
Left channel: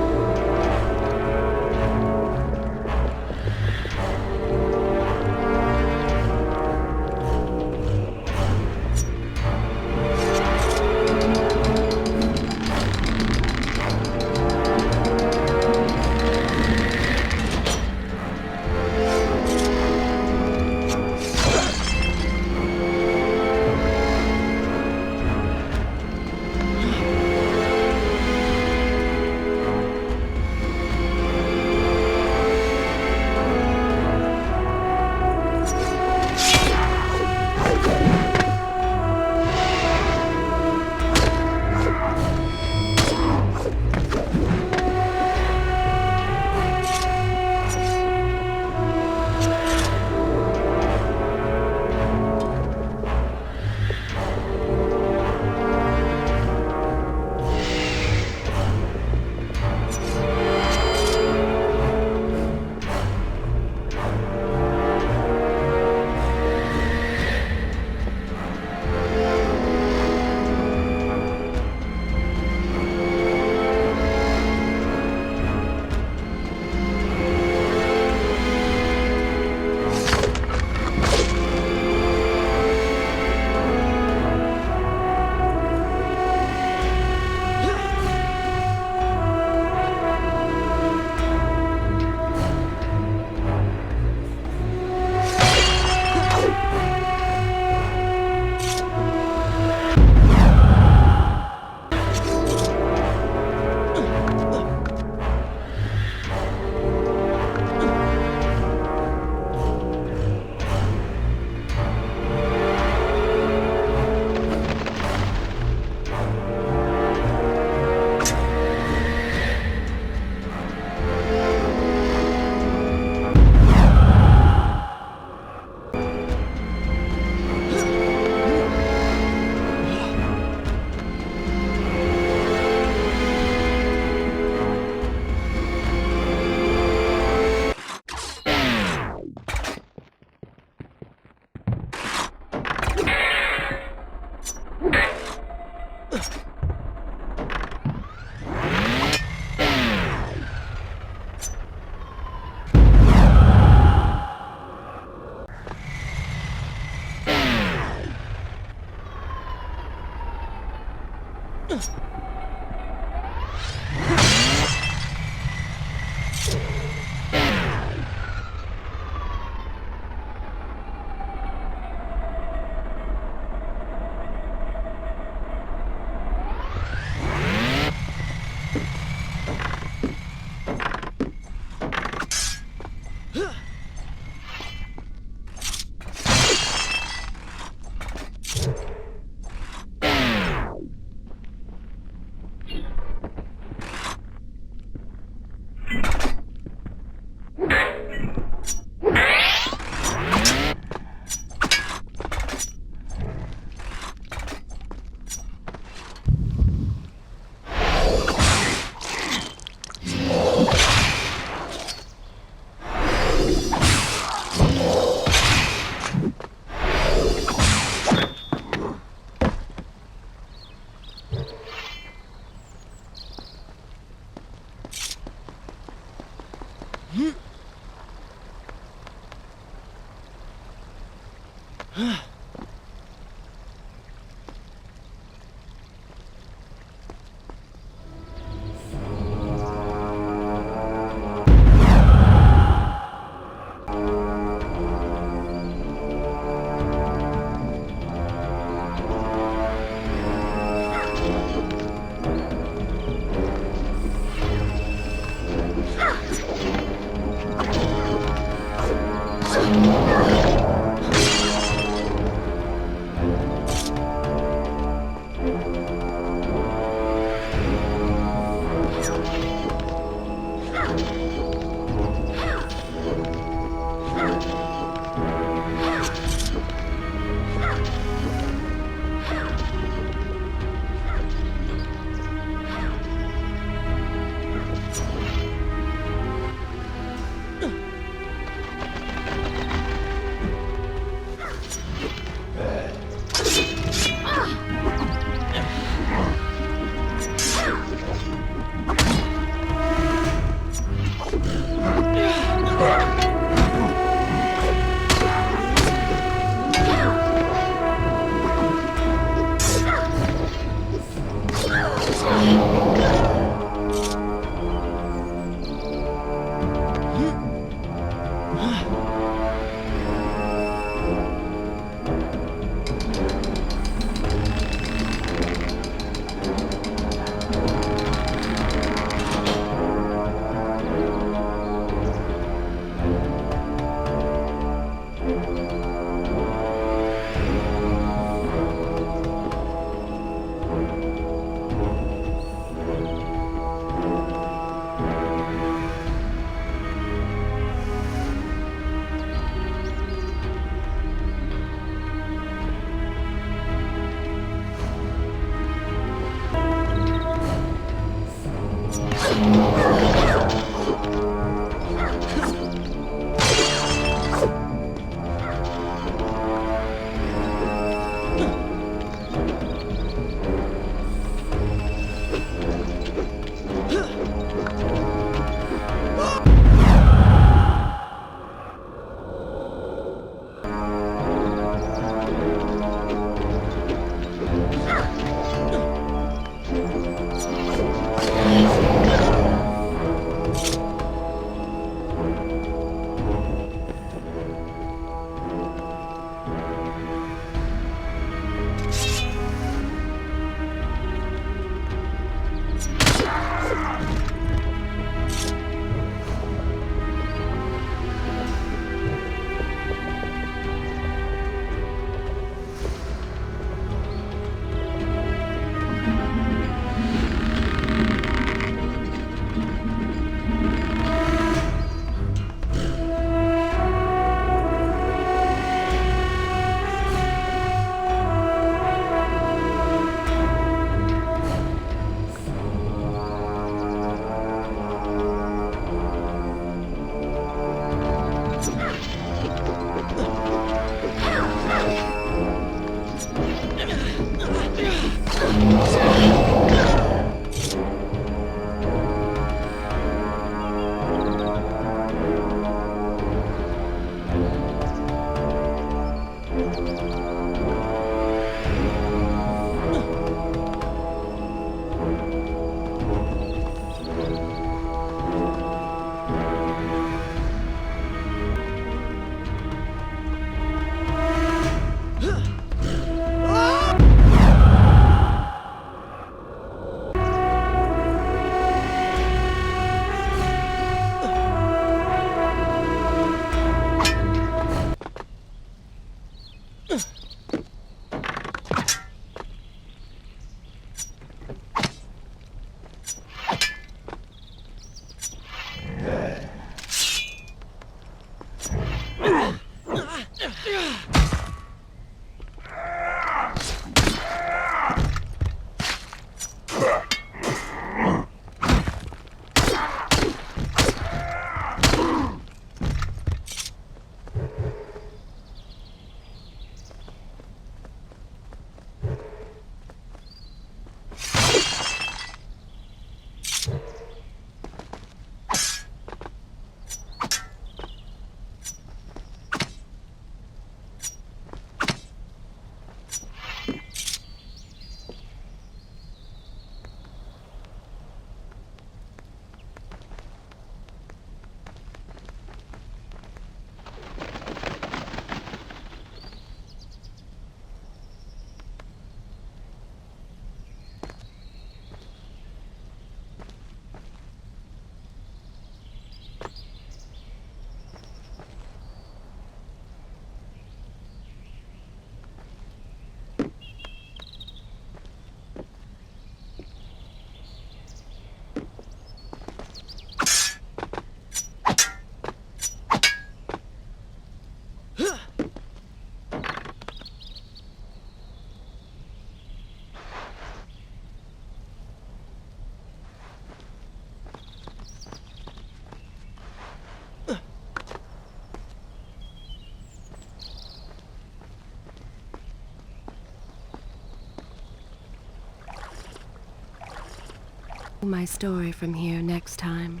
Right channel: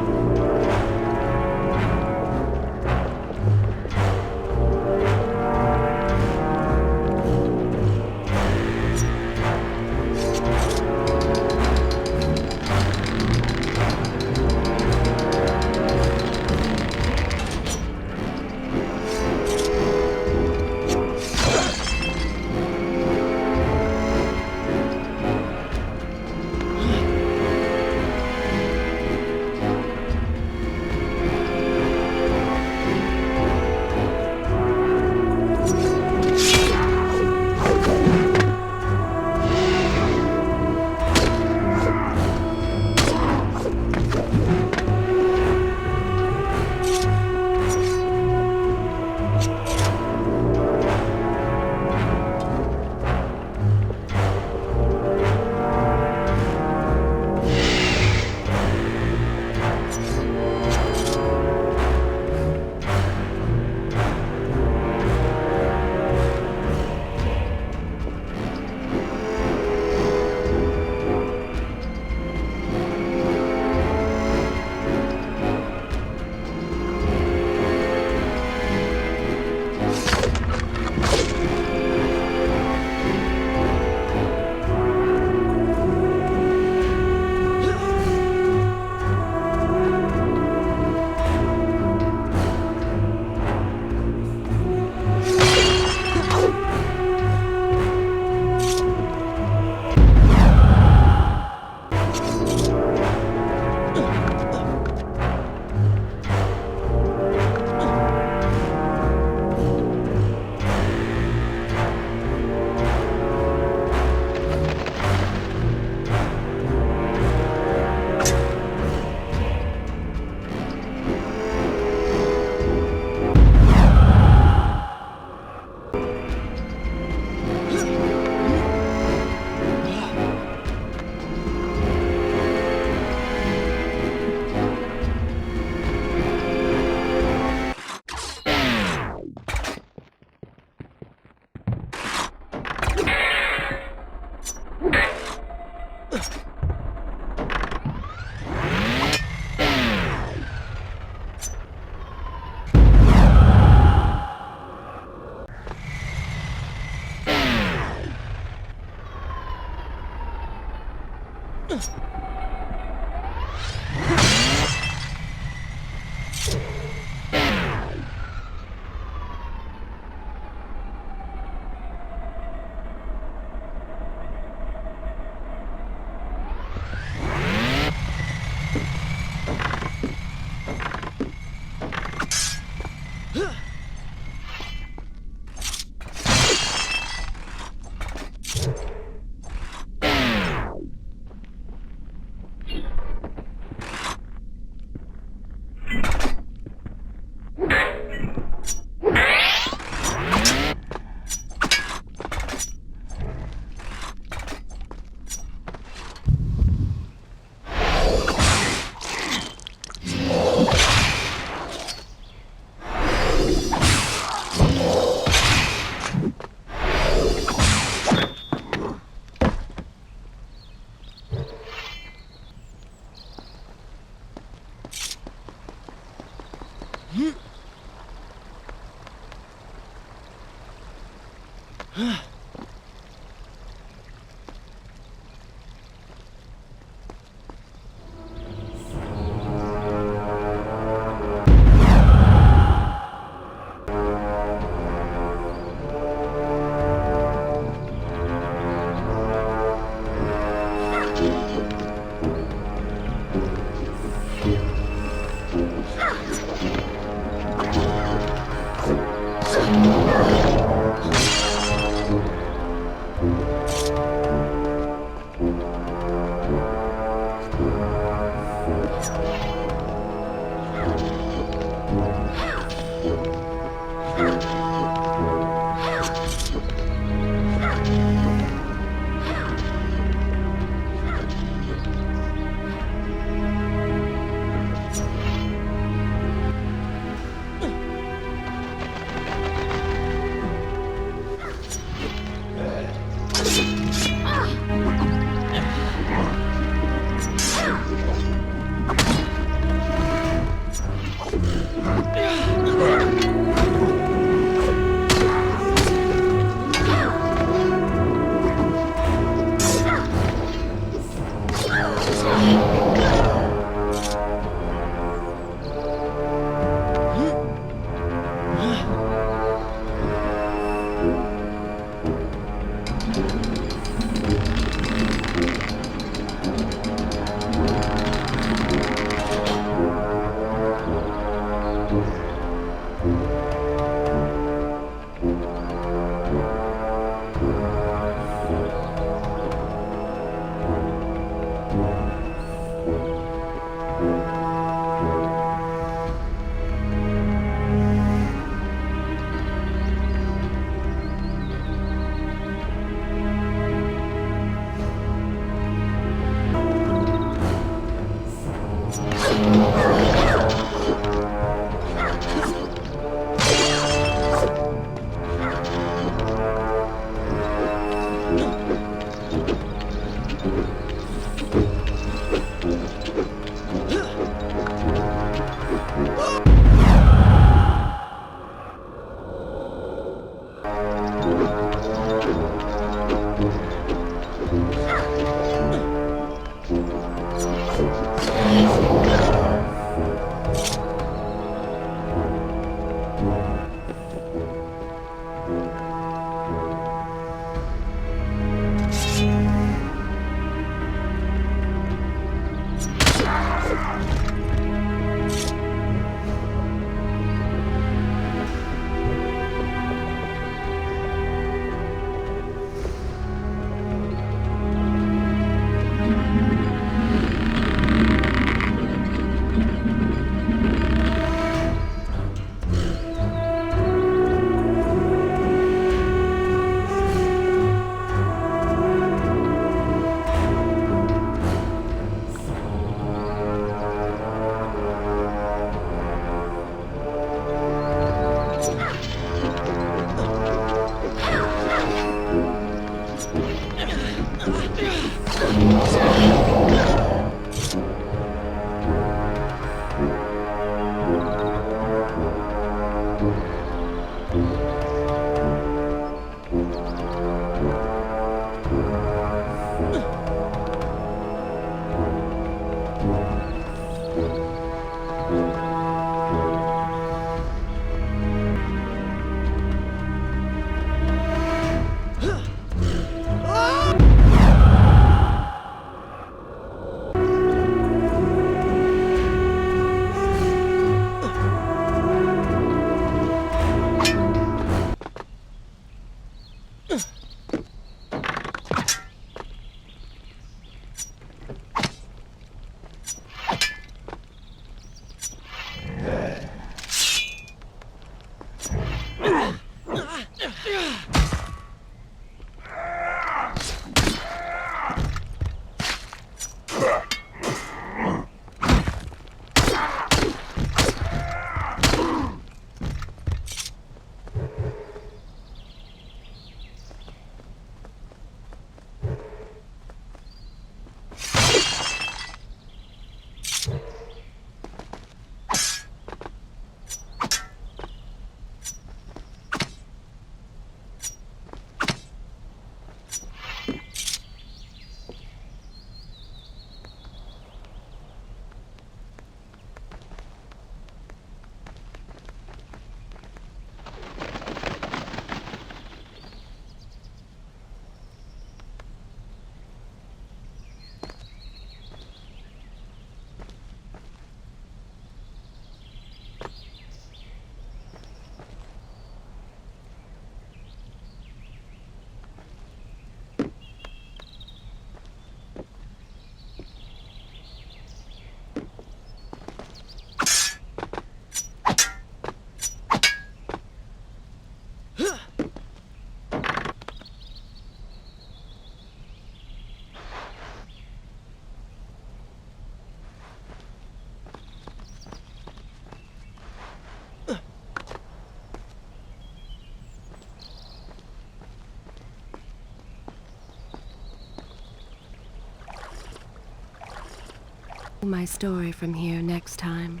my story from here next time.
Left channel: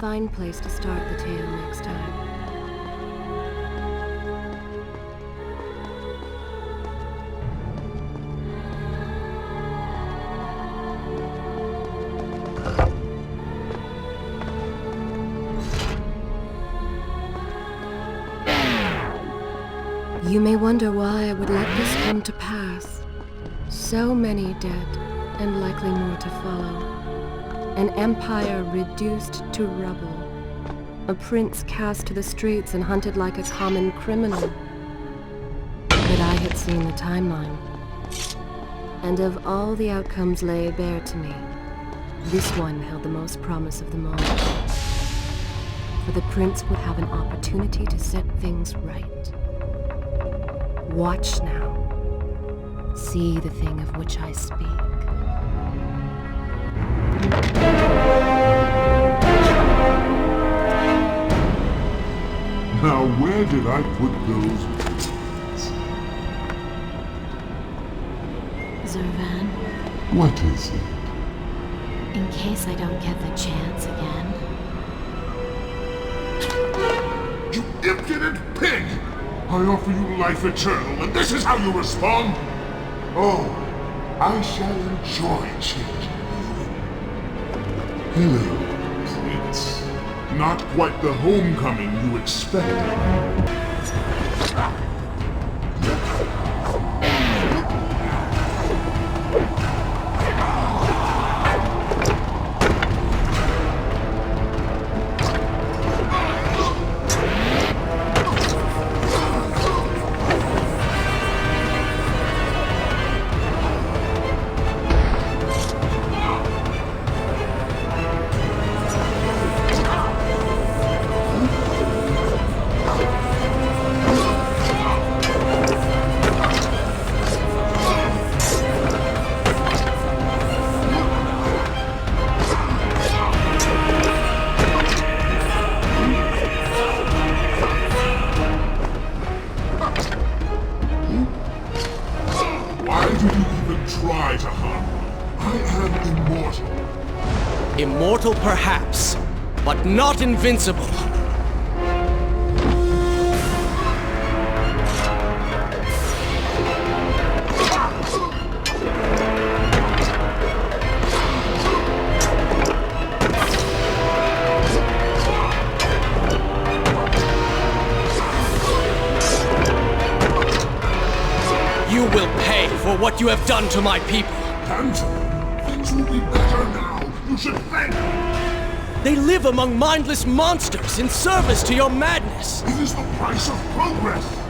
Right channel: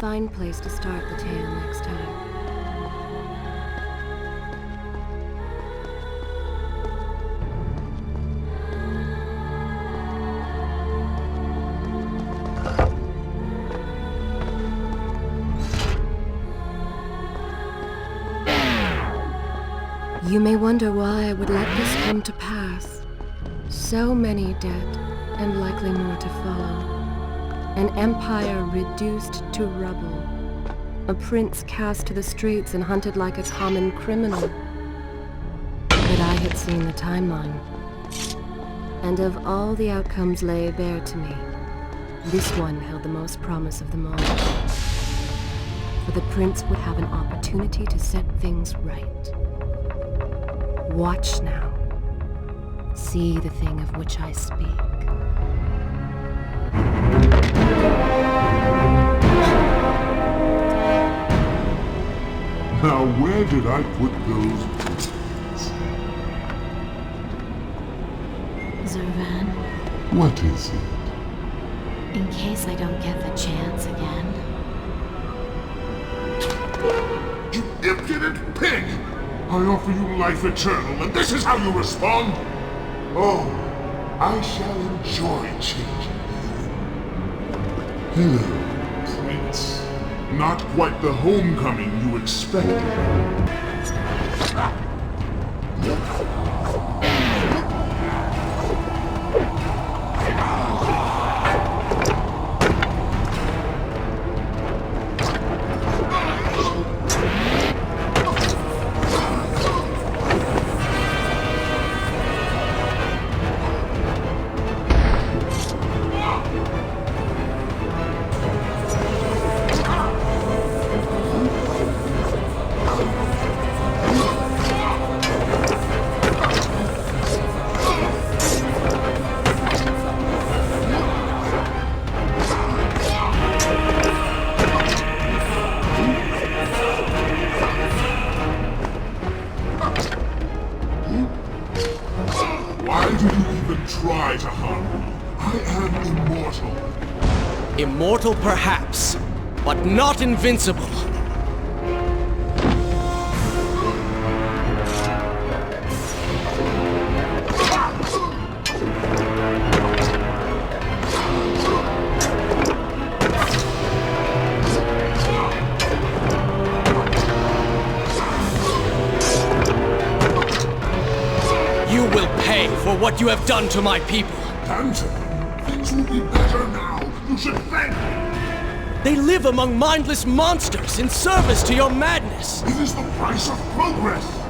Fine place to start the tale next time. You may wonder why I would let this come to pass. So many dead, and likely more to follow. An empire reduced to rubble. A prince cast to the streets and hunted like a common criminal. But I had seen the timeline. And of all the outcomes laid bare to me, this one held the most promise of them all. For the prince would have an opportunity to set things right. Watch now. See the thing of which I speak. Now, where did I put those biscuits? Zervan, What is it? in case I don't get the chance again. You impudent pig! I offer you life eternal, and this is how you respond? Oh, I shall enjoy changing you. Hello, Prince. Not quite the homecoming you expected. Why do you even try to harm me? I am immortal. Immortal perhaps, but not invincible. You will pay for what you have done to my people. Tantalum, things will be better now. You should thank me. They live among mindless monsters in service to your madness. It is the price of progress.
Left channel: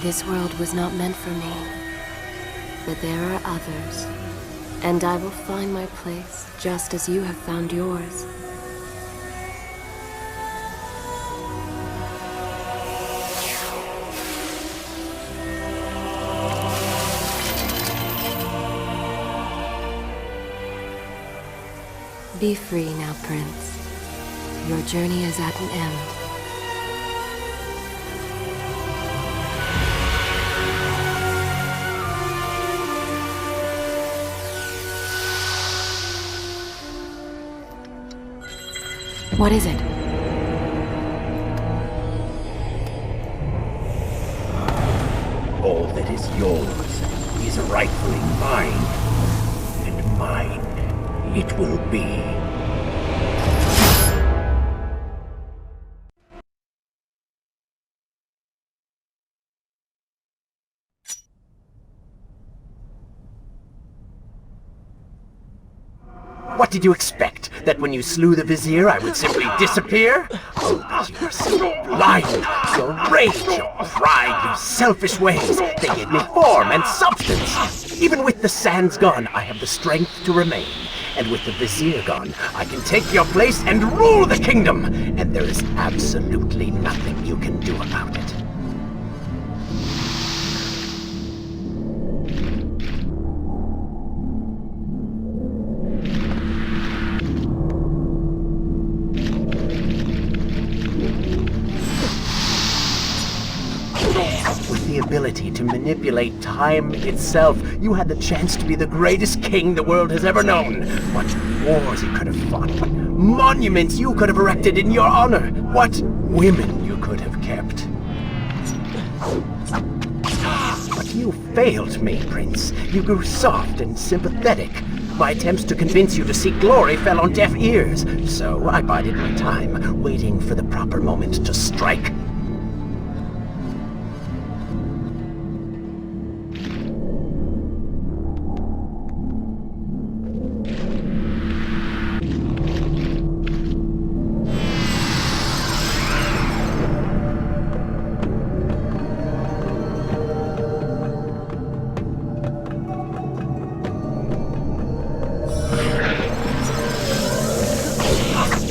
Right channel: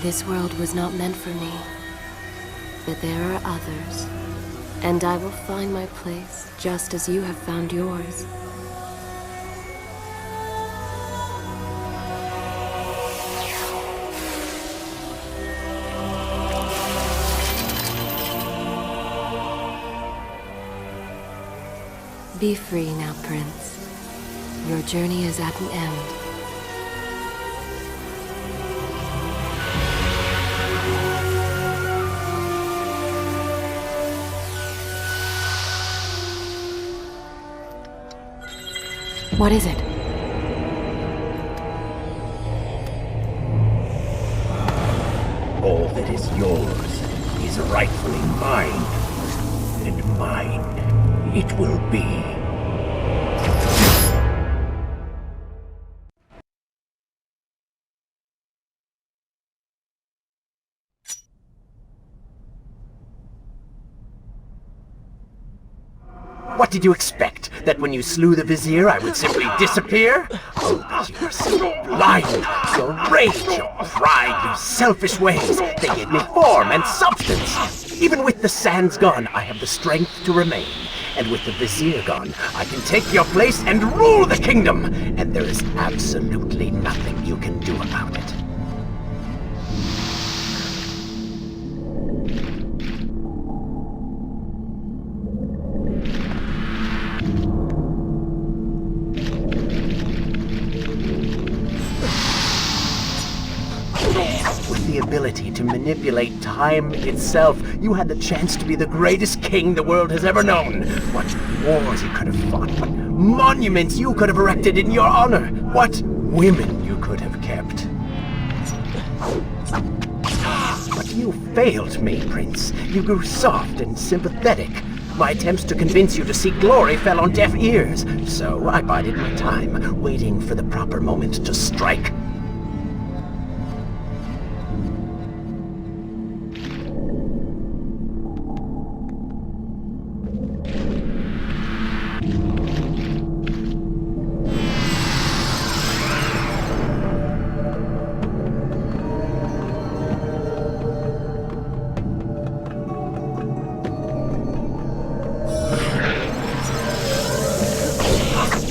This world was not meant for me, but there are others, and I will find my place just as you have found yours. Be free now, Prince. Your journey is at an end. What is it? All that is yours is rightfully mine, and mine it will be. What did you expect? That when you slew the Vizier, I would simply disappear? Oh, but you are so blind! Your rage, your pride, your selfish ways, they gave me form and substance! Even with the sands gone, I have the strength to remain. And with the Vizier gone, I can take your place and rule the kingdom! And there is absolutely nothing you can do about it. With the ability to manipulate time itself, you had the chance to be the greatest king the world has ever known. What wars you could have fought, what monuments you could have erected in your honor, what women you could have kept. But you failed me, Prince. You grew soft and sympathetic. My attempts to convince you to seek glory fell on deaf ears, so I bided my time, waiting for the proper moment to strike.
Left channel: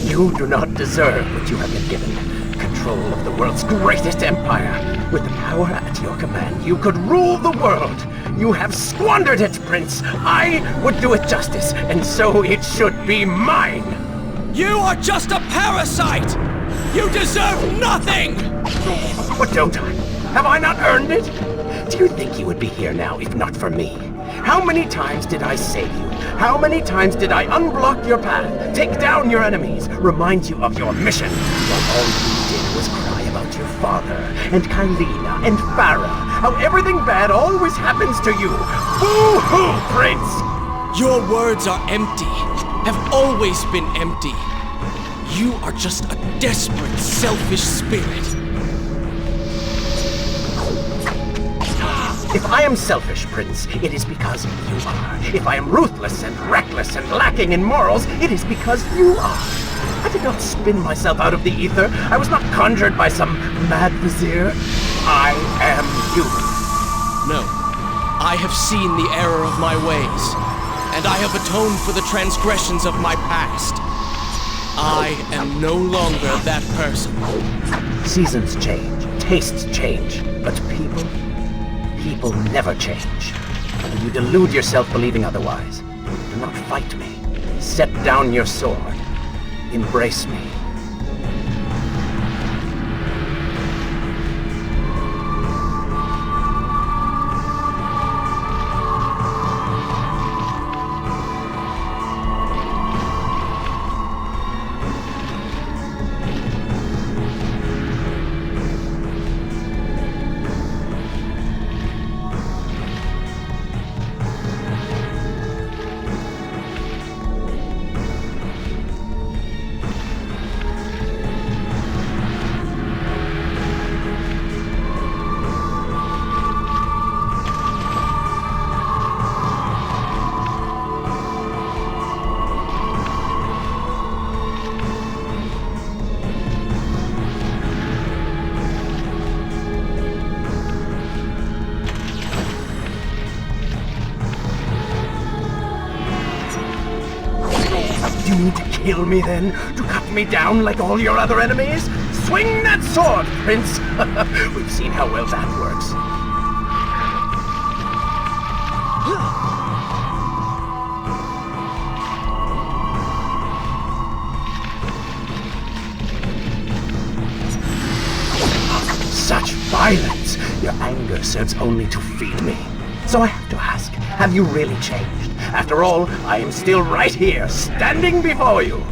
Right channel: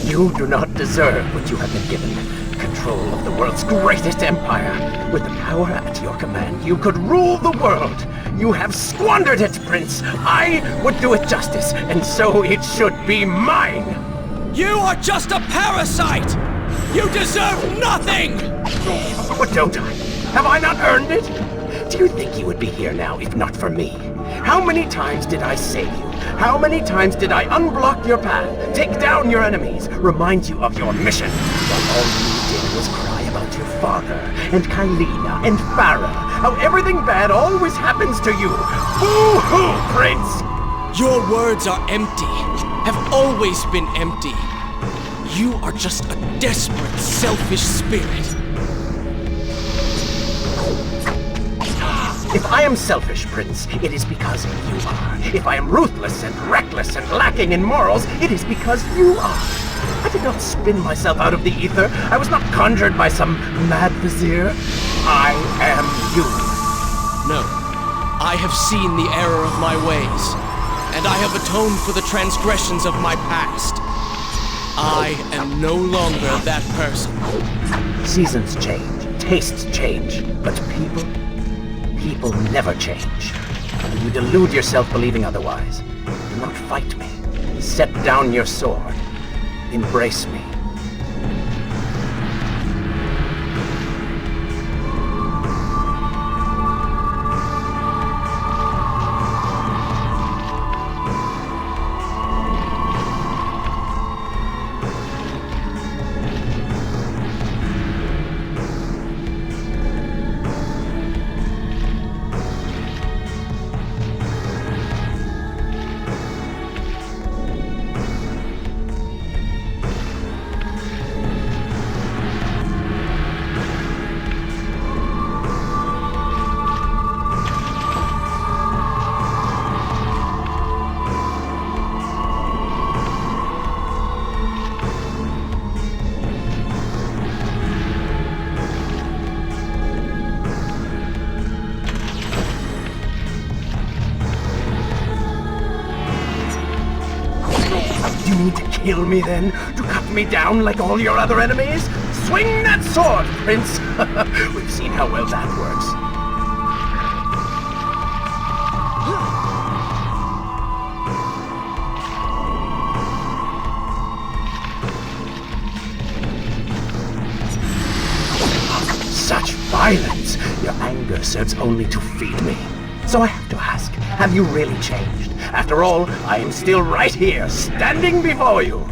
You do not deserve what you have been given. Control of the world's greatest empire. With the power at your command, you could rule the world. You have squandered it, Prince. I would do it justice, and so it should be mine. You are just a parasite! You deserve nothing! But don't I? Have I not earned it? Do you think you would be here now if not for me? How many times did I save you? How many times did I unblock your path, take down your enemies, remind you of your mission, while all you did was cry about your father, and Kylina, and Farah, how everything bad always happens to you? Boo-hoo, Prince! Your words are empty, have always been empty. You are just a desperate, selfish spirit. If I am selfish, Prince, it is because you are. If I am ruthless and reckless and lacking in morals, it is because you are. I did not spin myself out of the ether. I was not conjured by some mad vizier. I am you. No. I have seen the error of my ways, and I have atoned for the transgressions of my past. I am no longer that person. Seasons change, tastes change, but people never change. And you delude yourself believing otherwise. Do not fight me. Set down your sword. Embrace me. kill me then? To cut me down like all your other enemies? Swing that sword, Prince! We've seen how well that works. Such violence! Your anger serves only to feed me. So I have to ask, have you really changed? After all, I am still right here, standing before you.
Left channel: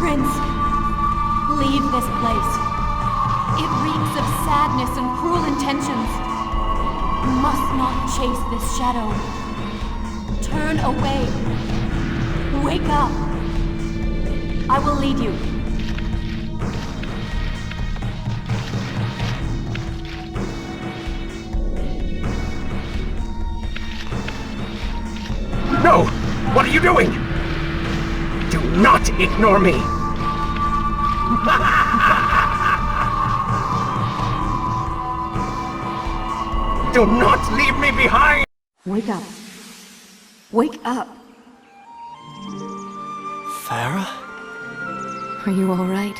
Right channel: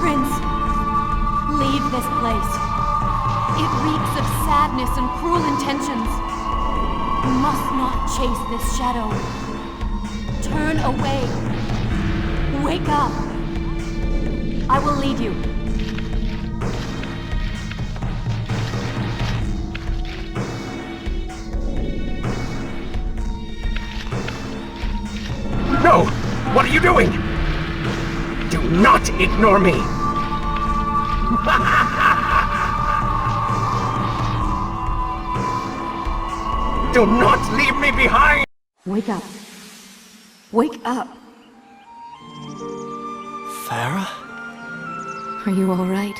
Prince, leave this place. It reeks of sadness and cruel intentions. You must not chase this shadow. Turn away. Wake up. I will lead you. No! What are you doing? Do not ignore me! Do not leave me behind! Wake up. Wake up. Farah? Are you all right?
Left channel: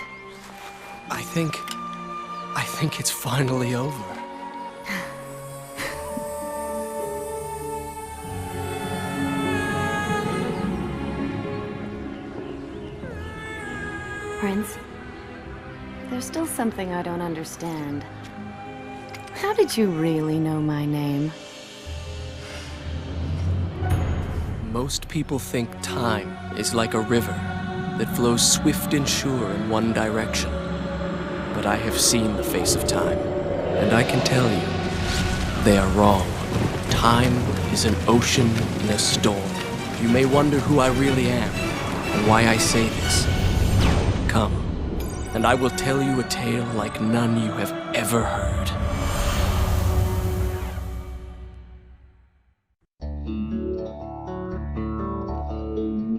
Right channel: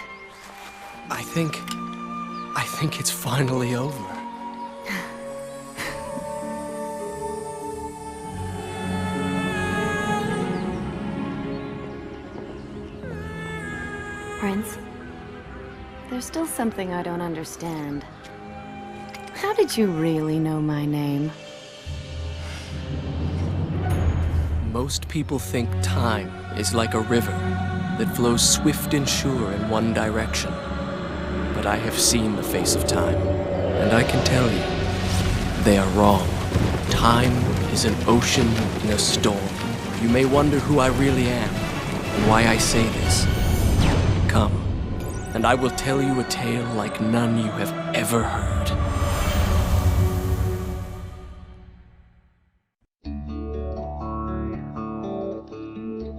I think it's finally over. Prince, there's still something I don't understand. How did you really know my name? Most people think time is like a river that flows swift and sure in one direction. But I have seen the face of time, and I can tell you, they are wrong. Time is an ocean in a storm. You may wonder who I really am, and why I say this. Come, and I will tell you a tale like none you have ever heard.